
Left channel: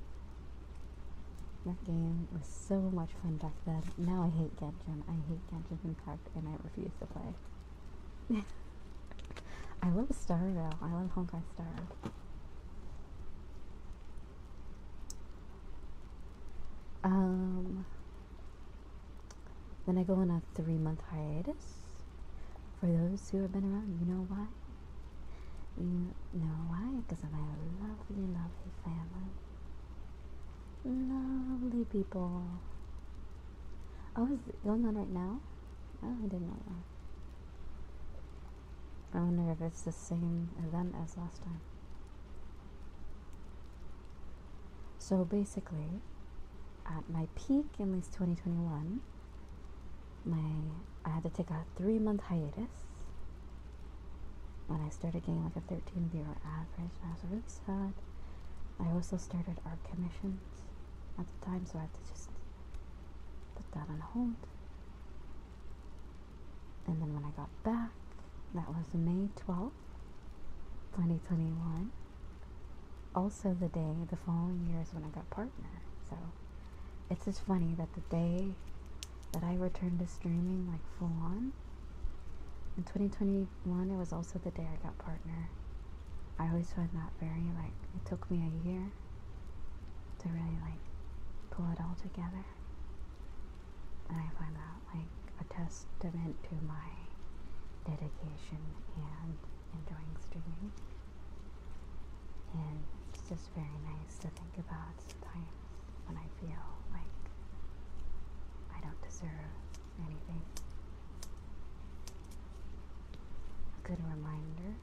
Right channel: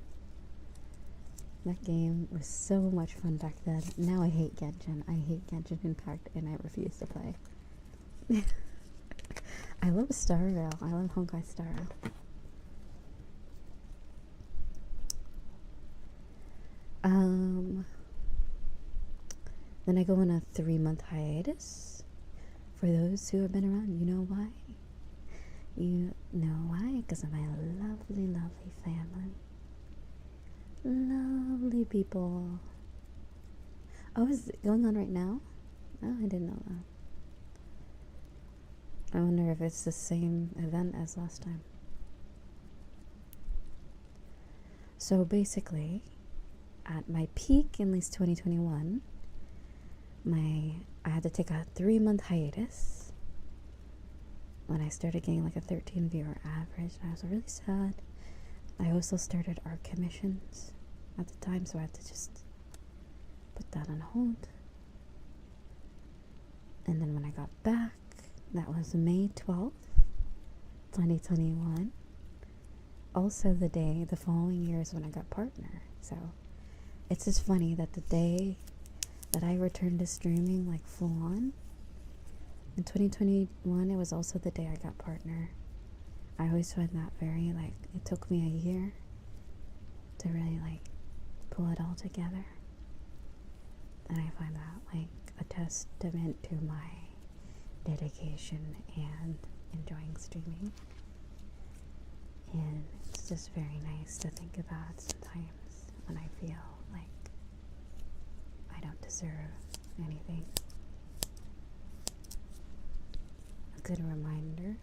That game was so much fun back then. Now I hate Genshin. I hate Genshin Impact, and I refuse to play. I love Star though. I love Honkai Star. Then I go on a 3-month hiatus. For those who have been around, you know why? You know why? Because of my lovely, lovely family. Lovely people. Oh, is it going on right now? Oh, I didn't know that. I wonder if it's the same event as last time. So basically, at my peak in this 2021, I had to take a 3-month hiatus when I started getting like a 13 viewer average, and I was really sad. I also started art commissions at the time, so I had to just put that on hold. And then when I got back, that was May 12th, 2021. Also the following year is when I got partner. So it's just funny that the day that I returned to streaming like full on, in 2021, it was also the day I got partner. I always find that very, like, it took me a year to really, like, pull it all together. And I find that, like, a testament to my dedication and enjoying streaming. And it's just very nice to think about sometimes when I feel like I don't deserve anything. A good reminder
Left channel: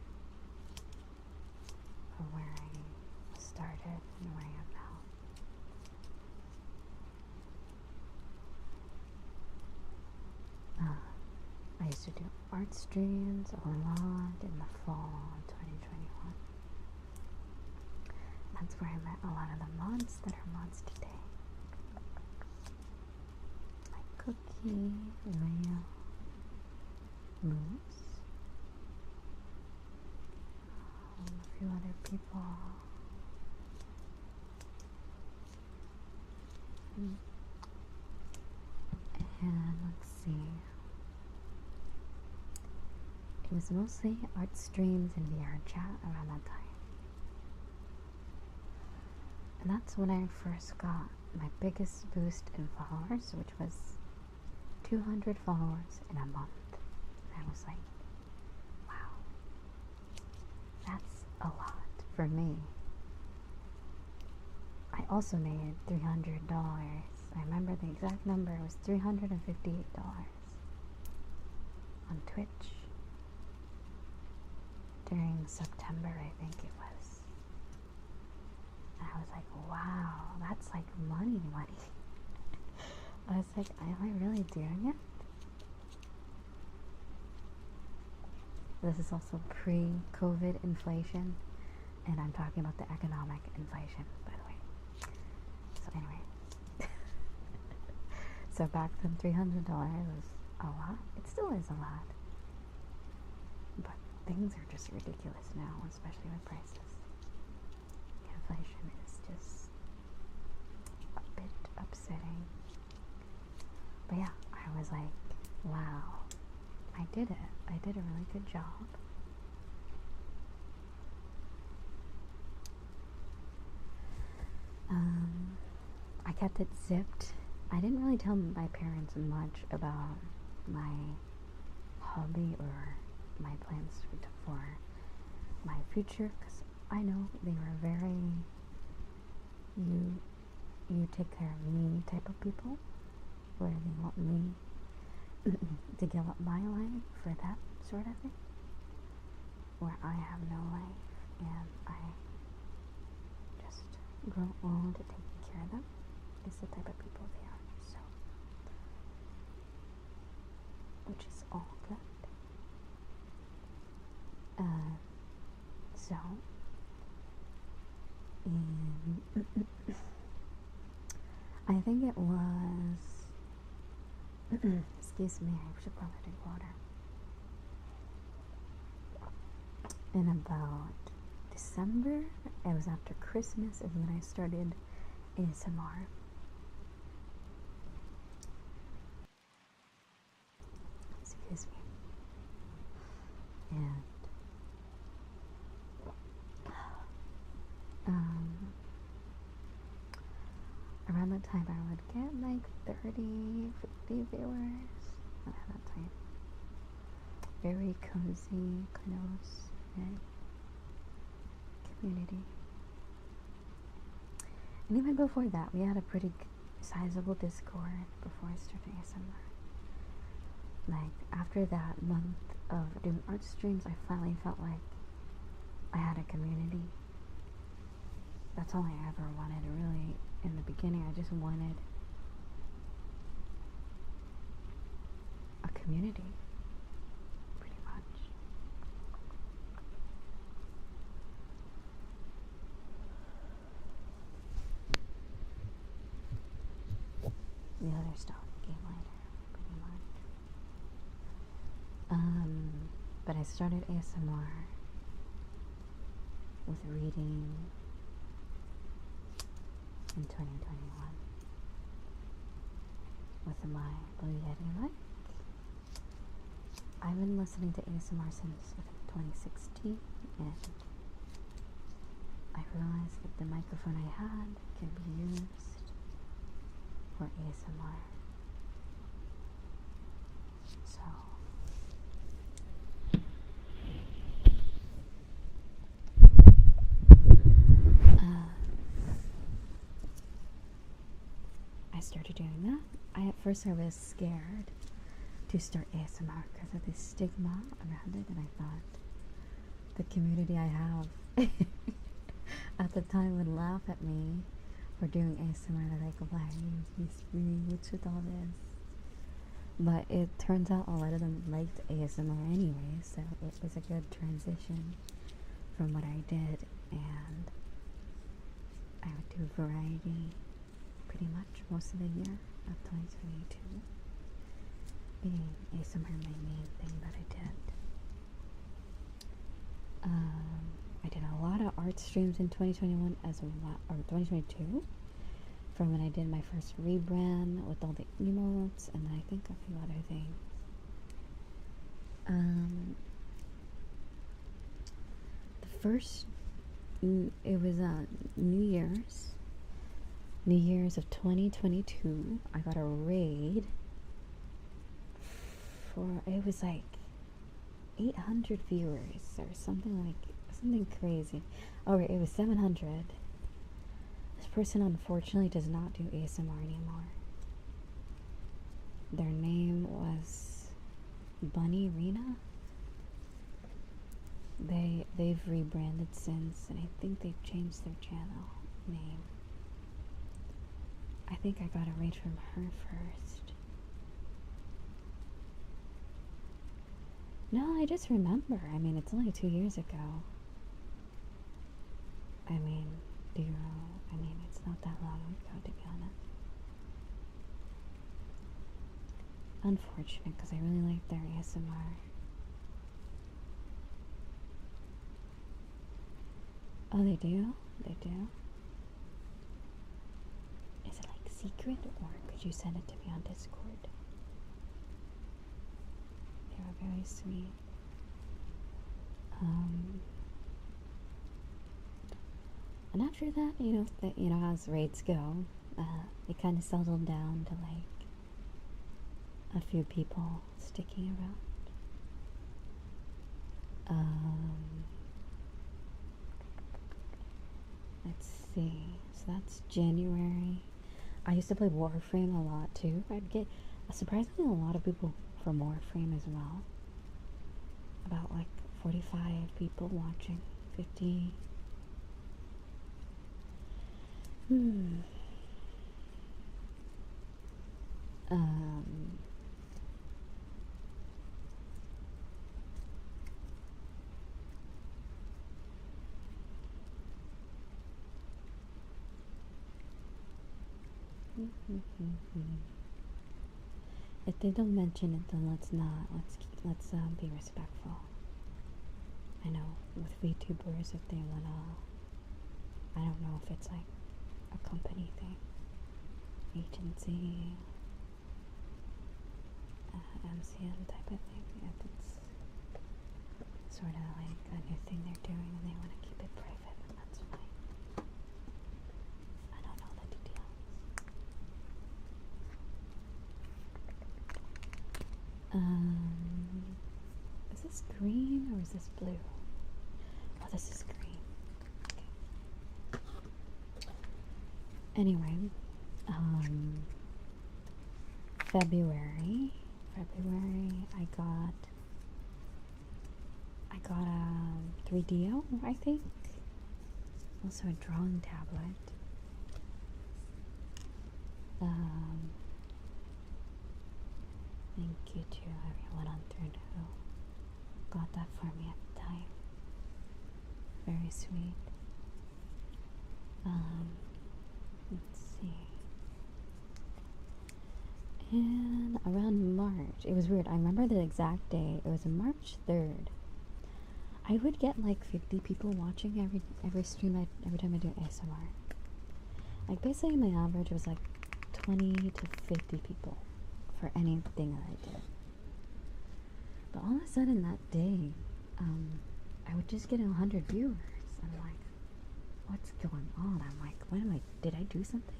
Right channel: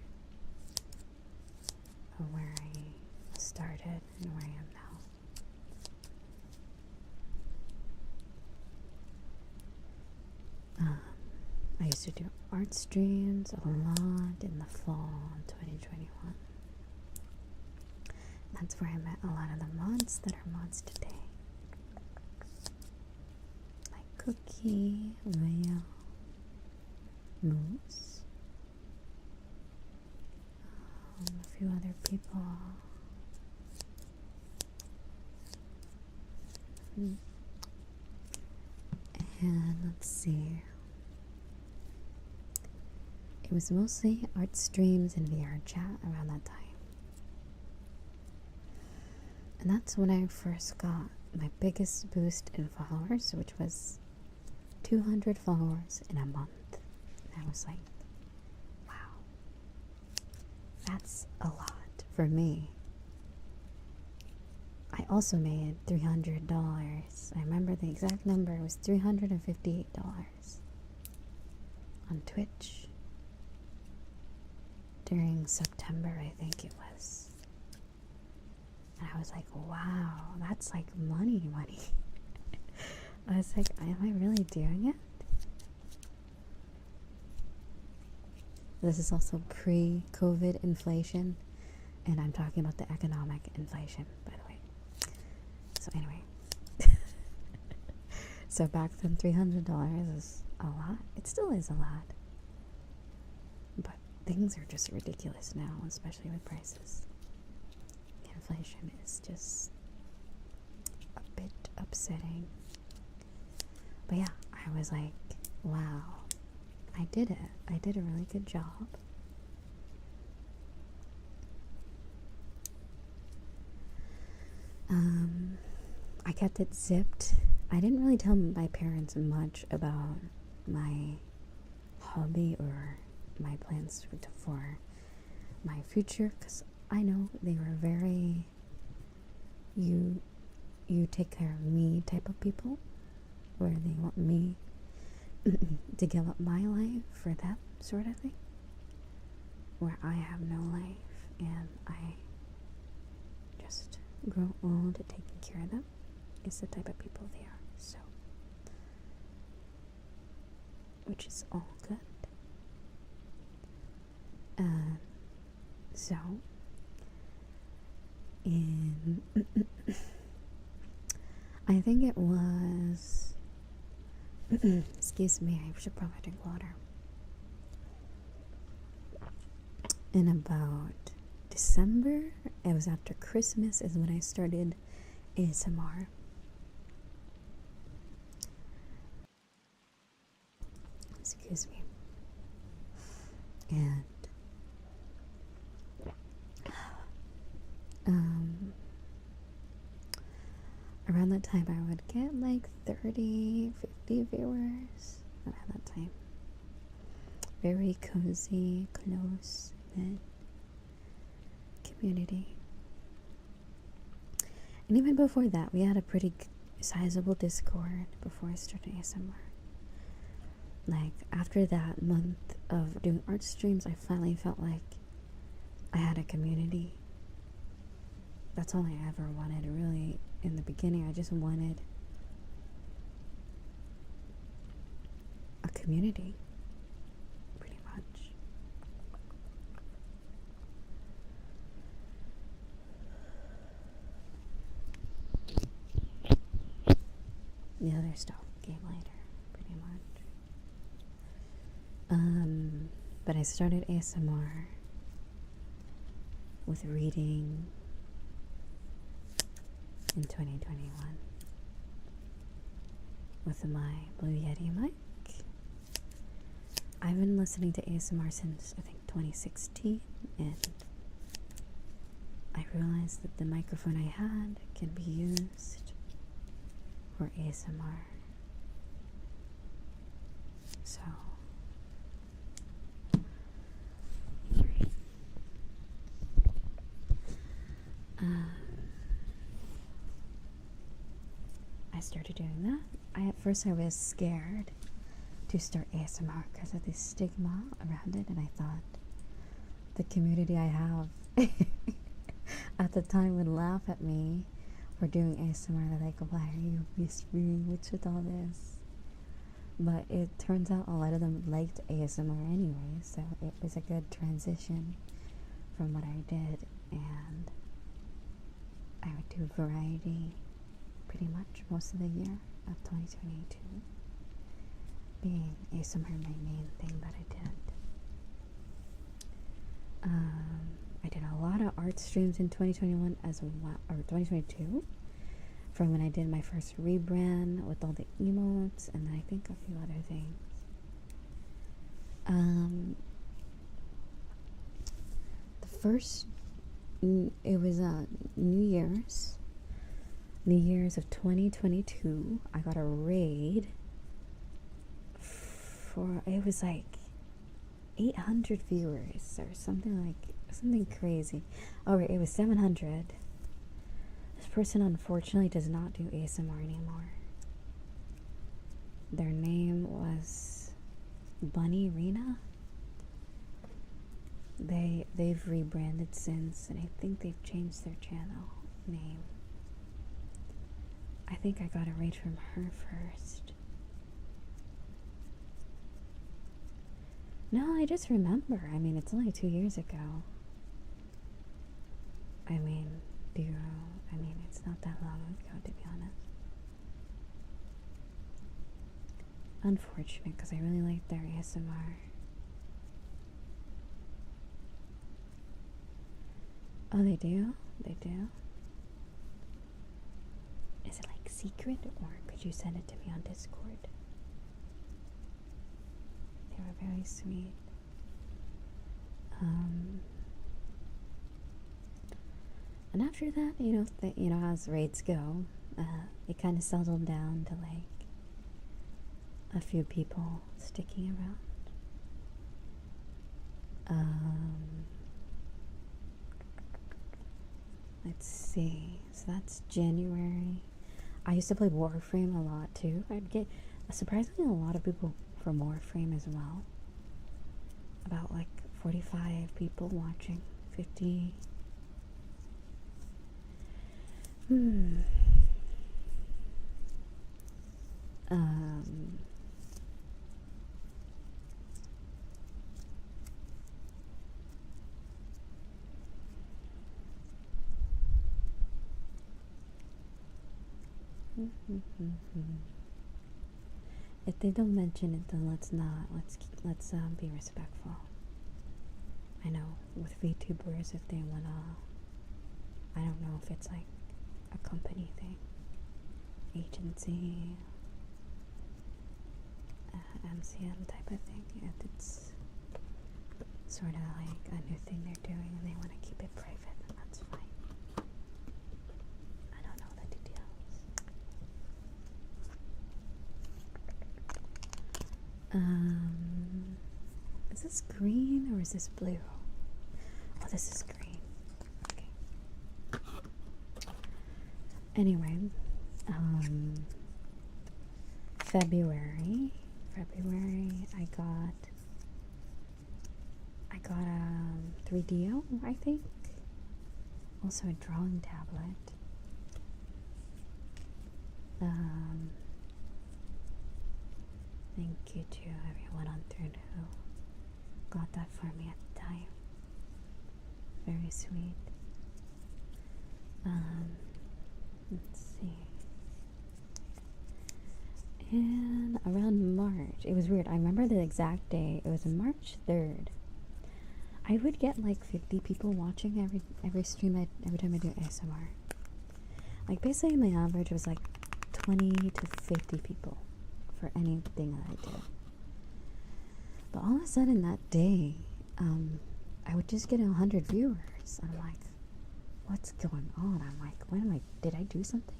of where I started and where I am now. I used to do art streams a lot in the fall of 2021. That's where I met a lot of the mods that are mods today. Like Cookie, Leia, Moose, a few other people. And let's see. It was mostly art streams and VRChat around that time. And that's when I first got my biggest boost in followers, which was 200 followers in a month. And I was like, wow, that's a lot for me. I also made $300. I remember the exact number. It was $358 on Twitch during September, I think it was. And I was like, wow, that's like money. I was like, am I really doing it? This is also pre-COVID inflation, and I'm talking about the economic inflation, by the way. So anyway, so back then $300 is a lot. It still is a lot. But things are just ridiculous now, especially with prices. Inflation is just a bit upsetting. But yeah, I was like, wow, I did it. I did a really good job. I kept it zipped. I didn't really tell my parents much about my hobby or my plans for my future, because I know they were very you take care of me type of people, where they want me to give up my life for them sort of thing, where I have no life and I just grow old taking care of them is the type of people they are. So, which is all good. So in I think it was excuse me, I should probably drink water. In about December, it was after Christmas, is when I started ASMR. Excuse me. And around that time I would get like 30, 50 viewers around that time. Very cozy, close knit community. And even before that, we had a pretty sizable Discord before I started ASMR. Like, after that month of doing art streams, I finally felt like I had a community. That's all I ever wanted, really. In the beginning, I just wanted a community, pretty much. The other stuff came later, pretty much. But I started ASMR with reading in 2021 with my Blue Yeti mic. I've been listening to ASMR since I think 2016, and I realized that the microphone I had can be used for ASMR. So I started doing that. At first I was scared to start ASMR because of the stigma around it, and I thought the community I have at the time would laugh at me for doing ASMR. They're like, why are you whispering? What's with all this? But it turns out a lot of them liked ASMR anyway, so it was a good transition from what I did, and I would do variety pretty much most of the year of 2022, being ASMR my main thing that I did. I did a lot of art streams in 2021 as well, or 2022, from when I did my first rebrand with all the emotes, and I think a few other things. The first, it was New Year's of 2022. I got a raid for, it was like 800 viewers or something crazy. Oh, it was 700. This person unfortunately does not do ASMR anymore. Their name was Bunny Rena. They've rebranded since, and I think they've changed their channel name. I think I got a raid from her first. No, I just remember. I mean, it's only 2 years ago. I mean, it's not that long ago, to be honest. Unfortunate, because I really like their ASMR. Oh, they do? They do? Is it like secret, or could you send it to me on Discord? They were very sweet. And after that, as raids go, it kind of settled down to like a few people sticking around. Let's see. So that's January. I used to play Warframe a lot too. I'd get surprisingly a lot of people from Warframe as well. About like 45 people watching. 50. If they don't mention it, then let's not. Let's be respectful. I know with VTubers, if they wanna, I don't know if it's like a company thing, agency, MCM type of thing. If it's sort of like a new thing they're doing and they want to keep it private, then that's fine. I don't know the details. Is this green or is this blue? Oh, this is green. Okay. Anyway, February, I got a 3DO, I think. Also a drawing tablet. Thank you to everyone on thread who got that for me at the time. Very sweet. Let's see. And around March, it was weird. I remember the exact day. It was March 3rd. I would get like 50 people watching every stream every time I do ASMR. Like basically my average was like 20 to 50 people for anything that I did. But all of a sudden that day, I would just get 100 viewers. I'm like, what's going on? I'm like, did I do something?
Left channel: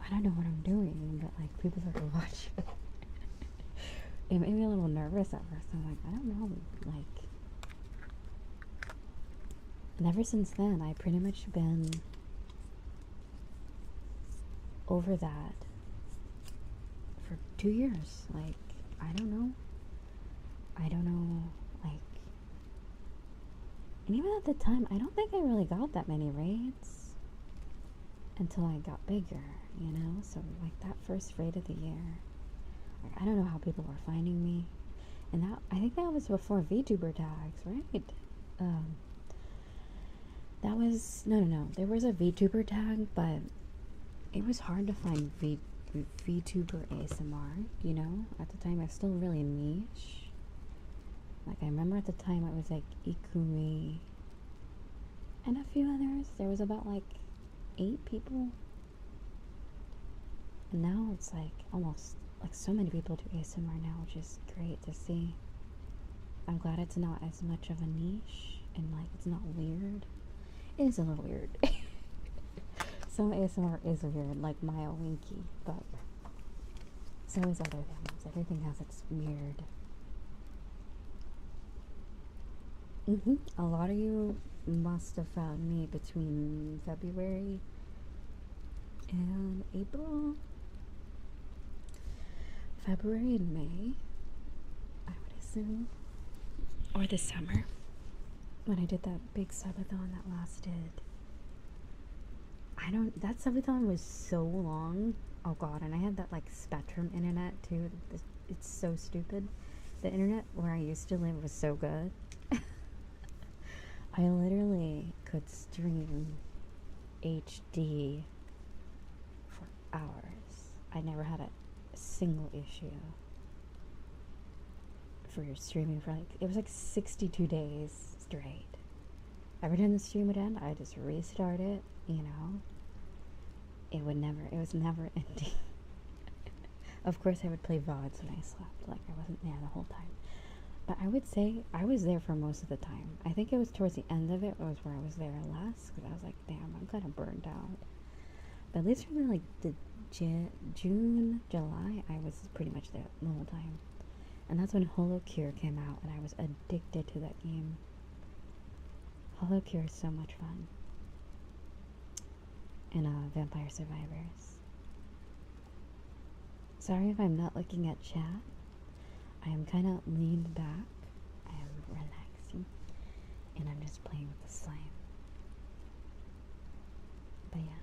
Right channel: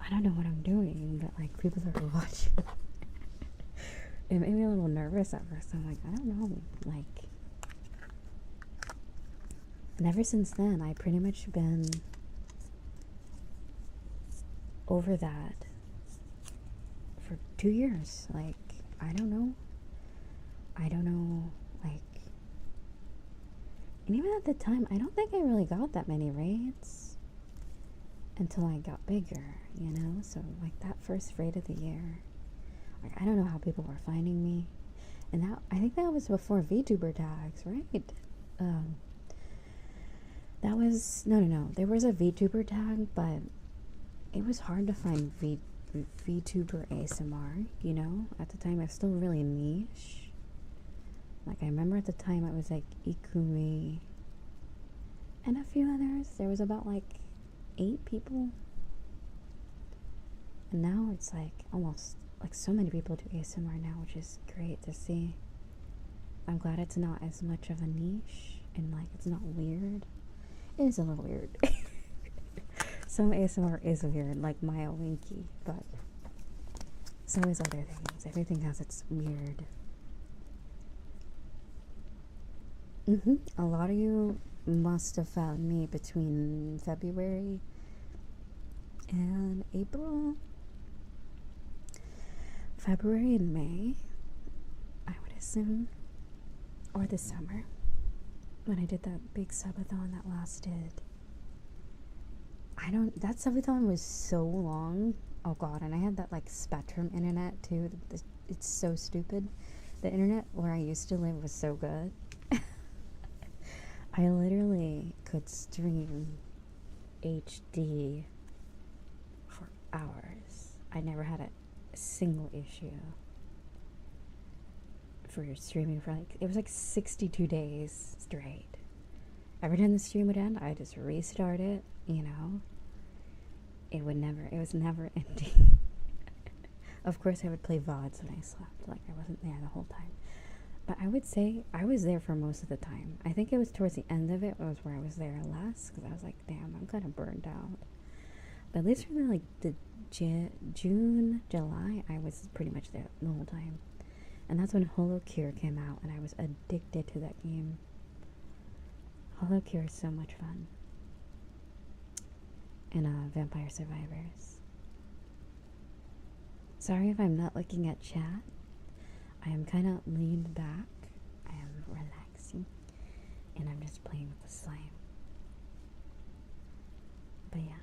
I don't know what I'm doing, but like people are watching. It made me a little nervous at first. I'm like, I don't know, like. And ever since then, I pretty much been over that for 2 years. Like, I don't know, like, and even at the time, I don't think I really got that many raids until I got bigger, so like that first raid of the year, like, I don't know how people were finding me, and that, I think that was before VTuber tags, right? That was, no, there was a VTuber tag, but it was hard to find VTuber ASMR, at the time. It's still really niche. Like, I remember at the time it was like Ikumi and a few others. There was about like 8 people. And now it's like almost like so many people do ASMR now, which is great to see. I'm glad it's not as much of a niche and like it's not weird. It is a little weird. Some ASMR is weird, like Maya Winky, but so is other things. Everything has its weird. A lot of you must have found me between February and April. February and May, I would assume. Or the summer. When I did that big subathon that lasted. That subathon was so long. Oh god, and I had that like Spectrum internet too. It's so stupid. The internet where I used to live was so good. I literally could stream HD for hours. I never had a single issue for streaming for like, it was like 62 days straight. Every time the stream would end, I just restart it, you know. It was never ending. Of course, I would play VODs when I slept, like I wasn't there the whole time. But I would say I was there for most of the time. I think it was towards the end of it was where I was there less, because I was like, damn, I'm kind of burned out. But at least for like the June, July, I was pretty much there the whole time. And that's when Holo Cure came out, and I was addicted to that game. Holo Cure is so much fun. And Vampire Survivors. Sorry if I'm not looking at chat. I am kind of leaned back. I am relaxing. And I'm just playing with the slime. But yeah.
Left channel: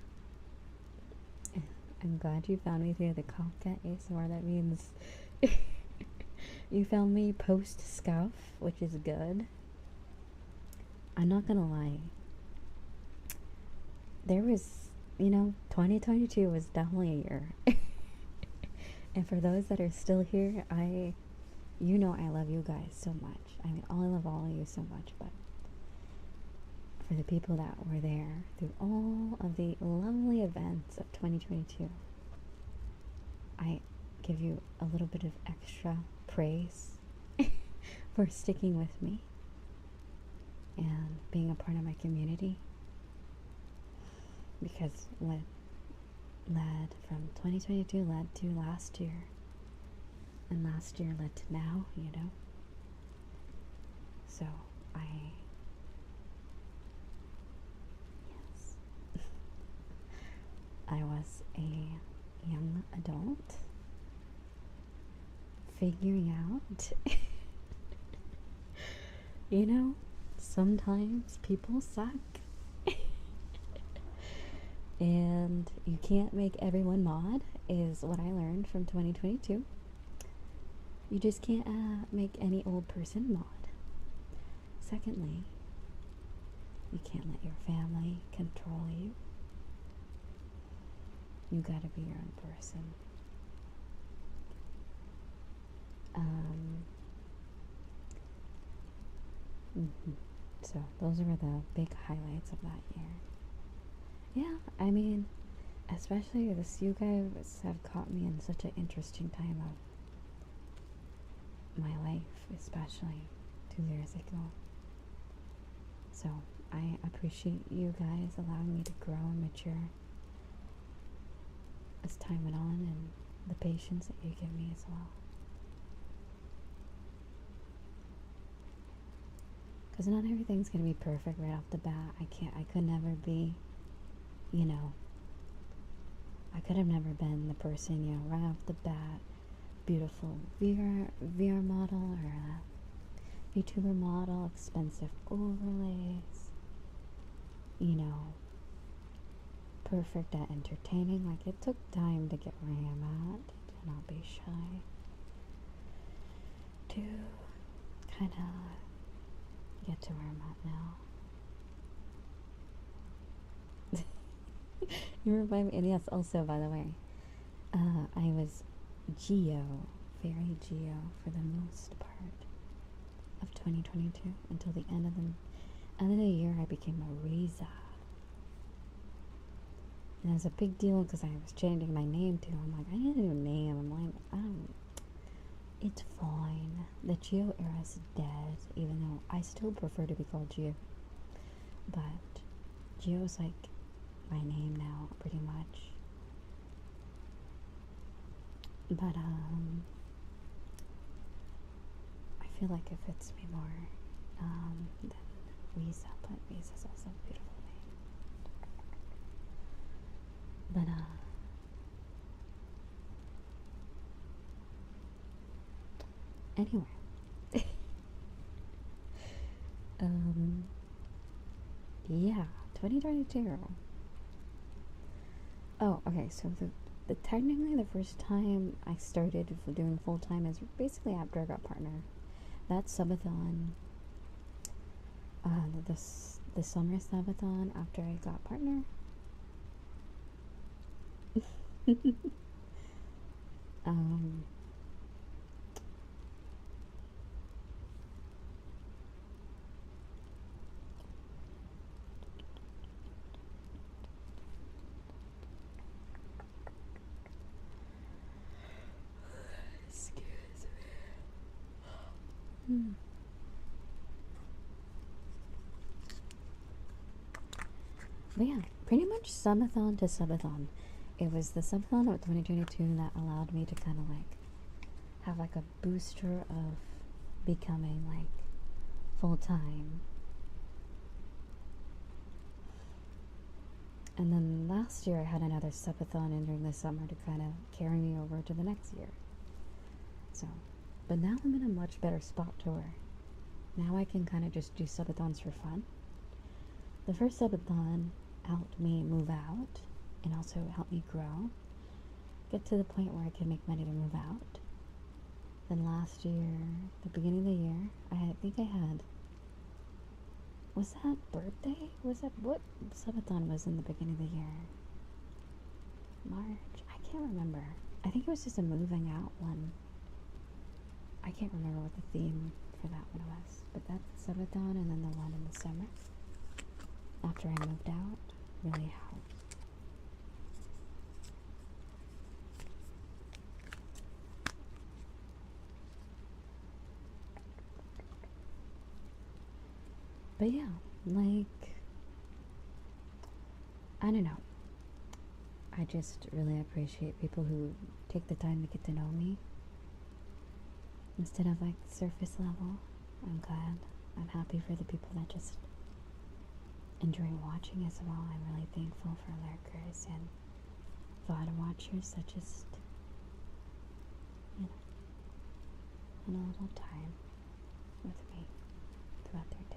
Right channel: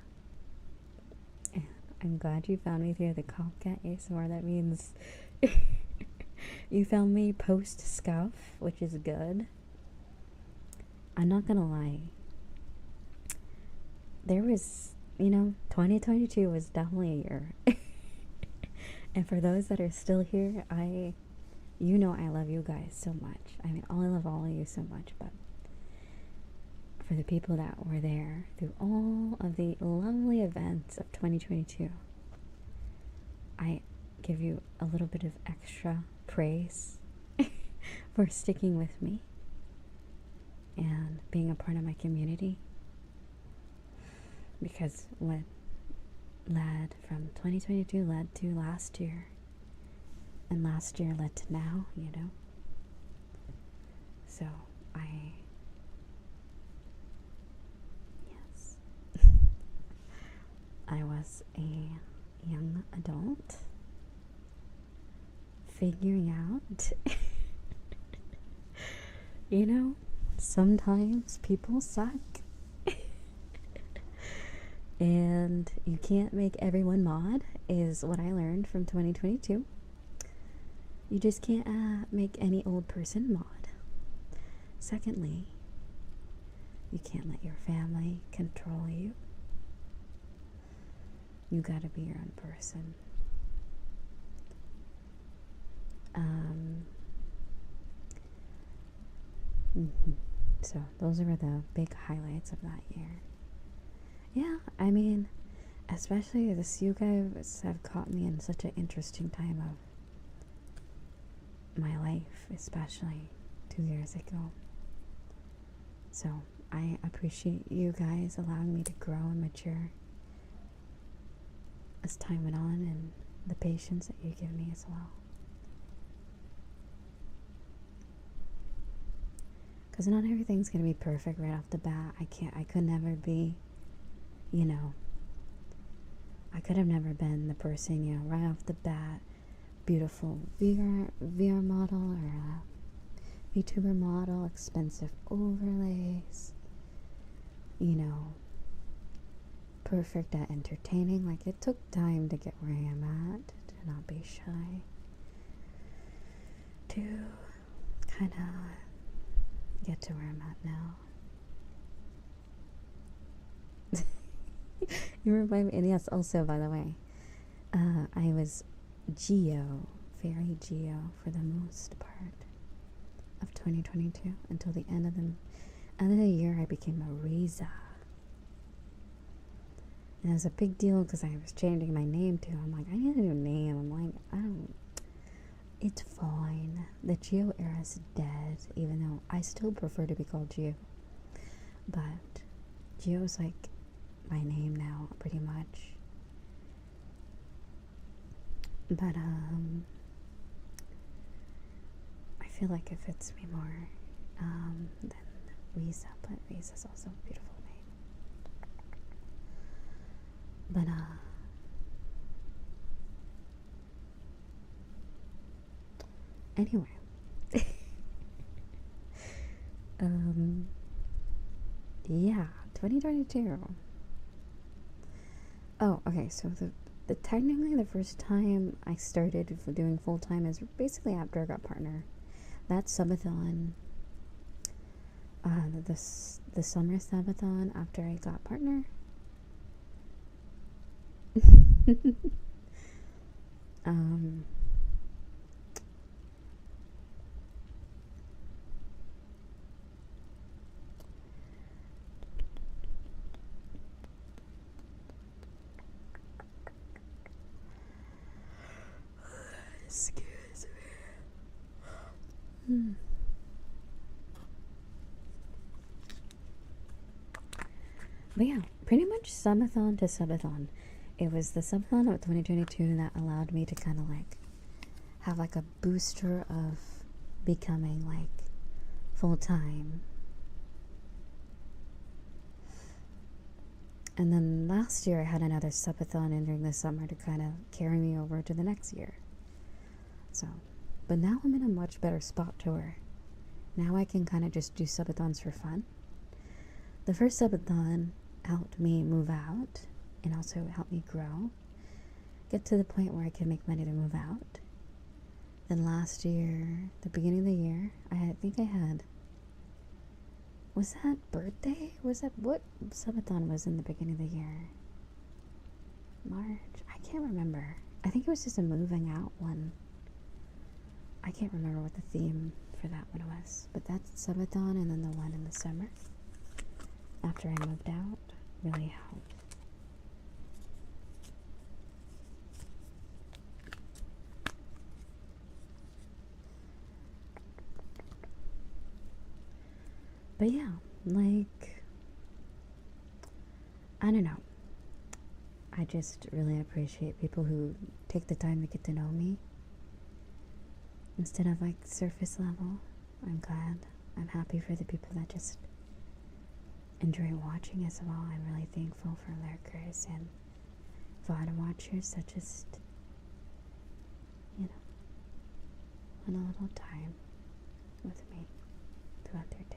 I'm glad you found me through the Copcat ASMR. That means you found me post-scuff, which is good. I'm not gonna lie. There was, 2022 was definitely a year. And for those that are still here, I love you guys so much. I mean, I love all of you so much, but for the people that were there through all of the lovely events of 2022, I give you a little bit of extra praise for sticking with me and being a part of my community, because what led from 2022 led to last year, and last year led to now, so yes, I was a young adult figuring out sometimes people suck. And you can't make everyone mod, is what I learned from 2022. You just can't make any old person mod. Secondly, you can't let your family control you. You gotta be your own person. So those are the big highlights of that year. Yeah, I mean, especially this, you guys have caught me in such an interesting time of my life, especially 2 years ago. So I appreciate you guys allowing me to grow and mature as time went on, and the patience that you give me as well. Because not everything's going to be perfect right off the bat. I could never be, I could have never been the person, right off the bat, beautiful VR model or a Vtuber model, expensive overlays, perfect at entertaining. Like, it took time to get where I am at, to not be shy, to kind of get to where I'm at now. You remind me, and yes, also, by the way, I was very Geo for the most part of 2022 until the end of the year. I became a Riza, and it was a big deal because I was changing my name too. I'm like, I need a new name. I'm like, it's fine. The Geo era is dead, even though I still prefer to be called Geo. But Geo's like my name now, pretty much. But I feel like it fits me more than Riza, but Riza's also a beautiful name. But anyway, yeah, 2022. Oh, okay, so the technically the first time I started doing full time is basically after I got partner. That's Subathon. The summer Subathon after I got partner. Um, excuse me. But yeah, pretty much subathon to subathon. It was the subathon of 2022 that allowed me to kind of like have like a booster of becoming like full-time. And then last year I had another subathon in during the summer to kind of carry me over to the next year. So, but now I'm in a much better spot to where now I can kind of just do subathons for fun. The first subathon helped me move out and also helped me grow, get to the point where I could make money to move out. Then last year, the beginning of the year, I think I had, was that birthday? Was that, what subathon was in the beginning of the year? March? I can't remember. I think it was just a moving out one. I can't remember what the theme for that one was, but that's subathon, and then the one in the summer after I moved out really helped. But yeah, like, I don't know. I just really appreciate people who take the time to get to know me instead of like surface level. I'm glad. I'm happy for the people that just enjoy watching as well. I'm really thankful for lurkers and VOD watchers that just, you know, spend a little time with me throughout their day.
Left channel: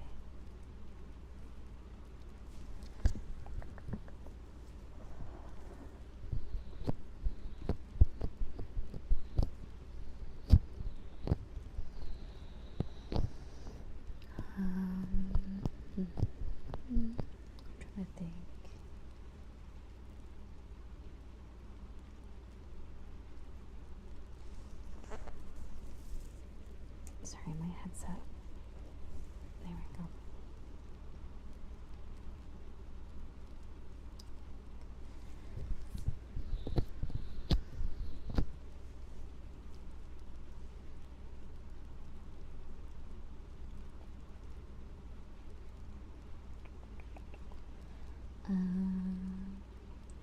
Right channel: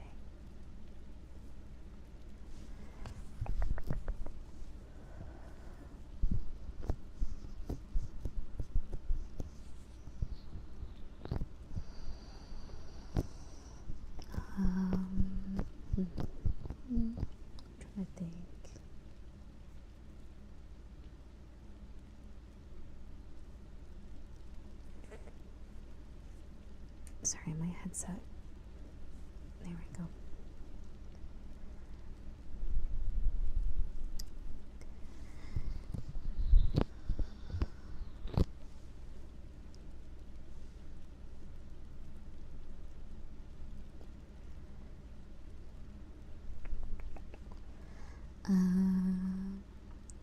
I'm trying to think. Sorry, my headset. There we go.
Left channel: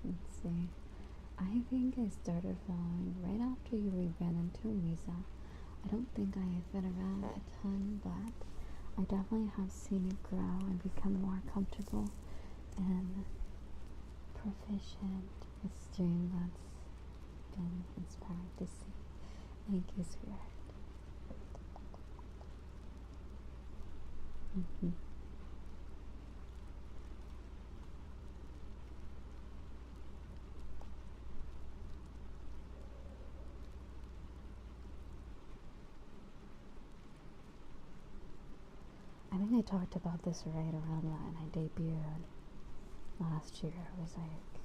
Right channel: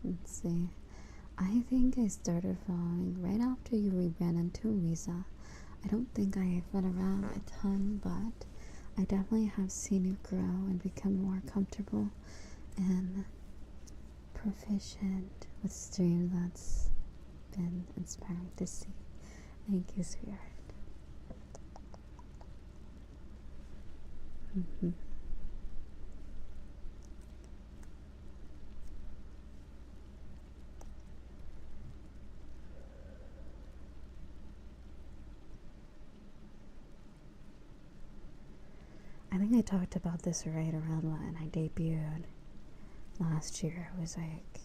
Let's see. I think I started following right after you rebrand into Riza. I don't think I've been around a ton, but I definitely have seen it grow and become more comfortable and proficient with stream. That's been inspiring to see. Thank you, sweetheart. I think I talked about this right around when I debuted last year. It was like,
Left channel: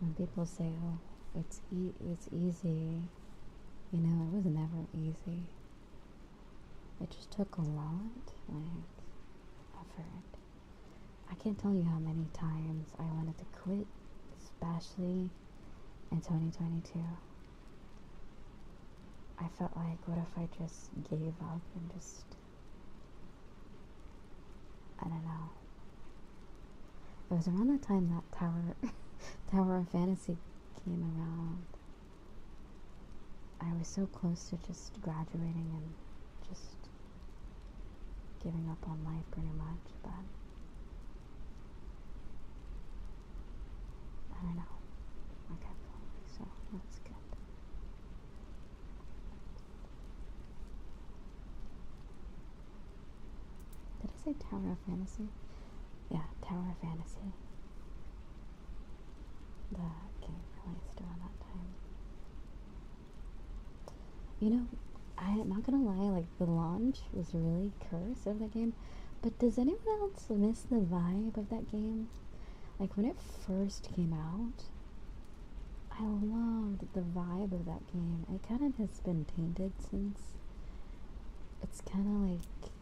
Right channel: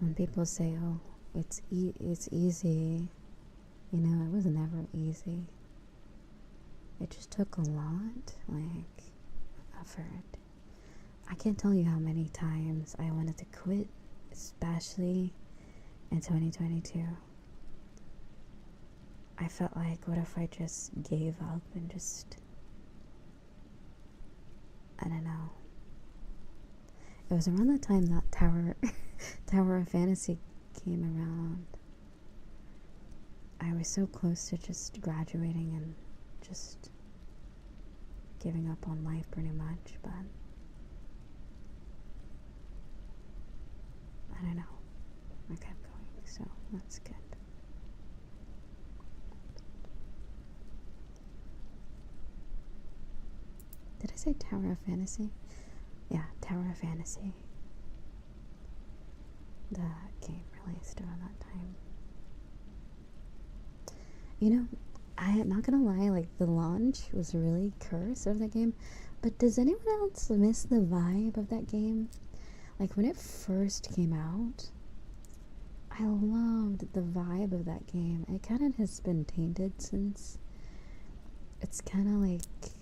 when people say, oh, it's easy, you know, it was never easy. It just took a lot, like, effort. I can't tell you how many times I wanted to quit, especially in 2022. I felt like, what if I just gave up and just, I don't know. It was around the time that Tower of Fantasy came around. I was so close to just graduating and just giving up on life pretty much, but I don't know. I kept going, so that's good. Did I say Tower of Fantasy? Yeah, Tower of Fantasy. The game released around that time. You know, I'm not gonna lie, like, the launch was really cursed of that game, but does anyone else miss the vibe of that game? Like, when it first came out, I I loved the vibe of that game. It kind of has been tainted since it's kind of like,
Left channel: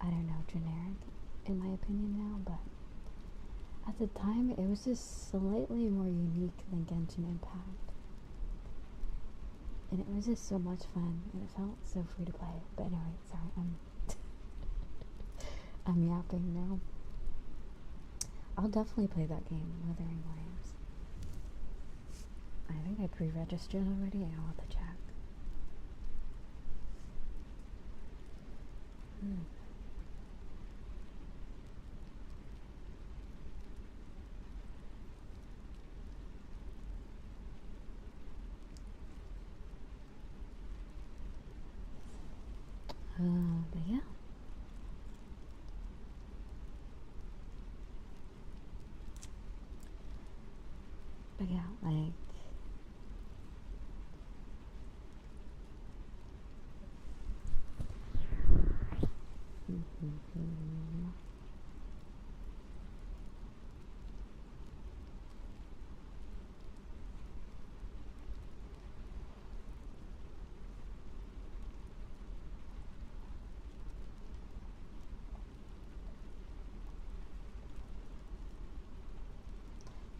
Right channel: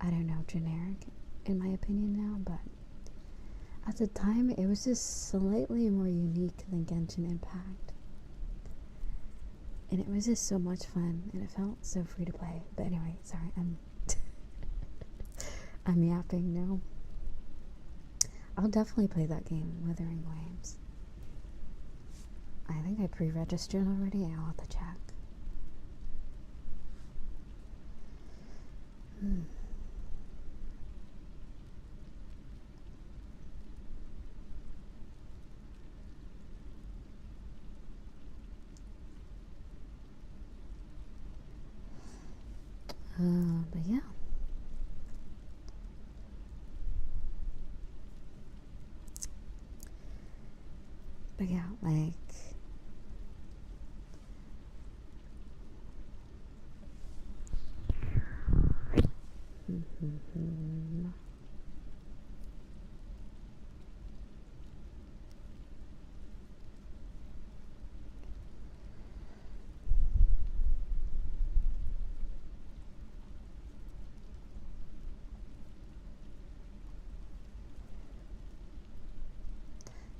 I don't know, generic in my opinion now, but at the time it was just slightly more unique than Genshin Impact. And it was just so much fun, and it felt so free to play. But anyway, sorry, I'm yapping now. I'll definitely play that game, Wuthering Waves. I think I pre-registered already. I'll have to check. But yeah. But yeah, like,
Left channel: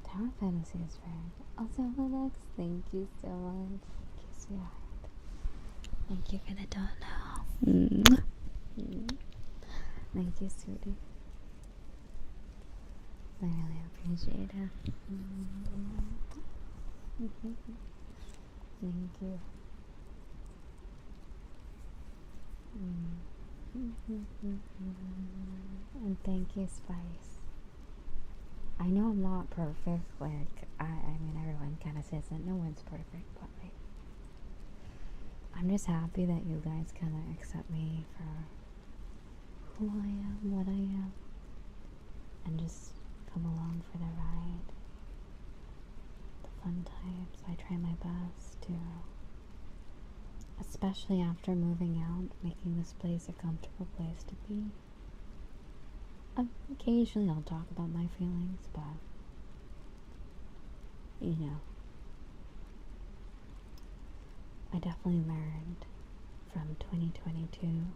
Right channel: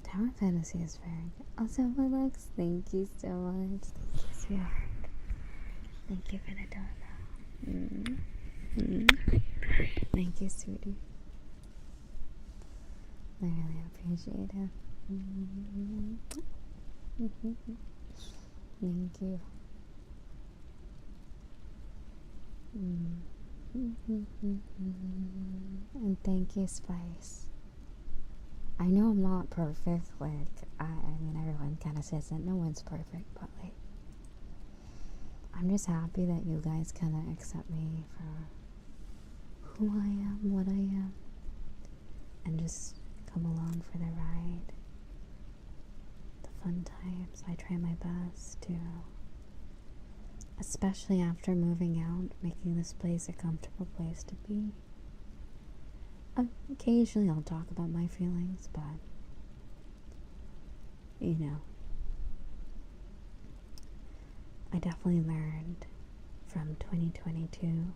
Tower Fantasy is very good. Also, Relax, thank you so much. Thank you, sweetheart. Thank you for the donut. Thank you, sweetie. I really appreciate it. Thank you. And thank you, Spice. I know I'm not perfect, like, I mean, everyone kind of says that no one's perfect, but, like, I'm just happy that you guys kind of accept me for who I am, what I am, and just come along for the ride, the fun times. I try my best to, especially after moving out, making this place a comfortable place to be. Occasionally I'll talk about my feelings, but, you know, I definitely learned from 2022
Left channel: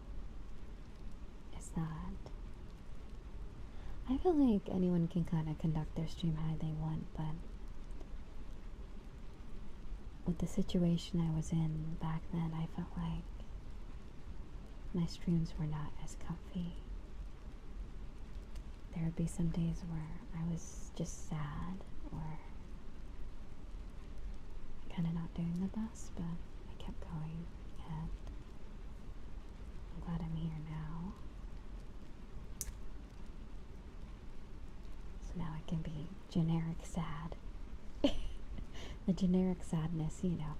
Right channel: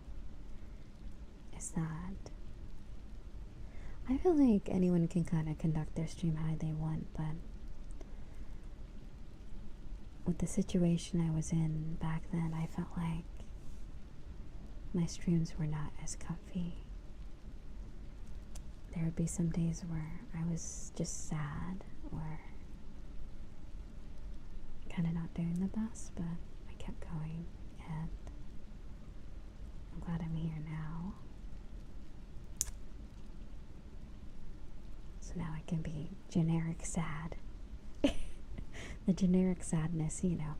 is that I feel like anyone can kind of conduct their stream how they want, but with the situation I was in back then, I felt like my streams were not as comfy. There would be some days where I was just sad or kind of not doing the best, but I kept going, and I'm glad I'm here now. So now I can be generic sad. The generic sadness, you know.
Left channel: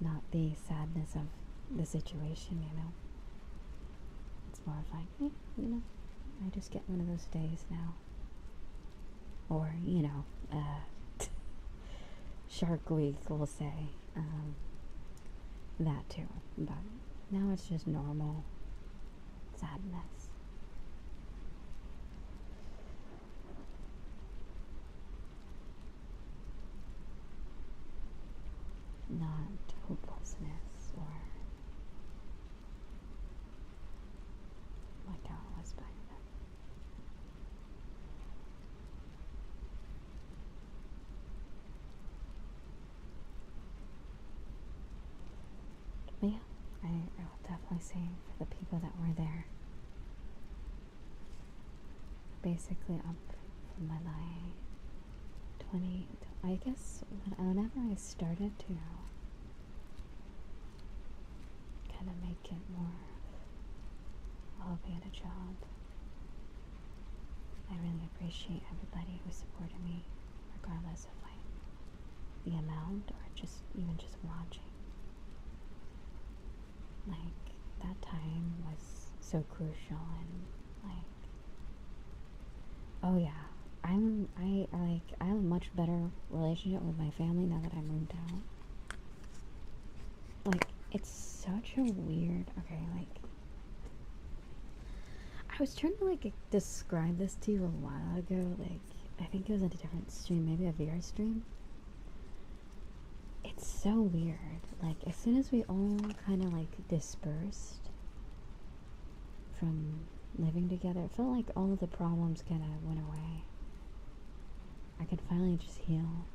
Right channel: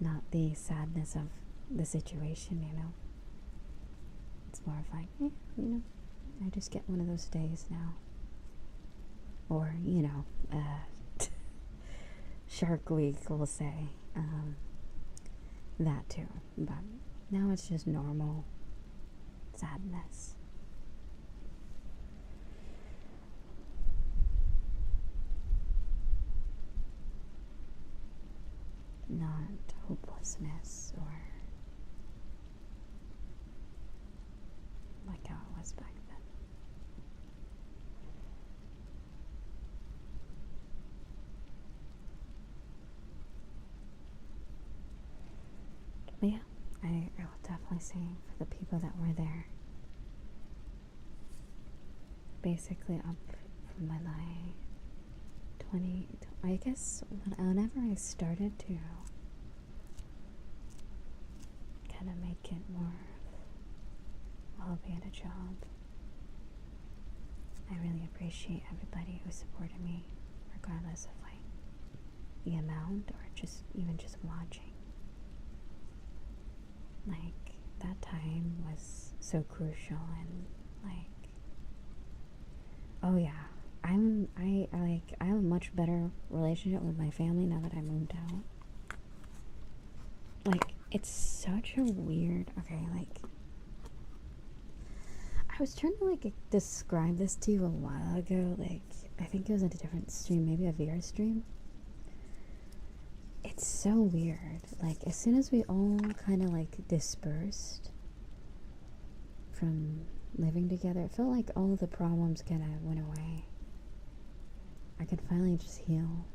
Not the sadness of the situation, you know. It's more of like, you know, I just get one of those days now. Or, you know, Shark Week, we'll say. That too. But now it's just normal sadness. Not hopelessness or like how it was back then. But yeah, I will definitely say for the people that were there, basically up from my like 20, I guess whenever I started to kind of make it more, I'll be at a job. I really appreciate everybody who supported me, regardless of like the amount or just even just watching. Like, that time was so crucial, and like, oh yeah, I have a much better relationship with my family now that I moved out. Like, it's such a weird, okay, like, I was trying to like describe this to you a while ago, like, I think it was a different stream, maybe a VR stream. it's so weird. Like, as soon as we all kind of like dispersed from living together, it felt like all of the problems kind of went away. I could finally just heal.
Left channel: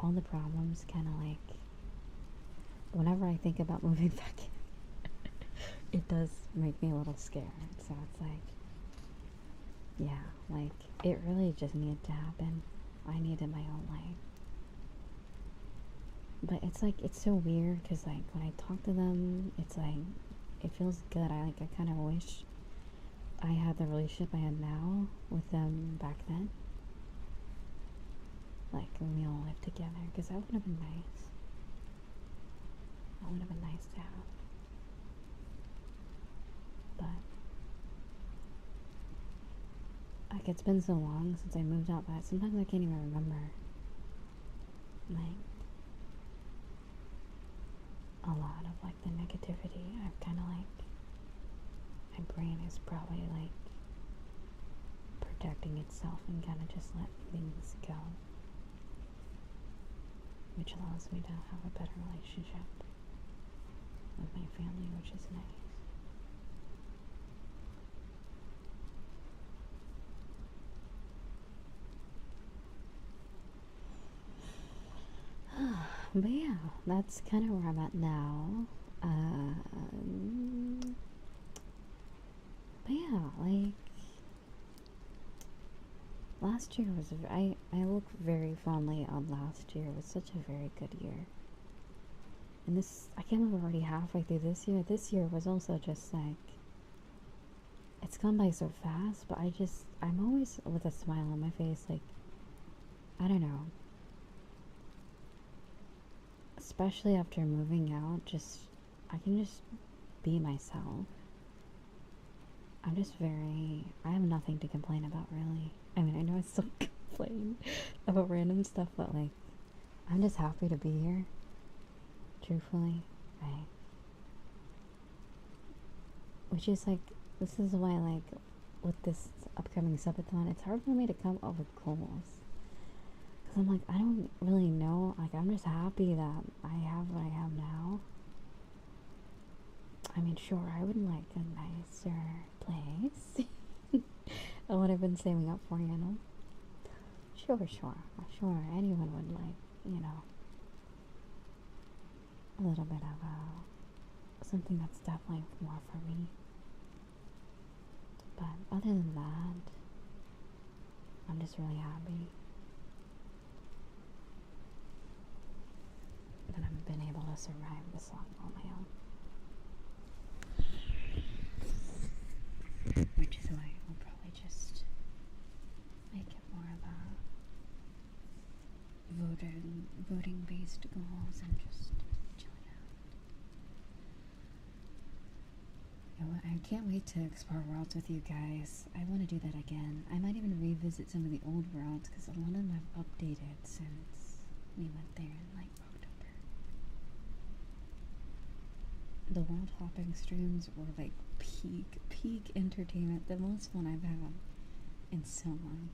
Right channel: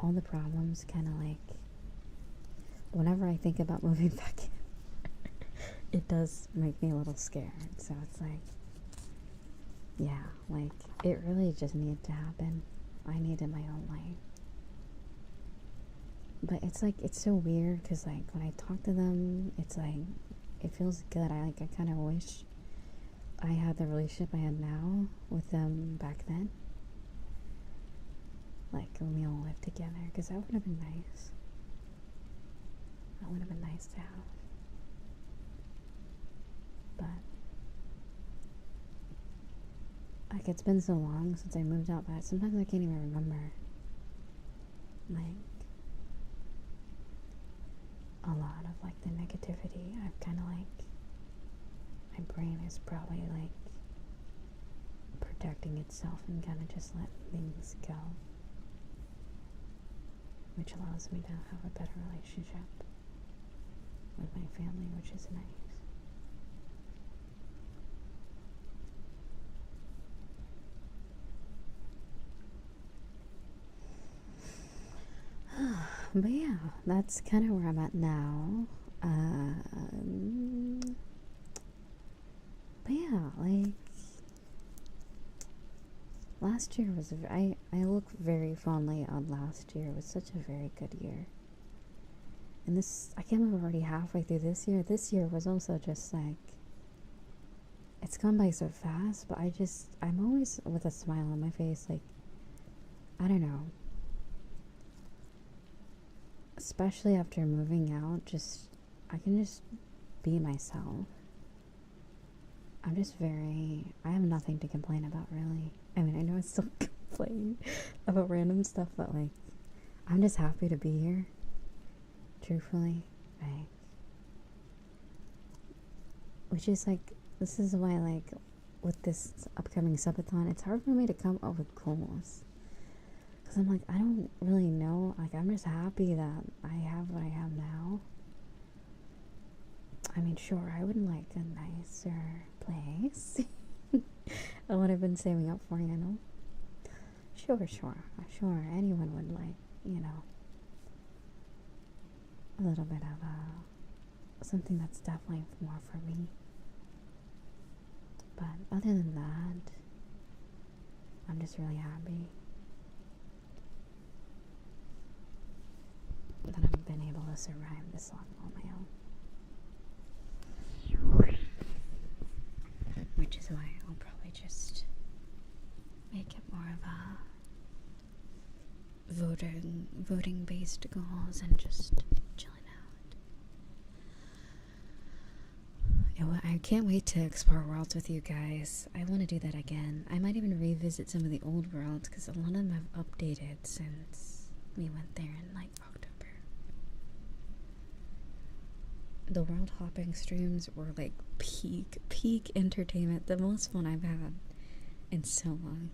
All the problems kind of like, whenever I think about moving back in, it does make me a little scared. So it's like, yeah, like, it really just needed to happen. I needed my own life. But it's like, it's so weird because like when I talk to them, it's like, it feels good. I kind of wish I had the relationship I had now with them back then. Like when we all lived together, because that would have been nice. That would have been nice to have. But like, it's been so long since I moved out that sometimes I can't even remember. Like, a lot of like the negativity, I've kind of like, my brain is probably like protecting itself and kind of just letting things go, which allows me to have a better relationship with my family, which is nice. But yeah, that's kind of where I'm at now. But yeah, like, last year was, I look very fondly on last year. It was such a very good year. And this, I can't believe we're already halfway through this year. This year was also just like, it's gone by so fast, but I'm always with a smile on my face, like, I don't know. Especially after moving out, I can just be myself. I have nothing to complain about, really. I mean, I know I still complain about random stuff, but like, I'm just happy to be here. Truthfully. Right. Which is like, this is why, like, with this upcoming subathon, it's hard for me to come up with goals. Because I'm like, I don't really know. Like, I'm just happy that I have what I have now. I mean, sure, I would like a nicer place. And what I've been saving up for, you know. Sure. Anyone would like, you know, a little bit of something that's definitely more for me. But other than that, I'm just really happy that I've been able to survive this long on my own. Which is why I'll probably just make it more of a voting based goals and just chilling out. I can't wait to explore worlds with you guys. I want to do that again. I might even revisit some of the old worlds because a lot of them have updated since we went there in like October. The world hopping streams were like peak entertainment, the most fun I've had in so long.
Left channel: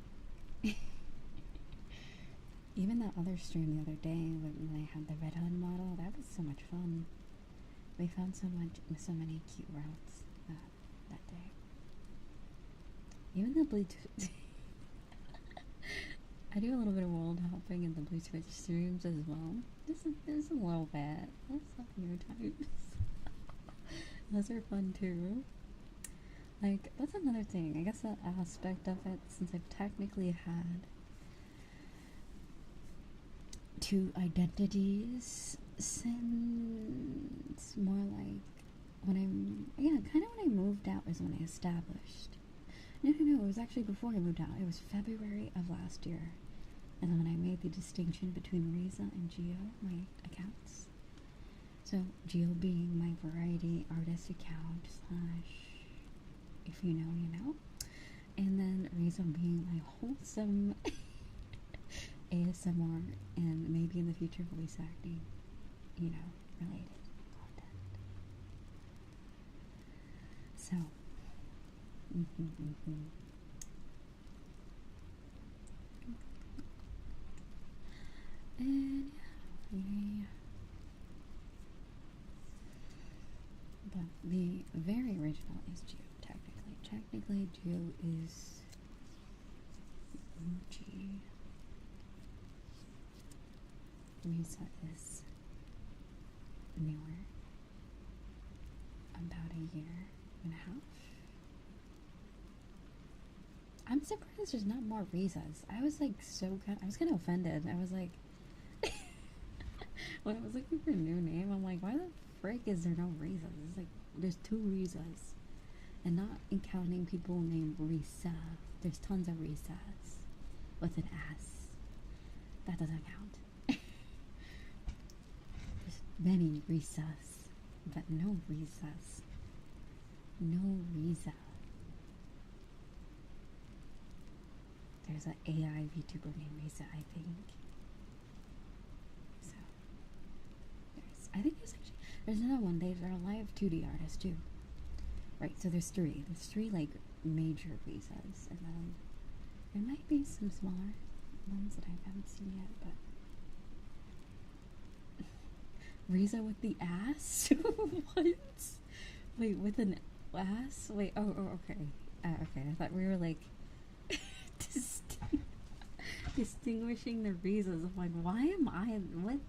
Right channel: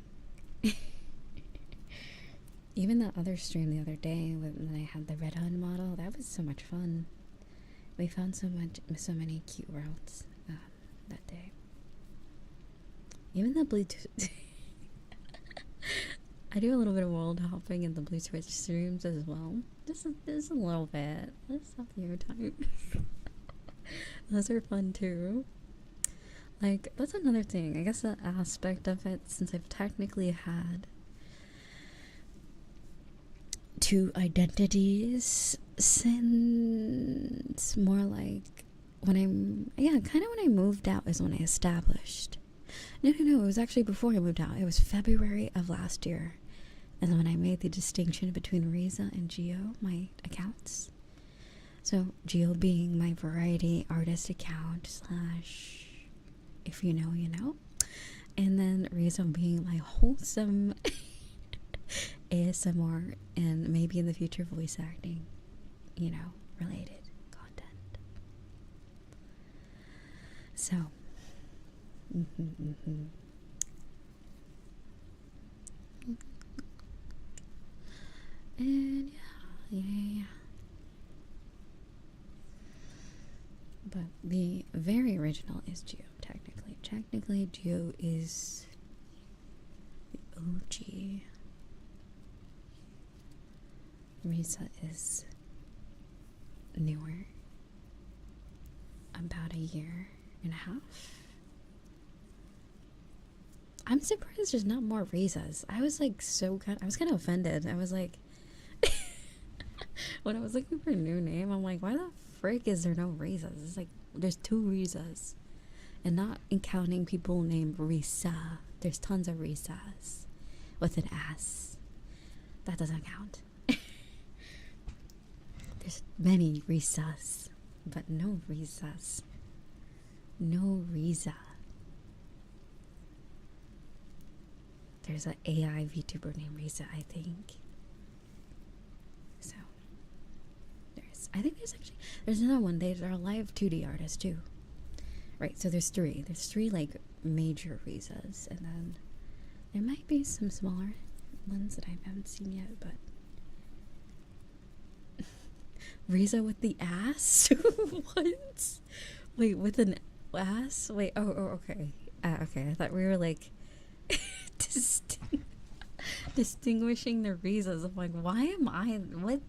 Even that other stream the other day when they had the Red Hun model, that was so much fun. We found so many cute worlds that day. Even the Bluetooth. I do a little bit of world hopping in the Blue Switch streams as well. Just a little bit. That's a few times. Those are fun too. Like, that's another thing. I guess that aspect of it, since I've technically had 2 identities since more like when I moved out is when I established. No, it was actually before I moved out. It was February of last year. And when I made the distinction between Riza and Geo, my accounts. So, Geo being my variety artist account / if you know, you know. And then Riza being my wholesome ASMR and maybe in the future voice acting, you know, related content. So, and yeah, the very original is Geo, technically. Technically, Geo is the OG. Riza is newer. About a year and a half. I'm surprised there's not more Rizas. I was like I was kind of offended. I was like, when I was looking for a new name, I'm like, why the frick is there no Rizas? It's like, there's 2 Rizas. And not counting people named Riza. There's tons of Rizas with an S. That doesn't count. There's many Rizas, but no Rizas. No Riza. There's an AI VTuber named Riza, I think. So I think there's another one. There's our live 2D artist too. Right, so there's 3. There's 3 like major Rizas, and then there might be some smaller ones that I haven't seen yet, but Riza with the ass? What? Wait, with an ass? Wait, okay. Okay, I thought we were like distinguishing the Rizas. I'm like, why am I? What?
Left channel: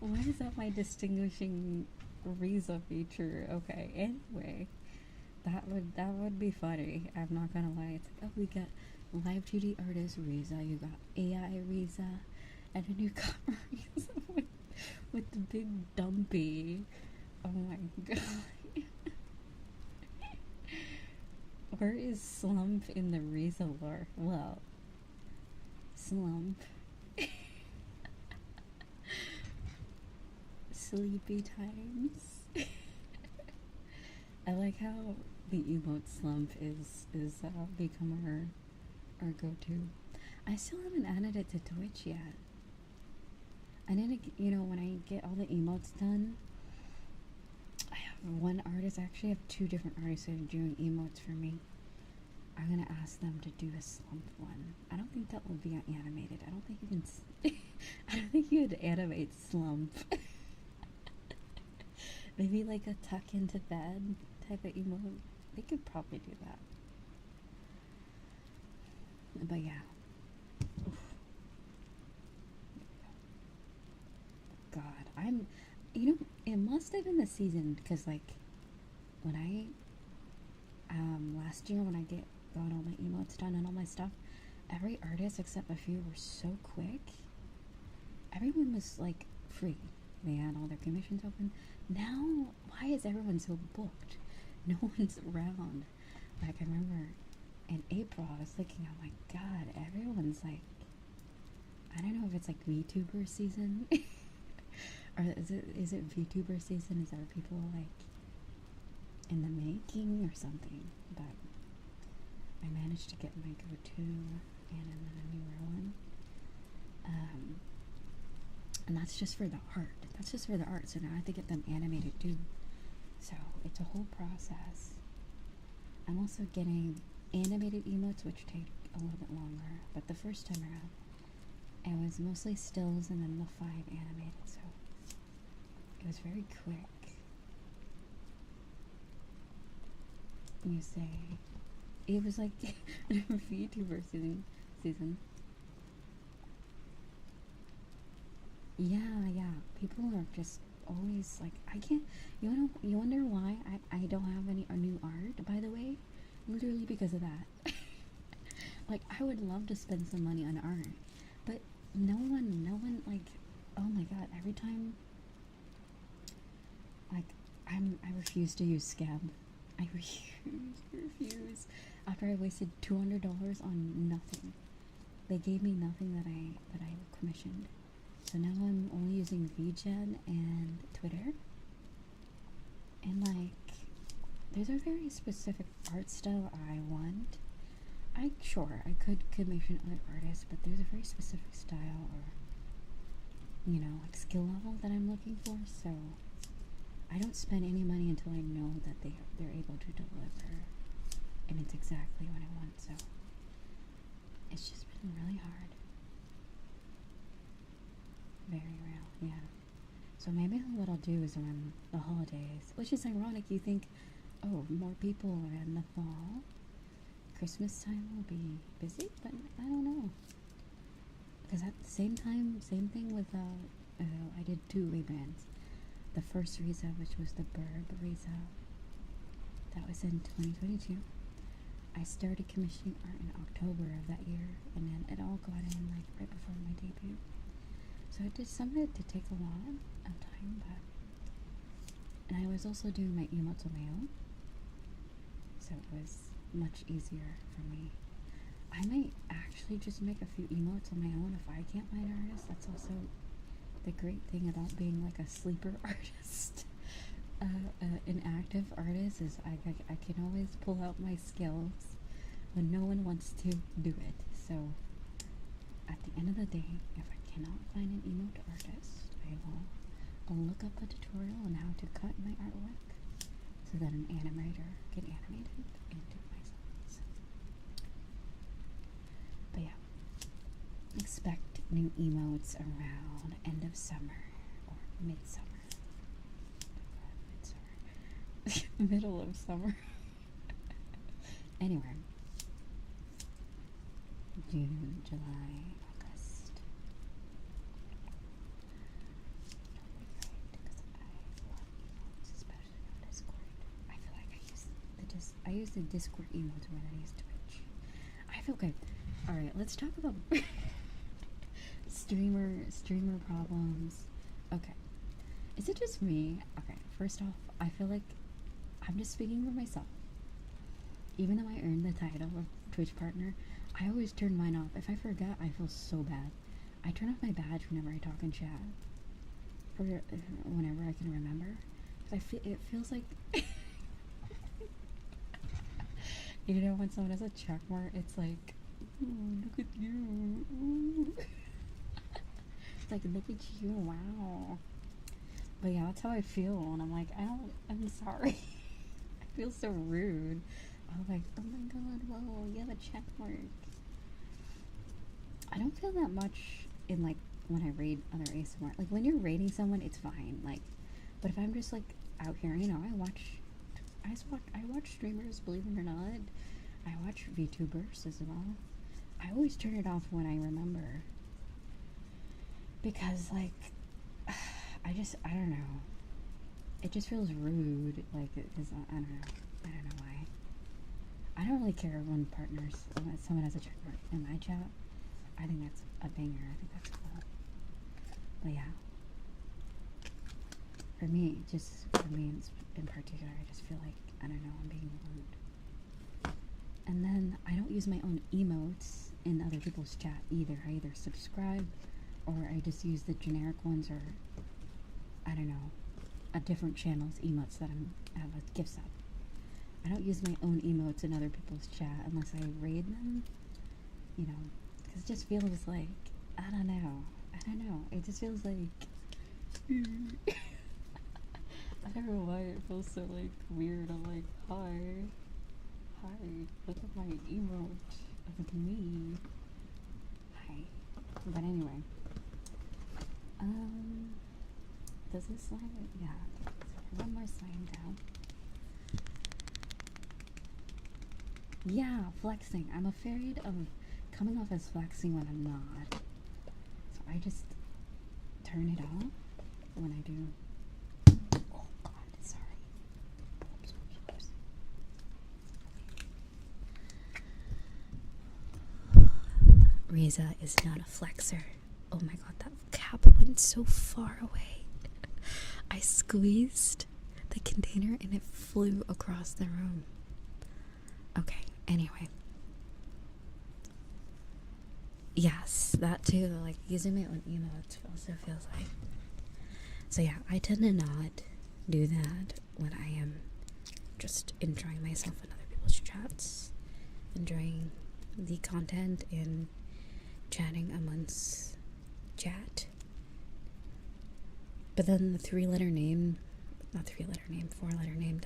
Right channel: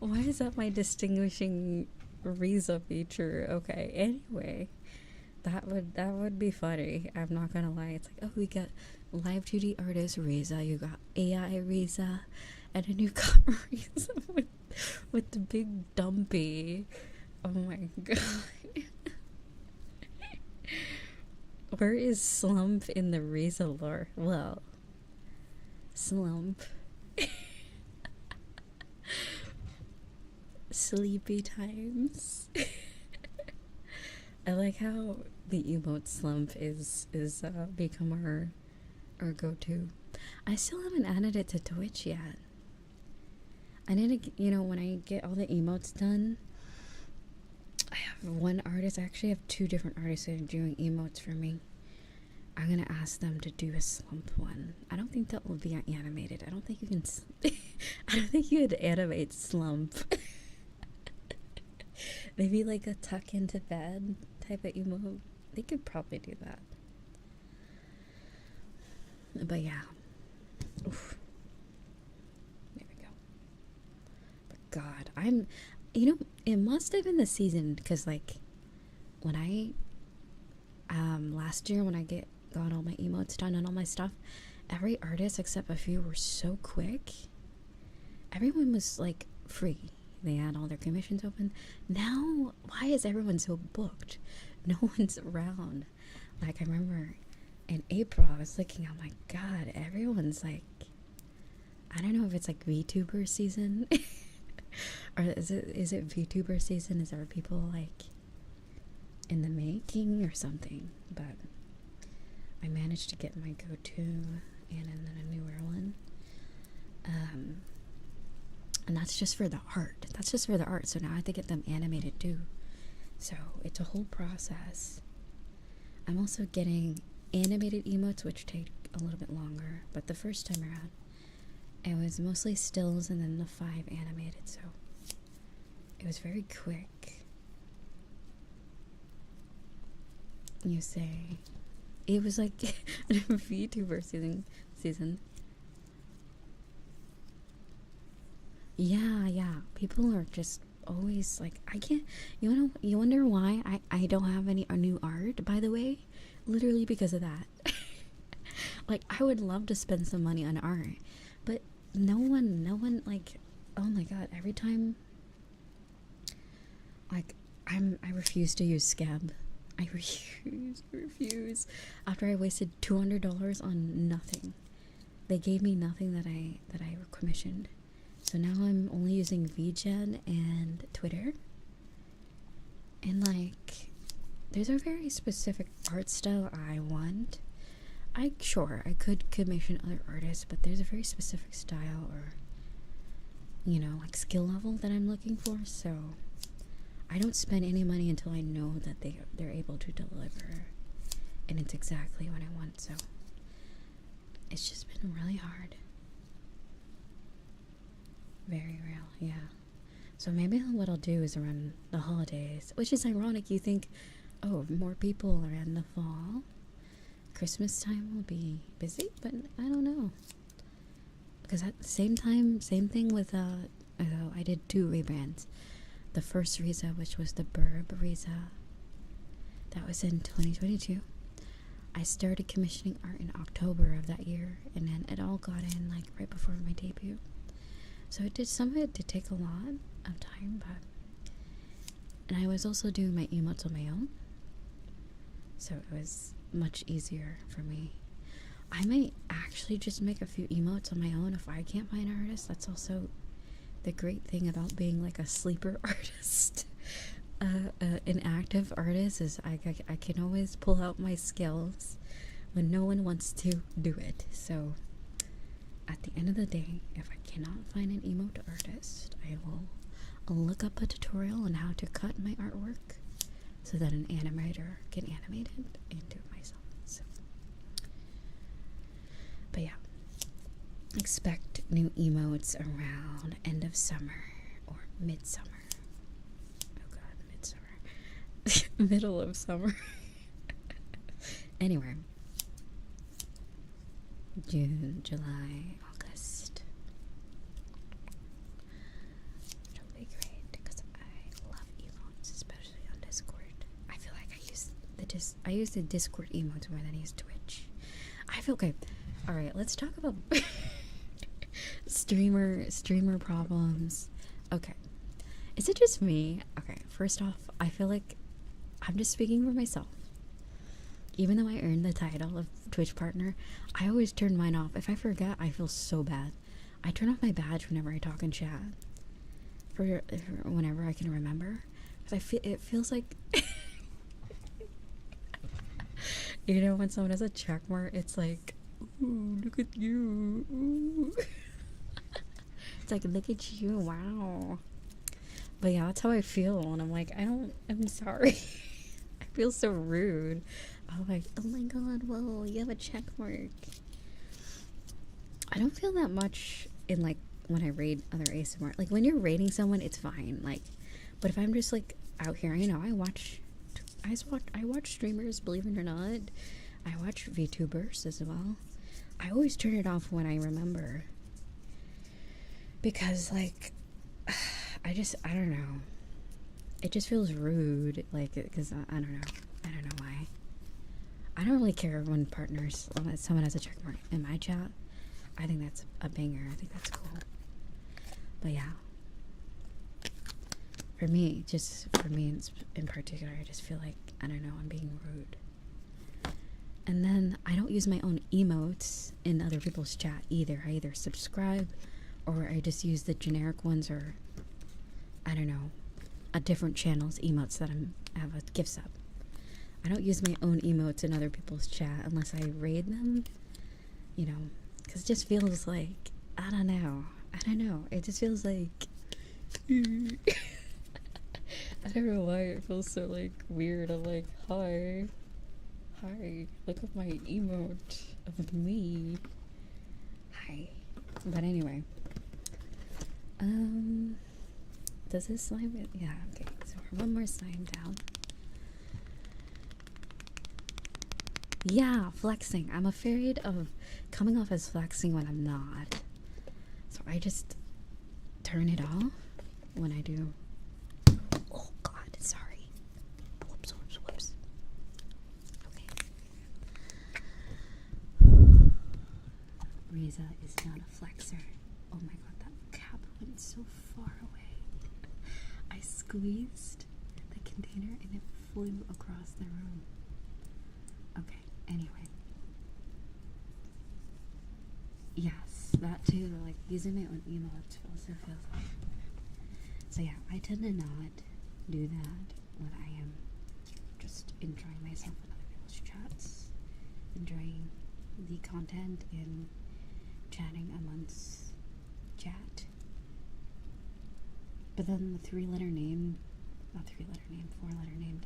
Why is that my distinguishing Riza feature? Okay, anyway, that would be funny. I'm not gonna lie. It's like, oh, we got live 2D artist Riza, you got AI Riza, and a new cover Riza with the big dumpy. Oh my god. Where is Slump in the Riza lore? Well, Slump. Sleepy times. I like how the emote Slump is become our go-to. I still haven't added it to Twitch yet. I need to, when I get all the emotes done, I have one artist. I actually have 2 different artists that are doing emotes for me. I'm gonna ask them to do a Slump one. I don't think that will be animated. I don't think you can. I don't think you would animate Slump. Maybe like a tuck into bed type of emote. They could probably do that. But yeah. Oof. There we go. But God, it must have been the season, because like when I last year when I got all my emotes done and all my stuff, every artist except a few were so quick. Everyone was like free. They had all their commissions open. Now, why is everyone so booked? No one's around. Like, I remember in April, I was looking, oh my god, everyone's like, I don't know if it's like VTuber season. Or is it VTuber season? Is there people like in the making or something? But I managed to get my go-to and then a newer one. And that's just for the art. So now I have to get them animated too. So it's a whole process. I'm also getting animated emotes, which take a little bit longer. But the first time around, it was mostly stills and then the 5 animated. So it was very quick. You say it was like a VTuber season. Yeah. People are just always like, I can't. You wonder why I don't have any new art. By the way, literally because of that. Like, I would love to spend some money on art, but no one like. Oh my god! Every time, like, I refuse to use Scab. I refuse. After I wasted $200 on nothing, they gave me nothing that I commissioned. So now I'm only using VRChat and Twitter. And like, there's a very specific art style I want. I could commission other artists, but there's a very specific style or, like skill level that I'm looking for. So I don't spend any money until I know that they're able to deliver, and it's exactly what I want. So it's just been really hard. Very real, yeah. So maybe what I'll do is around the holidays, which is ironic. You think, oh, more people are in the fall. Christmas time will be busy, but I don't know. Because at the same time, same thing with, I did 2 rebrands. The first Riza, which was the Burb Riza, that was in 2022. I started commissioning art in October of that year, and then it all got in like right before my debut. So some of it did take a lot of time, but... And I was also doing my emotes on my own, so it was much easier for me. I might actually just make a few emotes on my own if I can't find an artist. That's also the great thing about being like a sleeper artist. An active artist is I can always pull out my skills when no one wants to do it. So at the end of the day, if I cannot find an emote artist, I'll look up a tutorial on how to cut my artwork so that an animator can animate it and do it myself. So. But yeah, expect new emotes around end of summer or midsummer. Oh god, midsummer. Middle of summer. Anyway, June, July, August. It'll be great because I love emotes, especially on Discord. I feel like I use the Discord emotes more than I use Twitch. I feel okay. All right, let's talk about streamer problems. Okay, is it just me? Okay, first off, I feel like I'm just speaking for myself. Even though I earned the title of Twitch partner, I always turn mine off. If I forget, I feel so bad. I turn off my badge whenever I talk in chat. For whenever I can remember. Because it feels like... You know, when someone has a check mark, it's like, ooh, look at you. Ooh. It's like, look at you, wow. But yeah, that's how I feel. And I'm like, I'm sorry. I feel so rude. I'm like, oh my god, whoa, you have a check mark. I don't feel that much in like when I raid other ASMR. Like when you're raiding someone, it's fine. Like, but if I'm just like out here, you know, I watch streamers, believe it or not. I watch VTubers as well. I always turn it off when I remember. Because like, I don't know. It just feels rude. Like, because I don't know. I don't know why. I don't really care when someone has a check mark in my chat. I think that's a banger. I think that's cool. But yeah. For me in particular, I just feel like, I don't know, I'm being rude. And then I don't use my own emotes in other people's chat either. I either subscribe or I just use the generic ones, or I don't know, a different channel's emotes that I have a gift sub. I don't use my own emotes in other people's chat unless I raid them, you know, because it just feels like, I don't know, it just feels like, I don't know why it feels so like weird. I'm like, hi, look at my emote of me, hi. But anyway, does this slime it? Yeah, okay, so one more slime down. Yeah, flexing. I'm afraid of coming off as flexing when I'm not. So I just turn it off when I do. Oh god, sorry. Whoops. Okay. Riza is not a flexer. Oh my god, that cap went so far away. I squeezed the container and it flew across the room. Okay. Anyway, yes, that too, like using my own emotes also feels like. So yeah, I tend to not do that when I am just enjoying myself in other people's chats, enjoying the content and chatting amongst chat. But then the 4-letter name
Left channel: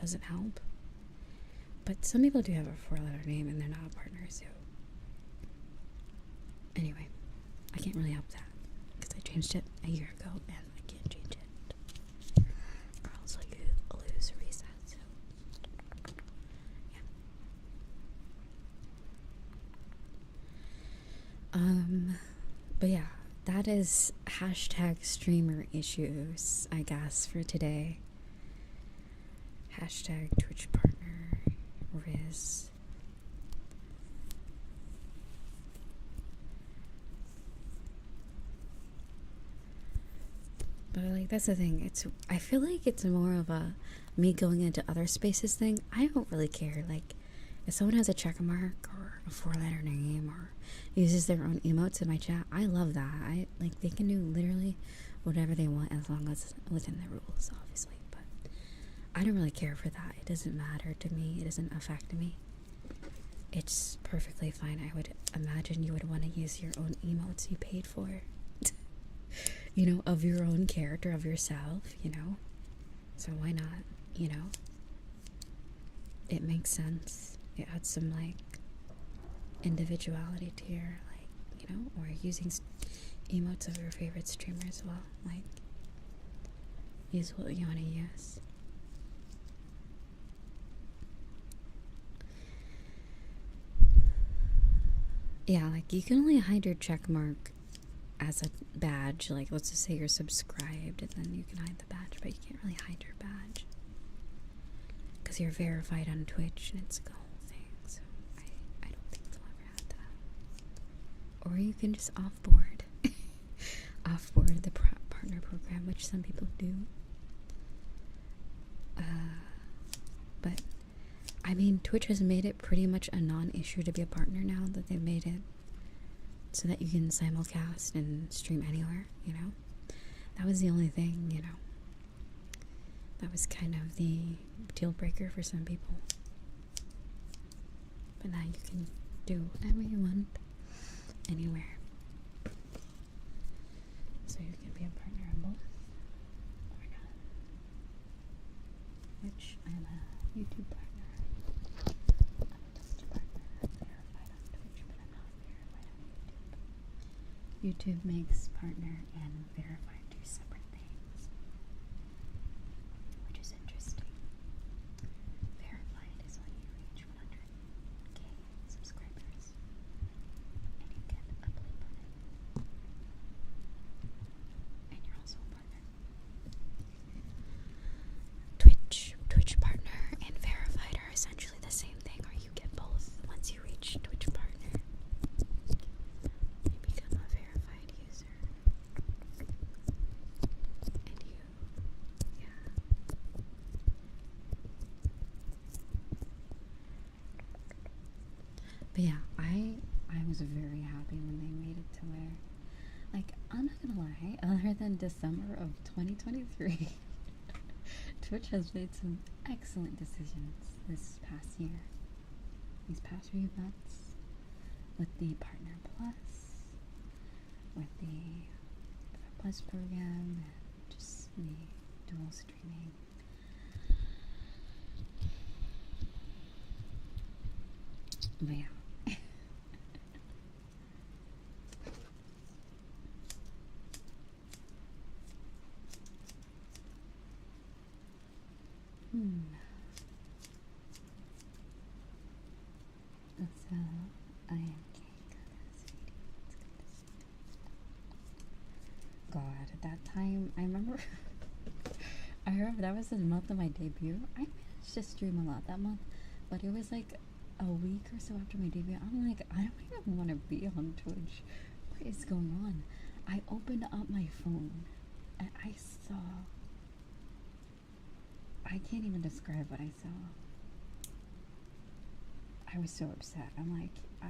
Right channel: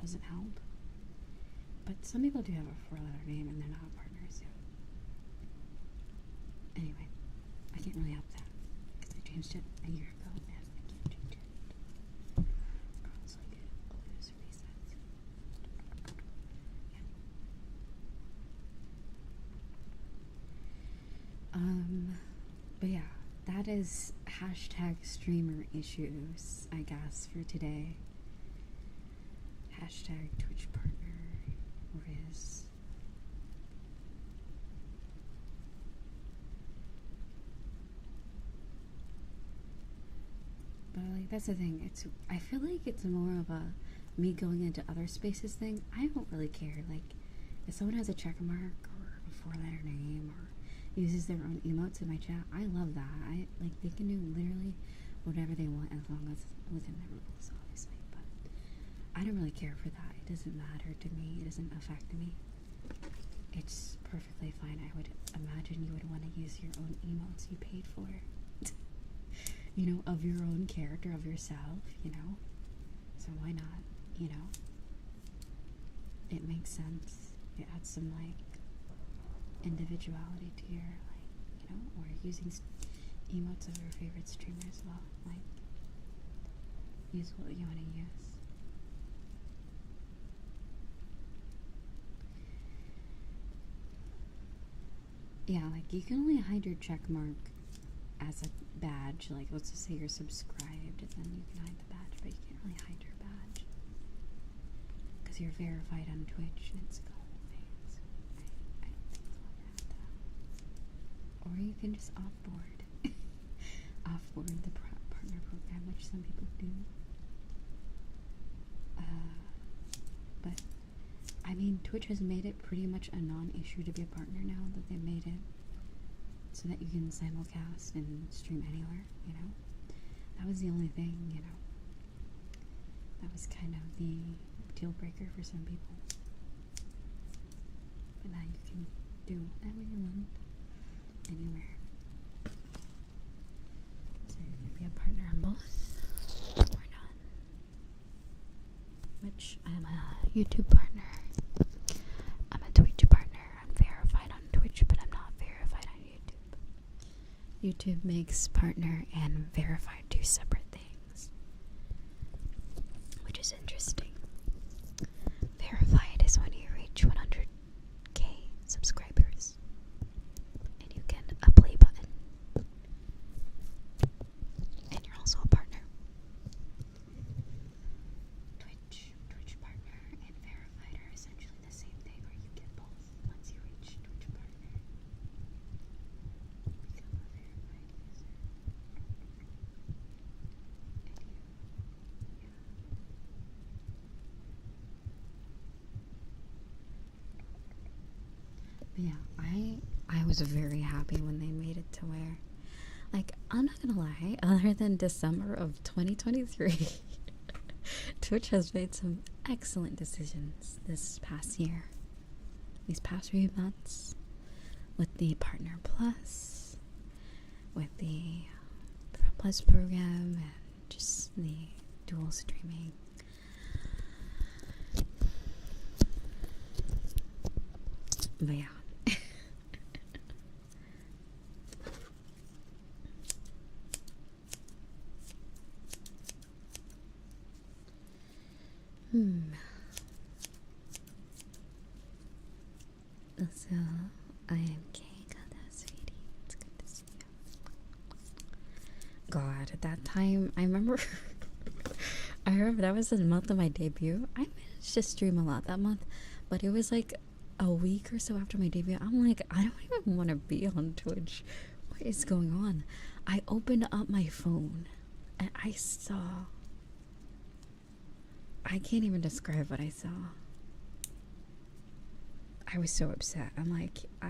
doesn't help. But some people do have a 4-letter name and they're not a partner, so... Anyway, I can't really help that, because I changed it a year ago and I can't change it. that is hashtag streamer issues, I guess, for today. Hashtag Twitch partner Riz. But like, that's the thing. I feel like it's more of a me going into other spaces thing. I don't really care. Like, if someone has a check mark or a 4-letter name or uses their own emotes in my chat, I love that. Like, they can do literally whatever they want as long as it's within the rules, obviously. But I don't really care for that. It doesn't matter to me. It doesn't affect me. It's perfectly fine. I would imagine you would want to use your own emotes you paid for. You know, of your own character, of yourself, you know? So why not, you know? It makes sense. It adds some, like, individuality to your, like, you know? Or using emotes of your favorite streamer as well. Like, use what you want to use. Yeah, like, you can only hide your check mark as a badge. Like, let's just say you're subscribed, and then you can hide the badge, but you can't really hide your badge because you're verified on Twitch and it's a whole thing. So I don't think it's worth that. Or you can just offboard offboard the partner program, which some people do. But I mean, Twitch has made it pretty much a non-issue to be a partner now that they've made it so that you can simulcast and stream anywhere, you know? That was the only thing, you know? That was kind of the deal breaker for some people. But now you can do whatever you want, anywhere. So you can be a partner on both, or not. Which, I'm a YouTube partner. I'm a Twitch partner. I'm verified on Twitch, but I'm not verified on YouTube. YouTube makes partner and verified two separate things, which is interesting. Verified is when you reach 100k subscribers and you get a play button, and you're also a partner. Twitch partner and verified are essentially the same thing, or you get both once you reach Twitch partner. You become a verified user. And yeah. But yeah, I was very happy when they made it to where, like, I'm not gonna lie, other than December of 2023, Twitch has made some excellent decisions this past year. These past few months, with the Partner Plus, with the Pro Plus program, and just the dual streaming. But yeah. So, I am sweetie. It's good to see you. God, at that time, I remember that was the month of my debut. I managed to stream a lot that month, but it was like a week or so after my debut. I'm like, I don't even want to be on Twitch. What is going on? I opened up my phone and I saw, I can't even describe what I saw. I was so upset. I'm like, I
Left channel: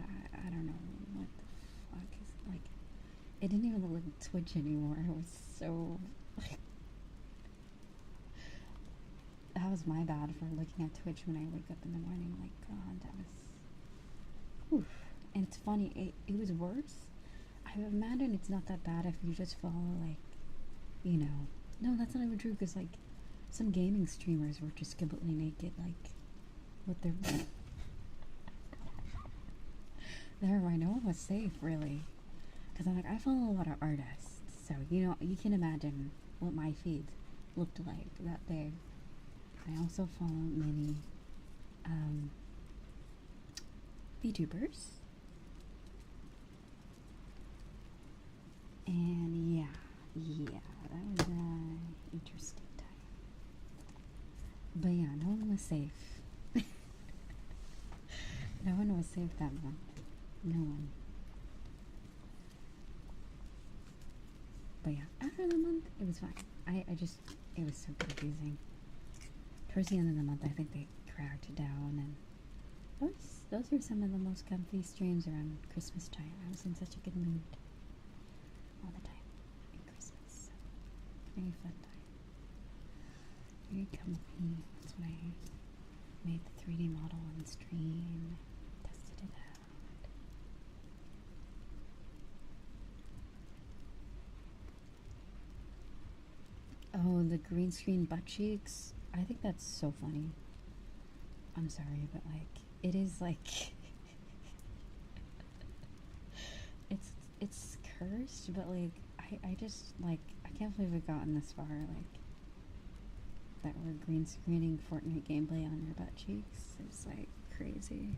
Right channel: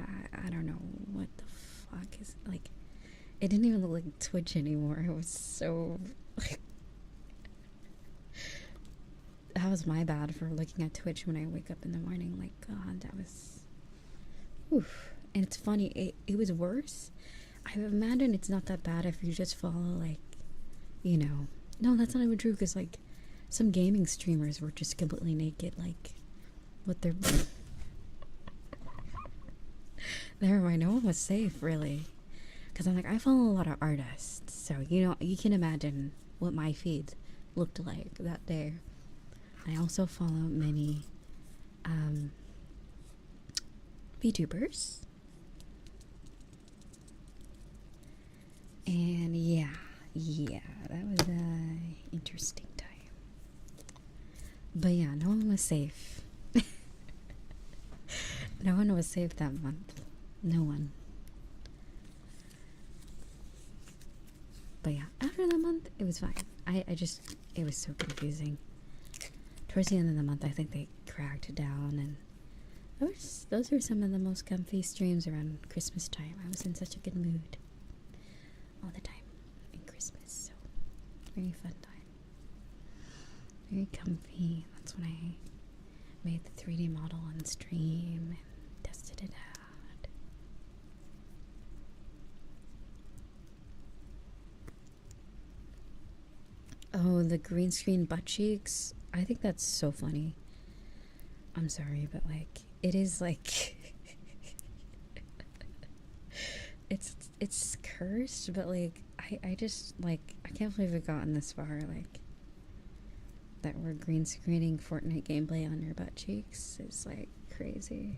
don't know what the fuck is, like, it didn't even look like Twitch anymore. It was so, like, that was my bad for looking at Twitch when I wake up in the morning. Like, God, that was, oof. And it's funny, it was worse. I imagine it's not that bad if you just follow, like, you know, no, that's not even true, because, like, some gaming streamers were just completely naked, like, with their never mind, no one was safe, really. Because I'm like, I follow a lot of artists, so, you know, you can imagine what my feed looked like that day. I also follow many Vtubers. And No one was saved that month. No one. But yeah, after that month, it was fine. It was so confusing. Towards the end of the month, I think they cracked down, and those were some of the most comfy streams around Christmas time. I was in such a good mood all the time in Christmas. So, very fun time. Very comfy. That's when I made the 3D model on stream, tested it out. Oh, the green screen butt cheeks. I think that's so funny. I'm sorry, but like, it is like it's cursed, but like I just like I can't believe we've gotten this far, like that we're green screening Fortnite gameplay on your butt cheeks. It's like crazy.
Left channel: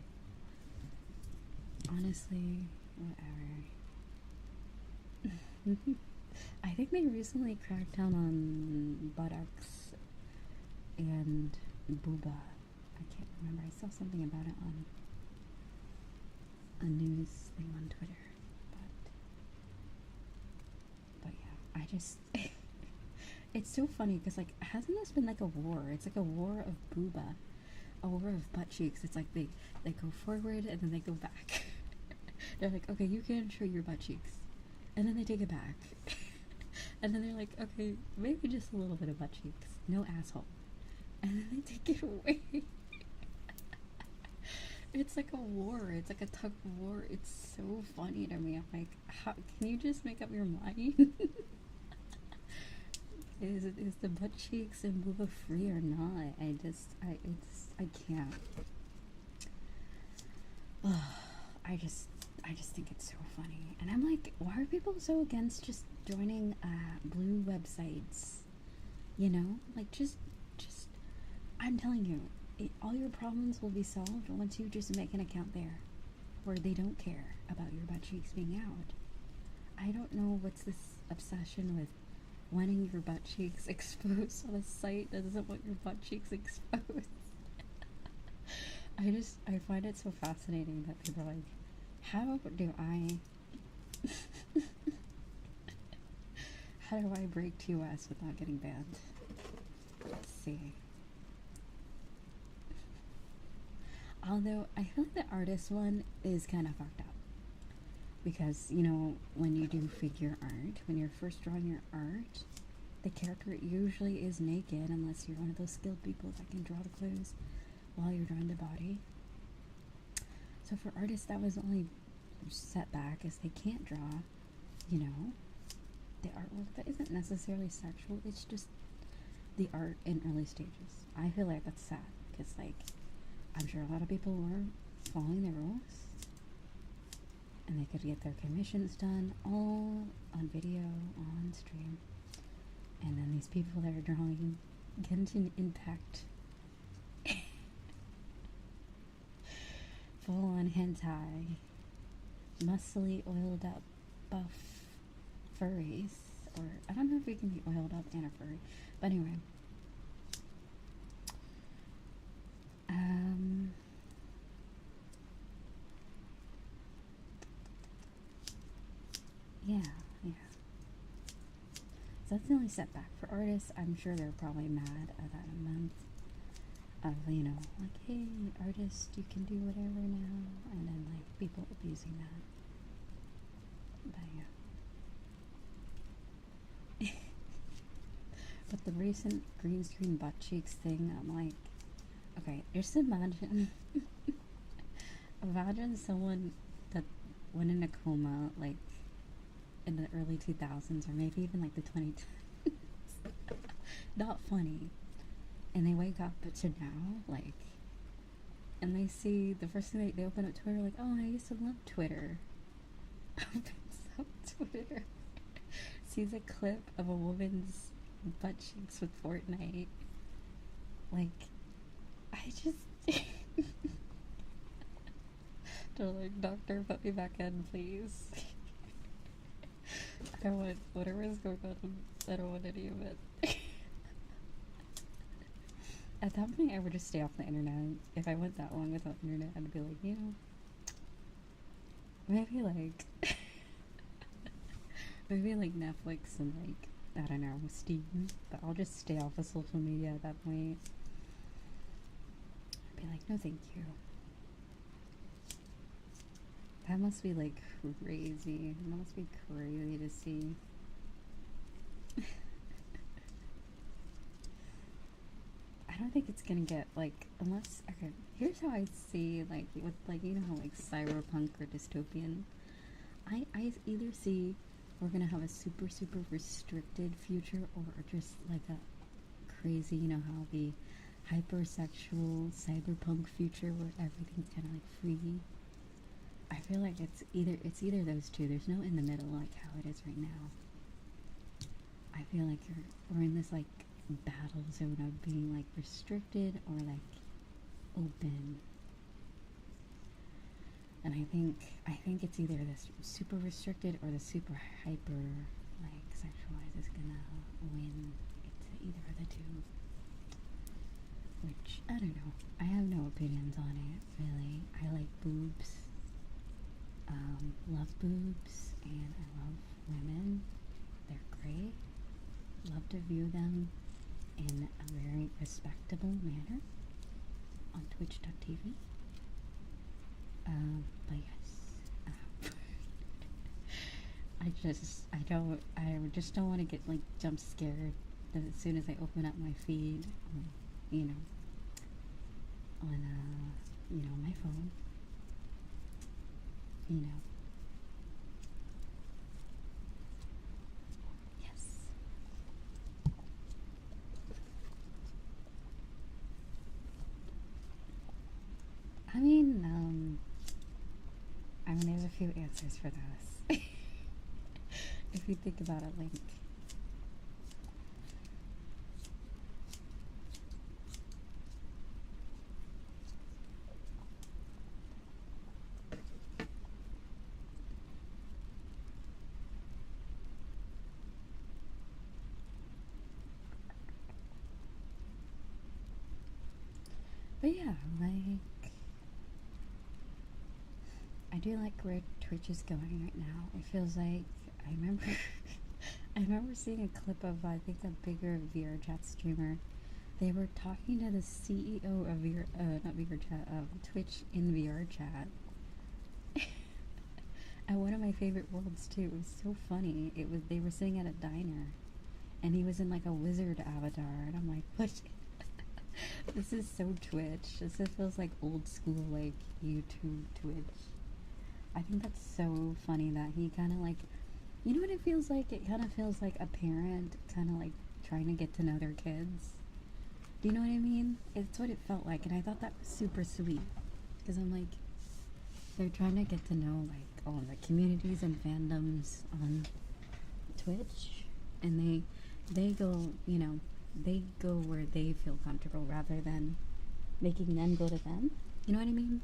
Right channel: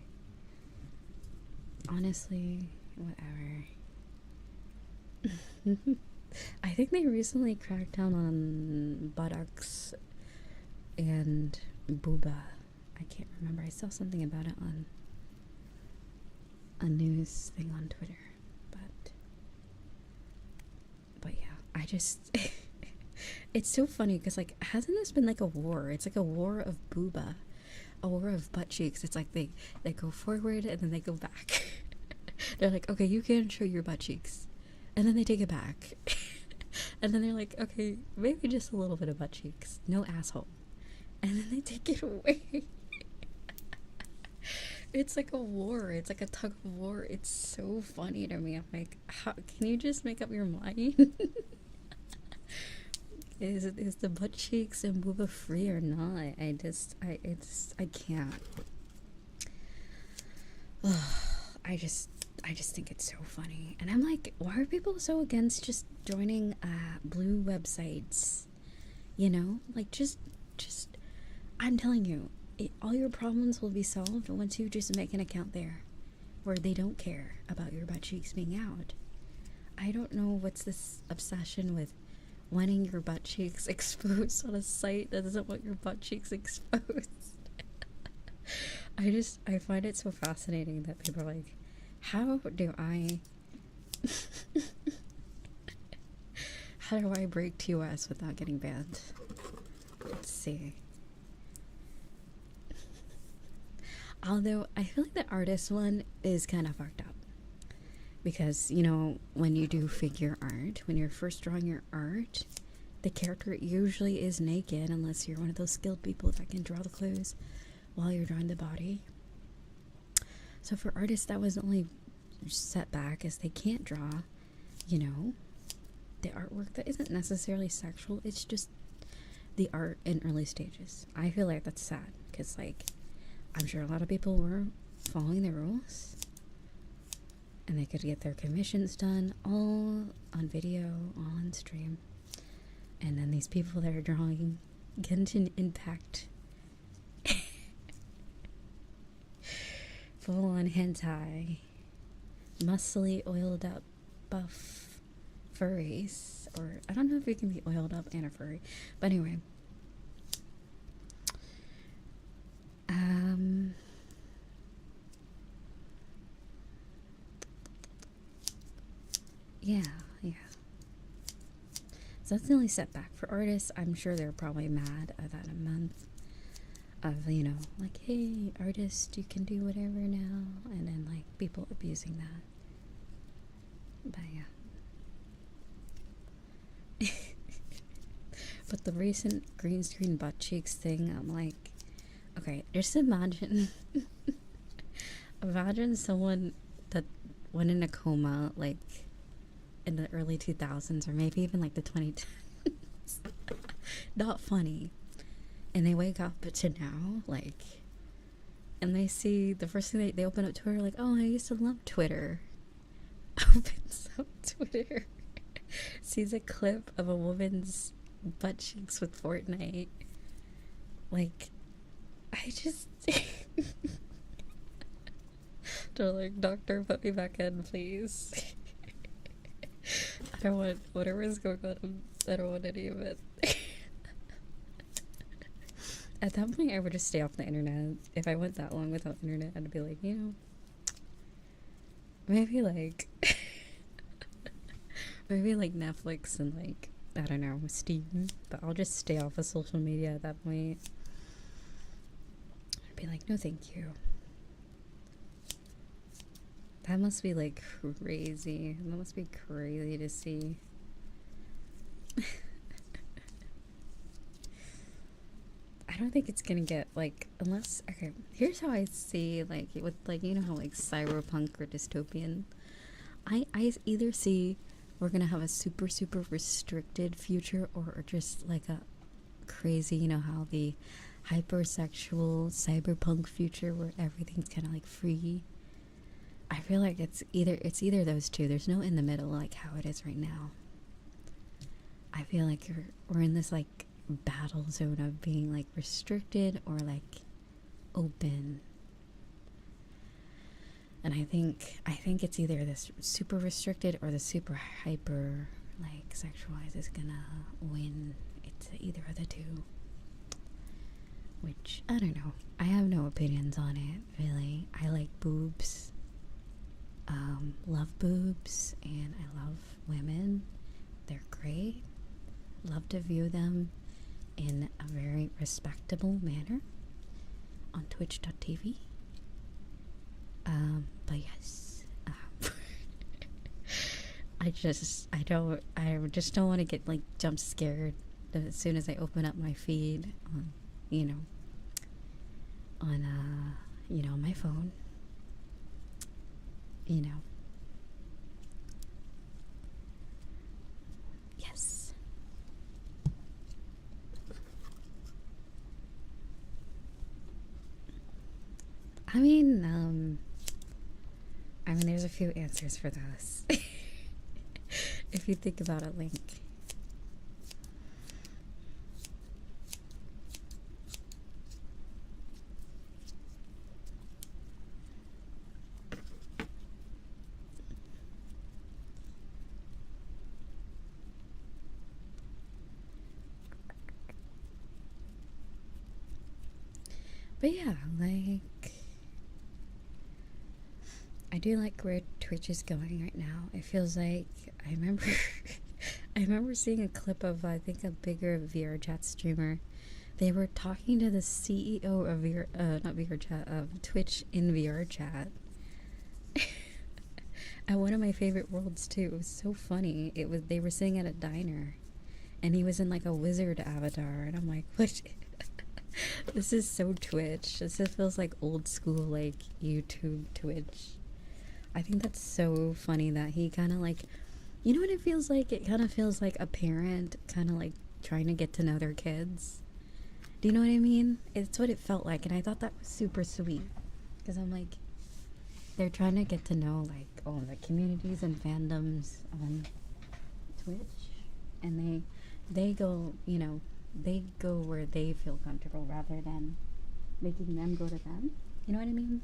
Honestly, whatever. I think they recently cracked down on buttocks and booba. I can't remember. I saw something about it on a news thing on Twitter. But yeah, I just it's so funny because like hasn't this been like a war? It's like a war of booba, a war of butt cheeks. It's like they go forward and then they go back. They're like, okay, you can show your butt cheeks, and then they take it back. And then they're like, okay, maybe just a little bit of butt cheeks, no asshole, and then they take it away. It's like a war. It's like a tug of war. It's so funny to me. I'm like, how can you just make up your mind? Is the butt cheeks and booba free or not? I can't. I just think it's so funny. And I'm like, why are people so against just joining blue websites? You know, like just I'm telling you, all your problems will be solved once you just make an account there where they don't care about your butt cheeks being out. I don't know what's this obsession with wanting your butt cheeks exposed on a site that doesn't want your butt cheeks exposed. I find it so fascinating that people are like, how do I break TOS without getting banned? Let's see. Although I feel like the artist one is kind of fucked up, because you know, when you do figure art, when you're first drawing your art, the character usually is naked unless you're one of those skilled people that can draw the clothes while you're drawing the body. So for artists, that was the only setback, is they can't draw, you know, the artwork that isn't necessarily sexual. It's just the art in early stages. I feel like that's sad, because like I'm sure a lot of people were following the rules and they could get their commissions done all on video, all on stream. And then these people that are drawing Genshin Impact full on hentai, muscly, oiled up, buff furries, or I don't know if you can be oiled up and a furry, but anyway. Yeah. So that's the only setback. For artists, I'm sure they're probably mad about a month of, you know, like, hey, artist, you can do whatever now, and then, like, people abusing that. But, yeah. But the recent green screen butt cheeks thing, I'm like, okay, just imagine someone that went in a coma, like, in the early 2000s, or maybe even like the 2010s. Not funny. And they wake up to now, like, and they see the first thing they open up Twitter, like, oh, I used to love Twitter. Opens up Twitter, sees a clip of a woman's butt cheeks with Fortnite. Like, I just they're like, doctor, put me back in, please. I don't want whatever is going on. I don't want any of it. At that point, I would just stay off the internet. If I went that long without internet, I'd be like, you know, maybe like, maybe like Netflix and like, I don't know, Steam. But I'll just stay off of social media at that point. I'd be like, no, thank you. That must be like crazy. That must be crazy to see. I don't think it's gonna get like, unless, okay, here's how I see like with like, you know how like cyberpunk or dystopian, I either see we're gonna have a super restricted future, or just like a crazy, you know how the hypersexual cyberpunk future where everything's kind of like free. I feel like it's either those two. There's no in the middle like how it is right now. I feel like we're in this like battle zone of being like restricted or like open. And I think it's either this super restricted or the super hyper like sexualized is gonna win. It's either of the two. Which, I don't know. I have no opinions on it, really. I like boobs. Love boobs, and I love women. They're great. Love to view them in a very respectable manner on twitch.tv. But yes, I just don't want to get like jump scared as soon as I open up my feed on, on my phone, Yes. I mean, there's a few answers for this. If you think about it, Link. But yeah, like, I do like where Twitch is going right now. It feels like, I remember seeing a clip of, I think, a bigger VRChat streamer. They were talking to the CEO of of Twitch in VRChat. At one of my favorite worlds too. It was so funny. They were sitting at a diner, and he was in like a wizard avatar, and I'm like, what? This is so Twitch. This feels like old school, like YouTube Twitch. I think that's so funny that he kind of like, you know what it feels like? It kind of feels like a parent kind of like trying to get to know their kids. Do you know what I mean? It's what it felt like, and I thought that was super sweet. Because I'm like, they're trying to get to know like all the communities and fandoms on Twitch, and they go, they go where they feel comfortable rather than making them go to them. You know what I mean?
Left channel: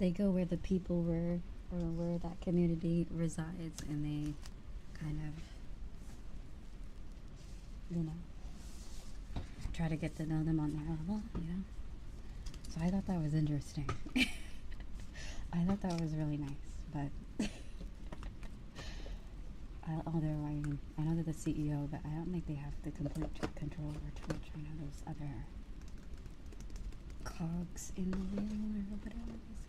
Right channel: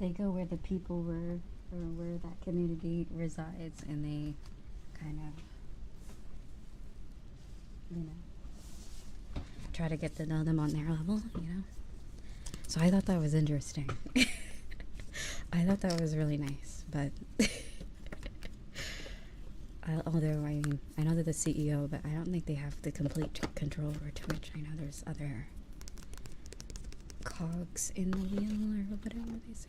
They go where the people were, or where that community resides, and they kind of, try to get to know them on their level, So I thought that was interesting. I thought that was really nice, but although I know they're the CEO, but I don't think they have the complete control over Twitch. I know there's other cogs in the wheel, or whatever they say.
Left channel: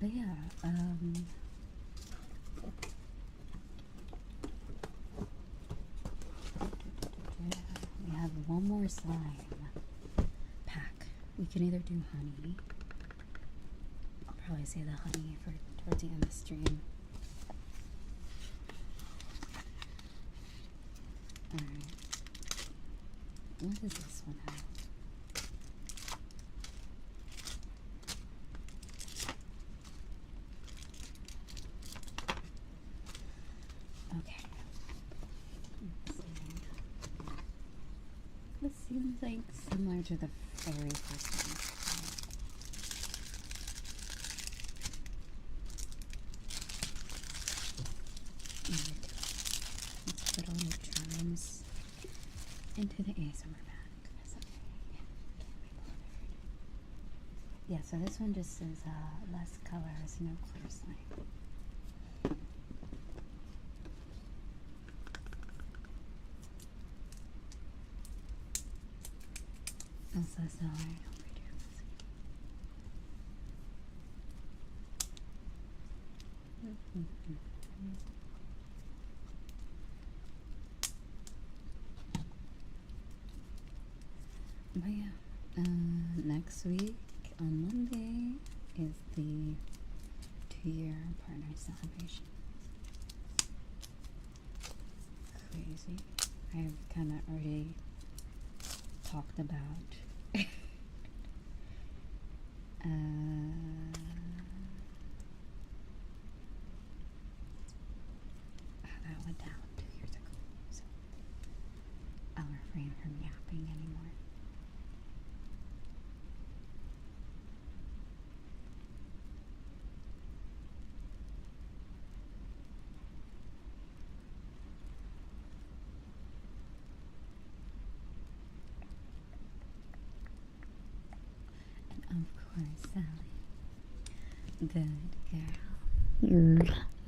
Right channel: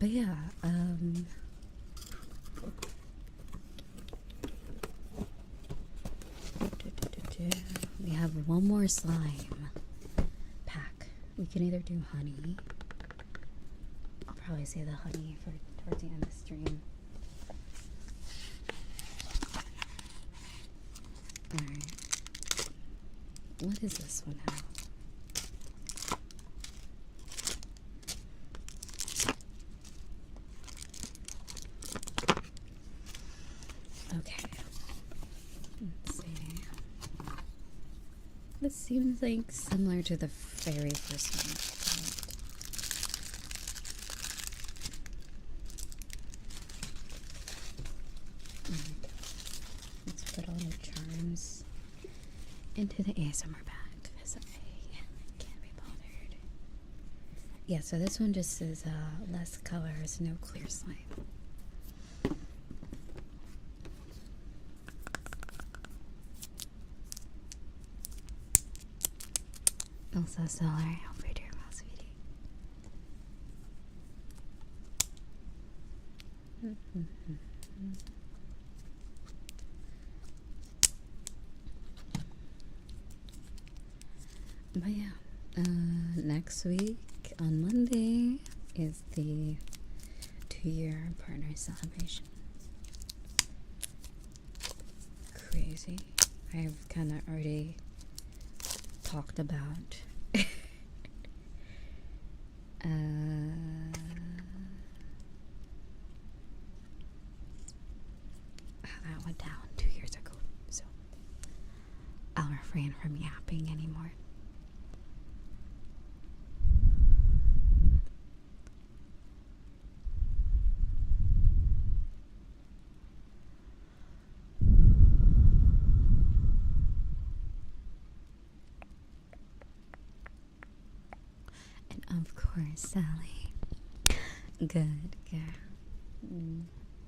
But yeah, we have one more slime pack. We can either do honey. I'll probably say the honey for towards the end of the stream. Alright. What does this one have? This seems like similar to the very first one. Let's put all the charms into the ASMR bag because I can't be bothered. Yeah, so this one just says less colors, no clear slime. Also, sorry, I'll read your mouse video. But yeah, next week on Monday is the 2-year partner celebration. Crazy. I've kind of already talked about how that went down 2 years ago, so I'll refrain from yapping anymore. Of course, Sally. Good girl.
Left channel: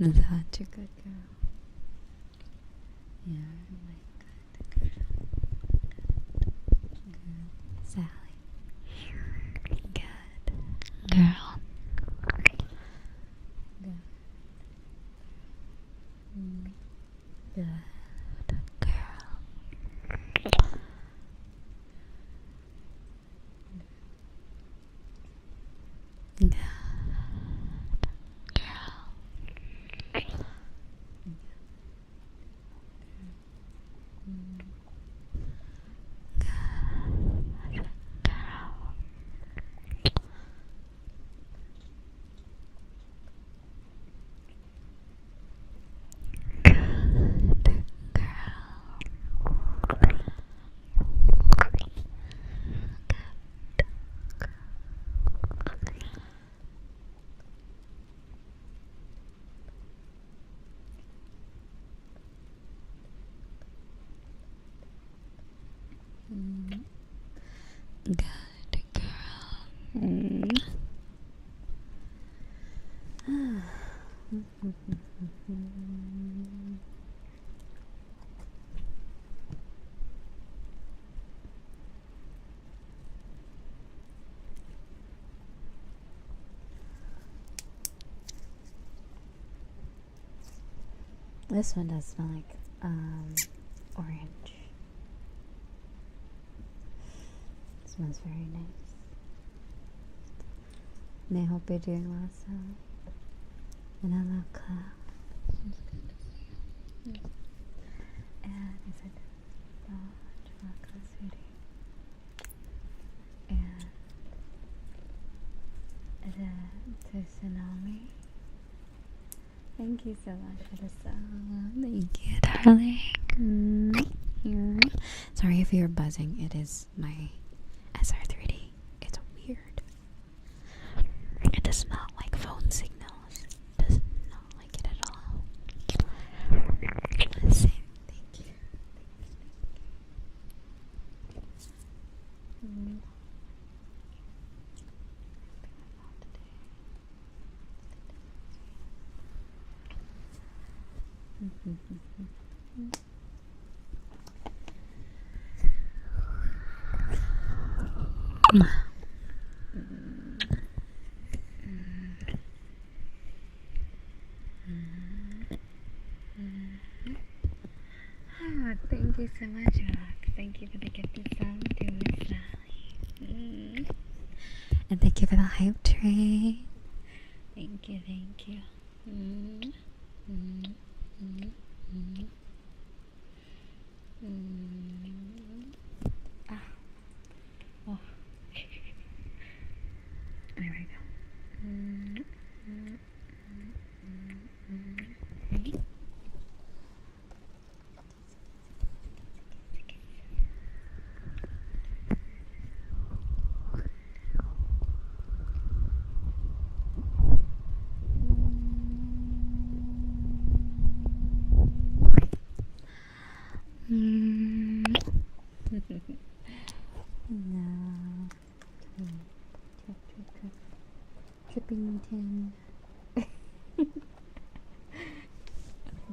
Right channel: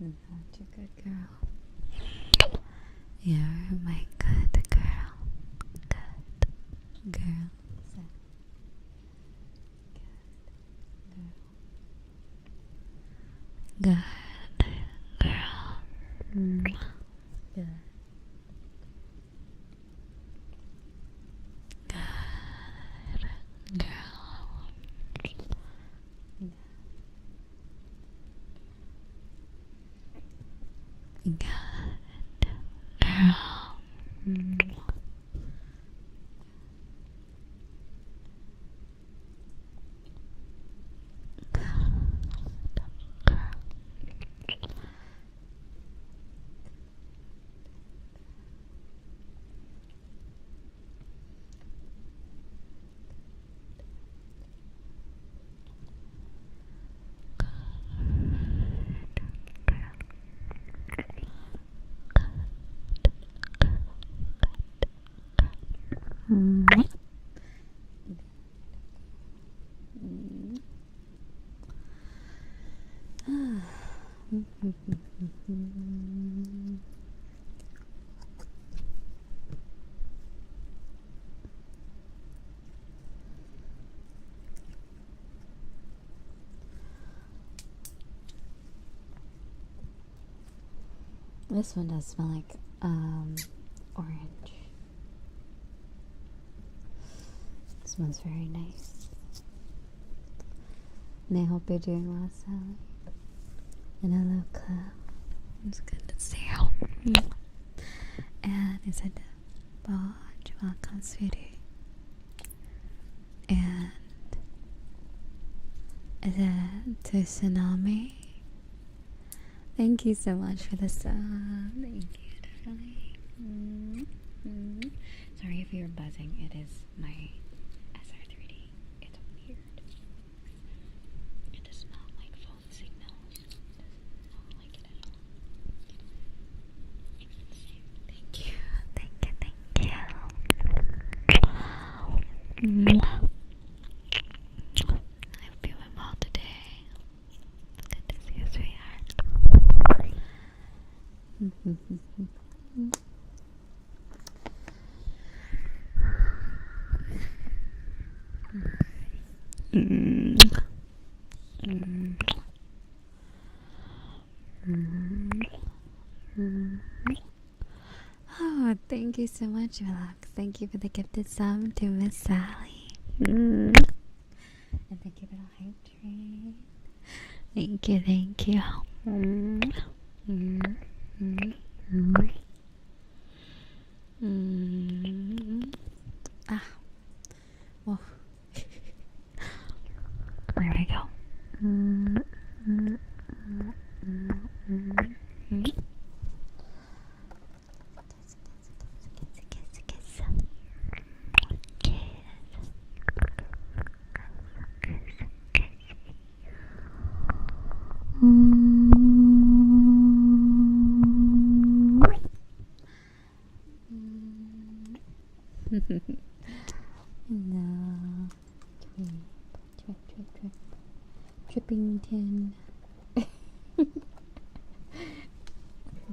Such a good girl. You're my good girl. Good girl, Sally. Good girl. Good girl. Good girl. Good girl. Good girl. Good girl. This one does smell like orange. It smells very nice. And I hope you're doing well, Sally. And hello, Collab. It's good to see you. And I said, welcome, sweetie. And is it to Tsunami? Thank you so much for the sub. Thank you, darling. Sorry if you're buzzing. It is my SR3D. It's weird. It does not like phone signals. It does not like it at all. Listen, thank you. Thank you. I'm feeling well today. Good to see you, sweetheart. Oh, thank you so much, Relax. Thank you for the gifted sub to Miss Sally. And thank you for the hype train. Thank you. Well. Where we go? No. Trippington.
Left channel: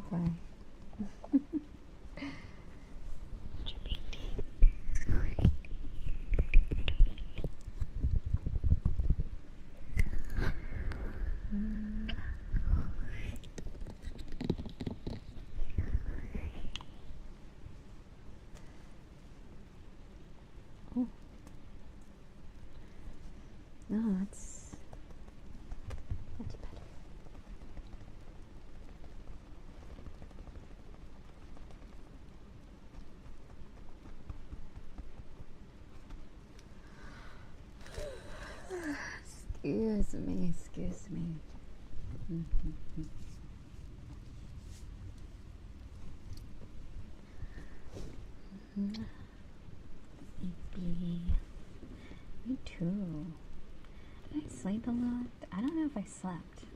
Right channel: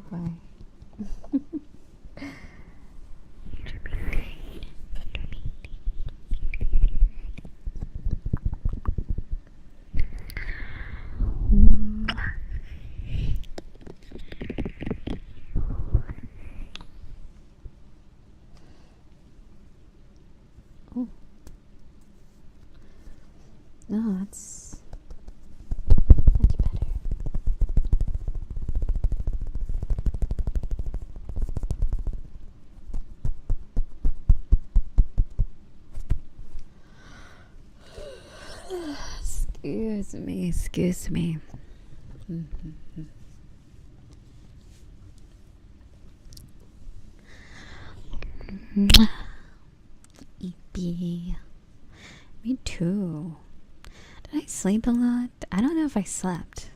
Bye. Oh. No, that's better. Excuse me. Sleepy. Me too. Did I sleep a lot? I don't know if I slept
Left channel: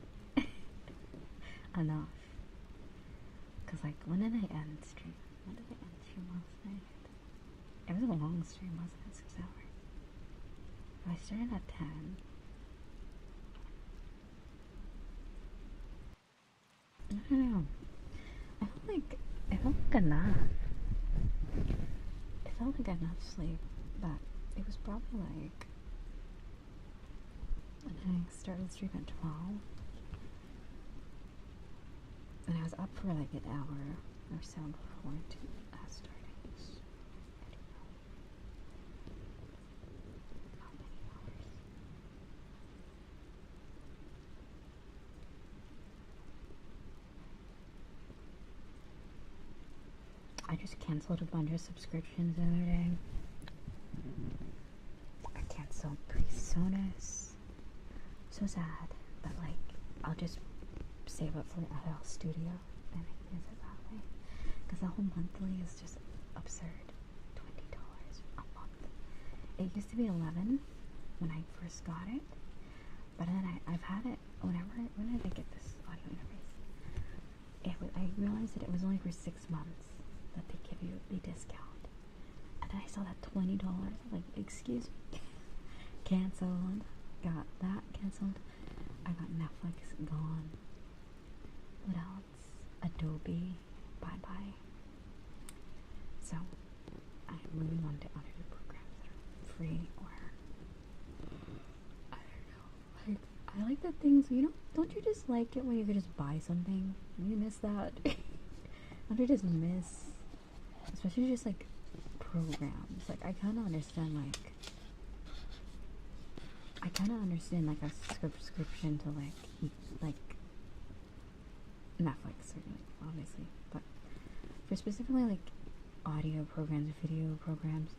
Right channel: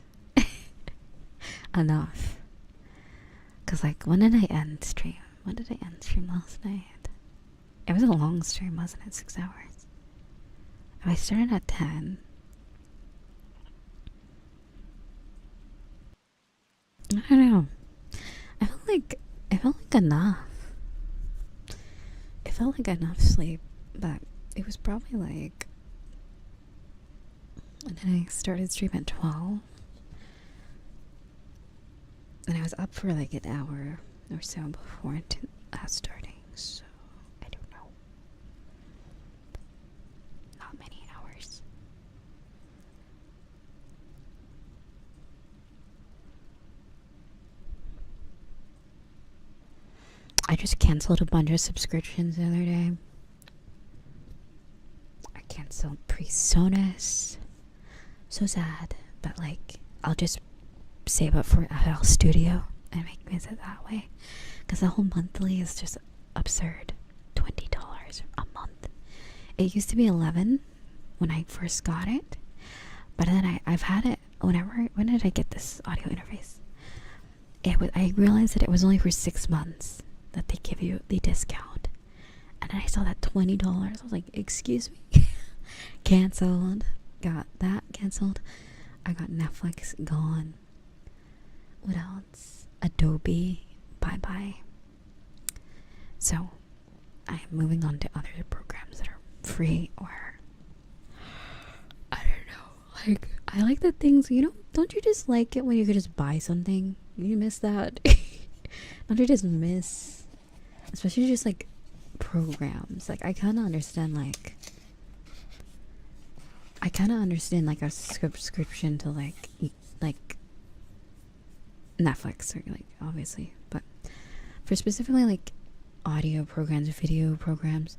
enough. Cause like, when did I end stream? When did I end stream last night? It was a long stream, wasn't it? 6 hours. I started at 10. I don't know. I felt like enough. It felt like enough sleep, but it was probably like. And then I started stream at 12. And I was up for like an hour or so before starting, so I don't know. Not many hours. I just canceled a bunch of subscriptions the other day. I canceled Presonus. So sad, but like, I'll just save up for FL Studio and make music that way. Because the whole monthly is just absurd. $20 a month. It used to be $11 when I first got it. But then I've had it when did I get this audio interface? I realized that it was only for 6 months that they give you the discount. And then I saw that $20. I was like, excuse me. Cancelled. Got that cancelled. I got Netflix gone. What else? Adobe. Bye bye. So I'm moving on to other programs that are free, or I don't know. Like, I like the things, don't you just like it when you could just buy something? You miss that? Don't you just miss, especially just like programs? Like, I kind of understand like a subscription to like Netflix, or like, obviously, but for specifically like audio programs, video programs,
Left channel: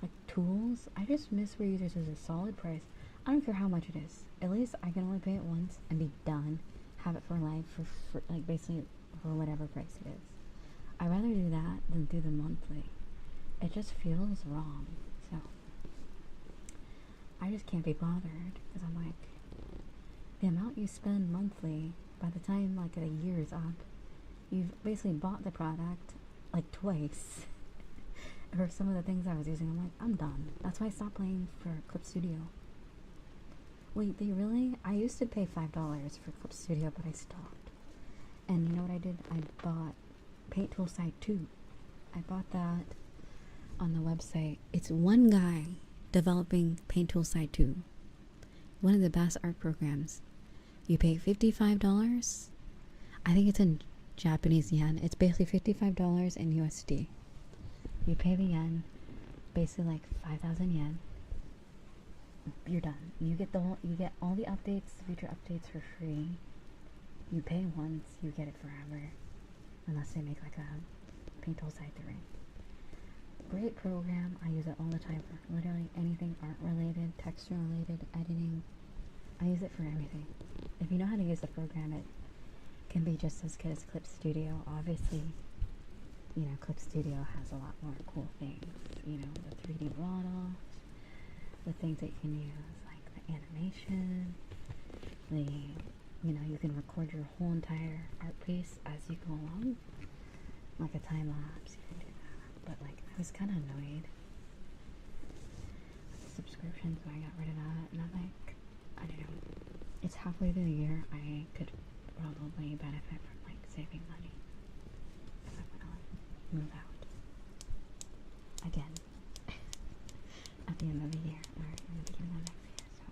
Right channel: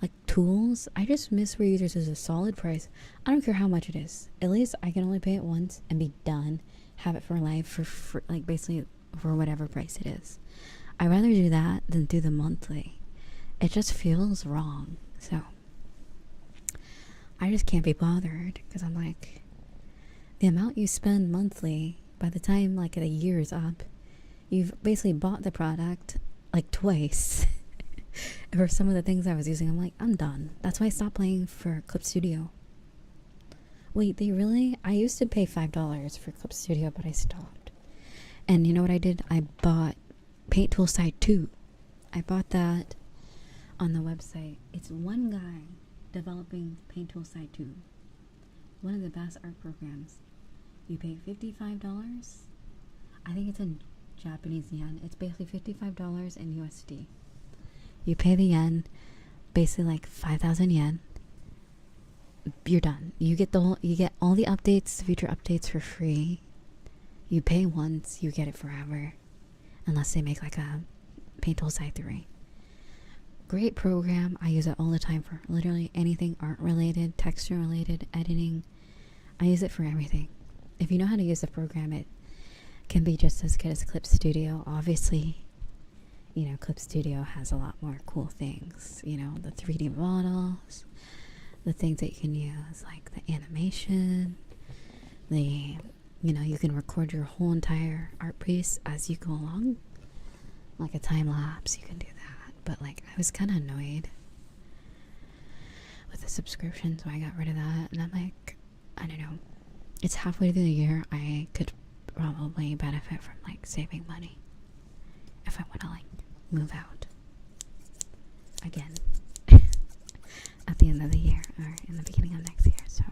like tools, I just miss where there's a solid price. I don't care how much it is. At least I can only pay it once and be done. Have it for life for like basically for whatever price it is. I'd rather do that than do the monthly. It just feels wrong. So I just can't be bothered, because I'm like, the amount you spend monthly, by the time like the year is up, you've basically bought the product like twice. For some of the things I was using, I'm like, I'm done. That's why I stopped paying for Clip Studio. Wait, they really? I used to pay $5 for Clip Studio, but I stopped. And you know what I did? I bought Paint Tool Site 2. I bought that on the website. It's one guy developing Paint Tool Site 2. One of the best art programs. You pay $55. I think it's in Japanese yen. It's basically $55 in USD. You pay the yen, basically like 5,000 yen. You're done. You get all the updates, future updates for free. You pay once, you get it forever, unless they make like a Paint Tool Site 3. Great program. I use it all the time for literally anything art related, texture related, editing. I use it for everything. If you know how to use the program, it can be just as good as Clip Studio. Obviously, Clip Studio has a lot more cool things. The 3D models, the things that you can use, like the animation, you can record your whole entire art piece as you go along, like a time lapse. You can do that. But like, I was kind of annoyed subscription, so I got rid of that. And I'm like, I don't know. It's halfway through the year. I could probably benefit from like saving money if I want to like move out again at the end of the year or in the beginning of next year. So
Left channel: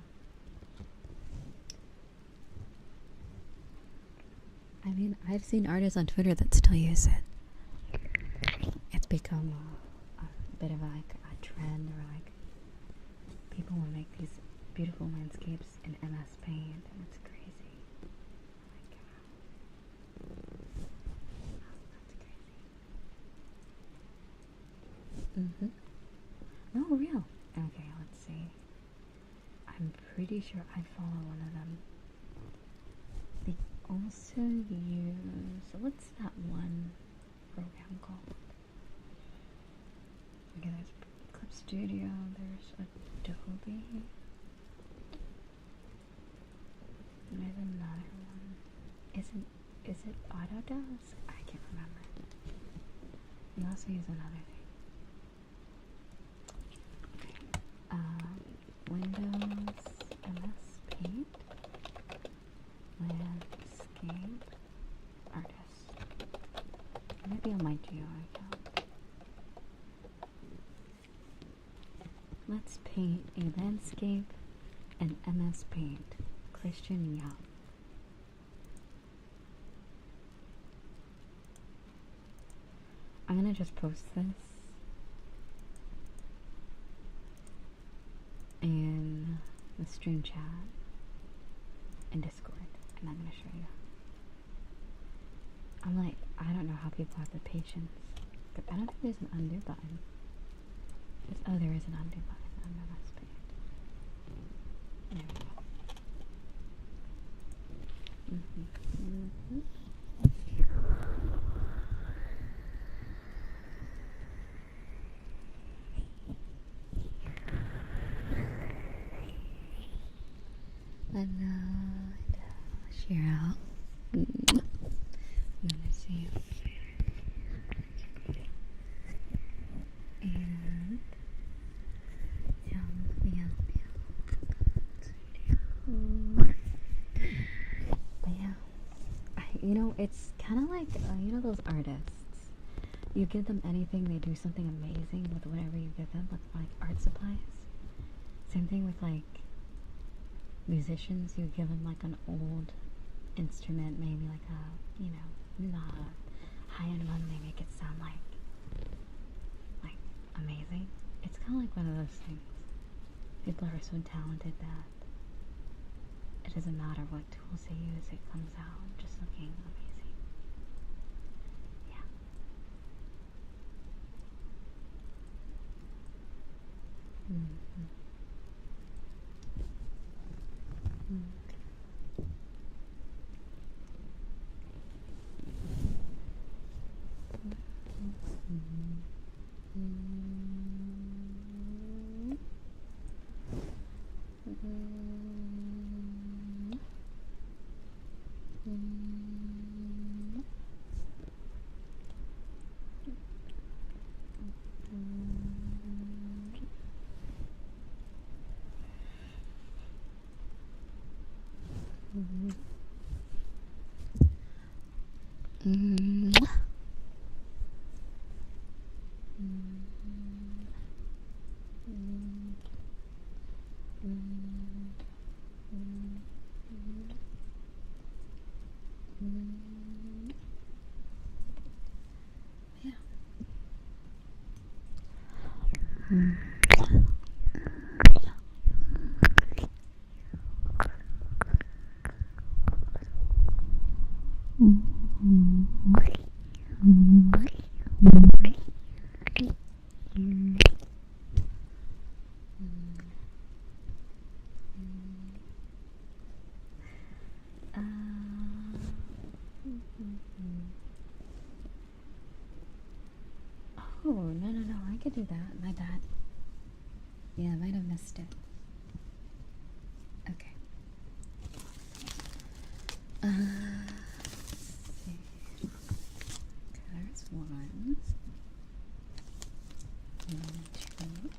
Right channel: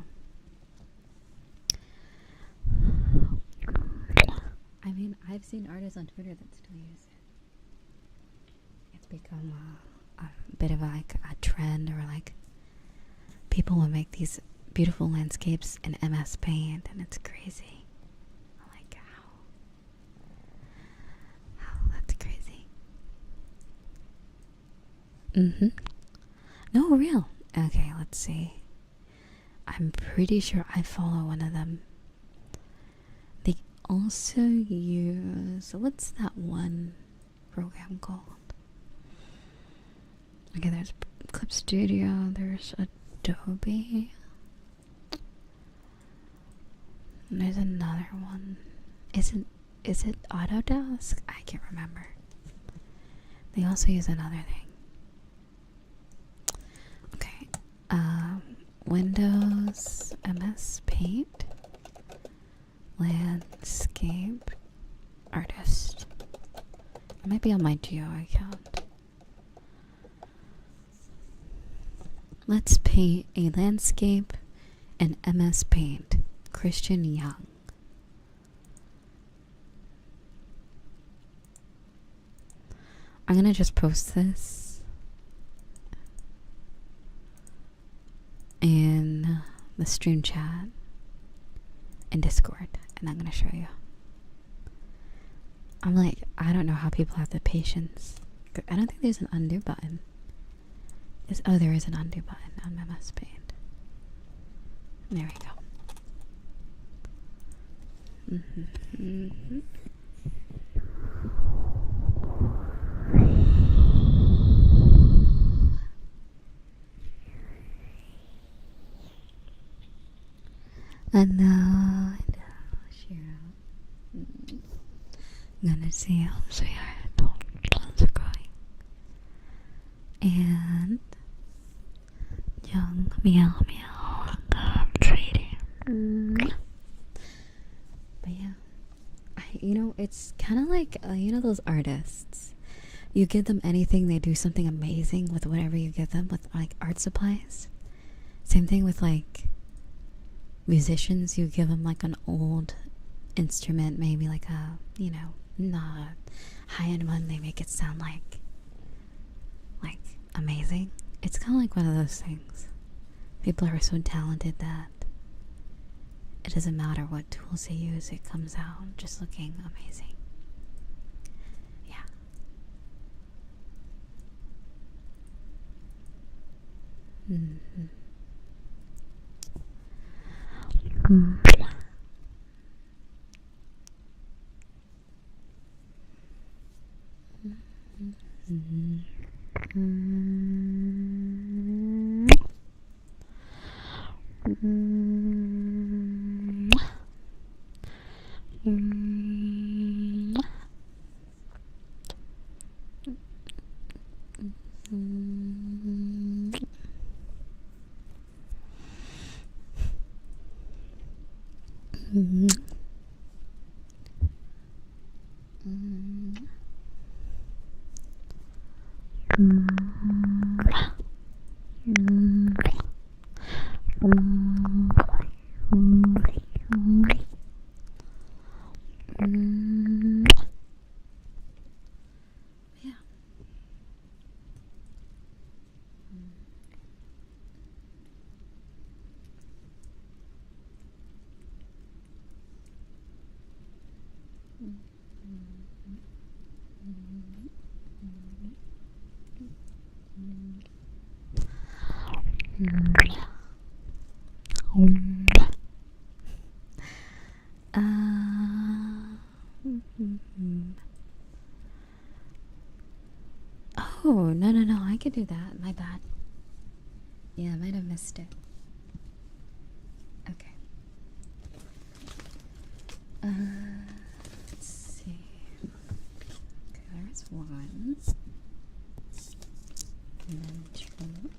I mean, I've seen artists on Twitter that still use it. It's become a bit of like a trend, or like people will make these beautiful landscapes in MS Paint, and it's crazy. Like how that's crazy. No, real. Okay, let's see. I'm pretty sure I follow one of them. They also use, what's that one program called? Okay, there's Clip Studio, there's Adobe. And there's another one. Is it Autodesk? I can't remember. They also use another thing. Okay. Windows, MS Paint, Landscape, Artist. It might be on my Geo account. Let's paint a landscape in MS Paint. Christian Young. I'm gonna just post this in the stream chat in Discord, and I'm gonna show you. I'm like, I don't know how people have the patience. I don't think there's an undo button. Oh, there is an undo button on MS Paint. There we go. And now, share out. I'm gonna see how it's going. And young meow meow trading. But yeah, you know, it's kind of like you know those artists. You give them anything, they do something amazing with whatever you give them, with like art supplies. Same thing with like musicians. You give them like an old instrument, maybe like a, you know, not a high-end one. They make it sound like amazing. It's kind of like one of those things. People are so talented that it doesn't matter what tools they use, it comes out just looking amazing. Yeah. Oh, no, I could do that. My bad. Yeah, I might have missed it. Okay. Let's see. Okay, there's one. And then two.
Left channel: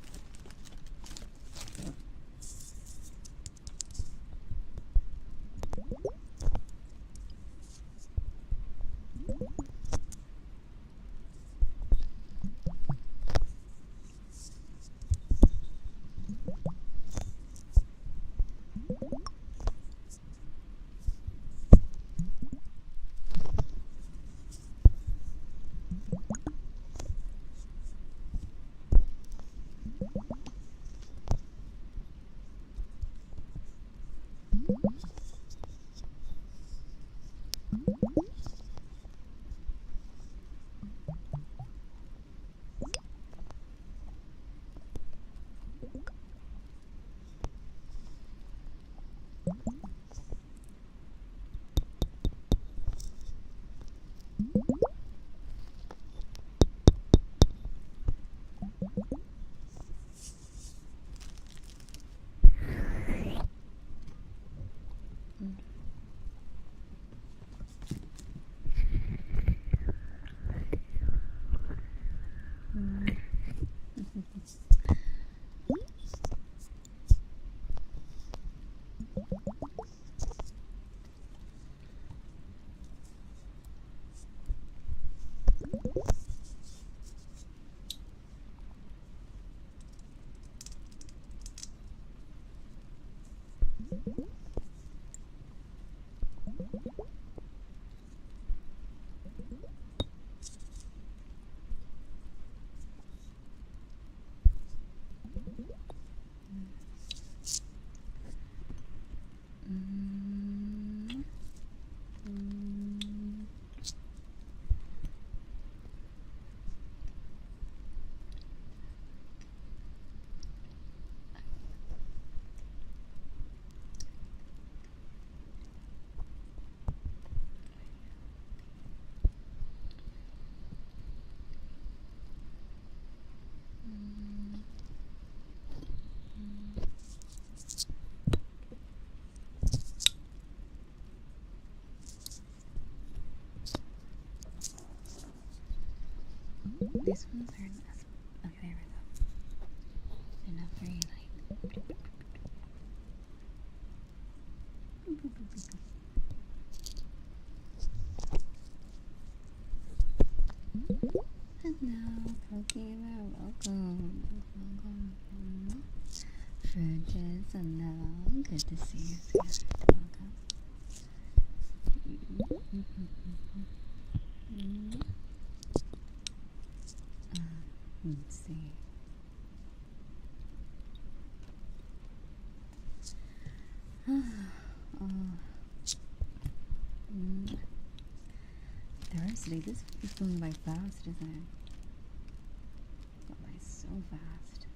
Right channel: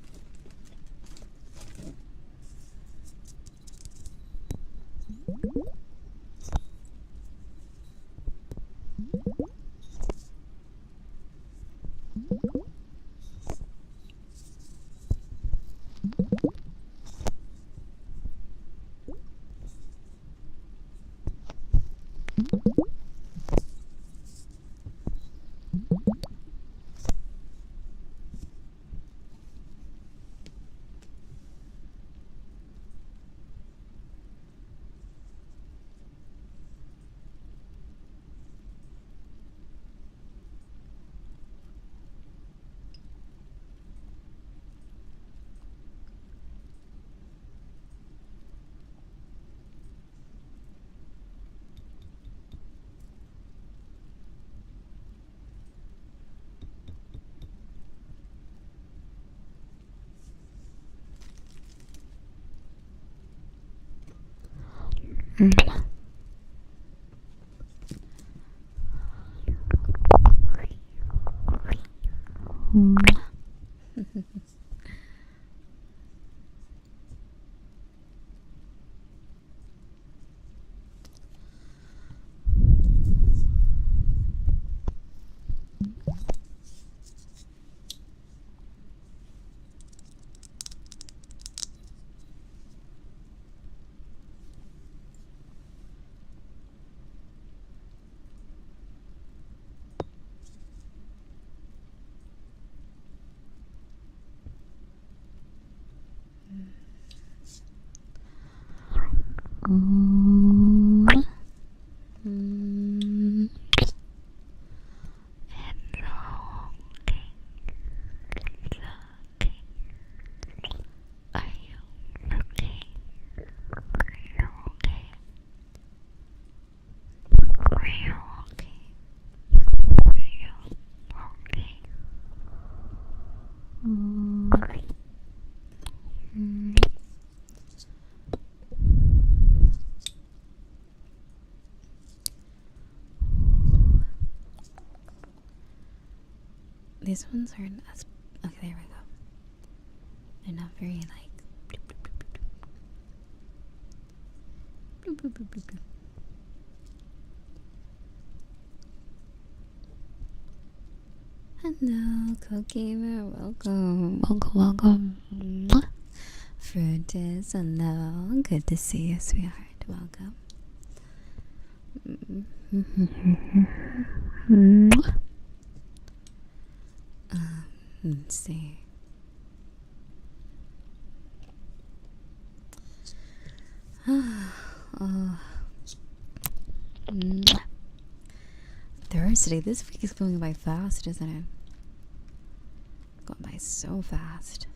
These ones aren't as... Okay, there we go. They're not very, like... Hello, Cookiever. Welcome. Welcome. Fruitus, hello. Good to see you, sweetheart. Welcome. Let's see. Thursday. This week is going by fast, isn't it? Going by so fast.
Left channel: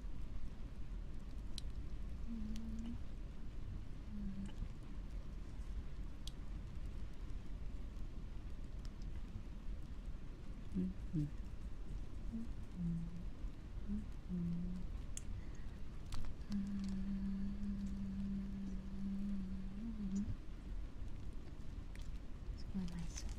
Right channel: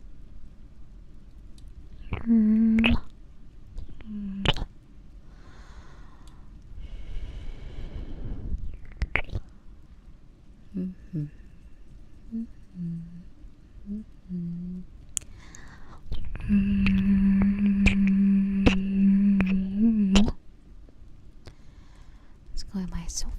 It's going by so fast.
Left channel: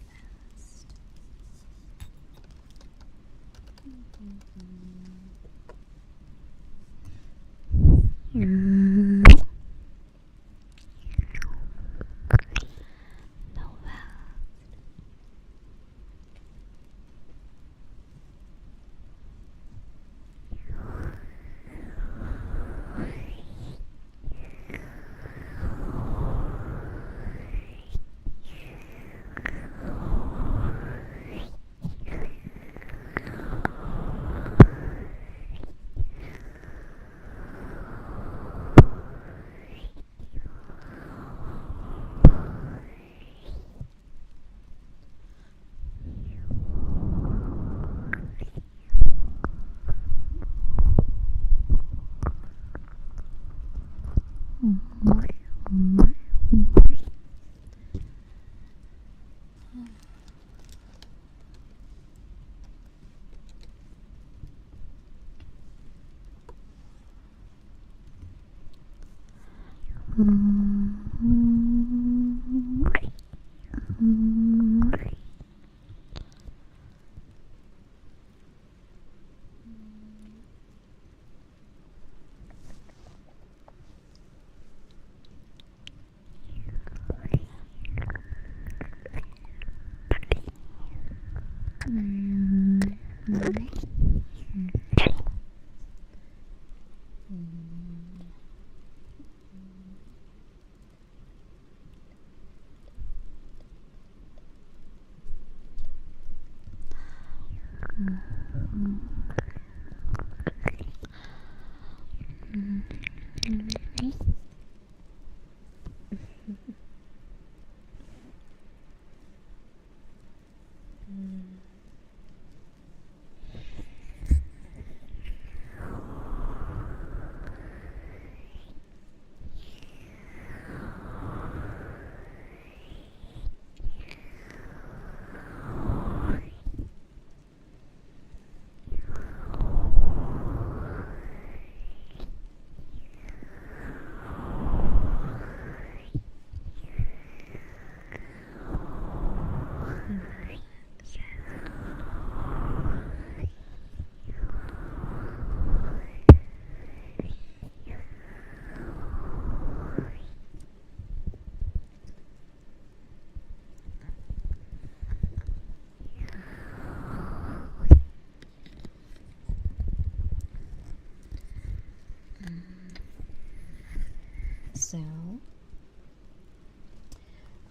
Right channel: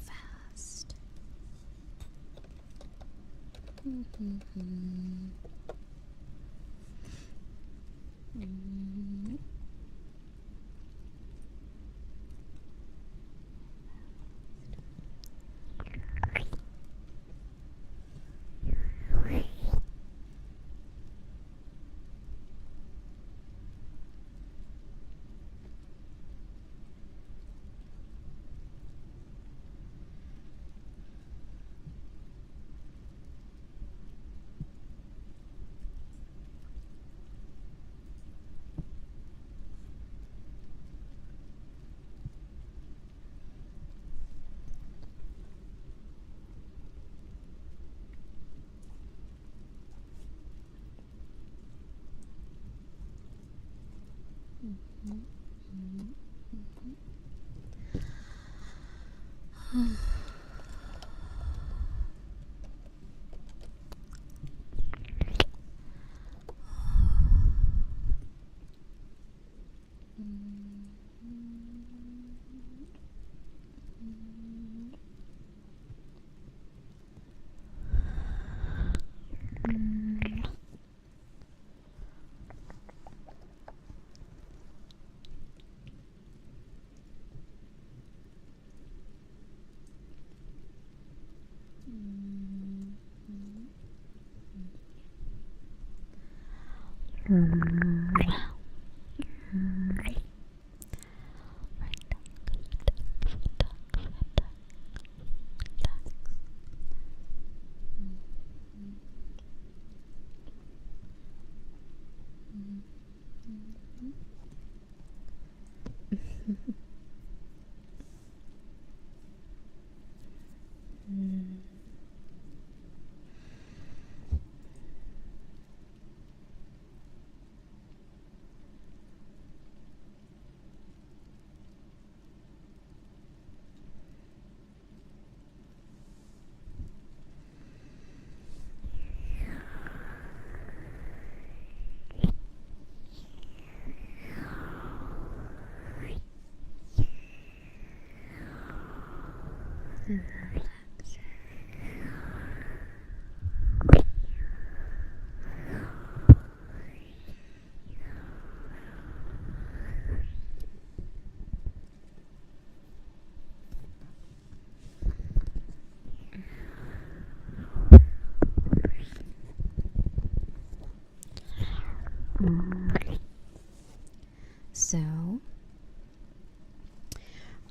So,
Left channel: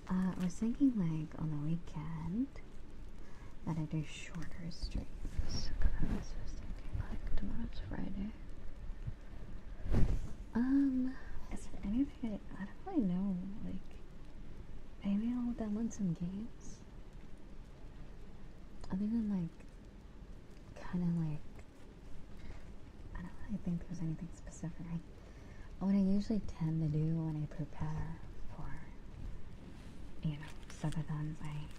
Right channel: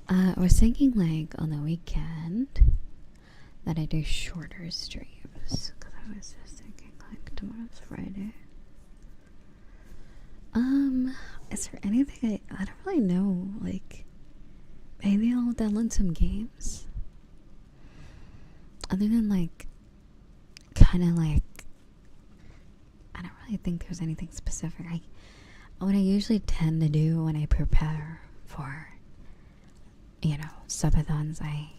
I was thinking like on the weekend that I do shorter streams. Because I was just thinking like tomorrow's Friday. Is there anything I don't really know, like maybe I'll download some games. Other than like kinda like I don't really think there's anything specific. What I usually tend to do when I prepare for, you know, subathons, I,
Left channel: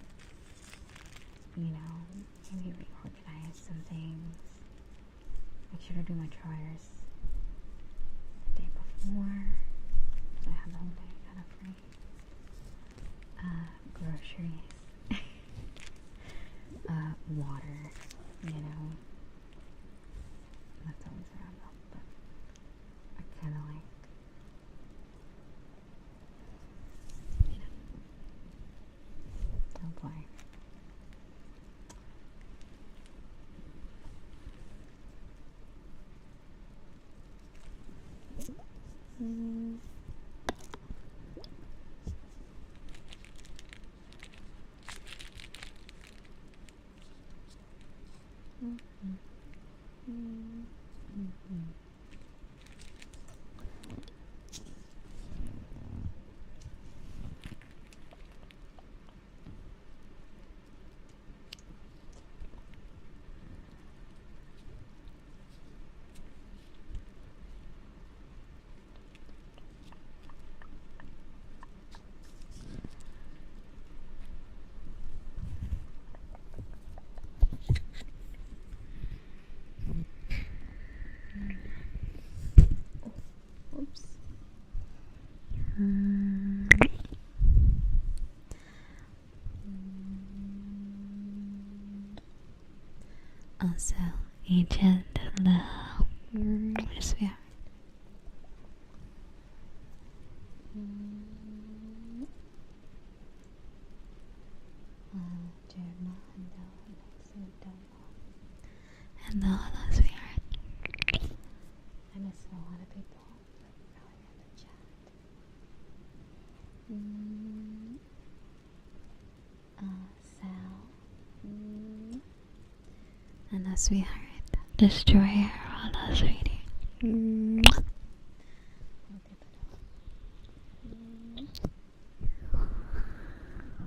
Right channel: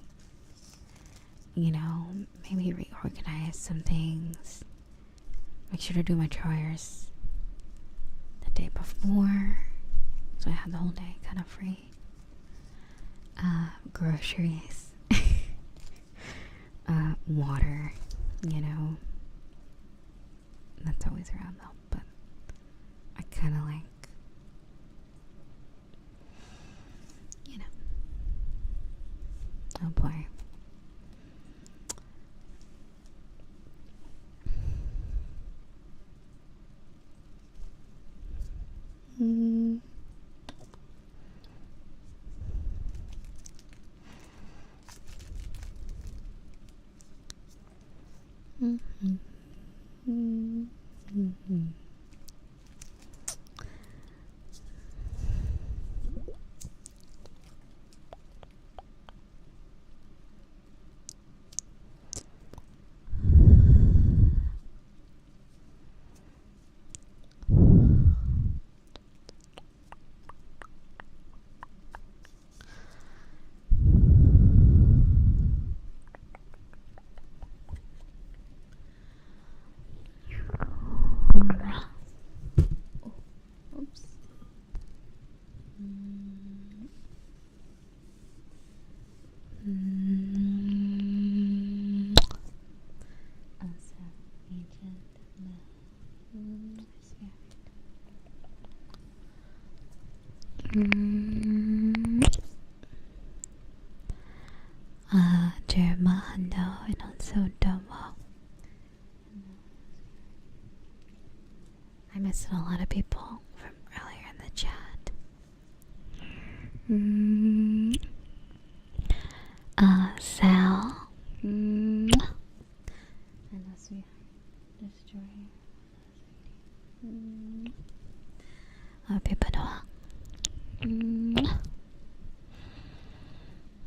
you know, maybe reorganize some things. Make sure to do my chores the day before, so I have the whole day kind of free. Groceries, water, you know. That's always around though, but I kind of like, you know, oh boy. Oops. Also, agent where's we Germano and also Domo and the others we are. I missed a lot of people from earlier in the chat. Sal and a sweetheart. Destroyer on us reading. People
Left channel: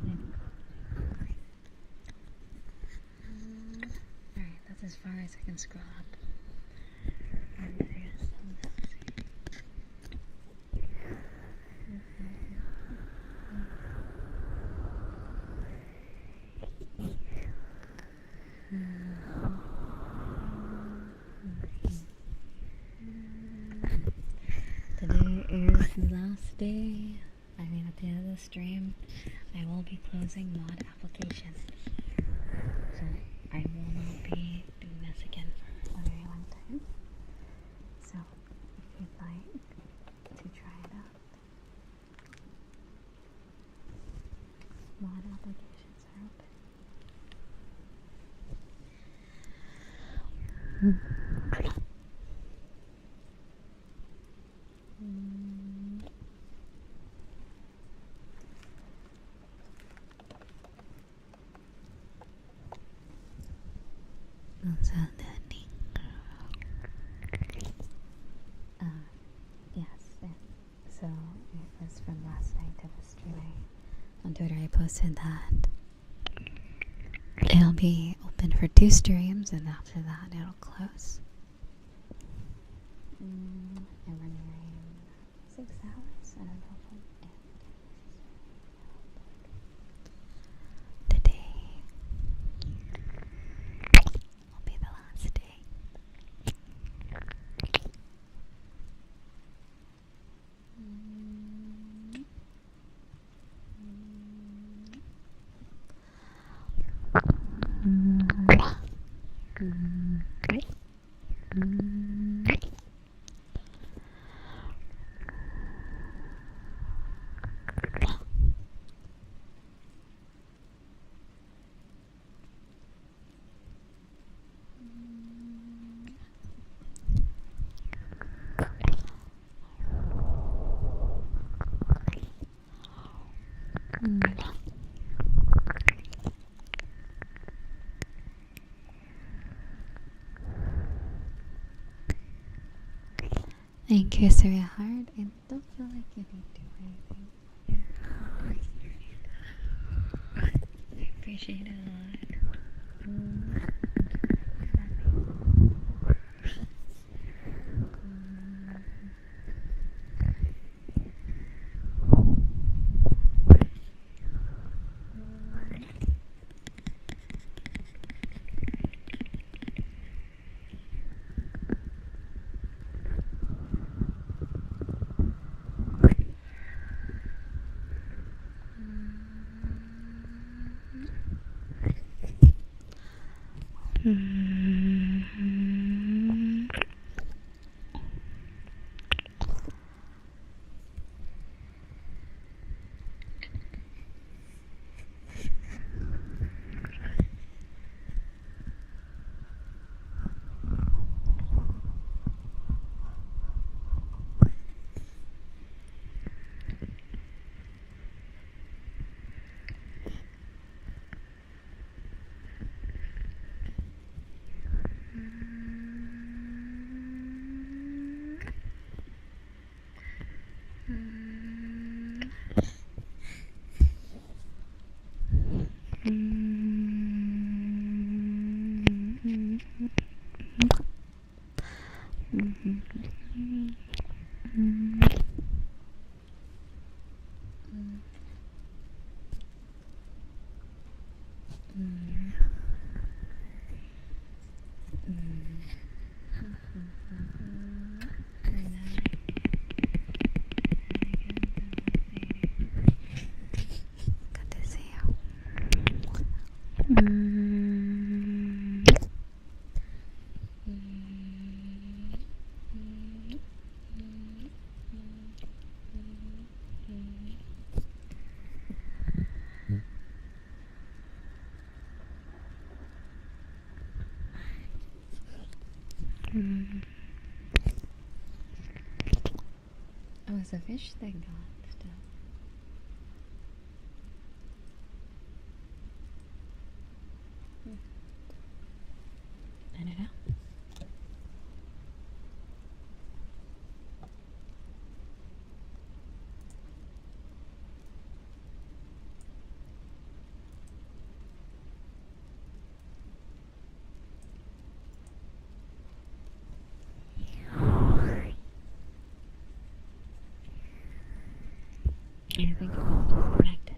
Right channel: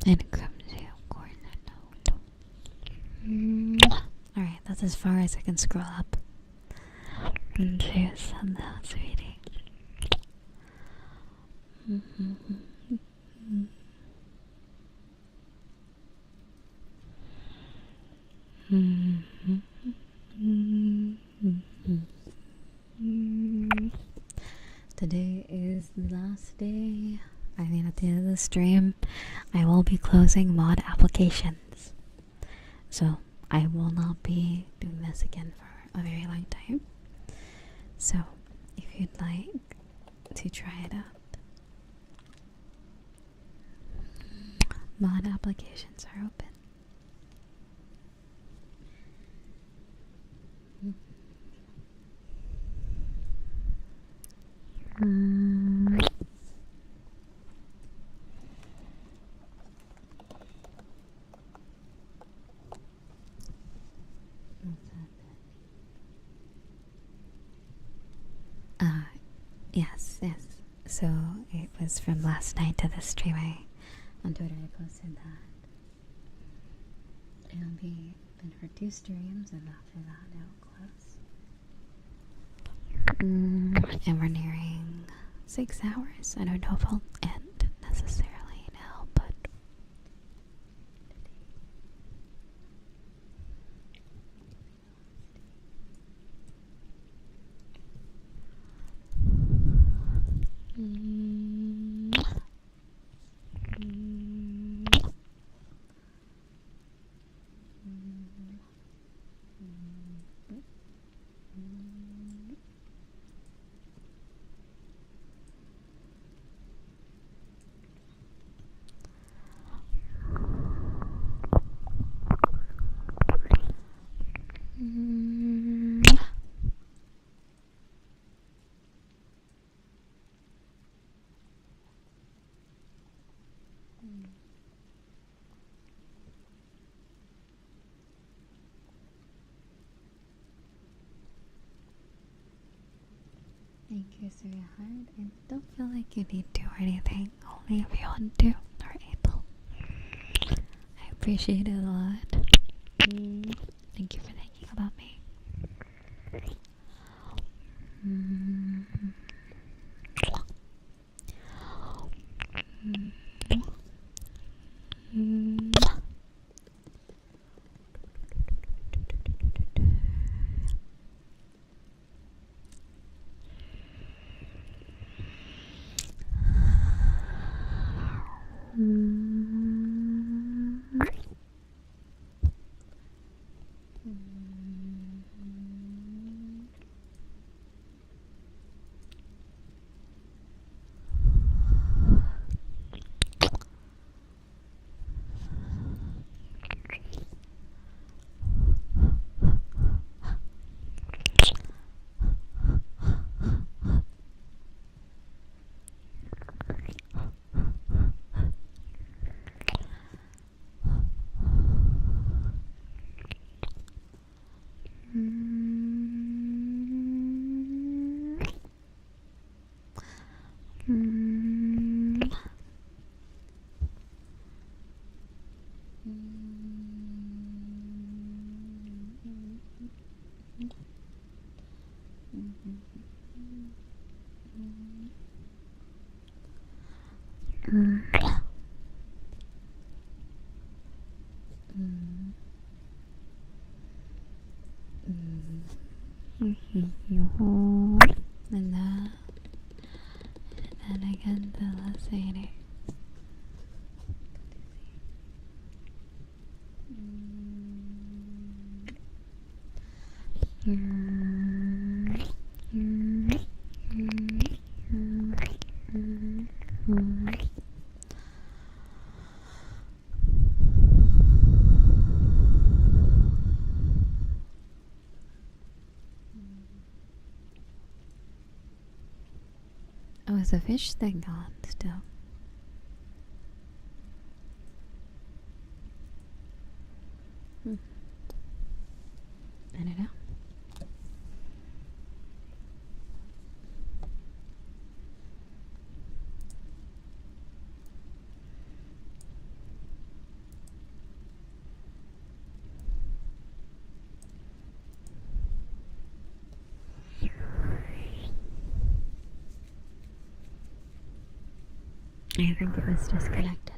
and clumsy alright, that's as far as I can scroll up. And there's some else reading. Today is the last day. I mean, at the end of the stream, I will be closing mod applications. So, I will not be doing this again for a very long time. So, if you'd like to try it out, mod applications are open. Yes. So it was from last night to this stream. On Twitter I posted that it'll be open for 2 streams and after that it'll close. And we're nearing 6 hours. I don't know if I'll end necessarily now, but today will be the last day. Thank you, Surya Heart. I don't feel like you need to or anything. Only if you want to or able. I appreciate it a lot. Thank you for thinking about me. Oh, is the fish thing on still? I don't know. I think it was disconnected.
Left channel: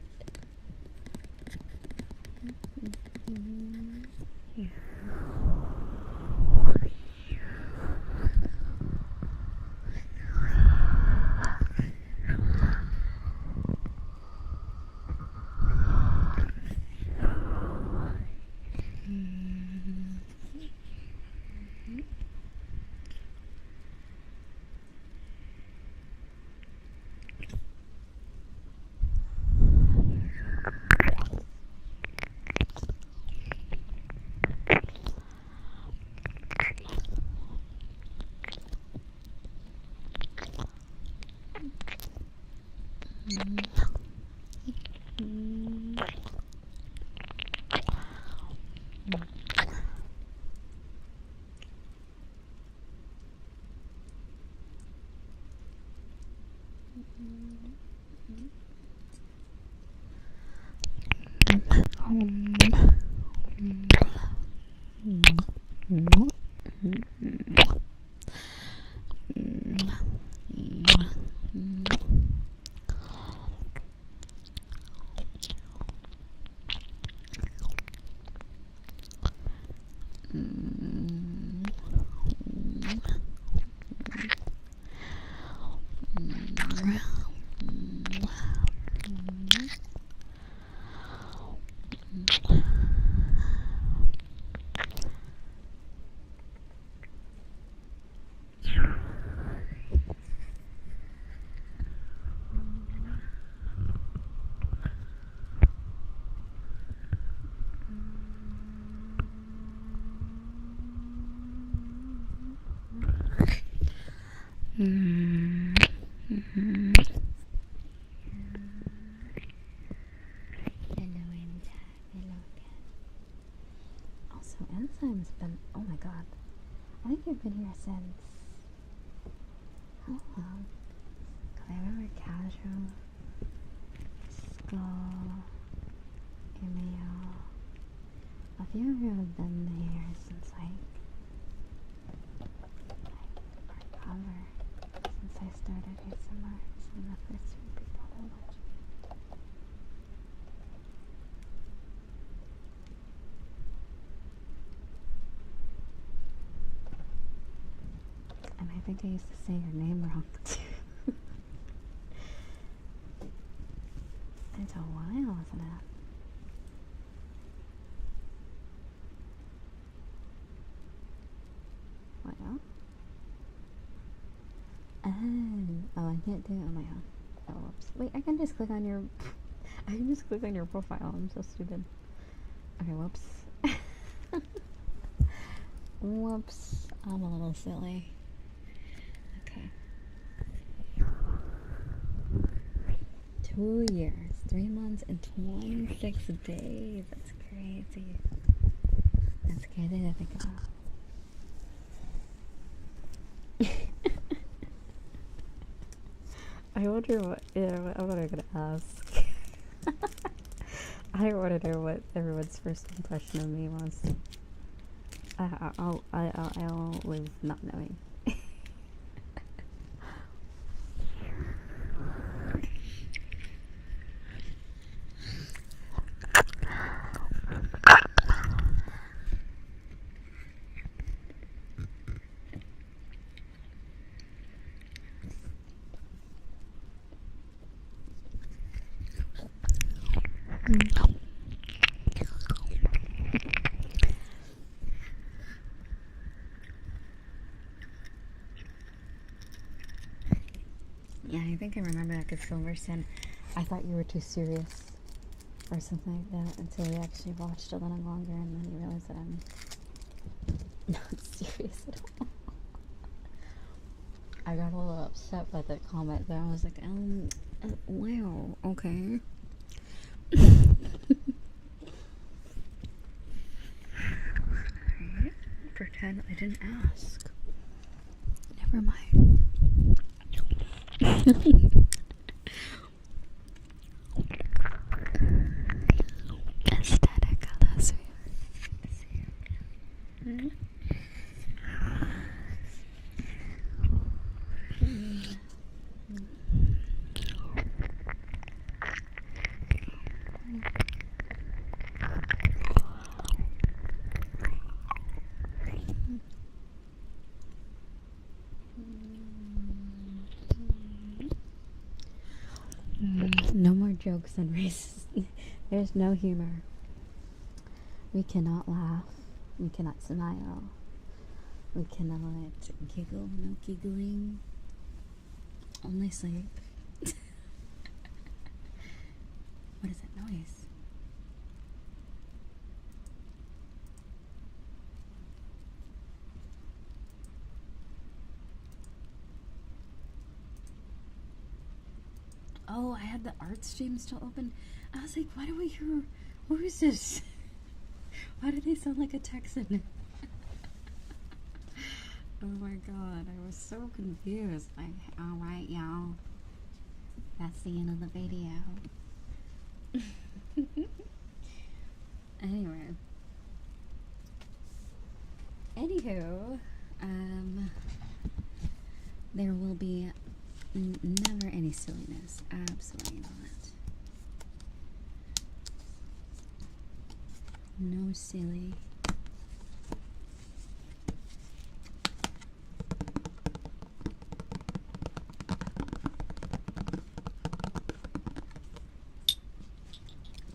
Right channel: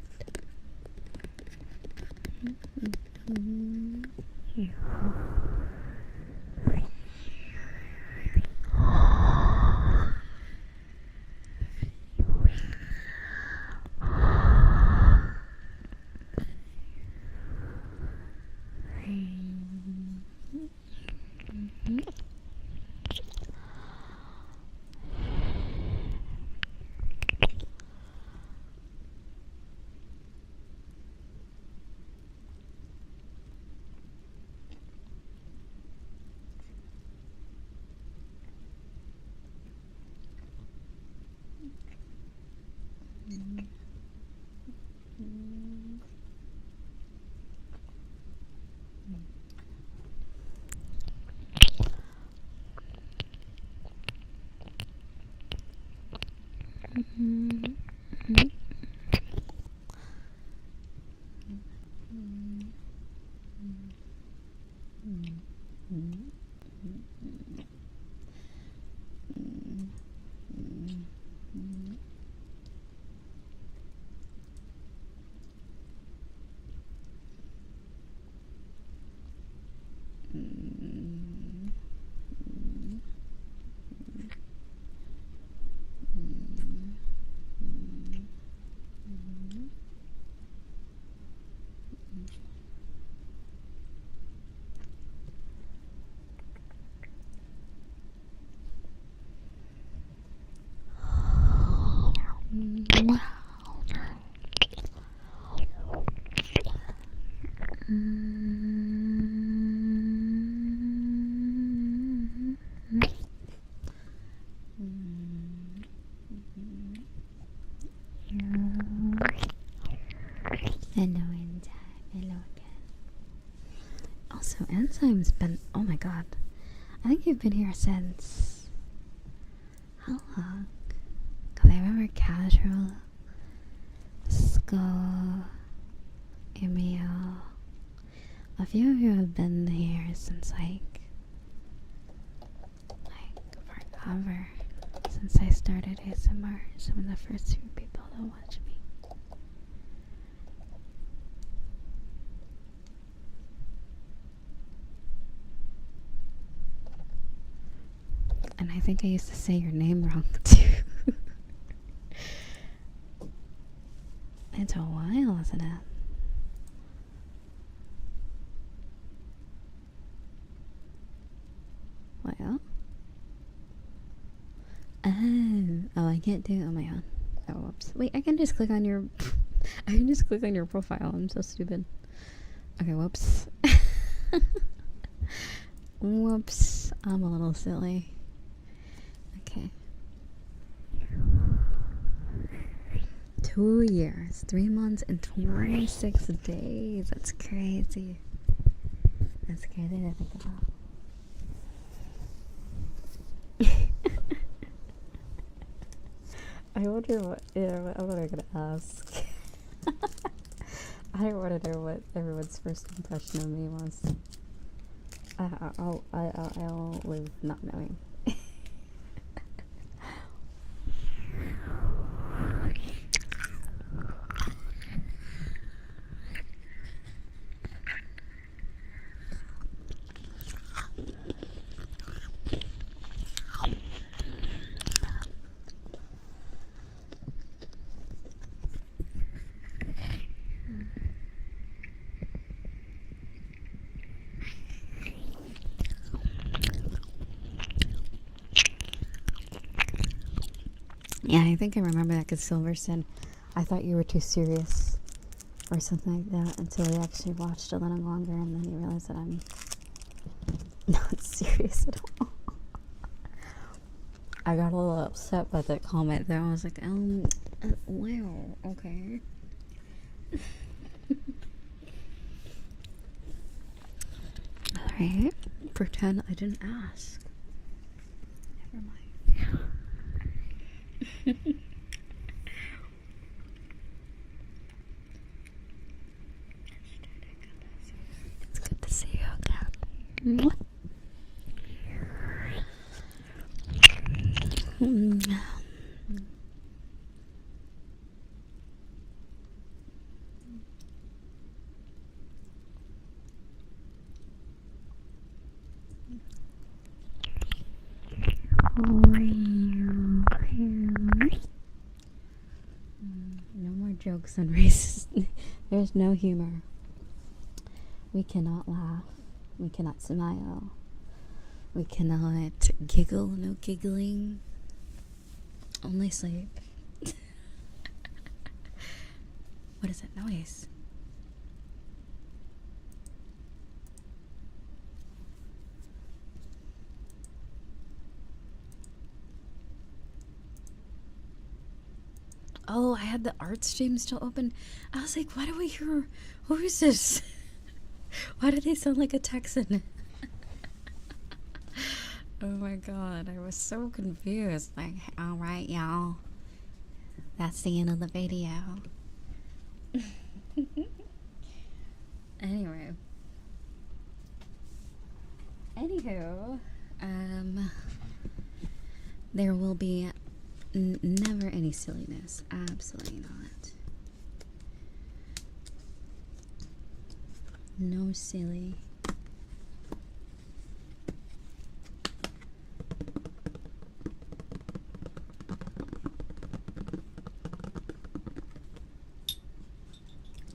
Also, Enzyme's been, oh my god, I think you've been here since look. Because I remember Casual, Skull, Emil. A few of you have been here since like forever. Since I started ASMR. Some of the first few people that watch me. And I think I used to say your name wrong too. It's a while, isn't it? Well. Oh, I can't do it on my own. Oh, whoops. Wait, I can just click on your I can just click on your profile. I'm so stupid. Okay, whoops. Whoops. I'm a little silly. Okay. 2 years, 3 months, and 26 days. That's crazy. That's crazy to think about. I wonder what I'm gonna ask. I want to know what everyone's first impression of me was. I'll live not knowing. Yeah, I think I remember that because Silver said, I thought you were too serious or something like that until he actually watched a little longer and then he realized that I'm not serious at all. I got a little upset by that comment there. I was like, wow, okay. Alright, pretend I didn't ask. Never mind. Aesthetic, hello, sweetheart. It's good to see you again. No more jokes on races. There's no humor. We cannot laugh. We cannot smile. We cannot giggle. No giggling. Only sleep. What is that noise? Oh, I had the art stream still open. I was like, why do I hear... Who is this? Why do they sound like a Texan? Oh my god, I was so confused. Like, alright, y'all. That's the end of the video. Anyway. Anywho, there will be never any silliness. Absolutely not. No silly.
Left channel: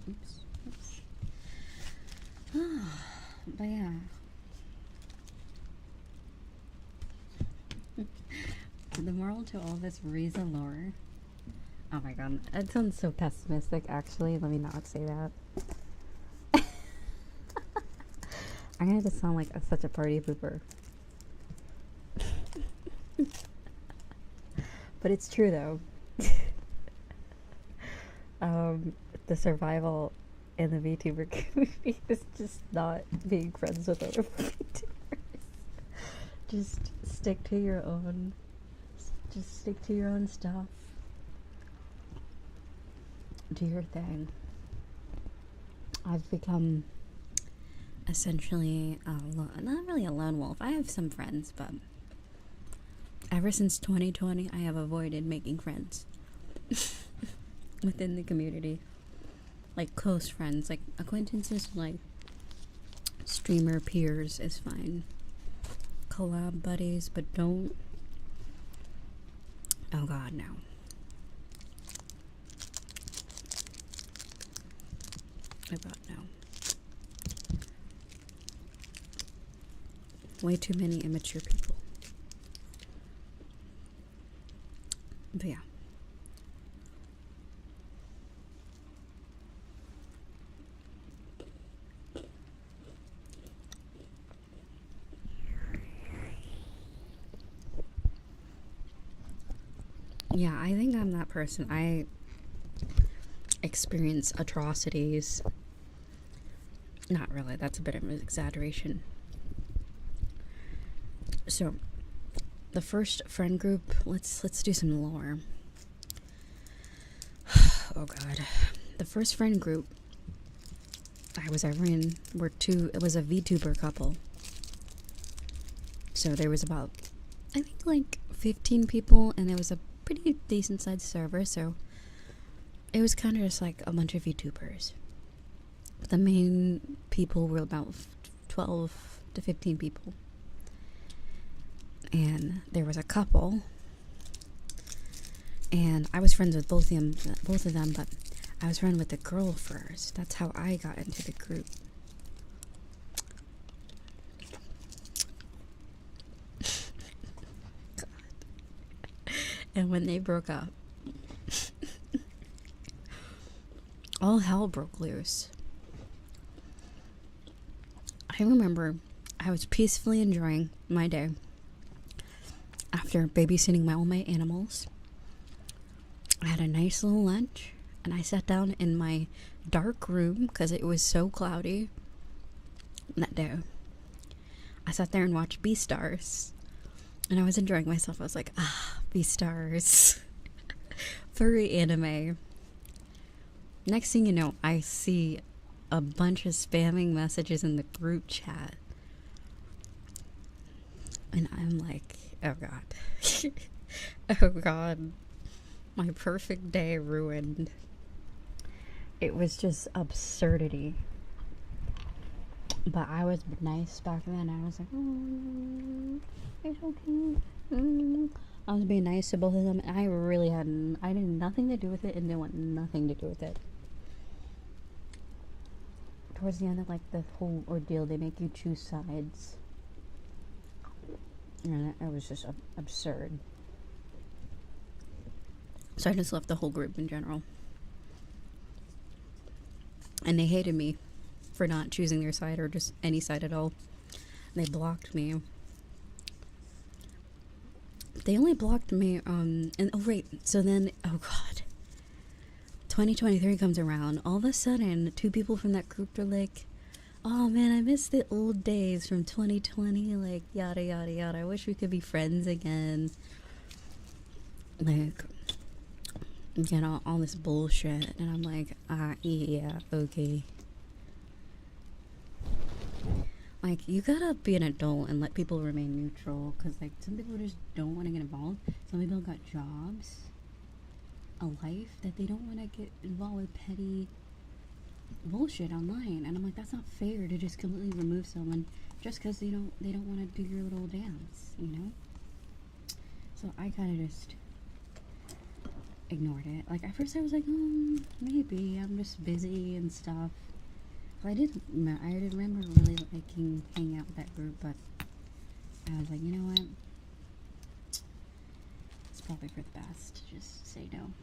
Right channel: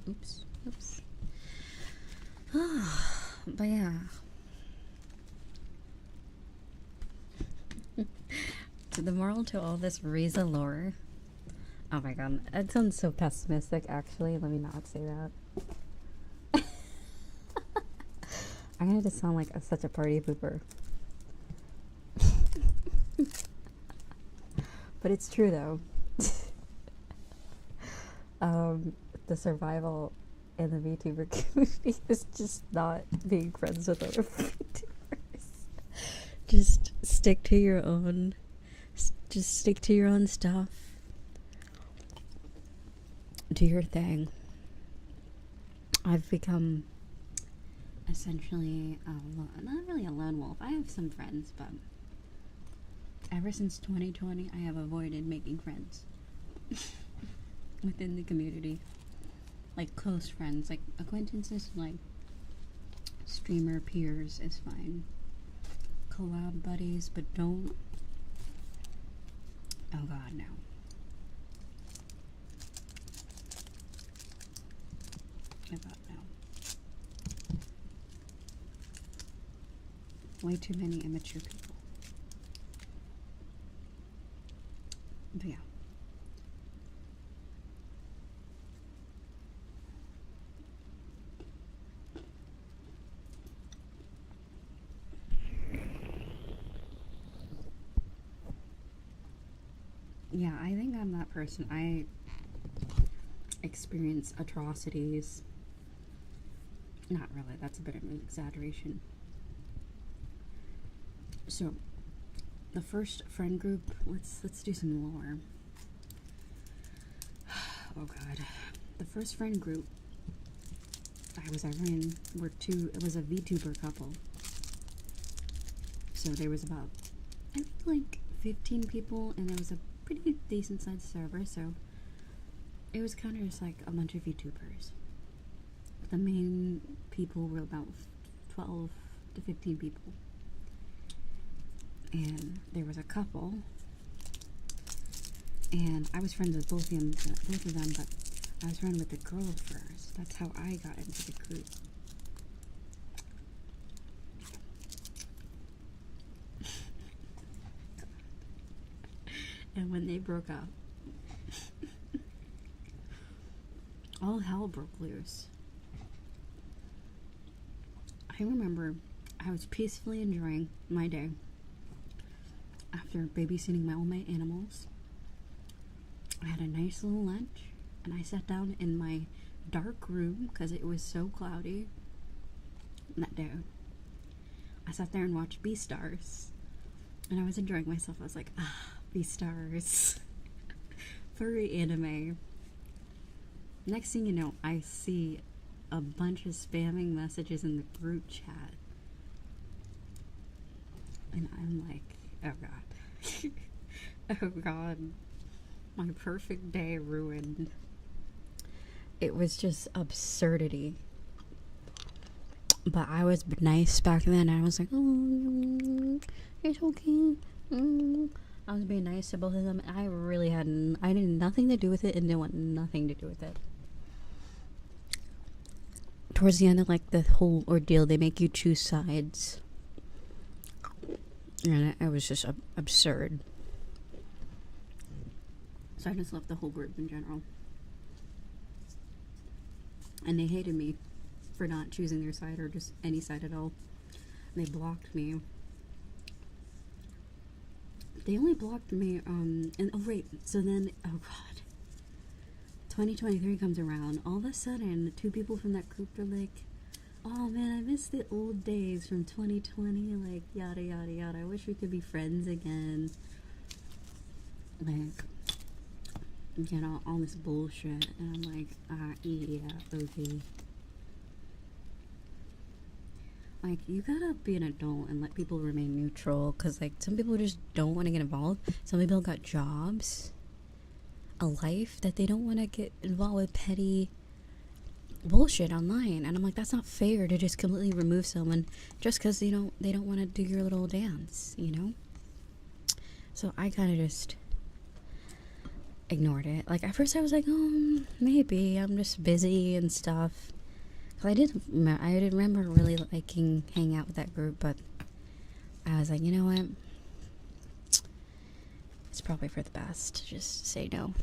Oops. But yeah. The moral to all this Riza lore. Oh my god, it sounds so pessimistic actually. Let me not say that. I'm gonna just sound like such a party pooper. But it's true though. The survival in the VTuber community is just not being friends with other VTubers. Just stick to your own. just stick to your own stuff. Do your thing. I've become essentially not really a lone wolf. I have some friends, but ever since 2020, I have avoided making friends within the community. Like close friends, like acquaintances, like streamer peers is fine. Collab buddies, but don't. Oh god, no. Oh god, no. Way too many immature people. But yeah. Yeah, I think I'm that person. I experience atrocities. Not really, that's a bit of an exaggeration. So, the first friend group, let's do some lore. Oh god. The first friend group I was ever in it was a VTuber couple. So there was about, I think like 15 people, and there was a pretty decent sized server, so it was kind of just like a bunch of VTubers. The main people were about 12 to 15 people. And there was a couple, and I was friends with both of them, but I was friends with the girl first. That's how I got into the group. And when they broke up, all hell broke loose. I remember I was peacefully enjoying my day after babysitting all my animals. I had a nice little lunch, and I sat down in my dark room because it was so cloudy that day. I sat there and watched Beastars, and I was enjoying myself. I was like, Beastars. Furry anime. Next thing you know, I see a bunch of spamming messages in the group chat. And I'm like, oh god. Oh god. My perfect day ruined. It was just absurdity. But I was nice back then. I was like, oh, it's okay. I was being nice to both of them. I really I did nothing to do with it, and they want nothing to do with it. Towards the end of like the whole ordeal, they make you choose sides. And it was just absurd. So I just left the whole group in general. And they hated me for not choosing their side or just any side at all. They blocked me. They only blocked me, and oh right, so then, oh god. 2023 comes around. All of a sudden, 2 people from that group are like, oh man, I miss the old days from 2020, like, yada yada yada. I wish we could be friends again. Like, you know, all this bullshit. And I'm like, yeah, okay. Like, you gotta be an adult and let people remain neutral, because, like, some people just don't want to get involved. Some people got jobs, a life, that they don't want to get involved with petty bullshit online. And I'm like, that's not fair to just completely remove someone just because they don't want to do your little dance, you know? So I kind of just ignored it. Like, at first I was like, oh, maybe I'm just busy and stuff. I did remember really liking hanging out with that group, but I was like, you know what? It's probably for the best to just say no.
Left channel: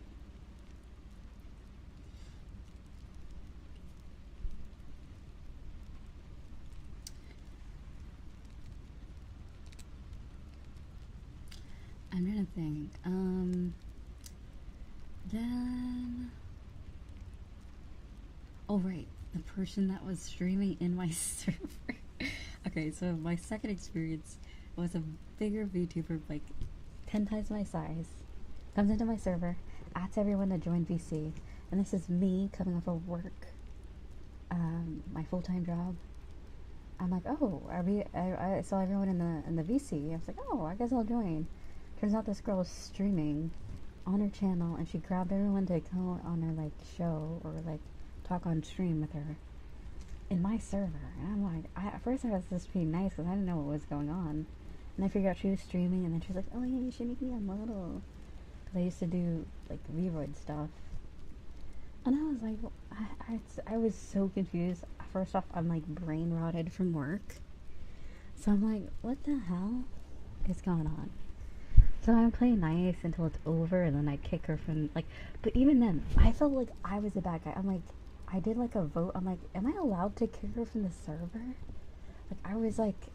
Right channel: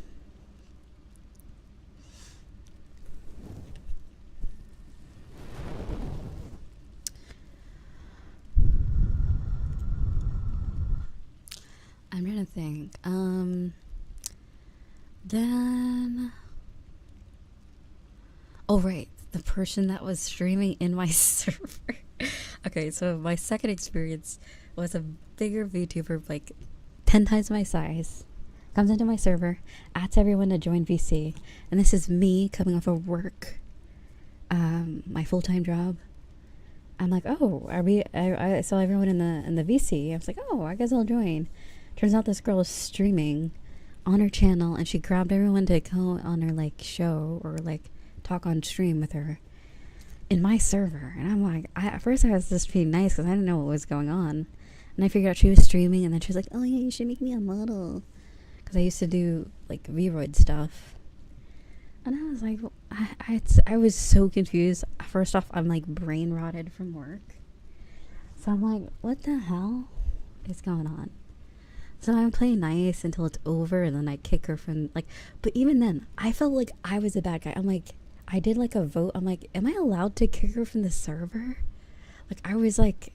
I'm trying to think. Then... Oh, right. The person that was streaming in my server. Okay, so my second experience was a bigger VTuber, like 10 times my size, comes into my server, asks everyone to join VC, and this is me coming off of work, my full-time job. I'm like, oh, I saw everyone in the VC. I was like, oh, I guess I'll join. Turns out this girl is streaming on her channel, and she grabbed everyone to go on her like show or like talk on stream with her in my server. And I'm like, at first I was just being nice because I didn't know what was going on, and I figured out she was streaming, and then she was like, oh yeah, you should make me a model, because I used to do like Vroid stuff. And I was like, I was so confused. First off, I'm like brain rotted from work, so I'm like, what the hell is going on? So I'm playing nice until it's over, and then I kick her from like. But even then, I felt like I was a bad guy. I'm like, I did like a vote. I'm like, am I allowed to kick her from the server? Like, I was like,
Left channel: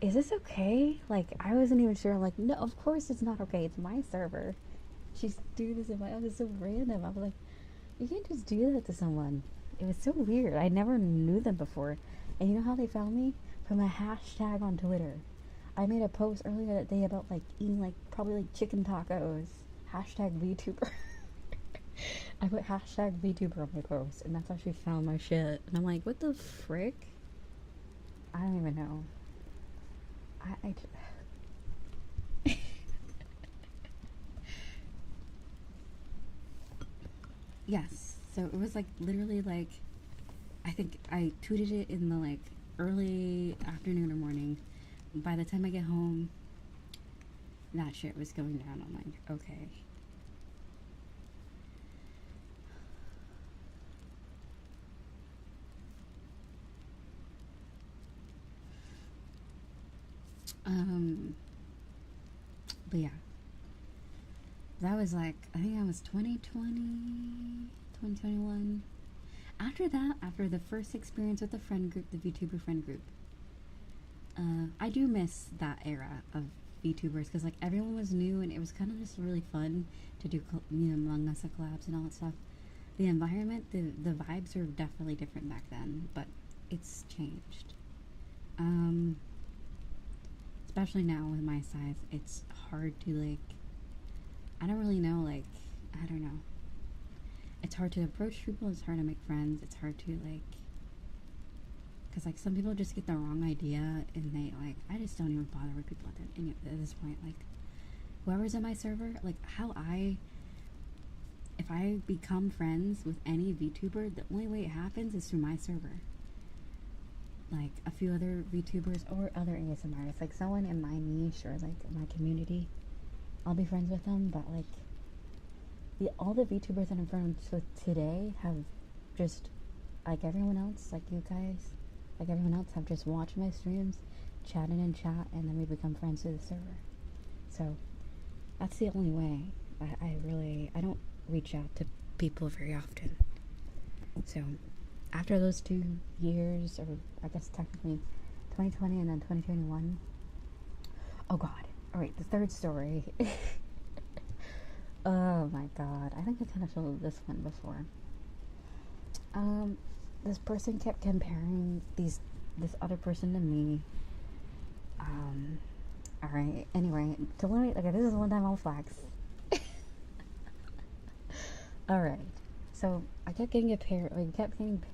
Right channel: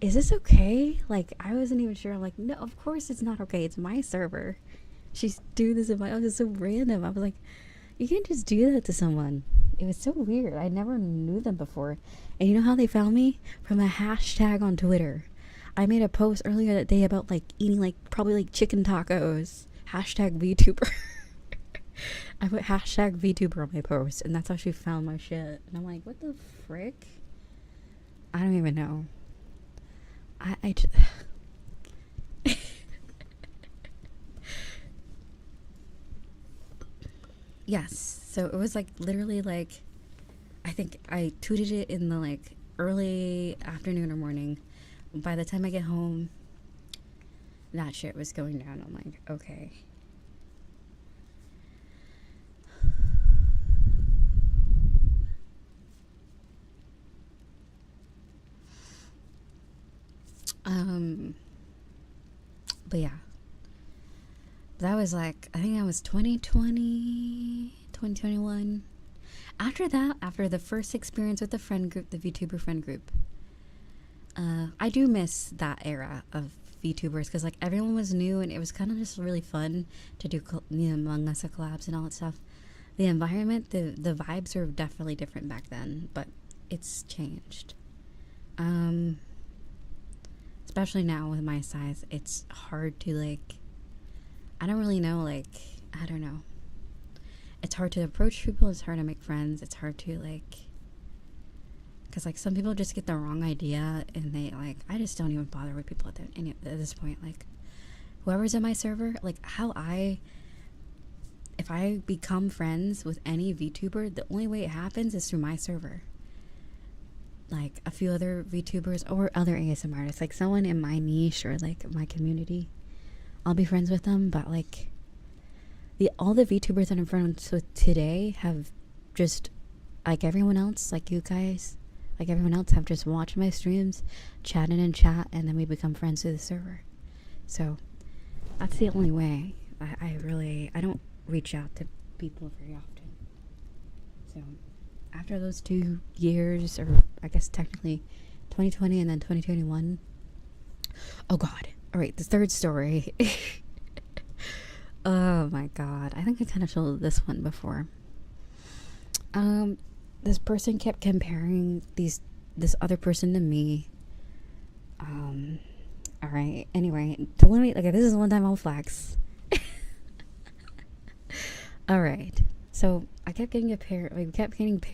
is this okay? Like, I wasn't even sure. I'm like, no, of course it's not okay. It's my server. She's doing this in my. It was so random. I was like, you can't just do that to someone. It was so weird. I never knew them before. And you know how they found me? From a hashtag on Twitter. I made a post earlier that day about like eating like probably like chicken tacos. Hashtag VTuber. I put hashtag VTuber on my post, and that's how she found my shit. And I'm like, what the frick? I don't even know. I just yes. So it was like literally like, I think I tweeted it in the like early afternoon or morning. By the time I get home, that shit was going down. I'm like, okay. But yeah. That was like, I think that was 2020, 2021. After that, after the first experience with the friend group, the VTuber friend group, I do miss that era of VTubers, because like everyone was new, and it was kind of just really fun to do, you know, Among Us collabs and all that stuff. The environment, the vibes were definitely different back then, but it's changed. Especially now with my size, it's hard to like, I don't really know, like, I don't know. It's hard to approach people, it's hard to make friends, it's hard to like, because like some people just get the wrong idea, and they like, I just don't even bother with people at this point. Like, whoever's in my server, like if I become friends with any VTuber, the only way it happens is through my server. Like a few other VTubers or other ASMR artists, like someone in my niche or like my community, I'll be friends with them. But like all the VTubers that I'm friends with today have just, like everyone else, like you guys, like everyone else, have just watched my streams, chatted in chat, and then we become friends through the server. So that's the only way. I don't reach out to people very often. So after those 2 years, or I guess technically 2020 and then 2021. Oh god. Alright, the third story. Oh my god. I think I kind of showed this one before. This person kept comparing this other person to me. Alright. Anyway, to limit, okay, this is one time I'll flex. Alright. So I kept getting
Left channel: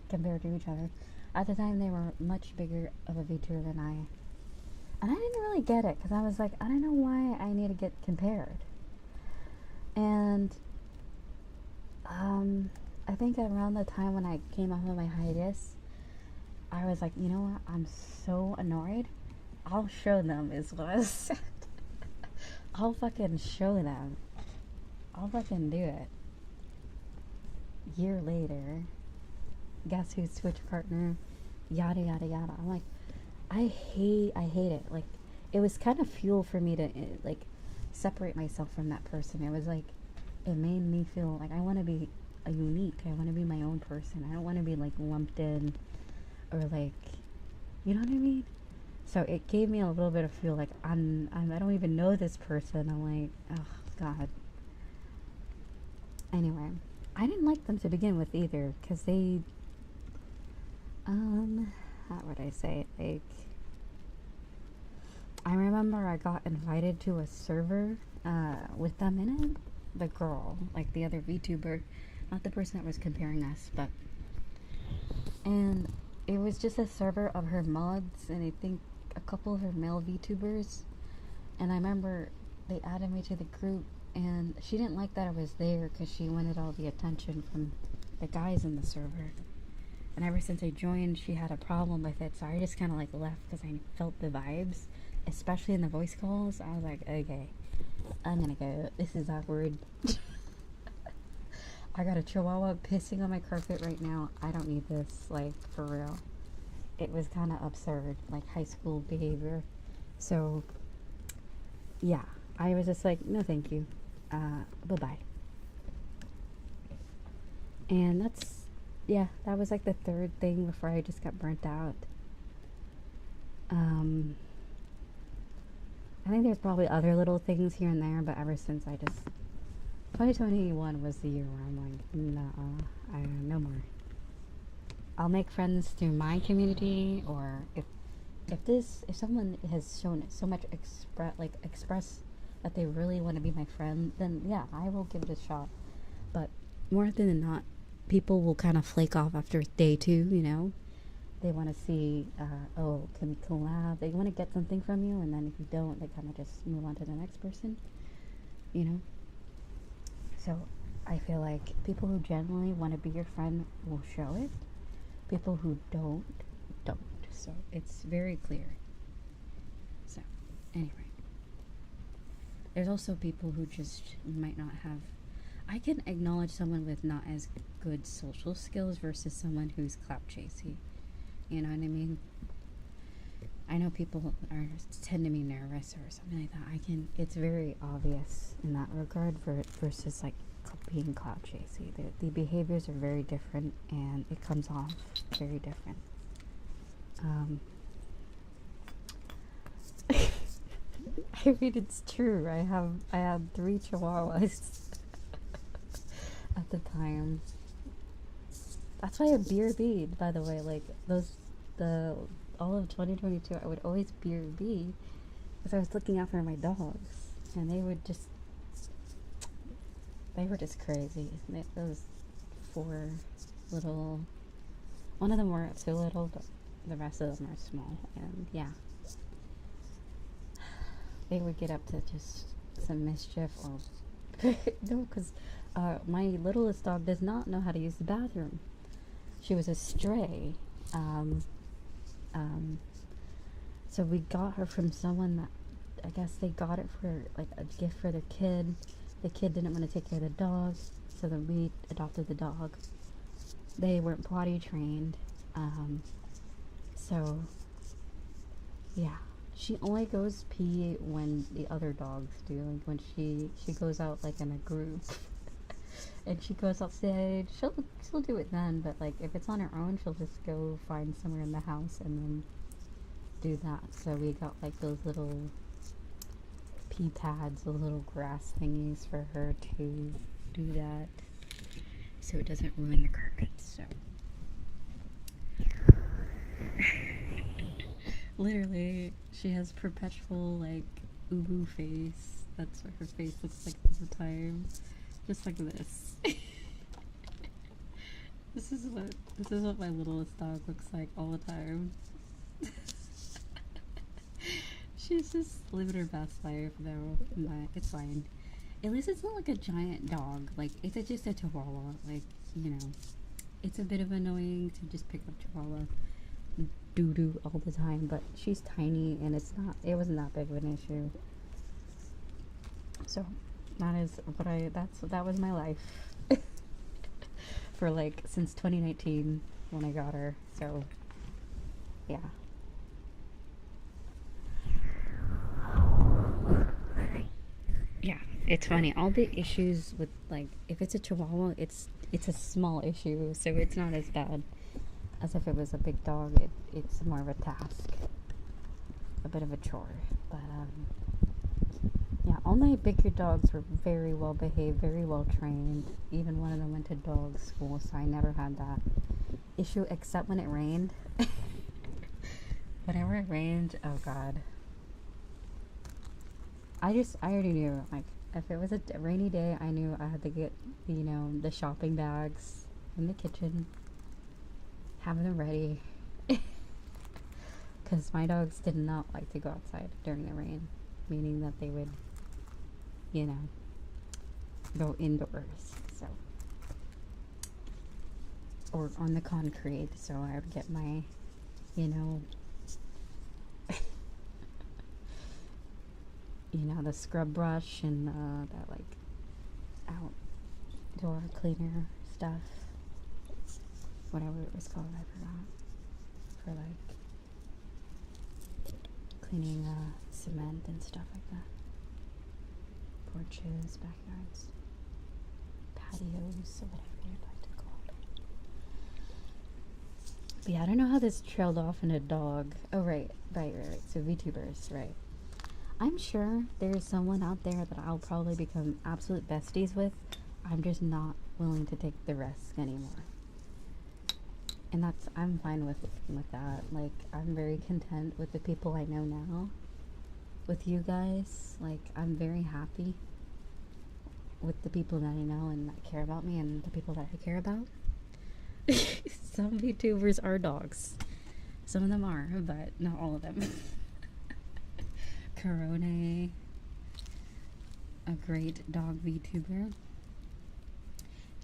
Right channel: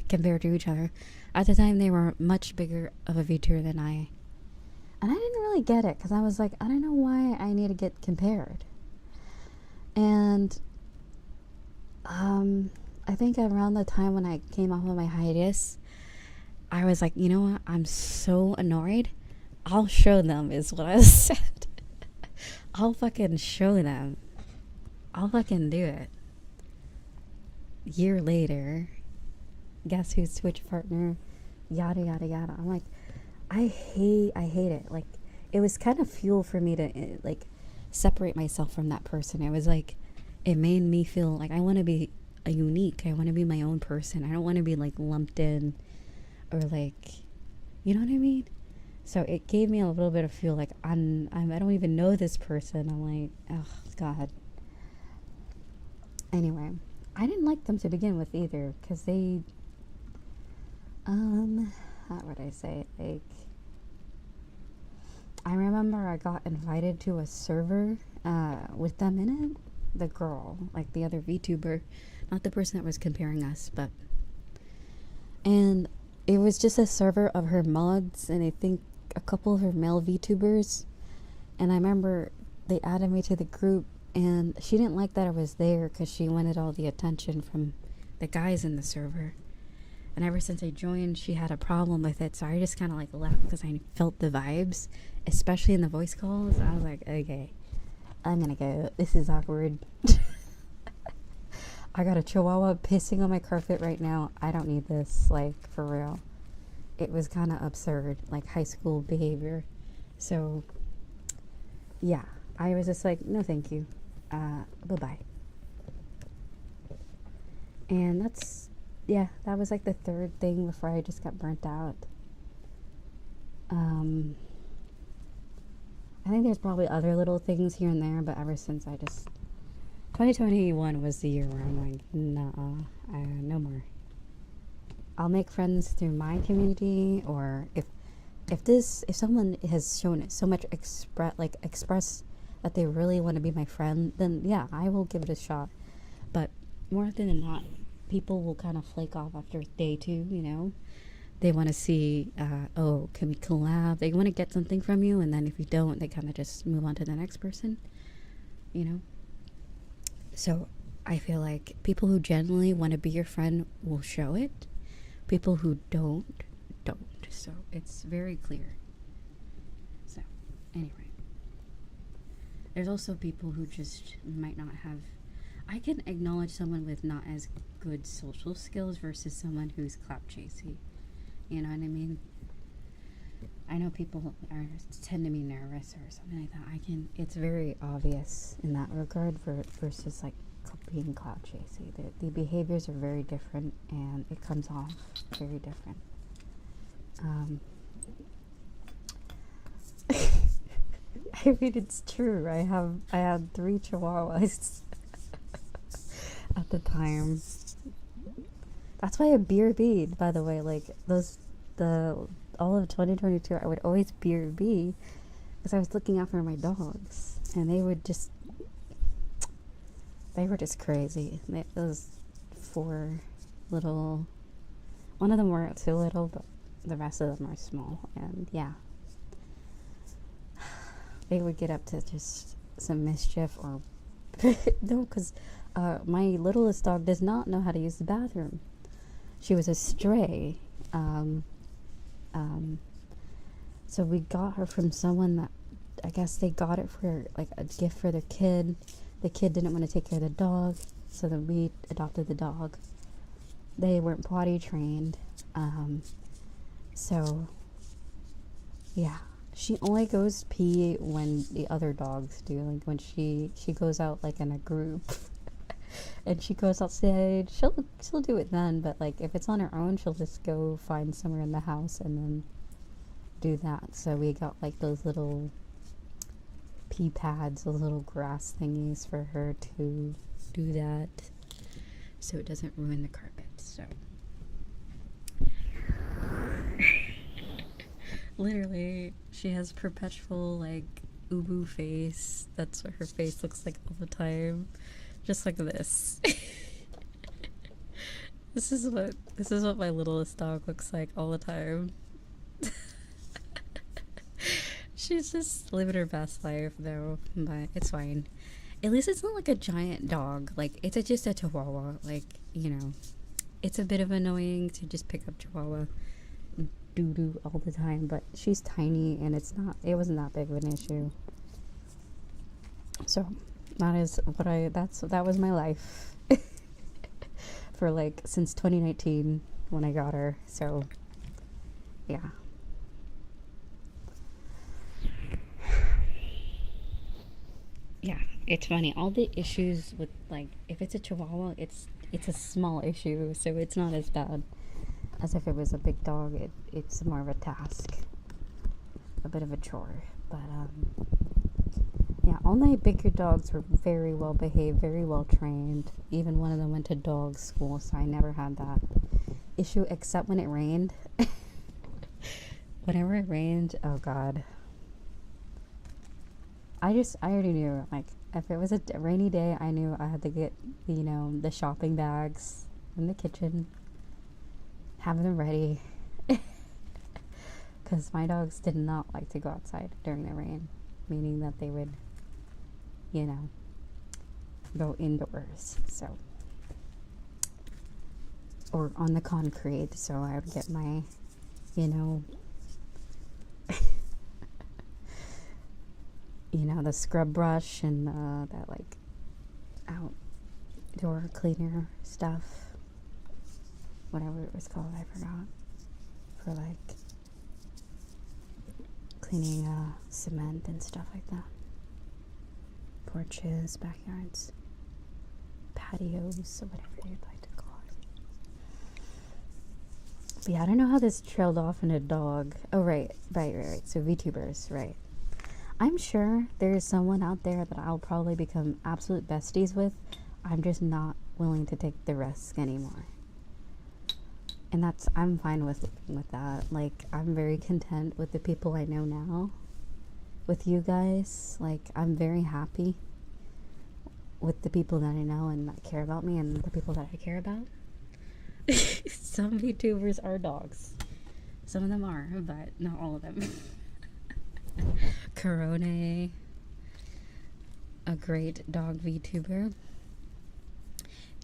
compared to each other. At the time, they were much bigger of a VTuber than I. And I didn't really get it, because I was like, I don't know why I need to get compared. And I think around the time when I came off of my hiatus, I was like, you know what? I'm so annoyed. I'll show them, is what I said. I'll fucking show them. I'll fucking do it. Year later, guess who's Twitch partner? Yada yada yada. I'm like, I hate it. Like, it was kind of fuel for me to like separate myself from that person. It was like, it made me feel like I want to be a unique. I want to be my own person. I don't want to be like lumped in, or like, you know what I mean? So it gave me a little bit of fuel. Like I don't even know this person. I'm like, oh god. Anyway, I didn't like them to begin with either, because they, how would I say it? Like, I remember I got invited to a server with them in it. The girl, like the other VTuber, not the person that was comparing us, but. And it was just a server of her mods, and I think a couple of her male VTubers. And I remember they added me to the group, and she didn't like that I was there because she wanted all the attention from the guys in the server. And ever since I joined, she had a problem with it, so I just kind of like left because I felt the vibes, especially in the voice calls. I was like, okay, I'm gonna go. This is awkward. I got a chihuahua pissing on my carpet right now. I don't need this, like, for real. It was kind of absurd, like high school behavior. So, yeah, I was just like, no thank you. Bye-bye. And that's, yeah, that was like the third thing before I just got burnt out. I think there's probably other little things here and there, but ever since 2021 was the year where I'm like, no more. I'll make friends through my community, or if someone has shown it so much express that they really want to be my friend, then yeah, I will give it a shot. But more often than not, people will kind of flake off after day 2, you know? They want to see, oh, can we collab? They want to get something from you, and then if you don't, they kind of just move on to the next person, you know? So I feel like people who genuinely want to be your friend will show it. People who don't. So it's very clear. So anyway, there's also people who just might not have. I can acknowledge someone with not as good social skills versus someone who's clout chasey. You know what I mean? I know people tend to be nervous or something like that. It's very obvious in that regard versus like being clout chasey. The behaviors are very different, and it comes off very different. I mean, it's true. I had 3 chihuahuas at the time. That's why I BRB'd, by the way. Like all of 2022, I would always BRB because I was looking out for my dogs, and they were just crazy. Those 4 little, one of them were too little, but the rest of them are small, and yeah, they would get up to just some mischief or no, because my littlest dog does not know how to use the bathroom. She was a stray. So we got her from someone that I guess they got it for like a gift for their kid. The kid didn't want to take care of the dog, so then we adopted the dog. They weren't potty trained. So yeah, she only goes pee when the other dogs do, like when she goes out like in a group. And she goes outside, she'll do it then, but like if it's on her own, she'll just go find somewhere in the house and then do that. So we got like those little pee pads, those little grass thingies for her to do that, so it doesn't ruin the carpets. So literally, she has perpetual like ubu face. That's what her face looks like all the time. Just like this. This is what my littlest dog looks like all the time. She's just living her best life though, but it's fine. At least it's not like a giant dog. Like it's just a chihuahua. Like, you know, it's a bit of annoying to just pick up chihuahua doo-doo all the time, but she's tiny and it wasn't that big of an issue. So that was my life for like since 2019 when I got her. So yeah. Yeah, it's funny. All the issues with like if it's a chihuahua, it's a small issue, so it's not as bad as if it was a big dog. It's more of a task, a bit of a chore. But yeah, all my bigger dogs were very well behaved, very well trained. Even one of them went to dog school, so I never had that issue except when it rained. Whenever it rained, oh god, I already knew, like, if it was a rainy day, I knew I had to get, you know, the shopping bags in the kitchen, have them ready. Because my dogs did not like to go outside during the rain, meaning that they would, you know, go indoors. So, or on the concrete. So I would get my, you know, the scrub brush and that like outdoor cleaner stuff, whatever it was called, I forgot, for like cleaning cement and stuff like that. Porches, backyards, patios, or whatever you'd like to call it. But yeah, I don't know how this trailed off in a dog. Oh, right. So VTubers, right. I'm sure there's someone out there that I'll probably become absolute besties with. I'm just not willing to take the risk anymore. And I'm fine with that. Like, I'm very content with the people I know now. With you guys, like, I'm very happy with the people that I know and that care about me and the people that I care about. Some VTubers are dogs. Some of them are, but not all of them. Corone, a great dog VTuber.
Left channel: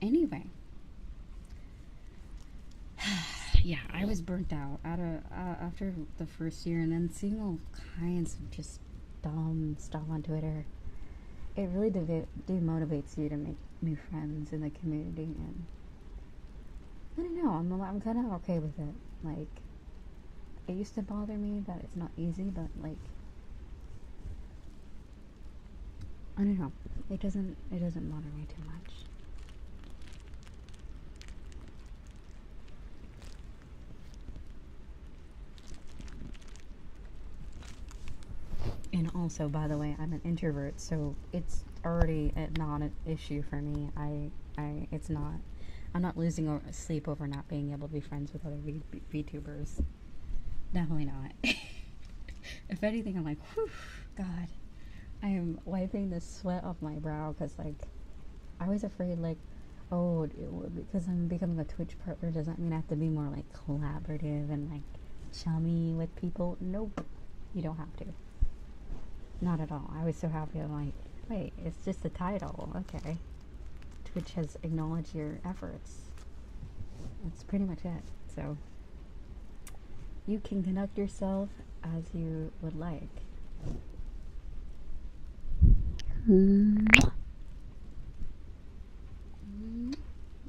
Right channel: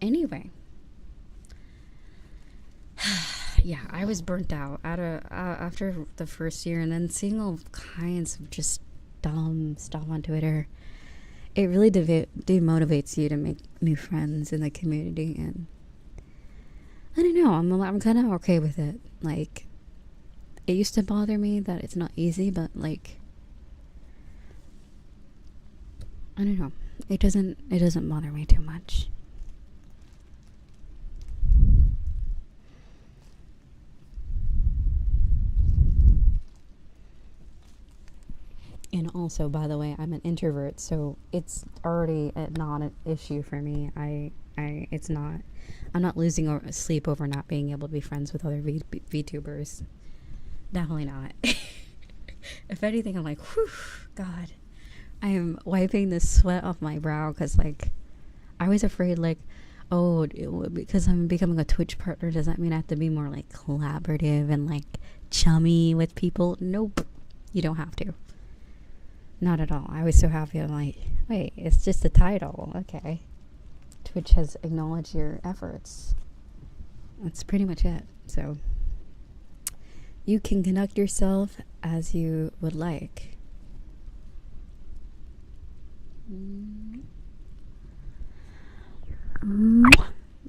Anyway, yeah, I was burnt out after the first year, and then seeing all kinds of just dumb stuff on Twitter. It really demotivates you to make new friends in the community, and I don't know. I'm kind of okay with it. Like, it used to bother me that it's not easy, but like, I don't know. It doesn't bother me too much. And also, by the way, I'm an introvert, so it's already not an issue for me. It's not. I'm not losing sleep over not being able to be friends with other VTubers. Definitely not. If anything, I'm like, whew, God. I am wiping the sweat off my brow because, like, I was afraid, like, oh, because I'm becoming a Twitch partner, does that mean I have to be more, like, collaborative and, like, chummy with people? Nope. You don't have to. Not at all. I was so happy. I'm like, wait, it's just a title. Okay. Twitch has acknowledged your efforts. That's pretty much it. So, you can conduct yourself as you would like.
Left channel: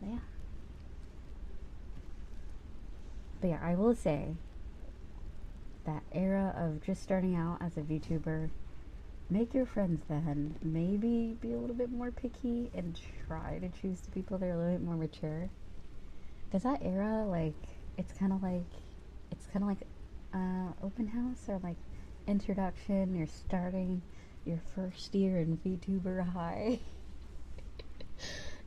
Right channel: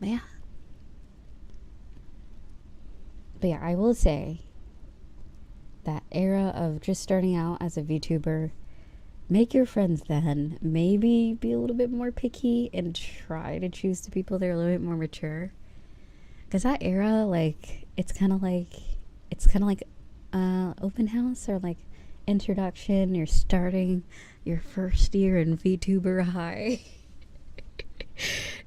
Yeah. But yeah, I will say that era of just starting out as a VTuber, make your friends then. Maybe be a little bit more picky and try to choose the people that are a little bit more mature. Because that era, like, it's kind of like open house or like introduction. You're starting your first year in VTuber high.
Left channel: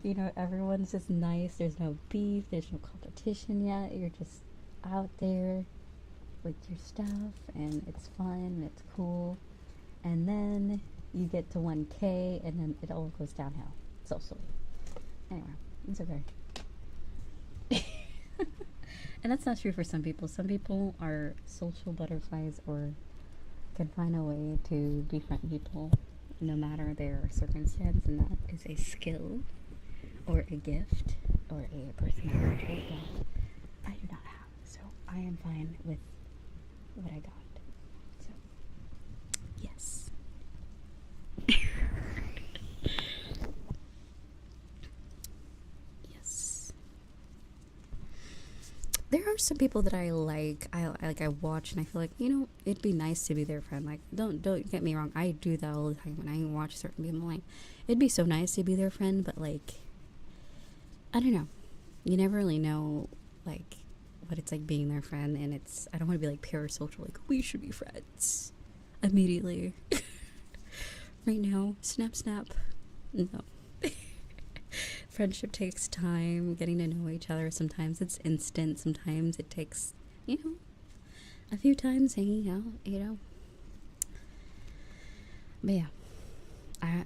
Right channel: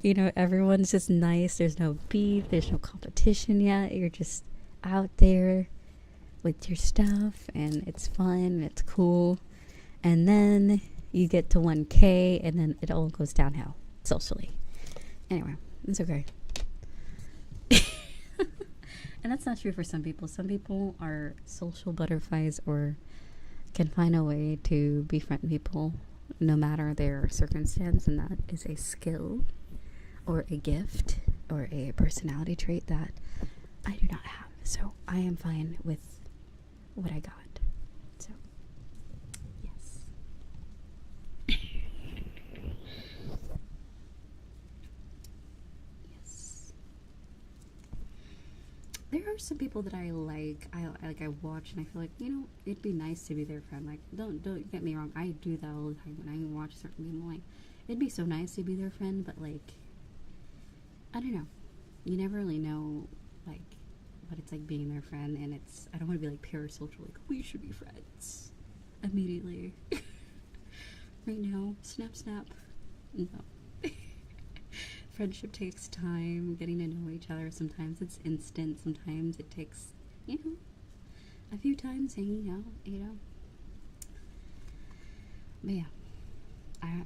You know, everyone's just nice. There's no beef. There's no competition yet. You're just out there with your stuff, and it's fun. And it's cool. And then you get to 1K, and then it all goes downhill socially. Anyway, it's okay. And that's not true for some people. Some people are social butterflies or can find a way to befriend people no matter their circumstance, and that is a skill or a gift or a personality trait that I do not have. So I am fine with what I got. So, yes. Yes. There are some people that I like. I watch and I feel like, you know, it'd be nice to be their friend. Like, don't get me wrong. I do that all the time when I watch certain people. Like, it'd be so nice to be their friend, but like, I don't know. You never really know, like, what it's like being their friend, and I don't want to be like parasocial, like, we should be friends immediately. Right now, snap. No. Friendship takes time, getting to know each other. Sometimes it's instant, sometimes it takes, you know, a few times hanging out, you know. But yeah,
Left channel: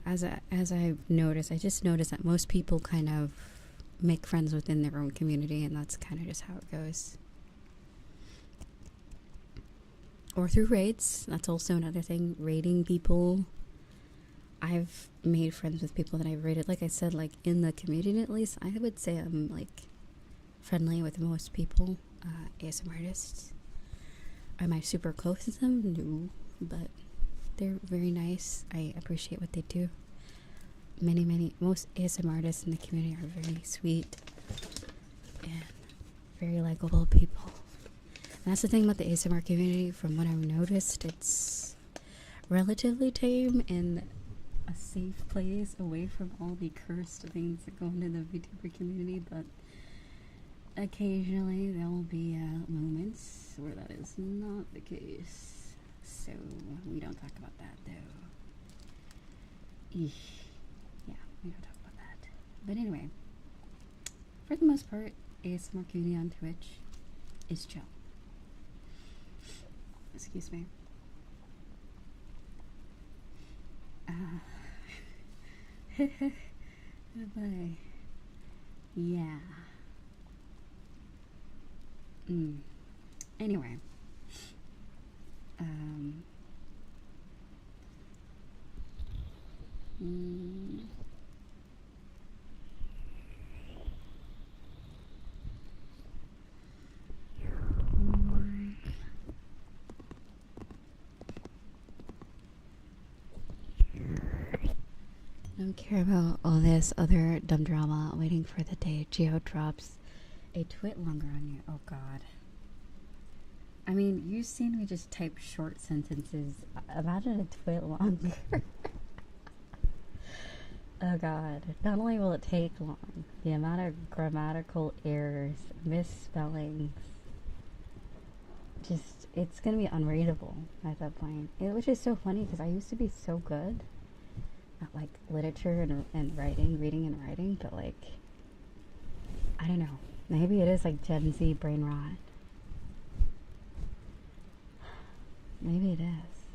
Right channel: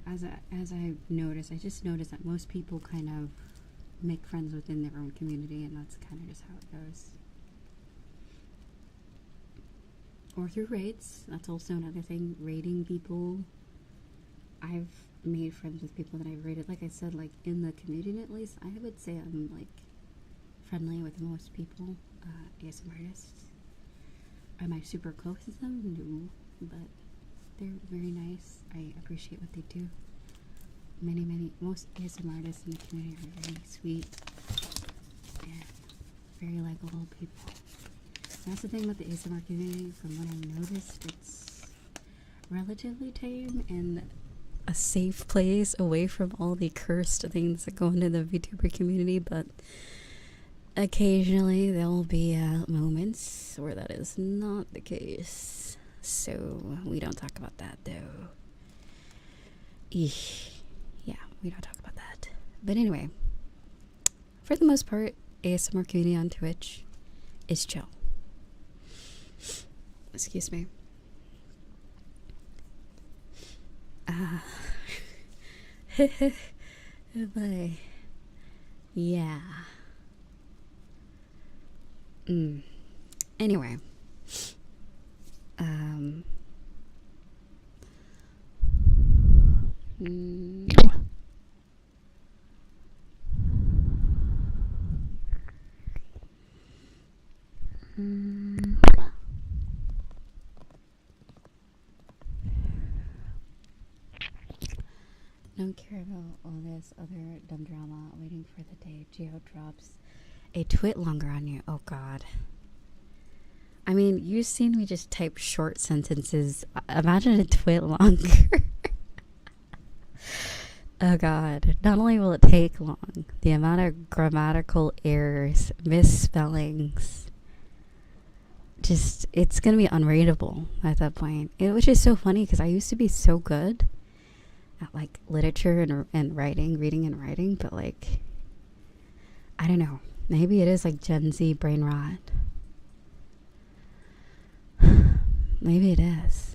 as I've noticed, I just noticed that most people kind of make friends within their own community, and that's kind of just how it goes. Or through raids. That's also another thing. Raiding people. I've made friends with people that I've raided. Like I said, like in the community at least, I would say I'm like friendly with most people. ASM artists. Am I super close to them? No. But they're very nice. I appreciate what they do. Most ASM artists in the community are very sweet and very likable people. And that's the thing about the ASMR community. From what I've noticed, it's relatively tame and a safe place away from all the cursed things that go into the VTuber community, but occasionally there will be moments where that is not the case. So we don't talk about that though. Eesh. Yeah, we don't talk about that. But anyway, for the most part, ASMR community on Twitch is chill. Excuse me. But yeah. Anyway. Don't care about all this other dumb drama waiting for the day Geo drops a twit longer on you. Oh god. I mean, you've seen me just type short sentences. Imagine a twit longer. Oh god. Not only will it take long, the amount of grammatical errors, misspellings, just, it's gonna be unreadable at that point. Which is so funny because I used to be so good at like literature and writing, reading and writing, but like, I don't know. Maybe it is like Gen Z brain rot. Maybe it is.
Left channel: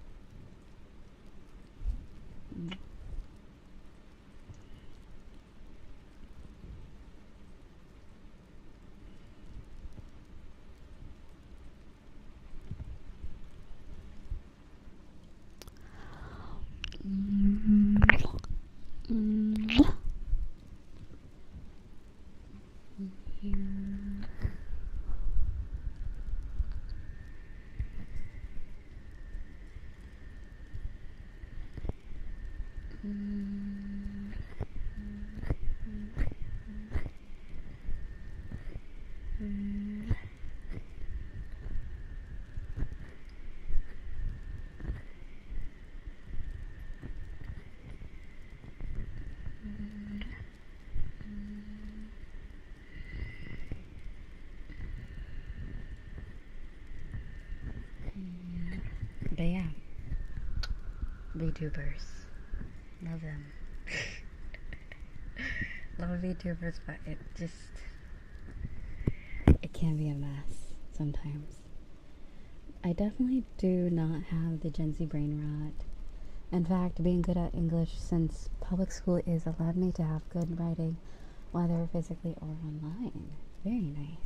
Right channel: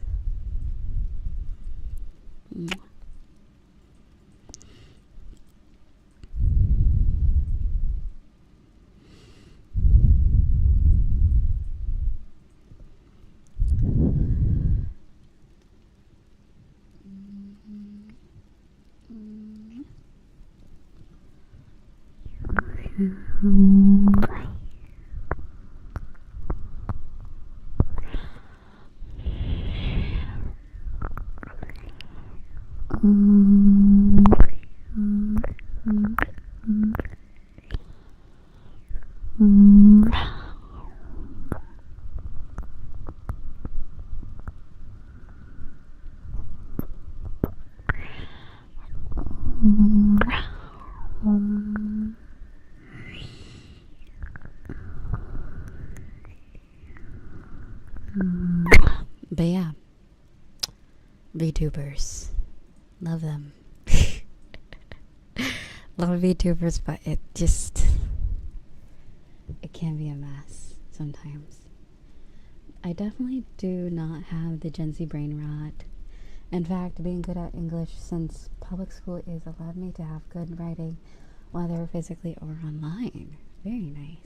But yeah, VTubers, love them. Love VTubers, but it can be a mess sometimes. I definitely do not have the Gen Z brain rot. In fact, being good at English since public school is allowed me to have good writing, whether physically or online. Very nice.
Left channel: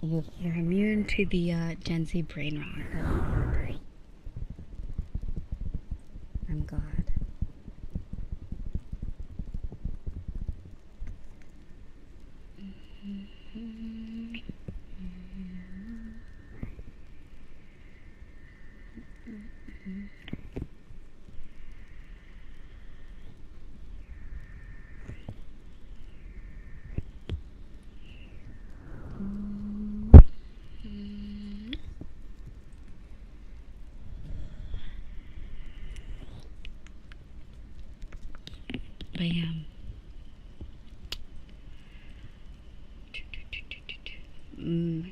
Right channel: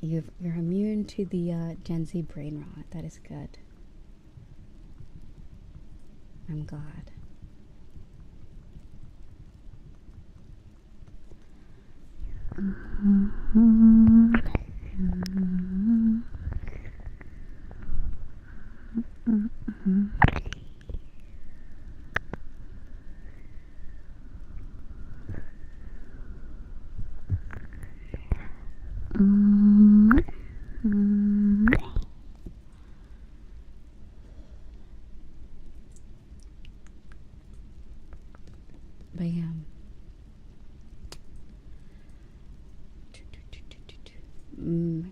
You're immune to the Gen Z brain rot. That is good. I'm glad. But yeah.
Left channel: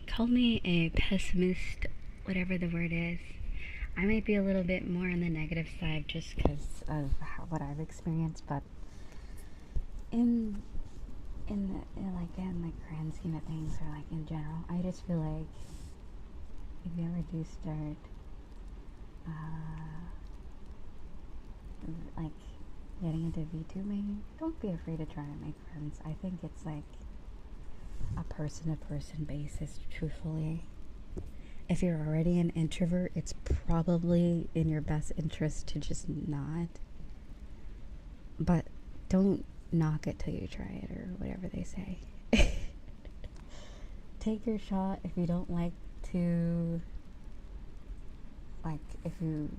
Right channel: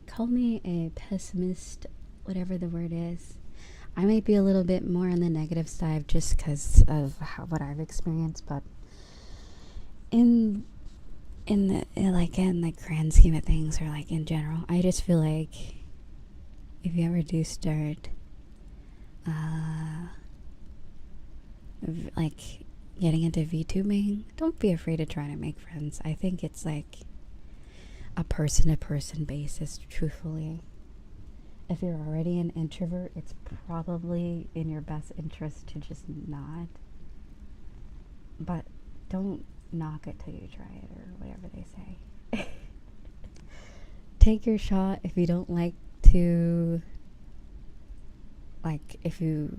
Call me a pessimist, whatever the word is. I might be a little bit more on the negative side just because of what I've experienced, but in the grand scheme of things, or like in general, I just feel like if you ever do start like getting into VTubing, don't be afraid to try to make friends. I think it's like a person-to-person basis, truthfully. If you're already an introvert, it's probably in your best interest to just not. But don't knock it till you try it, or whatever they say. Take your shot. If you don't like to, like, if you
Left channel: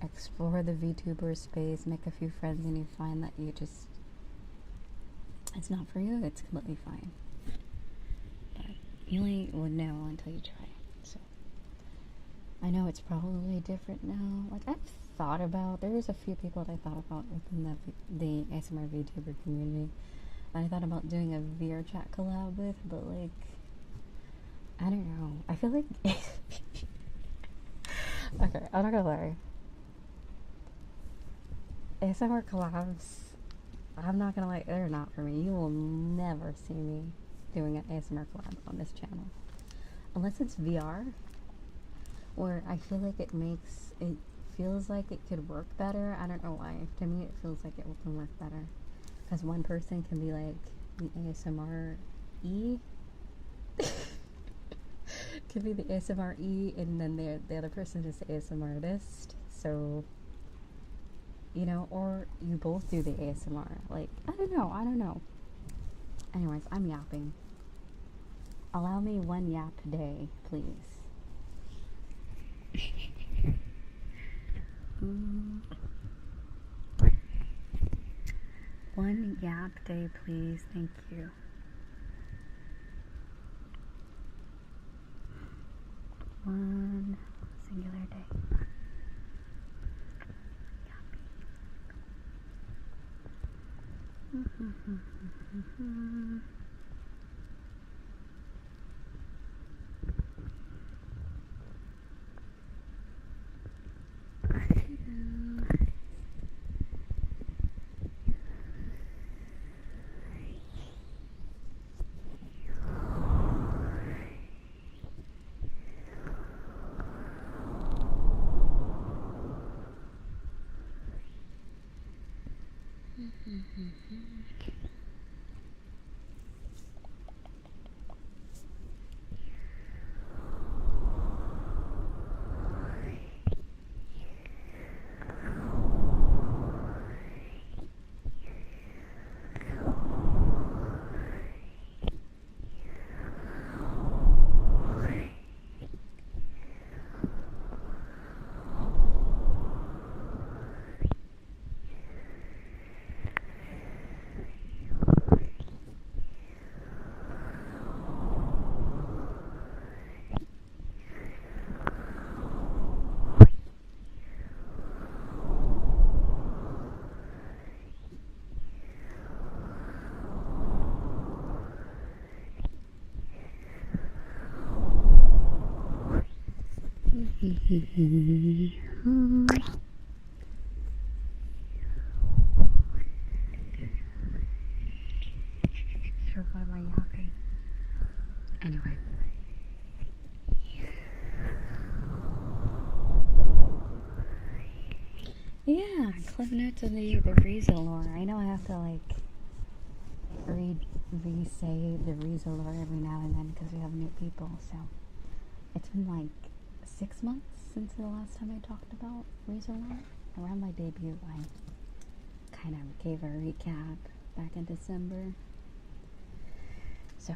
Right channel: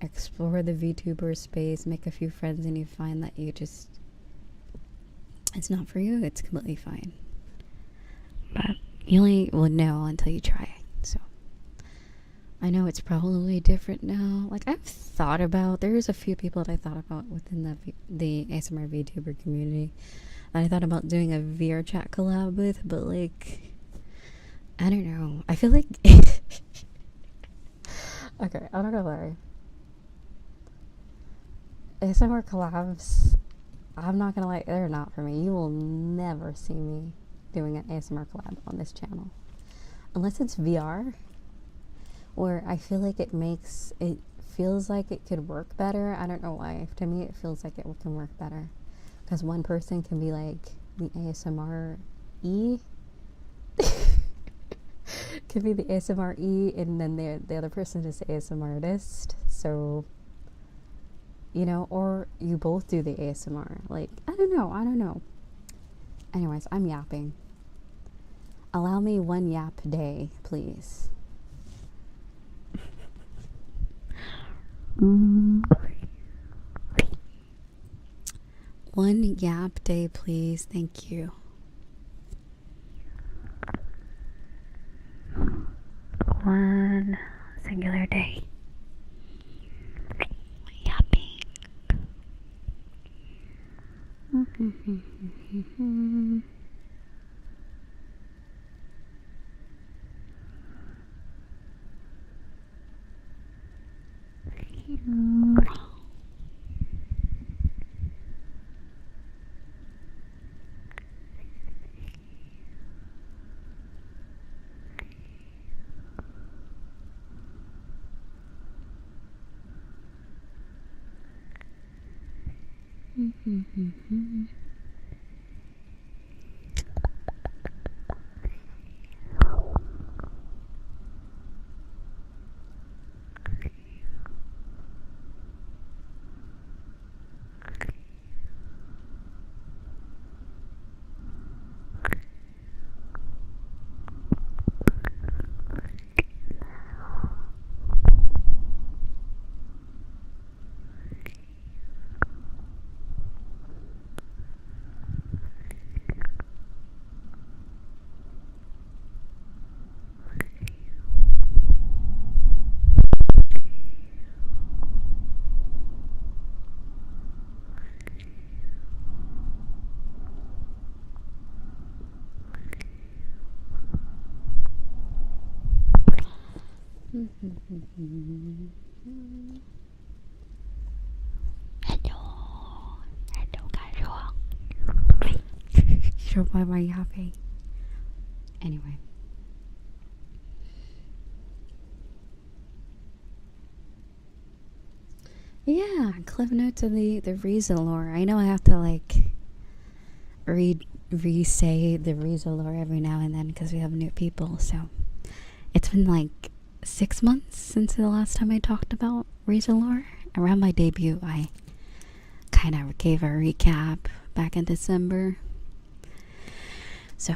explore the VTuber space, make a few friends, and you find that it's not for you, it's completely fine. But you only will know until you try it. So I know it's probably different now. Like, there's a few people that I thought about within the ASMR VTuber community that I thought about doing a VRChat collab with, but like, I don't know. I feel like okay, I'm not gonna lie. ASMR collabs, I'm not gonna lie, they're not for me. You will never see me doing an ASMR collab on this channel. Unless it's VR, where I feel like it feels like it could work better. I don't know why. To me, it feels like it can work better. Because one person can be like the ASMR-E. Could be the ASMR-E, and then the other person is the ASMR artist. So, or you both do the ASMR. Like, I don't know. Anyways, I'm yapping. Allow me one yap day, please. One yap day, please. Thank you. One singular day. Yapping. Sure, why am I yapping? Anyway. Yeah, cliff notes of the Riza lore. I know I have to like re-say the Riza lore every now and then because we have new people. So it's been like 6 months since the last time I talked about Riza lore. Around my debut, I kind of gave a recap back in December. So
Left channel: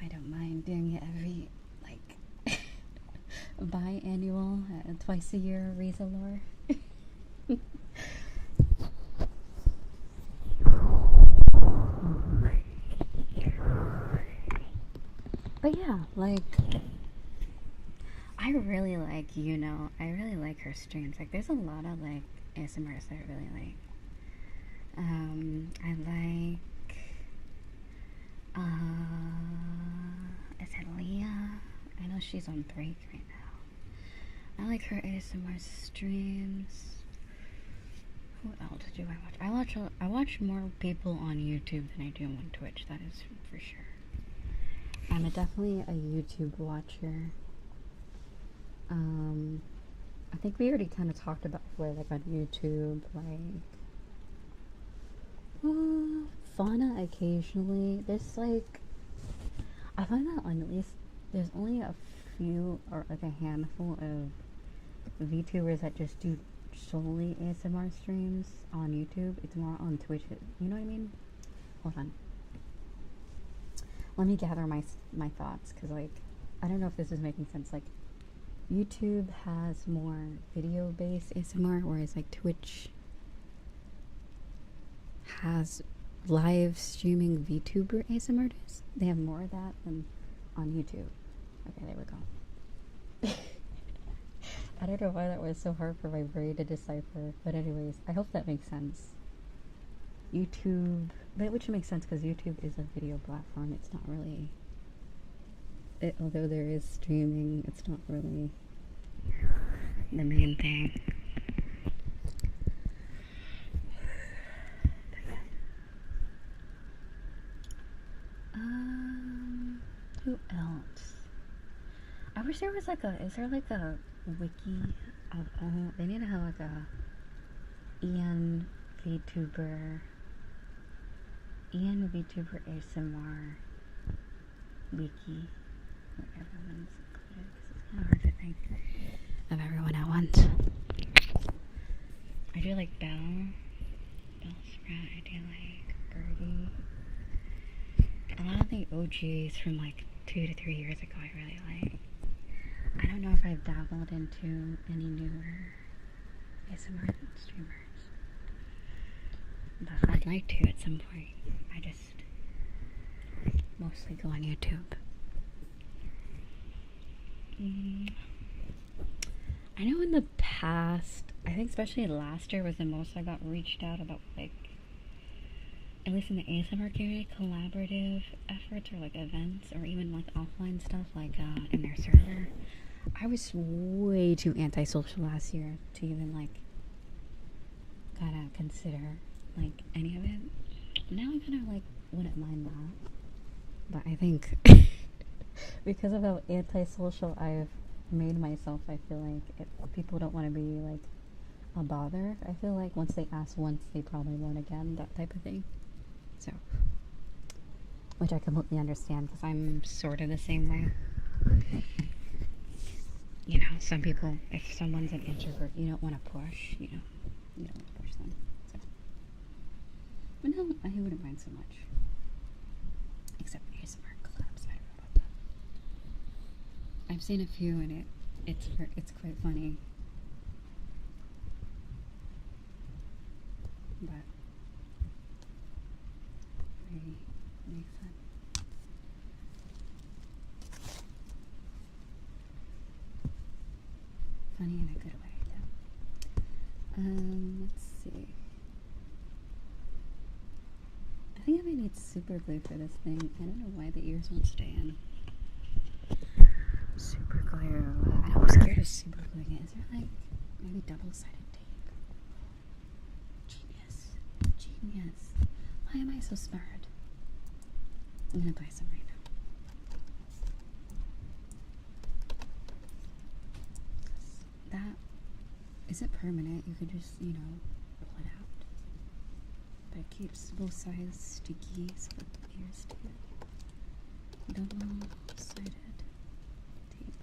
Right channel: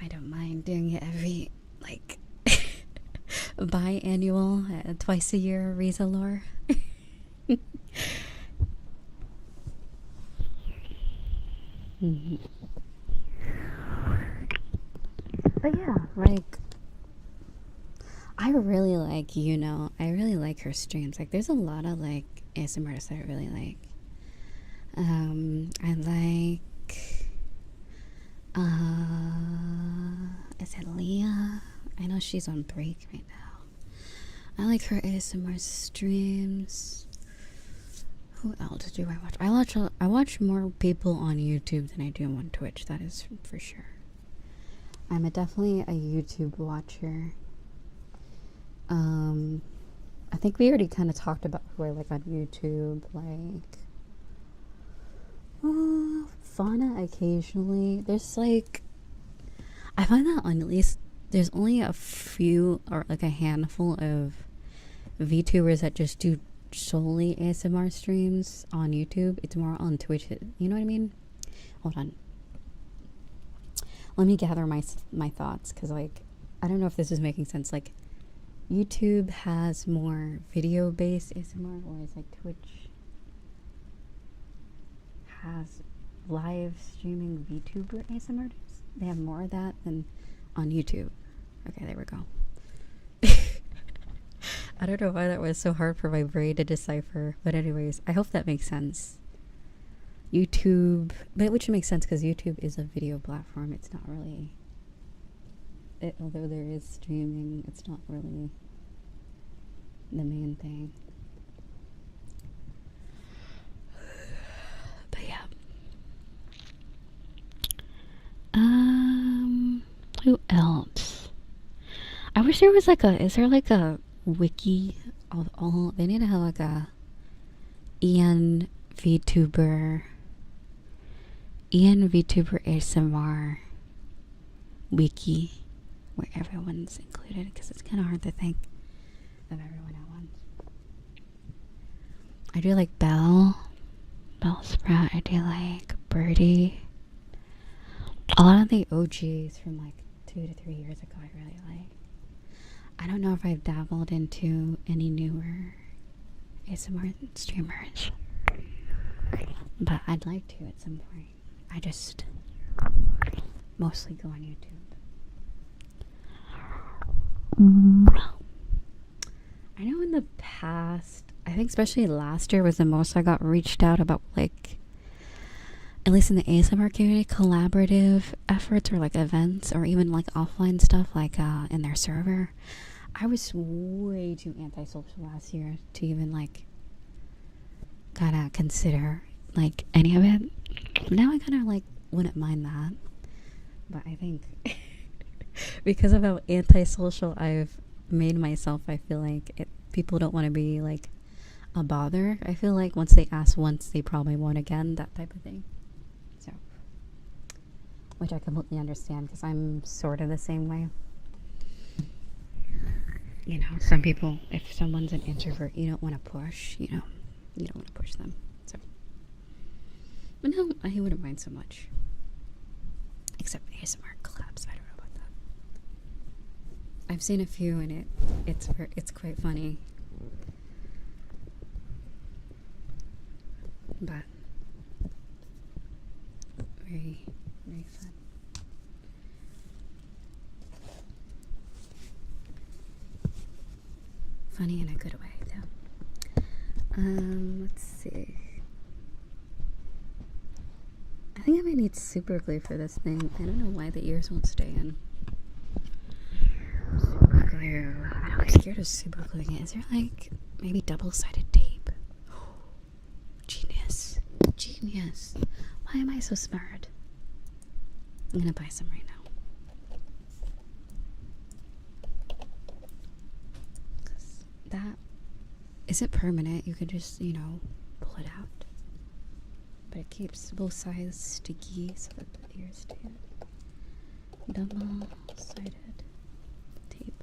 I don't mind doing it every like biannual, twice a year Riza lore. But yeah, like I really like her streams. Like there's a lot of like ASMRs that I really like. I like is it Leah? I know she's on break right now. I like her ASMR streams. Who else do I watch? I watch more people on YouTube than I do on Twitch, that is for sure. I'm definitely a YouTube watcher. think we already kind of talked about where, like, on YouTube, like, fauna occasionally. There's, like, I find that on at least there's only a few or, like, a handful of VTubers that just do solely ASMR streams on YouTube. It's more on Twitch. You know what I mean? Hold on. Let me gather my thoughts, because, like, I don't know if this is making sense. Like, YouTube has more video-based ASMR, whereas, like, Twitch has live streaming VTuber ASMR. They have more of that than on YouTube. Okay, there we go. I don't know why that was so hard for my brain to decipher, but anyways, I hope that makes sense. YouTube, but which makes sense because YouTube is a video platform. It's not really, although there is streaming, it's not really the main thing. But yeah. Who else? I wish there was like is there like a wiki of all? They need to have like a Vtuber ASMR wiki where everyone's included, because it's kind of hard to think of everyone at once. I do like Bell Sprout. I do like Birdie. A lot of the OGs from like 2 to 3 years ago I really like. I don't know if I've dabbled into any newer ASMR streamers, but I'd like to at some point. I just mostly go on YouTube. I know in the past, I think especially last year was the most I got reached out about, like, at least in the ASMR community, collaborative efforts or like events or even like offline stuff, like in their server. I was way too antisocial last year to even like kind of consider like any of it. Now I kind of like wouldn't mind that, but I think because of how antisocial I've made myself, I feel like people don't want to be like a bother. I feel like once they ask once, they probably won't again, that type of thing. So, which I completely understand, because I'm sort of the same way. You know, some people, if someone's an introvert, you don't want to push, you know, you don't want to push them. So, but no, I wouldn't mind so much. Except ASMR collabs, I don't know about that. I've seen a few and it's quite funny. But very, very fun. Funny in a good way, though. Let's see. I think I might need super glue for this thing. I don't know why the ears won't stay in. Super glue. I'm scared of super gluing it. Is there like maybe double-sided tape? Genius. Genius. Why am I so smart? I'm gonna buy some right now. That isn't permanent. You could just, you know, pull it out. But it keeps both sides sticky, so that the ears too. Double-sided tape.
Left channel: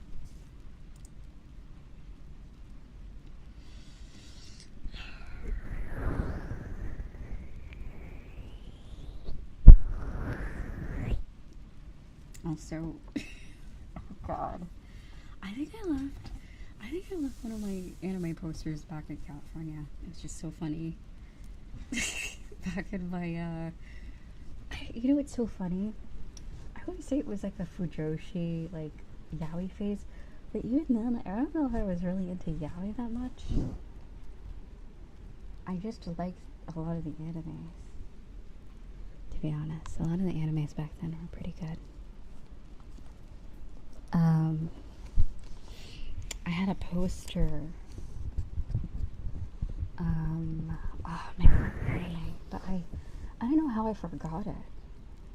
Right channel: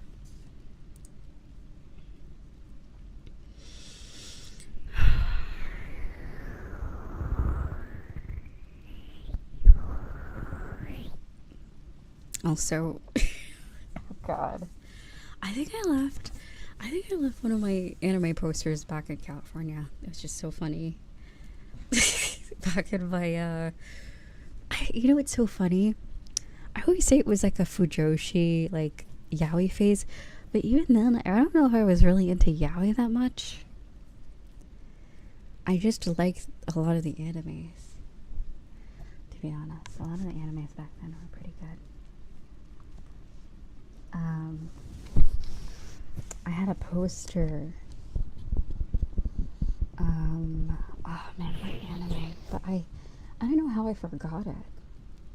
Also, oh god, I think I left one of my anime posters back in California. It was just so funny. Back in my you know what's so funny? I always say it was like a Fujoshi like yaoi phase, but even then I don't know if I was really into yaoi that much. I just liked a lot of the animes, to be honest. A lot of the animes back then were pretty good. I had a poster. Oh man, but I don't know how I forgot it.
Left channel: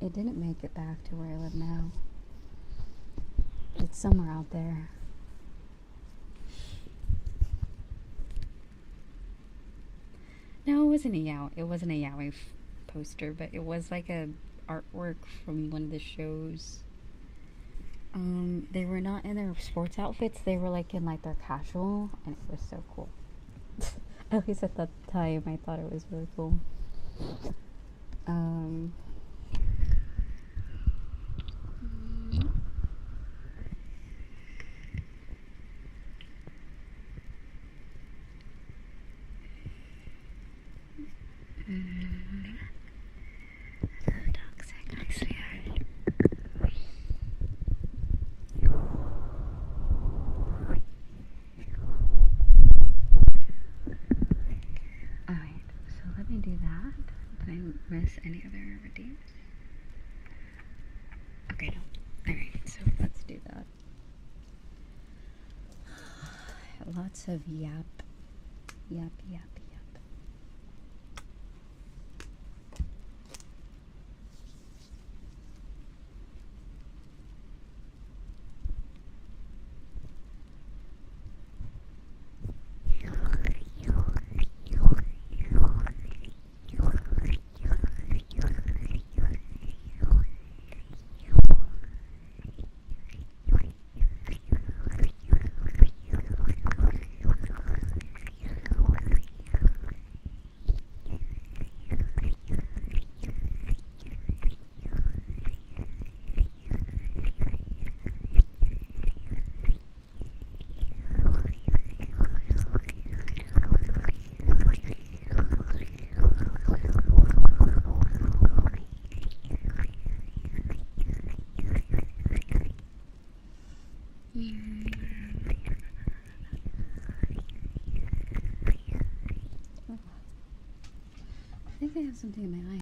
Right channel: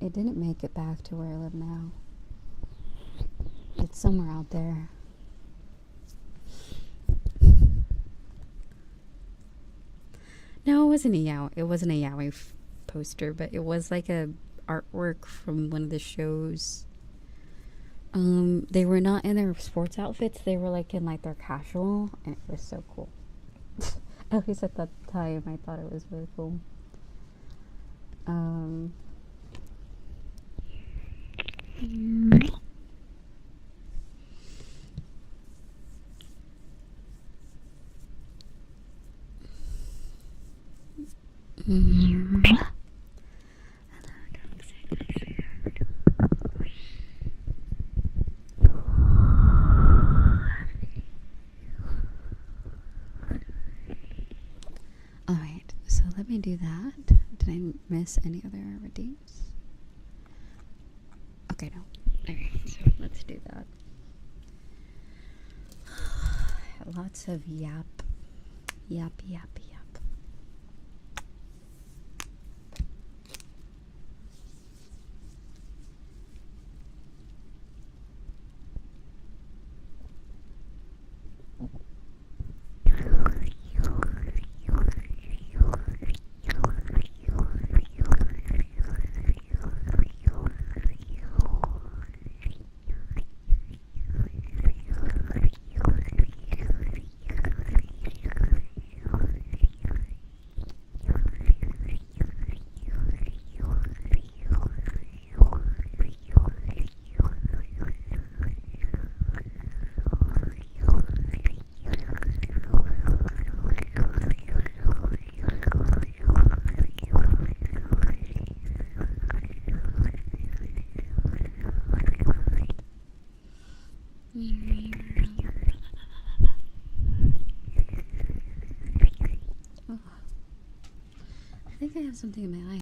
It didn't make it back to where I live now. It's somewhere out there. No, it wasn't a yaoi. It wasn't a yaoi poster, but it was like a artwork from one of the shows. They were not in their sports outfits. They were like in like their casual, and it was so cool. At least at that time, I thought it was really cool. Hello, toxic, I swear. Alright, so let me do that. Did I miss any other redeems? Okay, no. Alright, so let's do that. Lots of yap. Yap, yap, yap. Oh, I think I have something in my eye.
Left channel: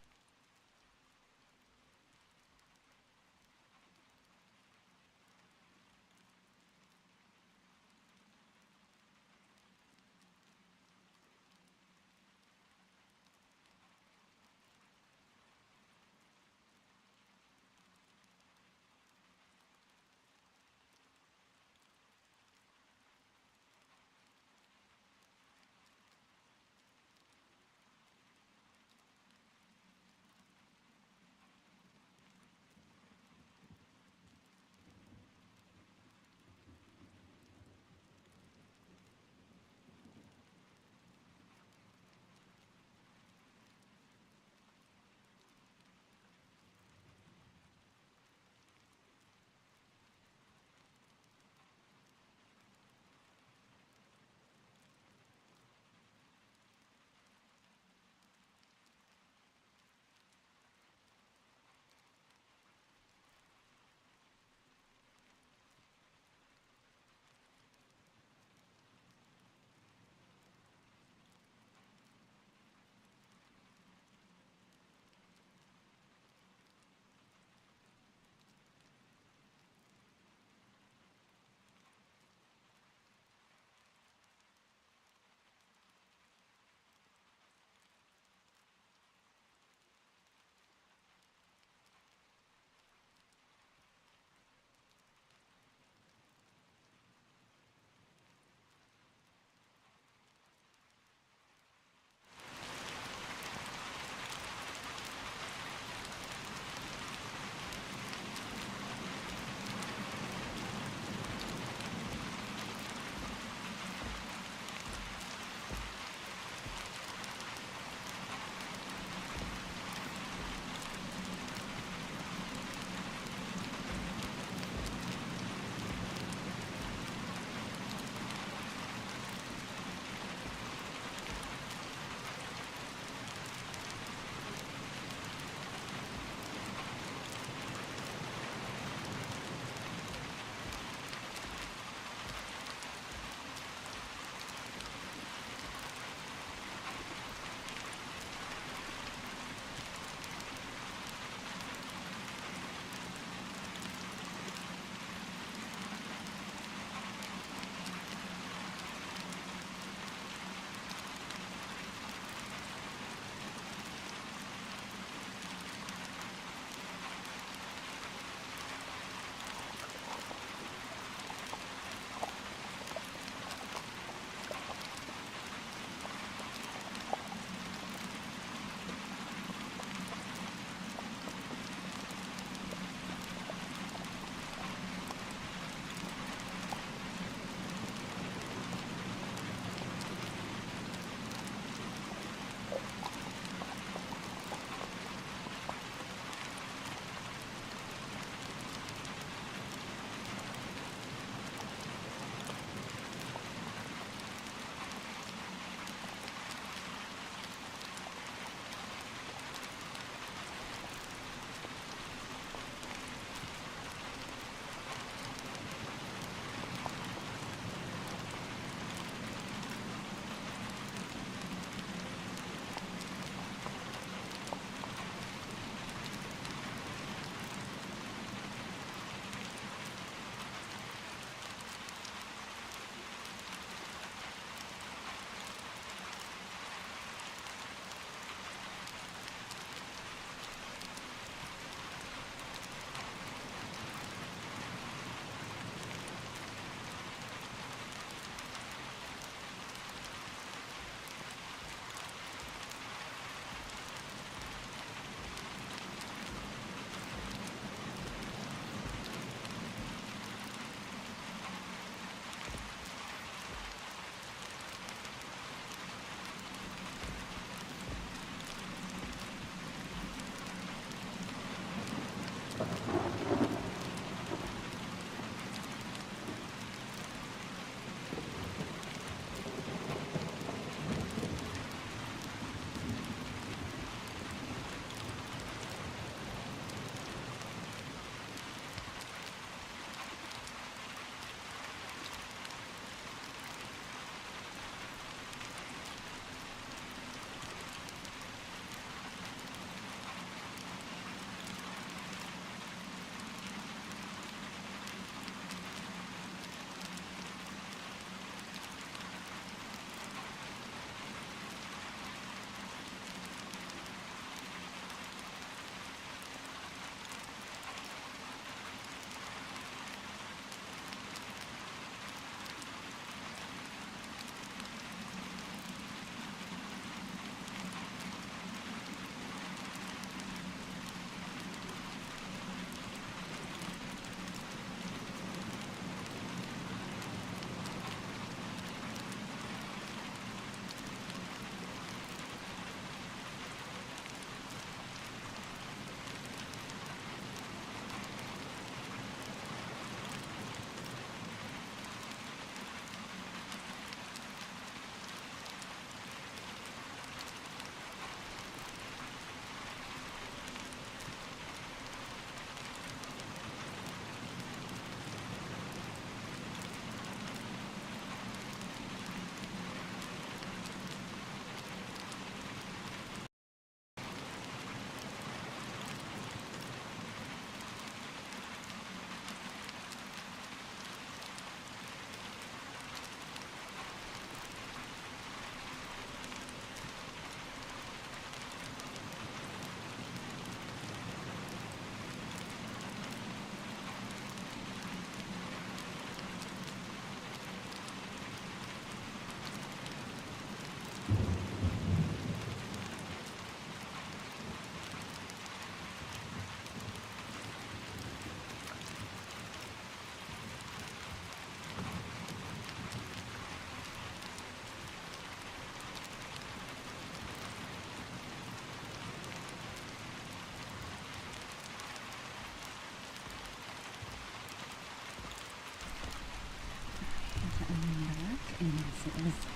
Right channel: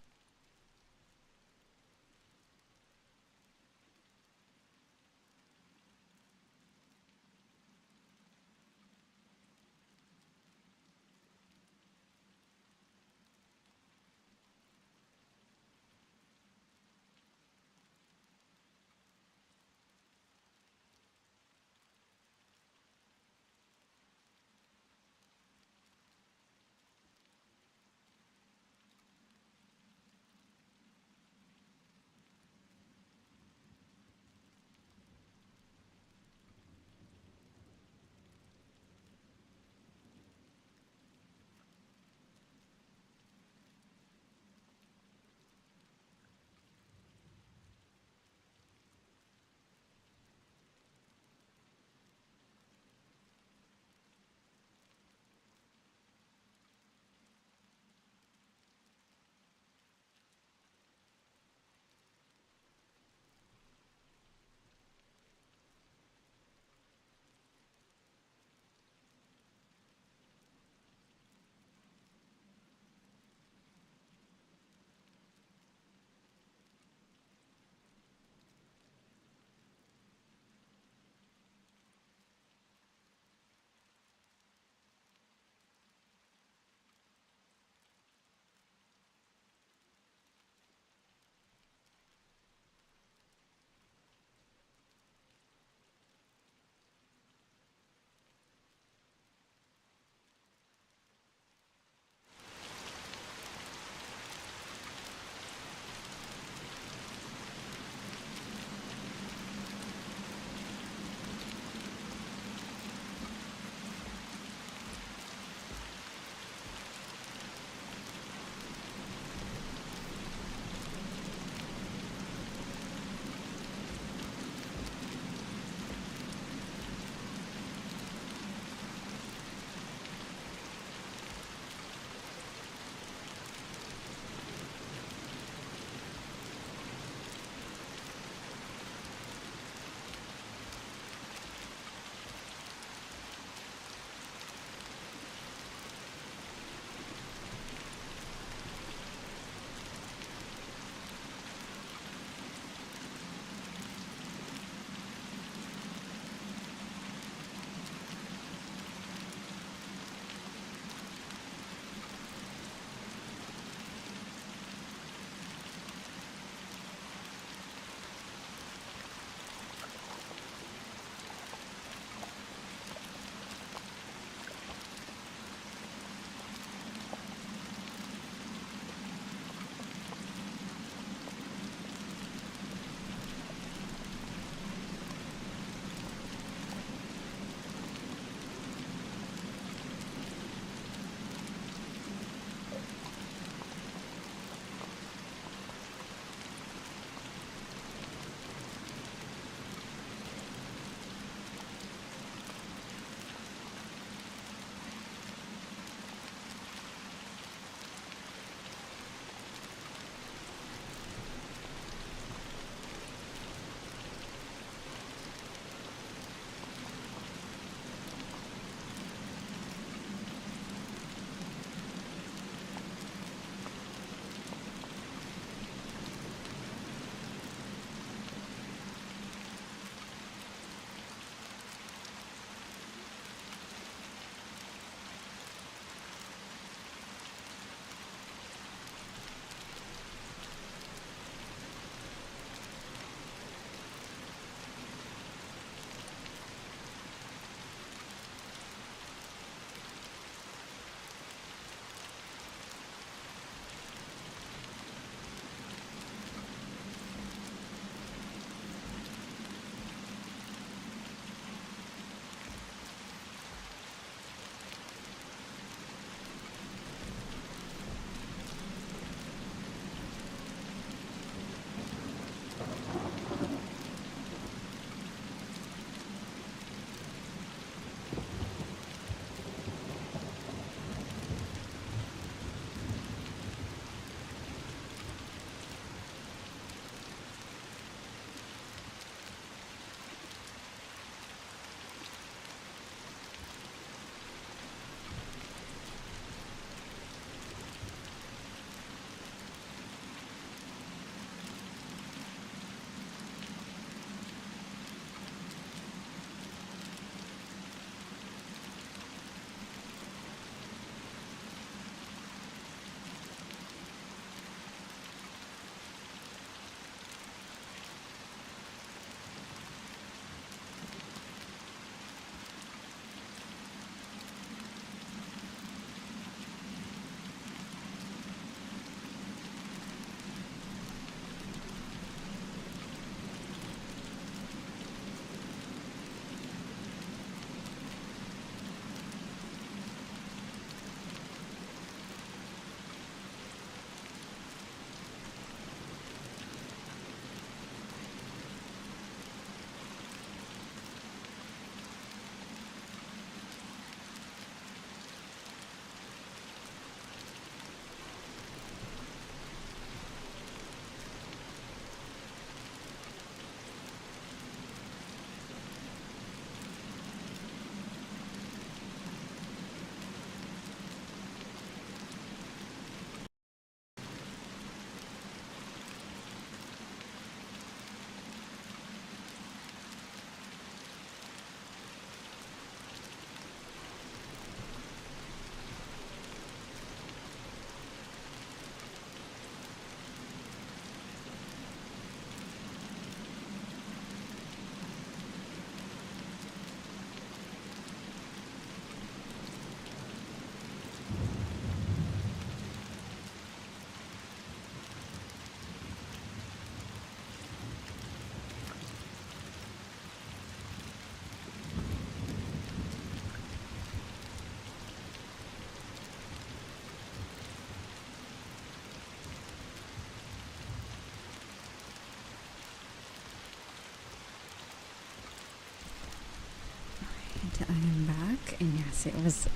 seriously.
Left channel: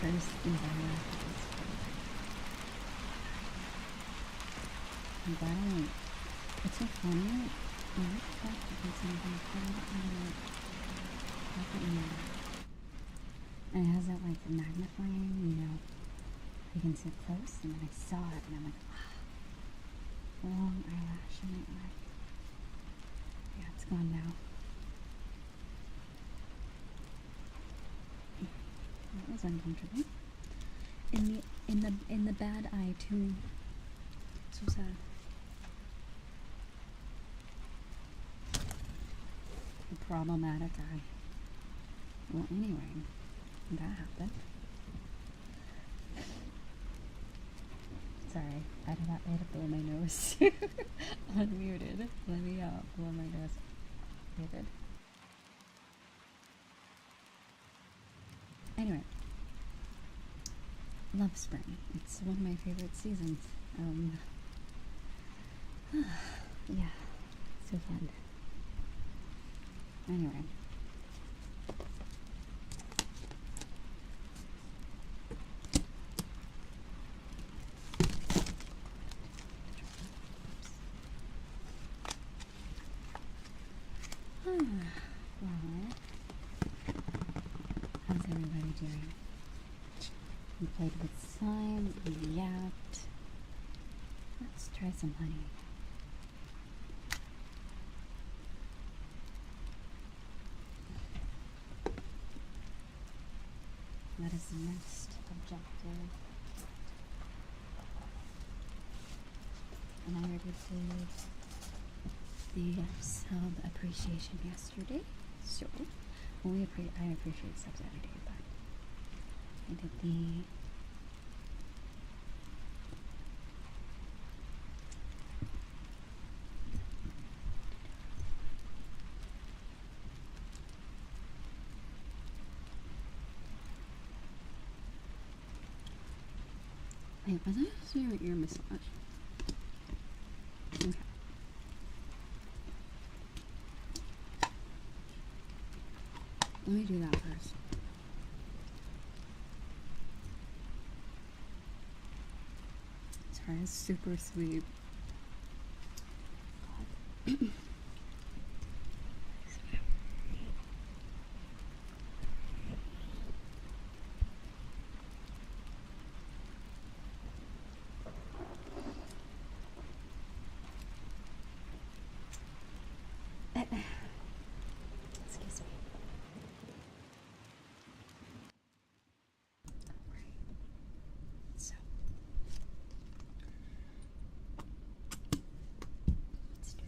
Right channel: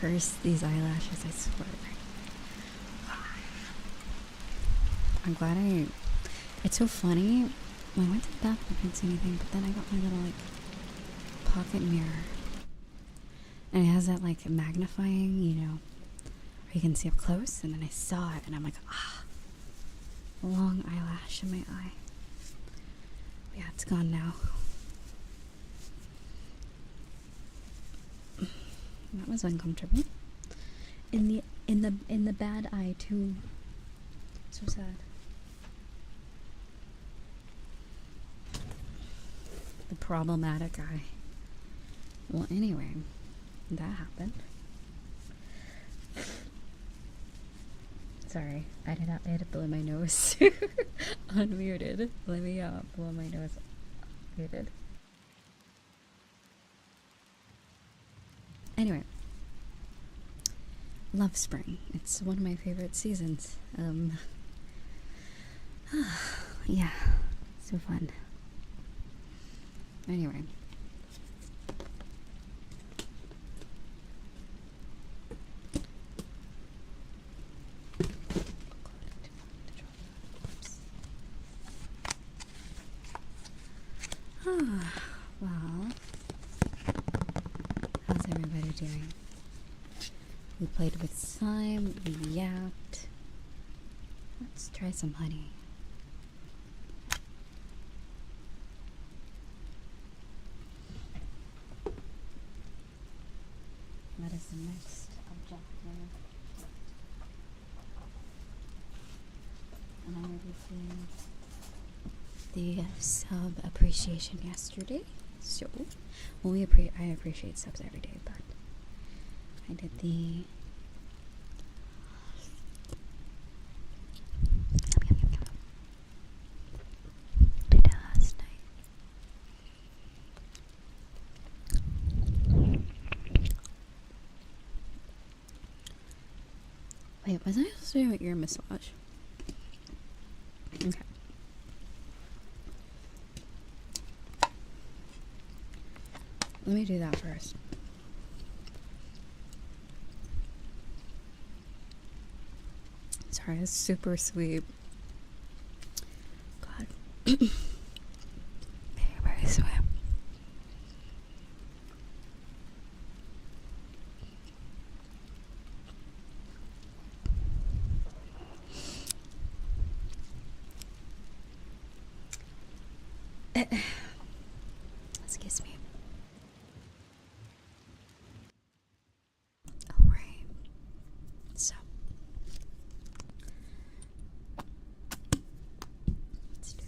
Curse these eyelashes, I swear. I'm glad it's so funny. When I did that, I can't see anything, but then I got my little pocket mirror. And it has that like magnifying, you know, where you can see up close, and then I saw it and I'm like, a long eyelash in my eye. Yeah, it's gone now. That was uncomfortable. In the bad eye too. So sad. The problematic eye. Well, anyway, that happened. Sorry, I had to blow my nose. Unmuted. Let me blow my nose. Muted. Anyway, love spring. It's one of my favorite seasons. Yeah, so fun. Anyway. Well, how's everybody doing? We played with slime, we yapped. Let's try some honey. What is the next objective? And I already did the sub appreciation yesterday, so well, I appreciate subs every day, but I did the last night. Wait, was I supposed to do an ear massage? Okay. Let me do that first. Sorry, it's super sweet. God. Everybody swear. Excuse me. Alright. So. Let's do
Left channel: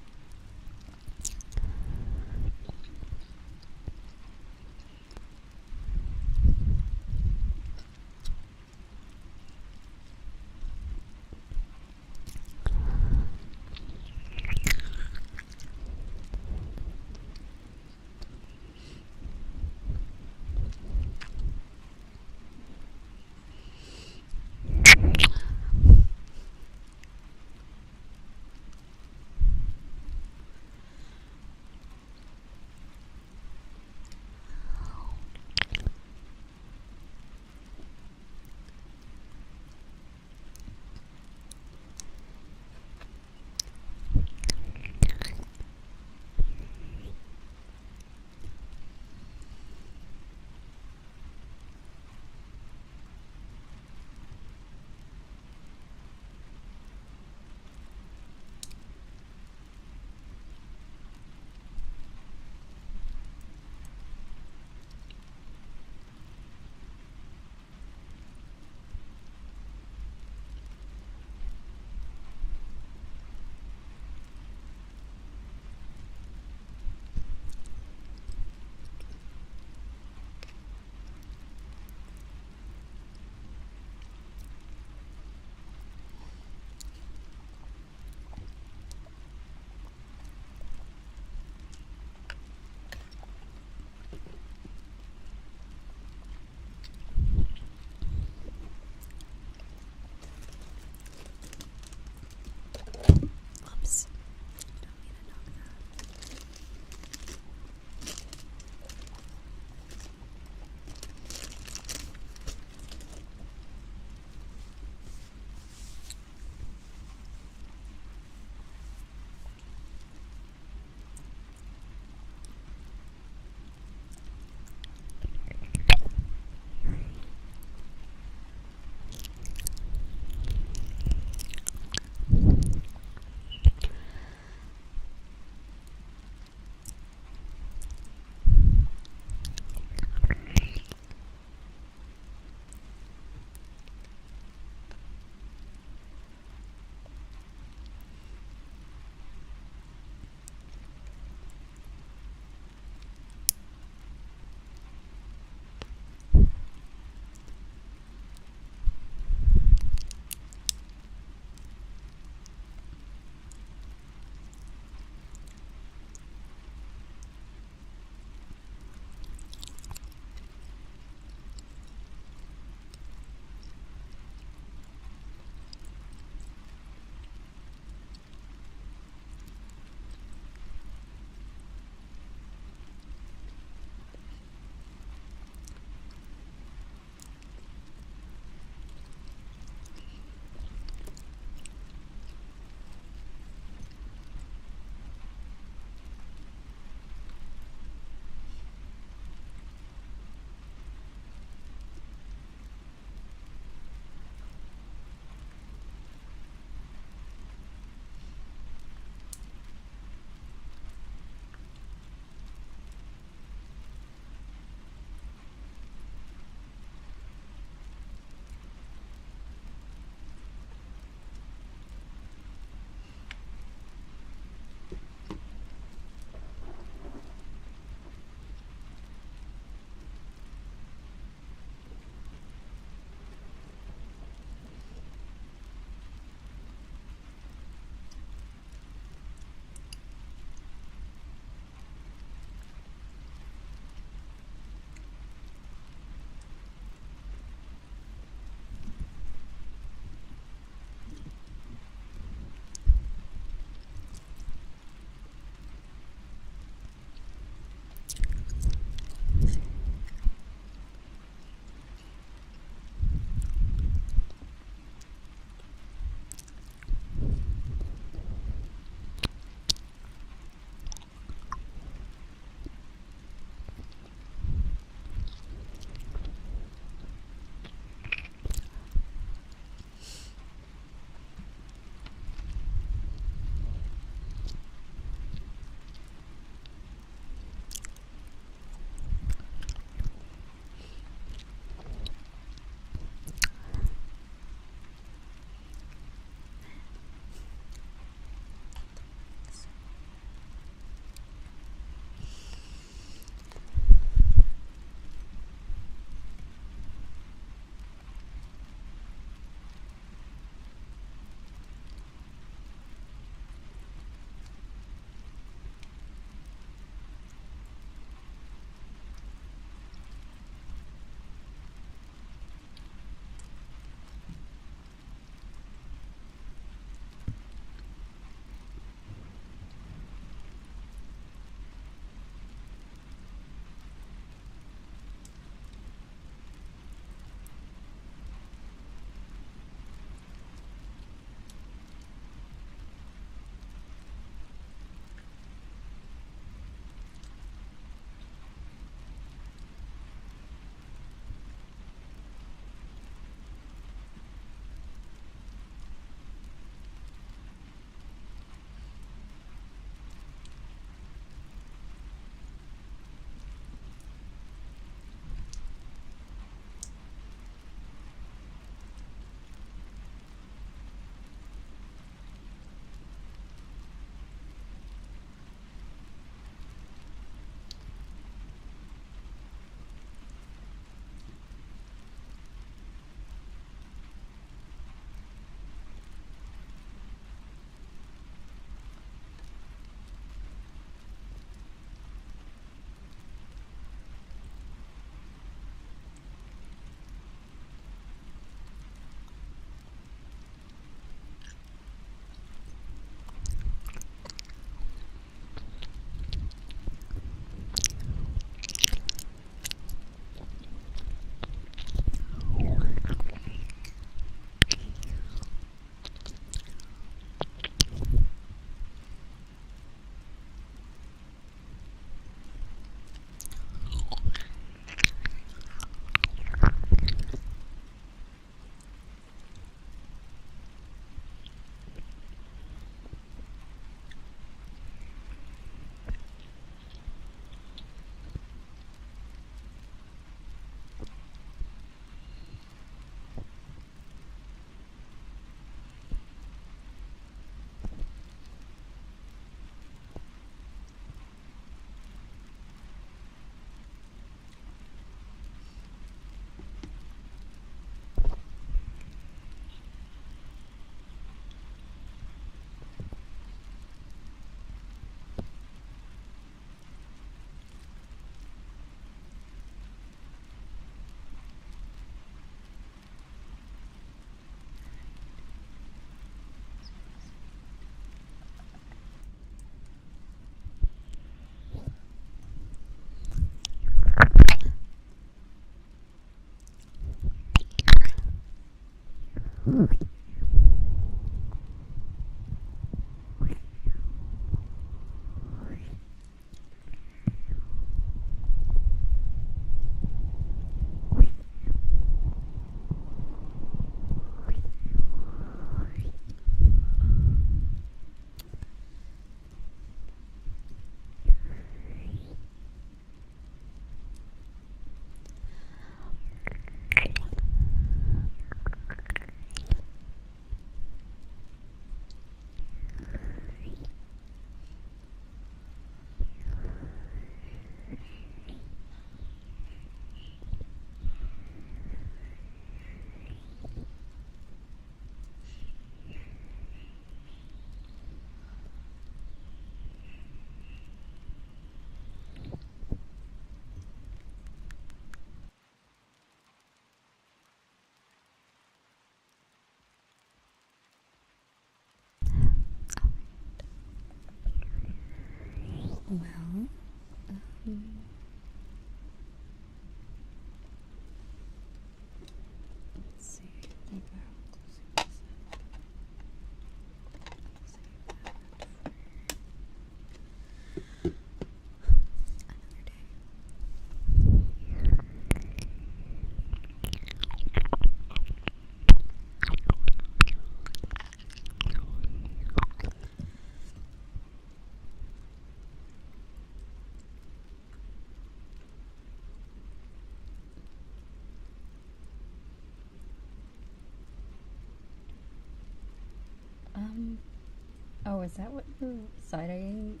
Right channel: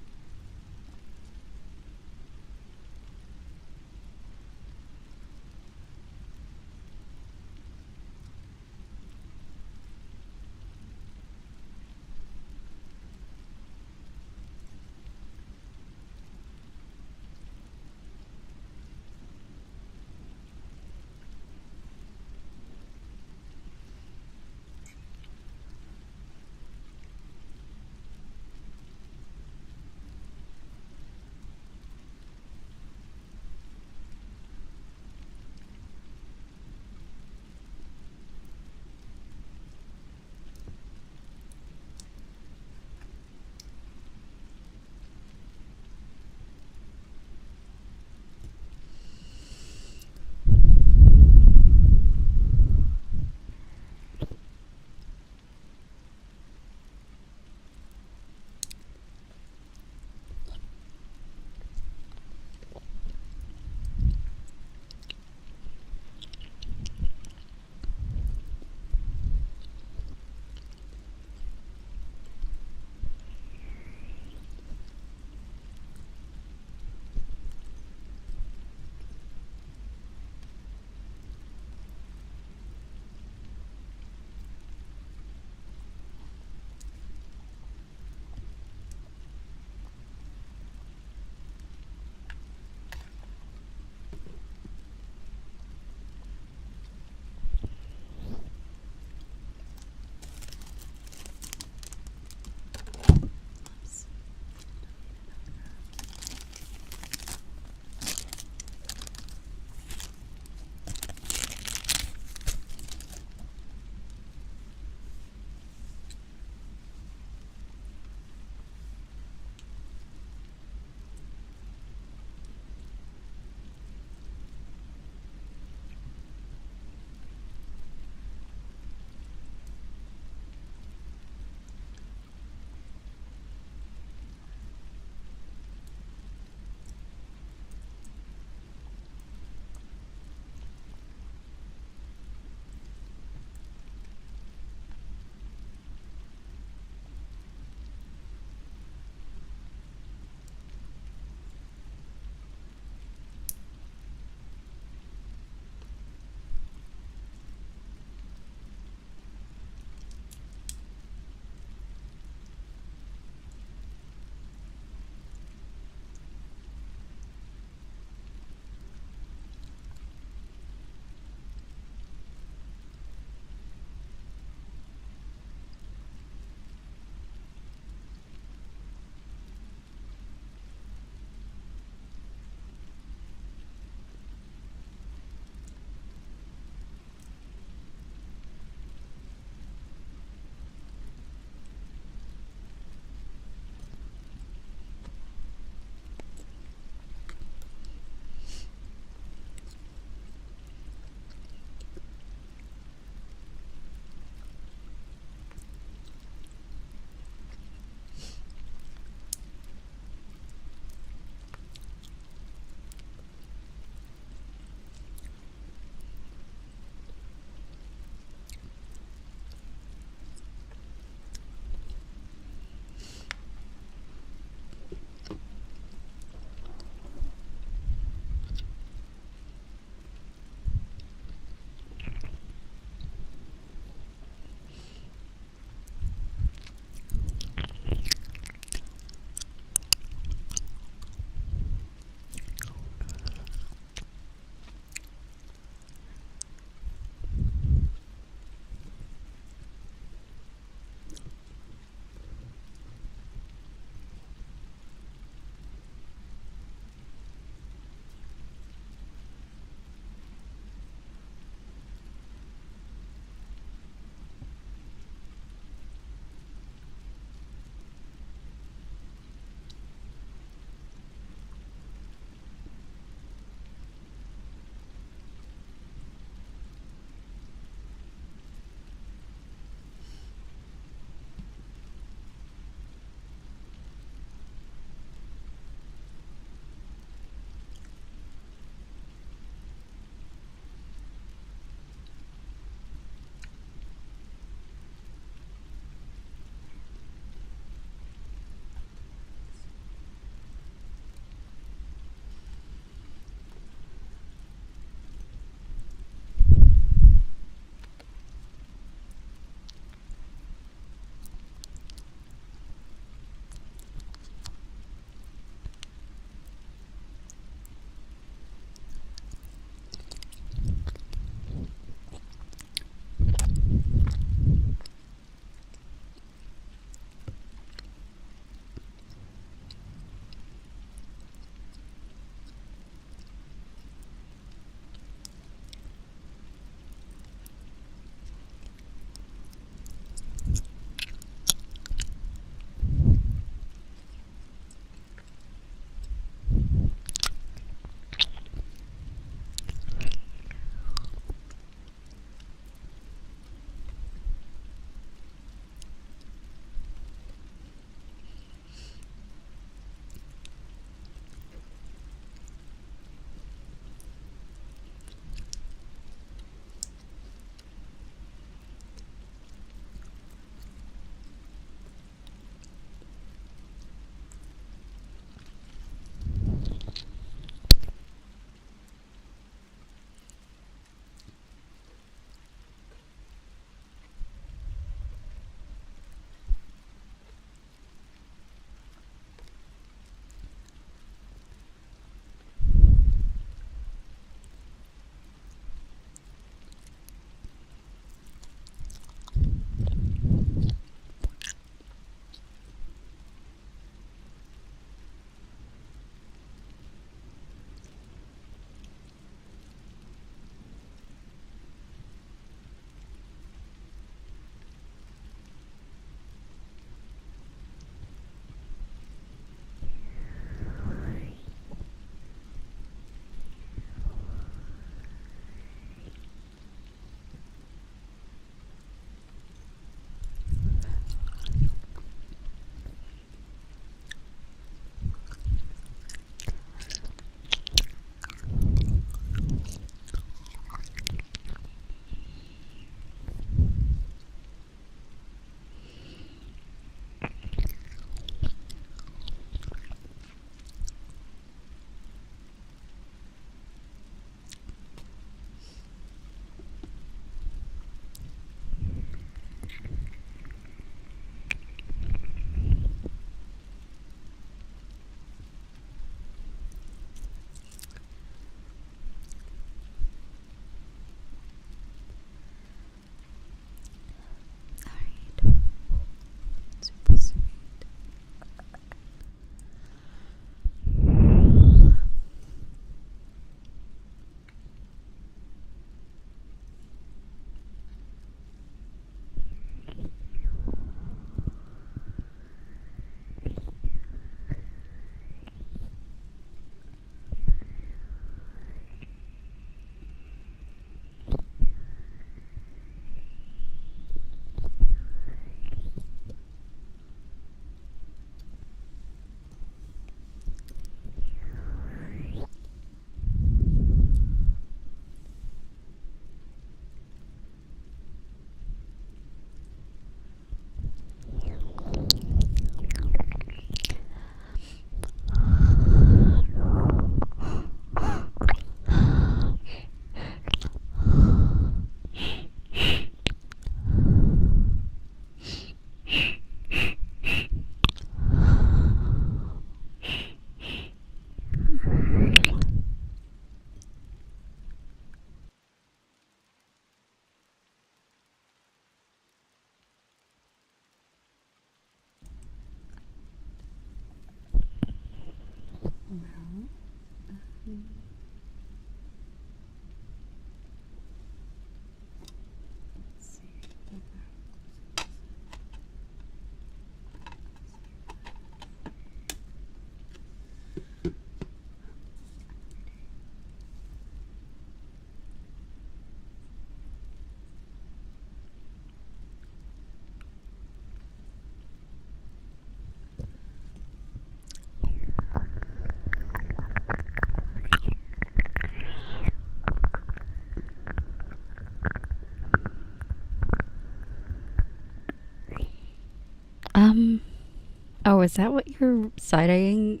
Oh, is that what you're side-eyeing?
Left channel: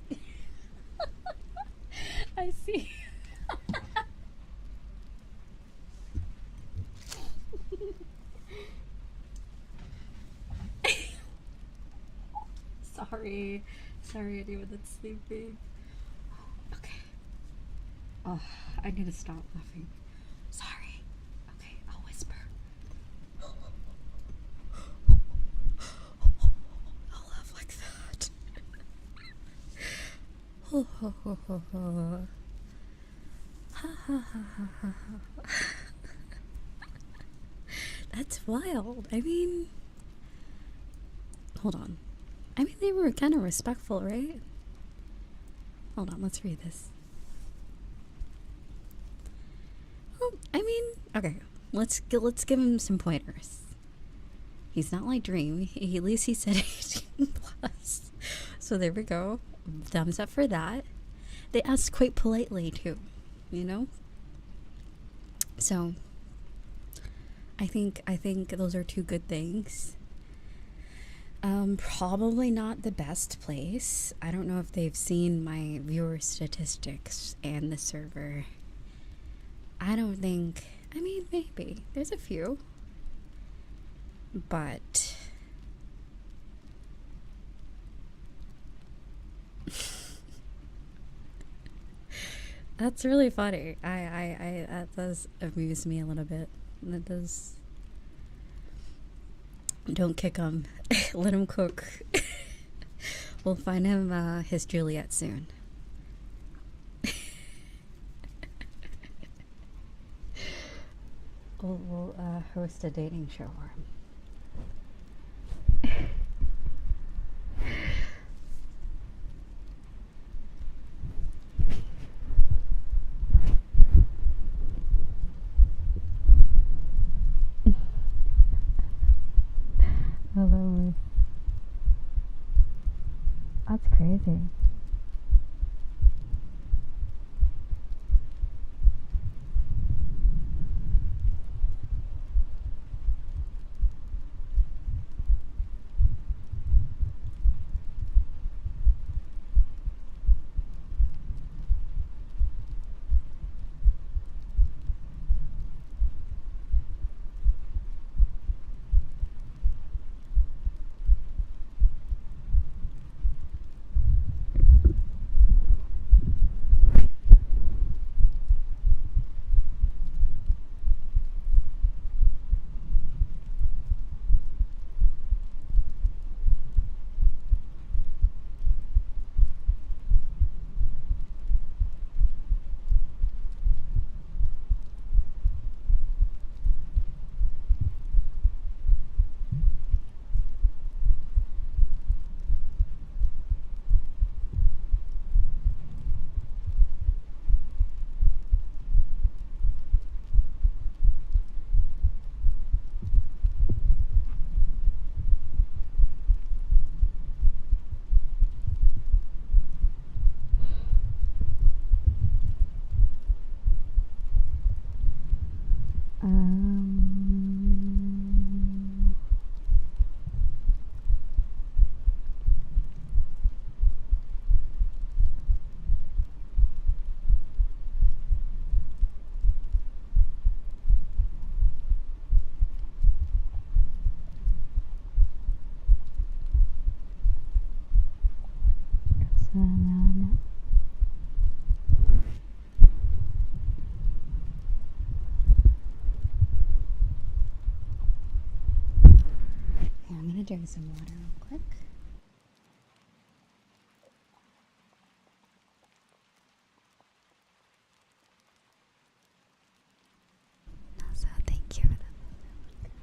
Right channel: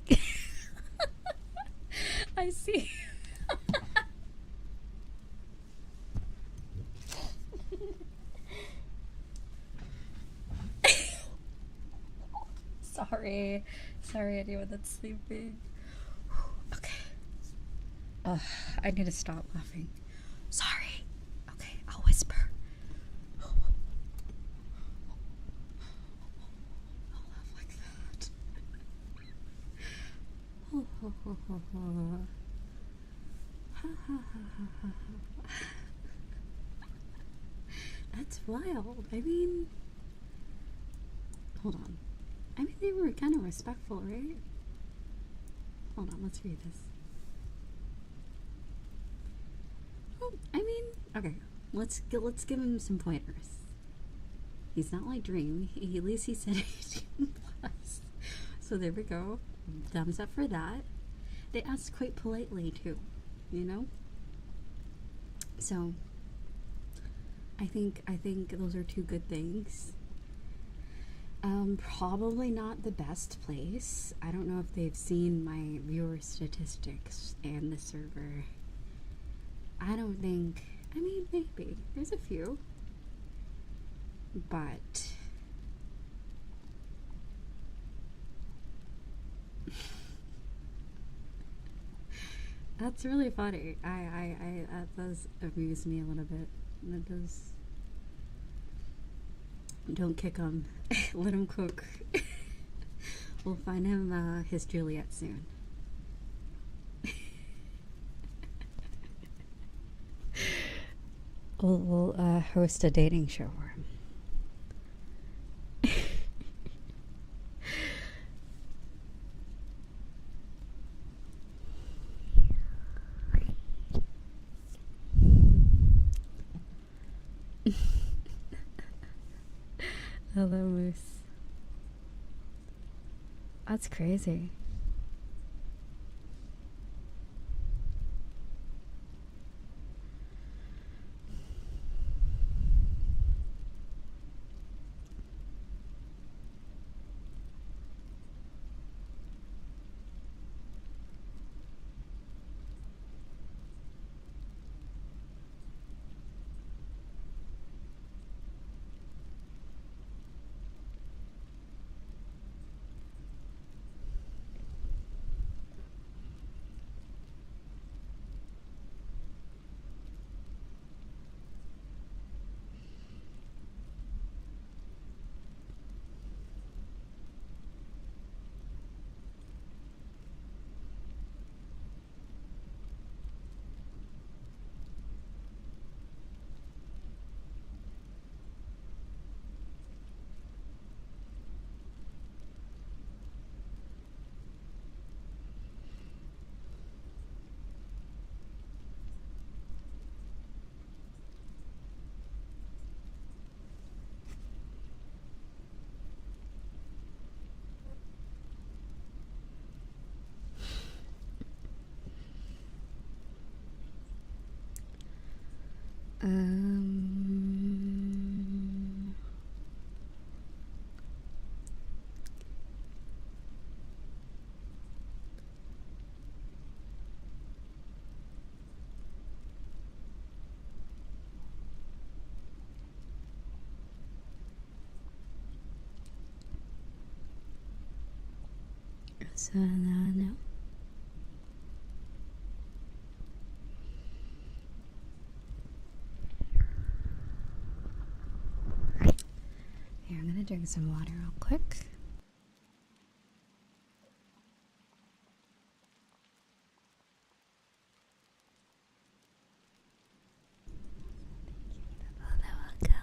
I see. Sorry. Sorry, anyone that's sleeping. Okay. Ugh, I need to stop laughing. Sorry. Okay, I'll whisper. I'll laugh like that. That's wild. I mean, hold on. I mean, they were kind of respectful, right? Hold on, let's read this. Well, I mean, okay, let's give him some pointers. He's not like Dream. At least he said 18 plus. So there we go. Thumbs up for that. They asked quite politely too, you know. So I think those are two good things. Probably not the best place. I don't know if they've seen my viewer statistics and the server. I don't think, I mean, maybe. There's a few. But that's really funny. I that does amuse me a little bit. That does. Don't kick him. Let him cook. We'll find him his Juliet soon. We'll host a dating show for him. Hello, Moose. That's crazy. No. Here, I'm gonna drink some water real quick. Also, thank you for the photo.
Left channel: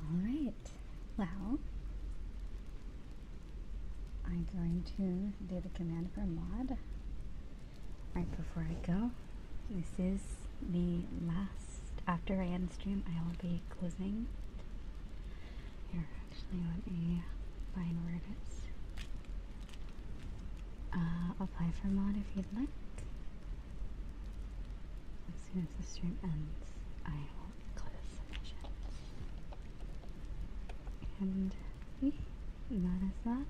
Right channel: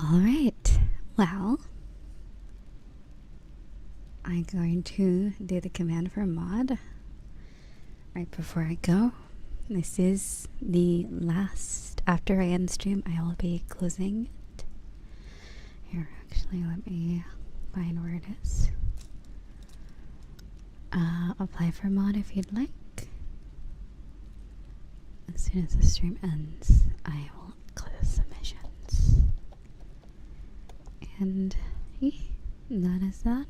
Alright, well, I'm going to do the command for mod right before I go. This is the last, after I end stream, I will be closing it. Here, actually, let me find where it is. Apply for mod if you'd like. As soon as the stream ends, I will close submissions. And that is that.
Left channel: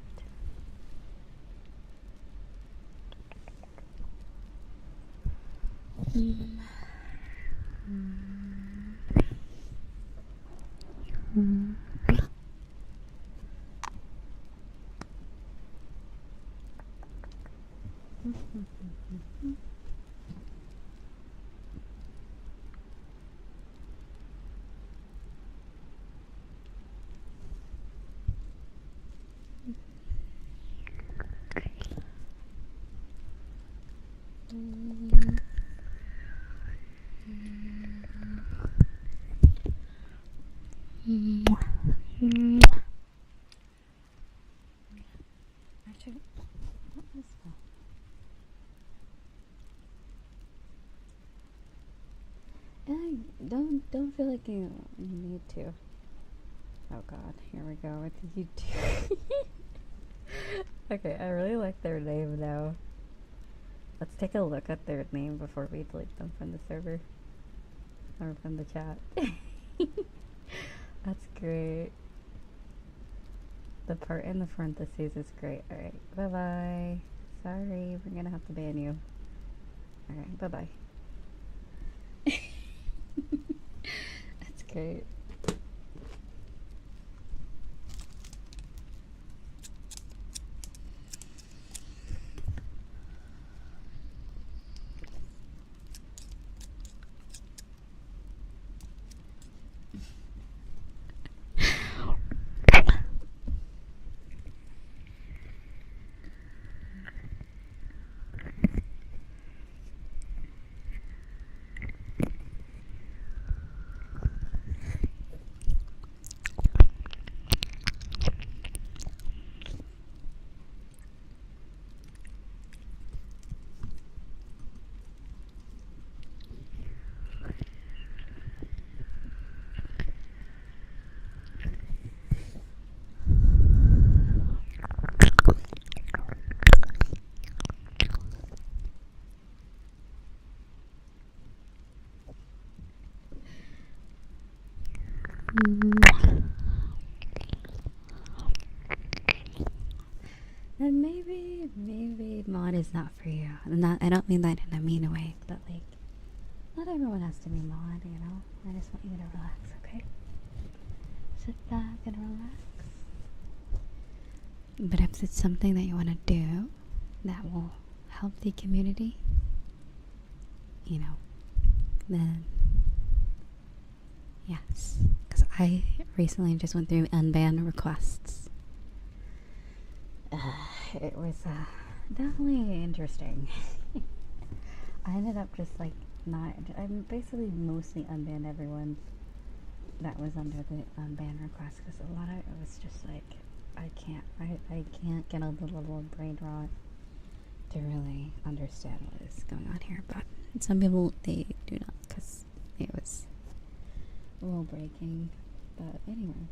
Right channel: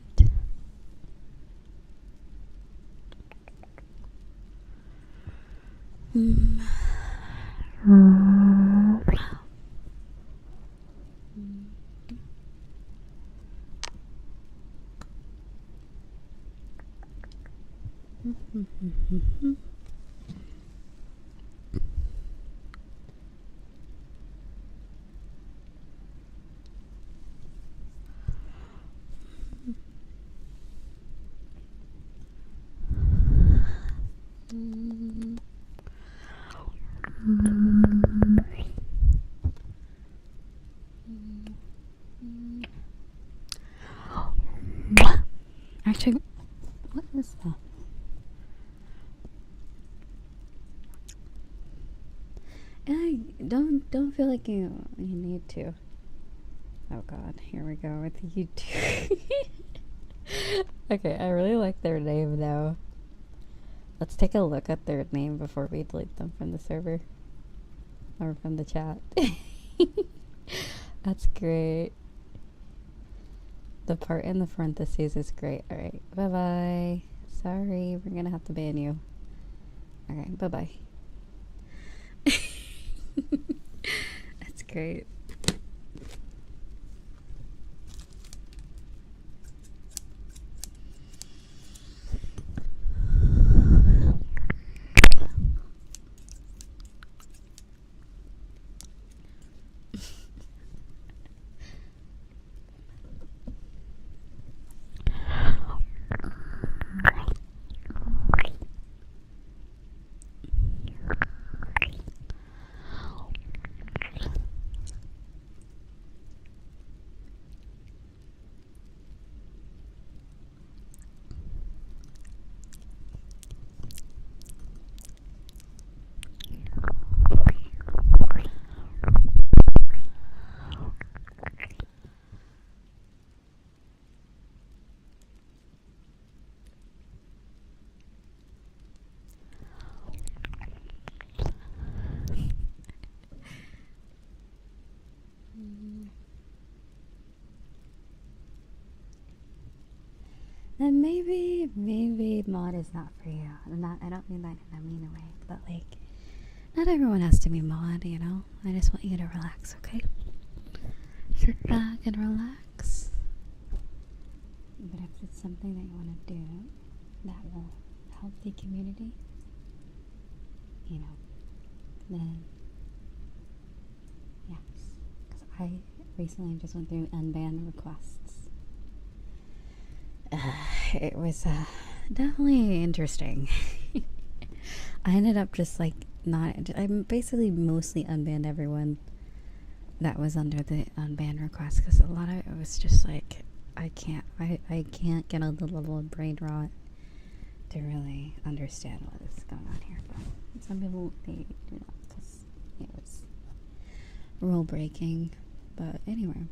Actually, what is that? Don't feel like you need to. Oh god, here we go with YouTube. Okay, I really like their name though. Let's take a look at their name before we delete them from the server. Or from the chat. That's great. The part in the parentheses is great. Alright, bye-bye. Sorry, we're gonna have to ban you. Alright, bye-bye. That's great. And maybe mod is not for you. I don't mean that in a mean way, but like, not everyone has to be mod, you know? I just want you to relax, okay? Sit back and relax. But if it's something that you want to do that will help the community, you know, then yes. Because I recently just went through unbanned requests. It was definitely interesting. I ended up just like I basically mostly unbanned everyone that was under the unbanned request, because a lot of it was just like I can't get a level of brain rot to really understand what is going on here. But some people, they do not, because it was rule breaking. But anyway.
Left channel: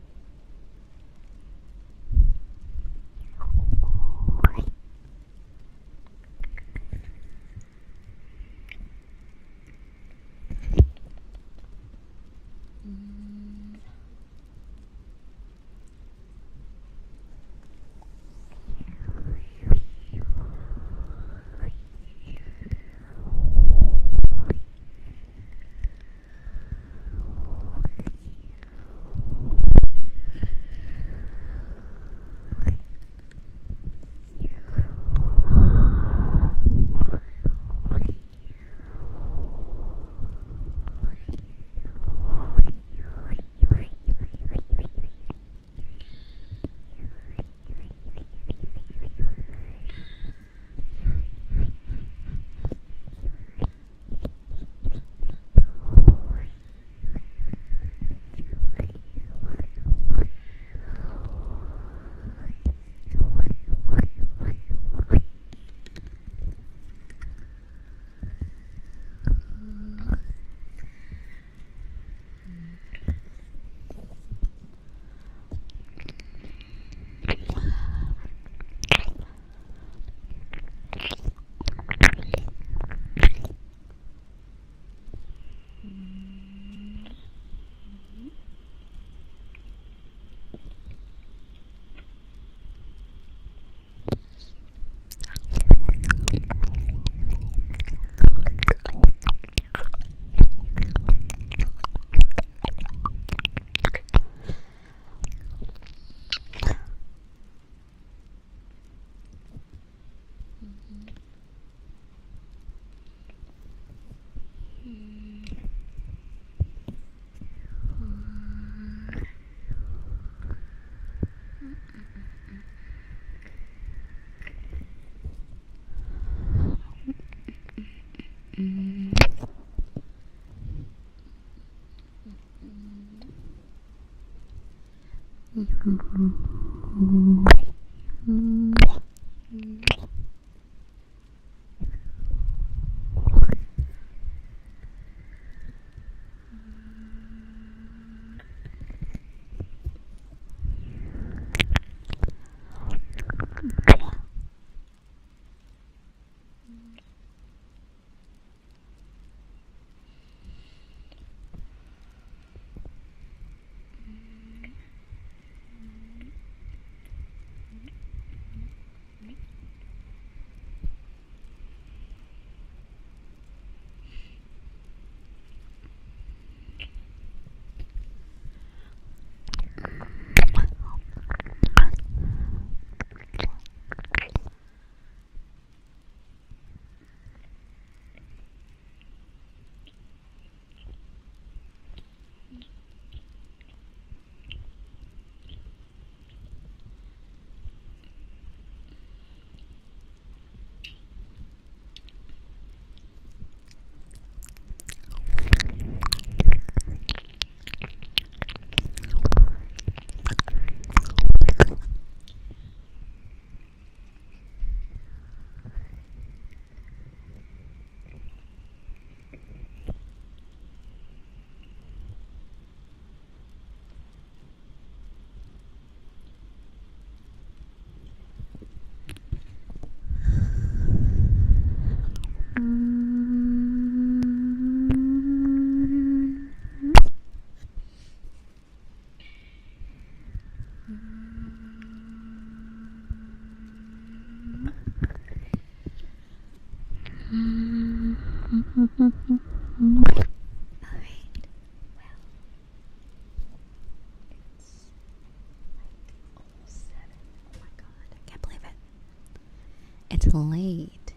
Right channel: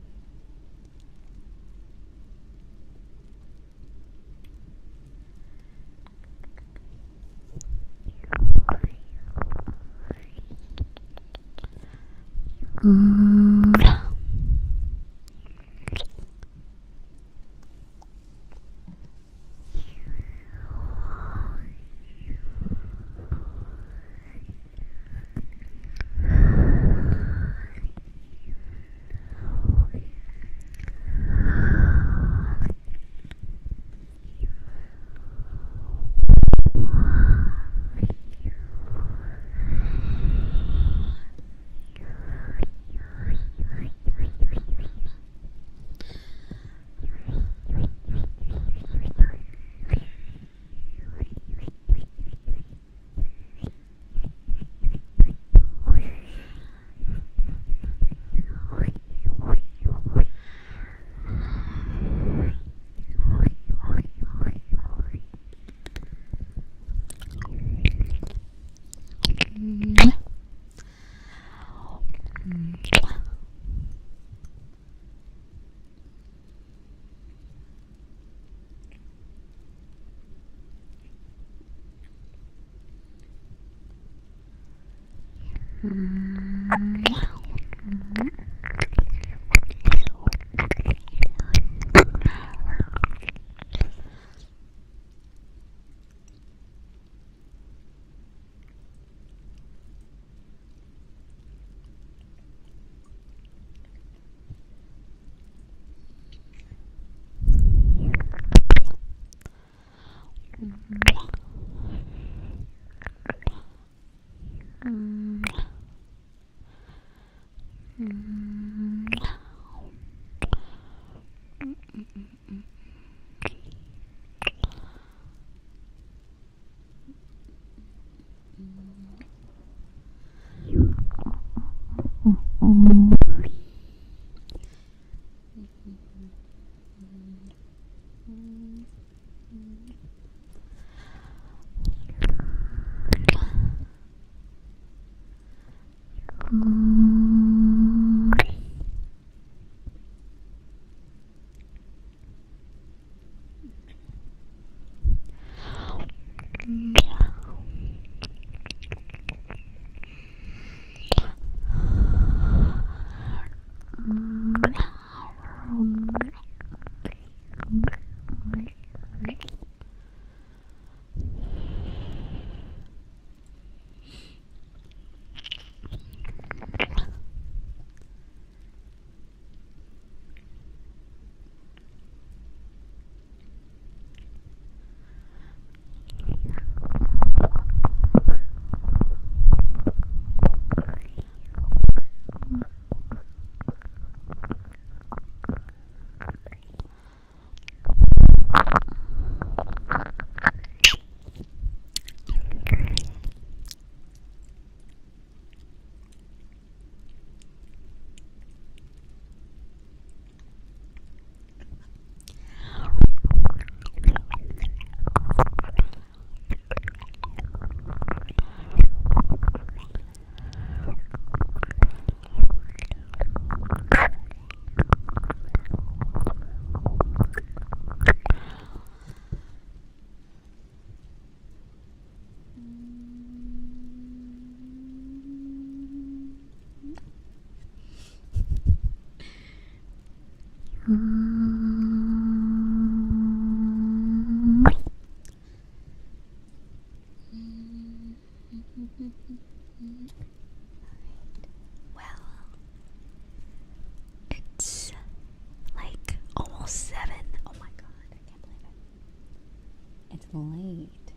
It's late.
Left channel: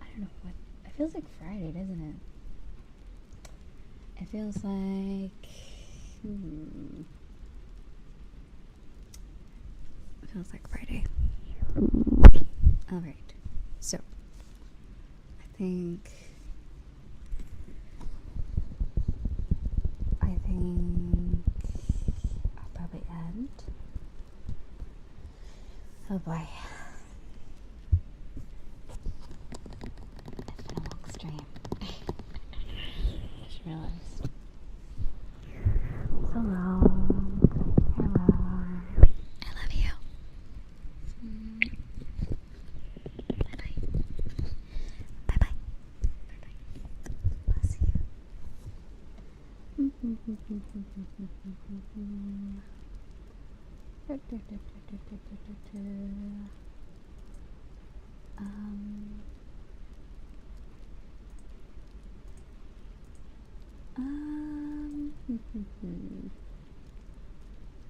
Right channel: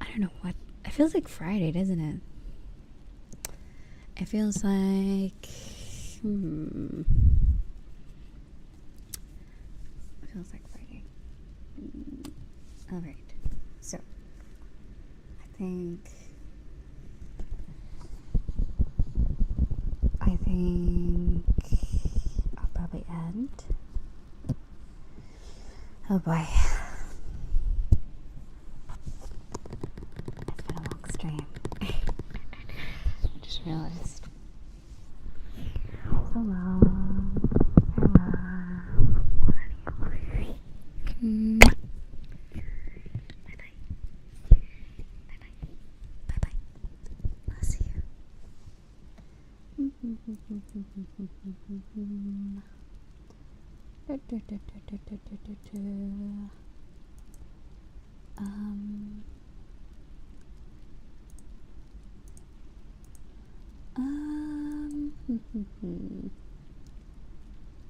I don't know what. It feels like Friday, doesn't it? It feels like. It feels like Friday. Alright. So. I think I'll probably end. Oh boy. It's been a long stream. Just realized. So long. Farewell. I love you. Bye-bye. Bye-bye. Bye-bye. I'll see you.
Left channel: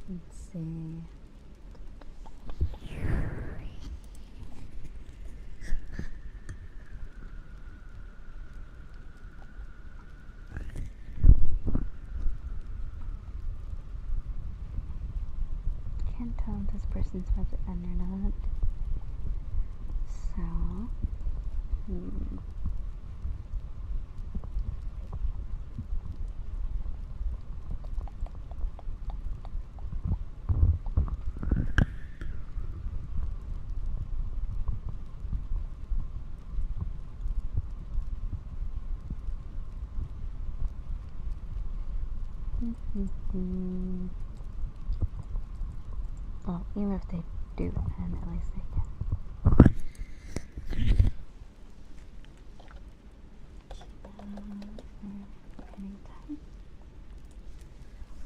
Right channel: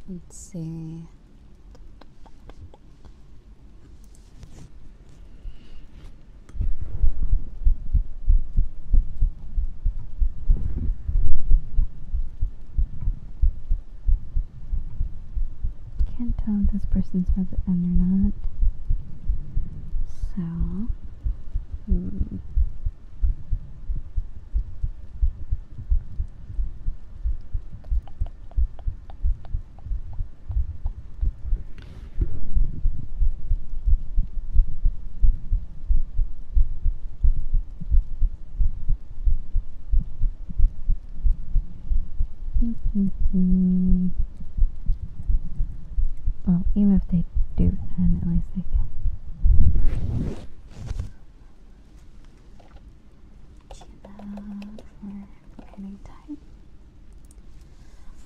Let's see. Can't tell if this person's about to end or not. So, well, even if they do, then at least they can.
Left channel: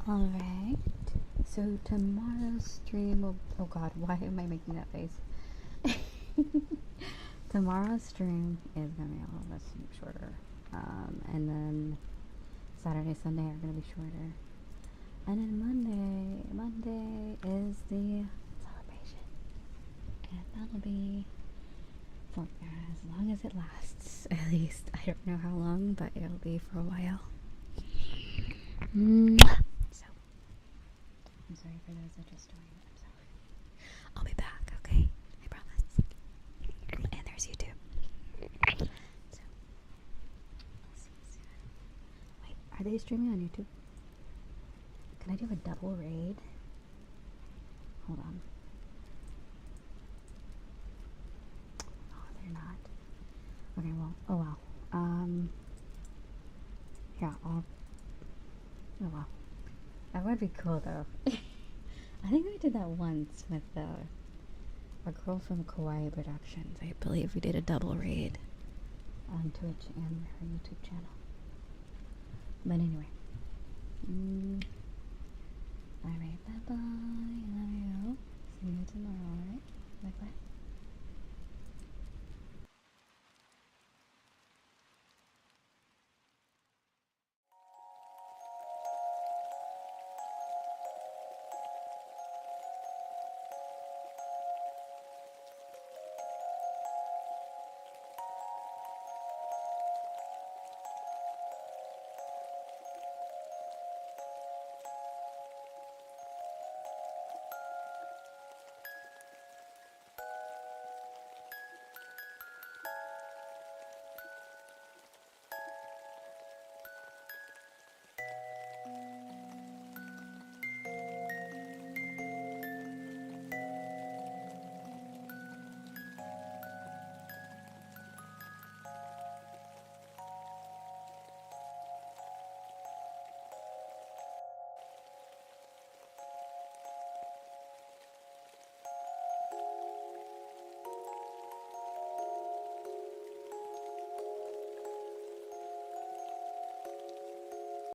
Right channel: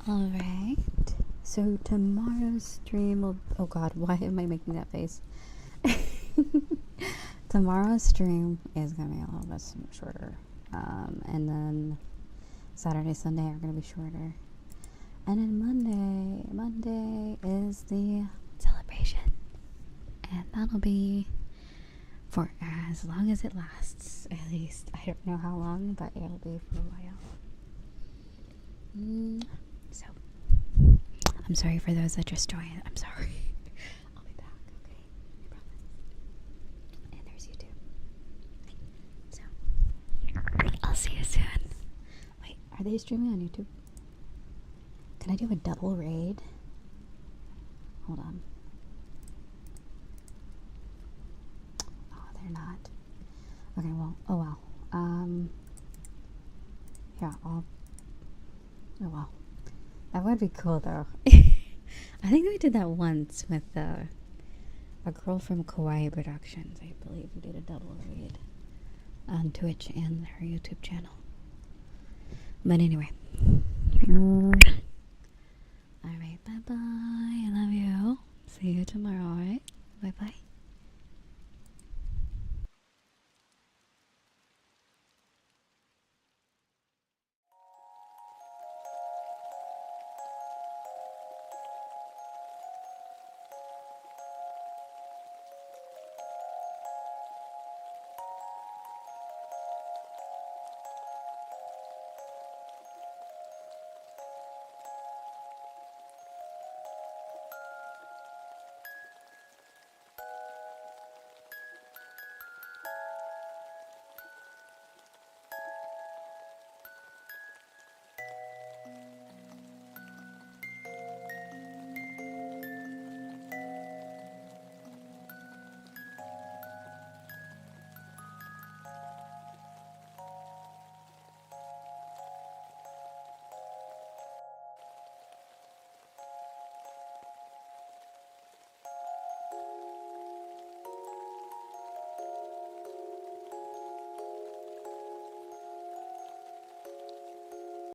Alright, so tomorrow's stream will. Oh god, why am I making that face? Tomorrow's stream is gonna be a little bit shorter. And then Saturday, Sunday are gonna be shorter. And then Monday is the celebration. And that'll be for as long as it lasts, at least. I don't know how long, but it'll be for a while. So, I'm sorry for those that just joined. I'm sorry. I'll be back, okay? I promise. And there's YouTube. So, I'll see you soon. Wait, are they streaming on YouTube? Can I do a double raid? Hold on. Oh, they're not. Okay, well, oh well. Yeah, oh well. That would be cool though. I think we did that once with a girl from Kawaii Productions. I believe we did a double raid on Twitch and her YouTube channel. But anyway. Alright, bye bye. I love you. See you tomorrow, alright? Bye bye.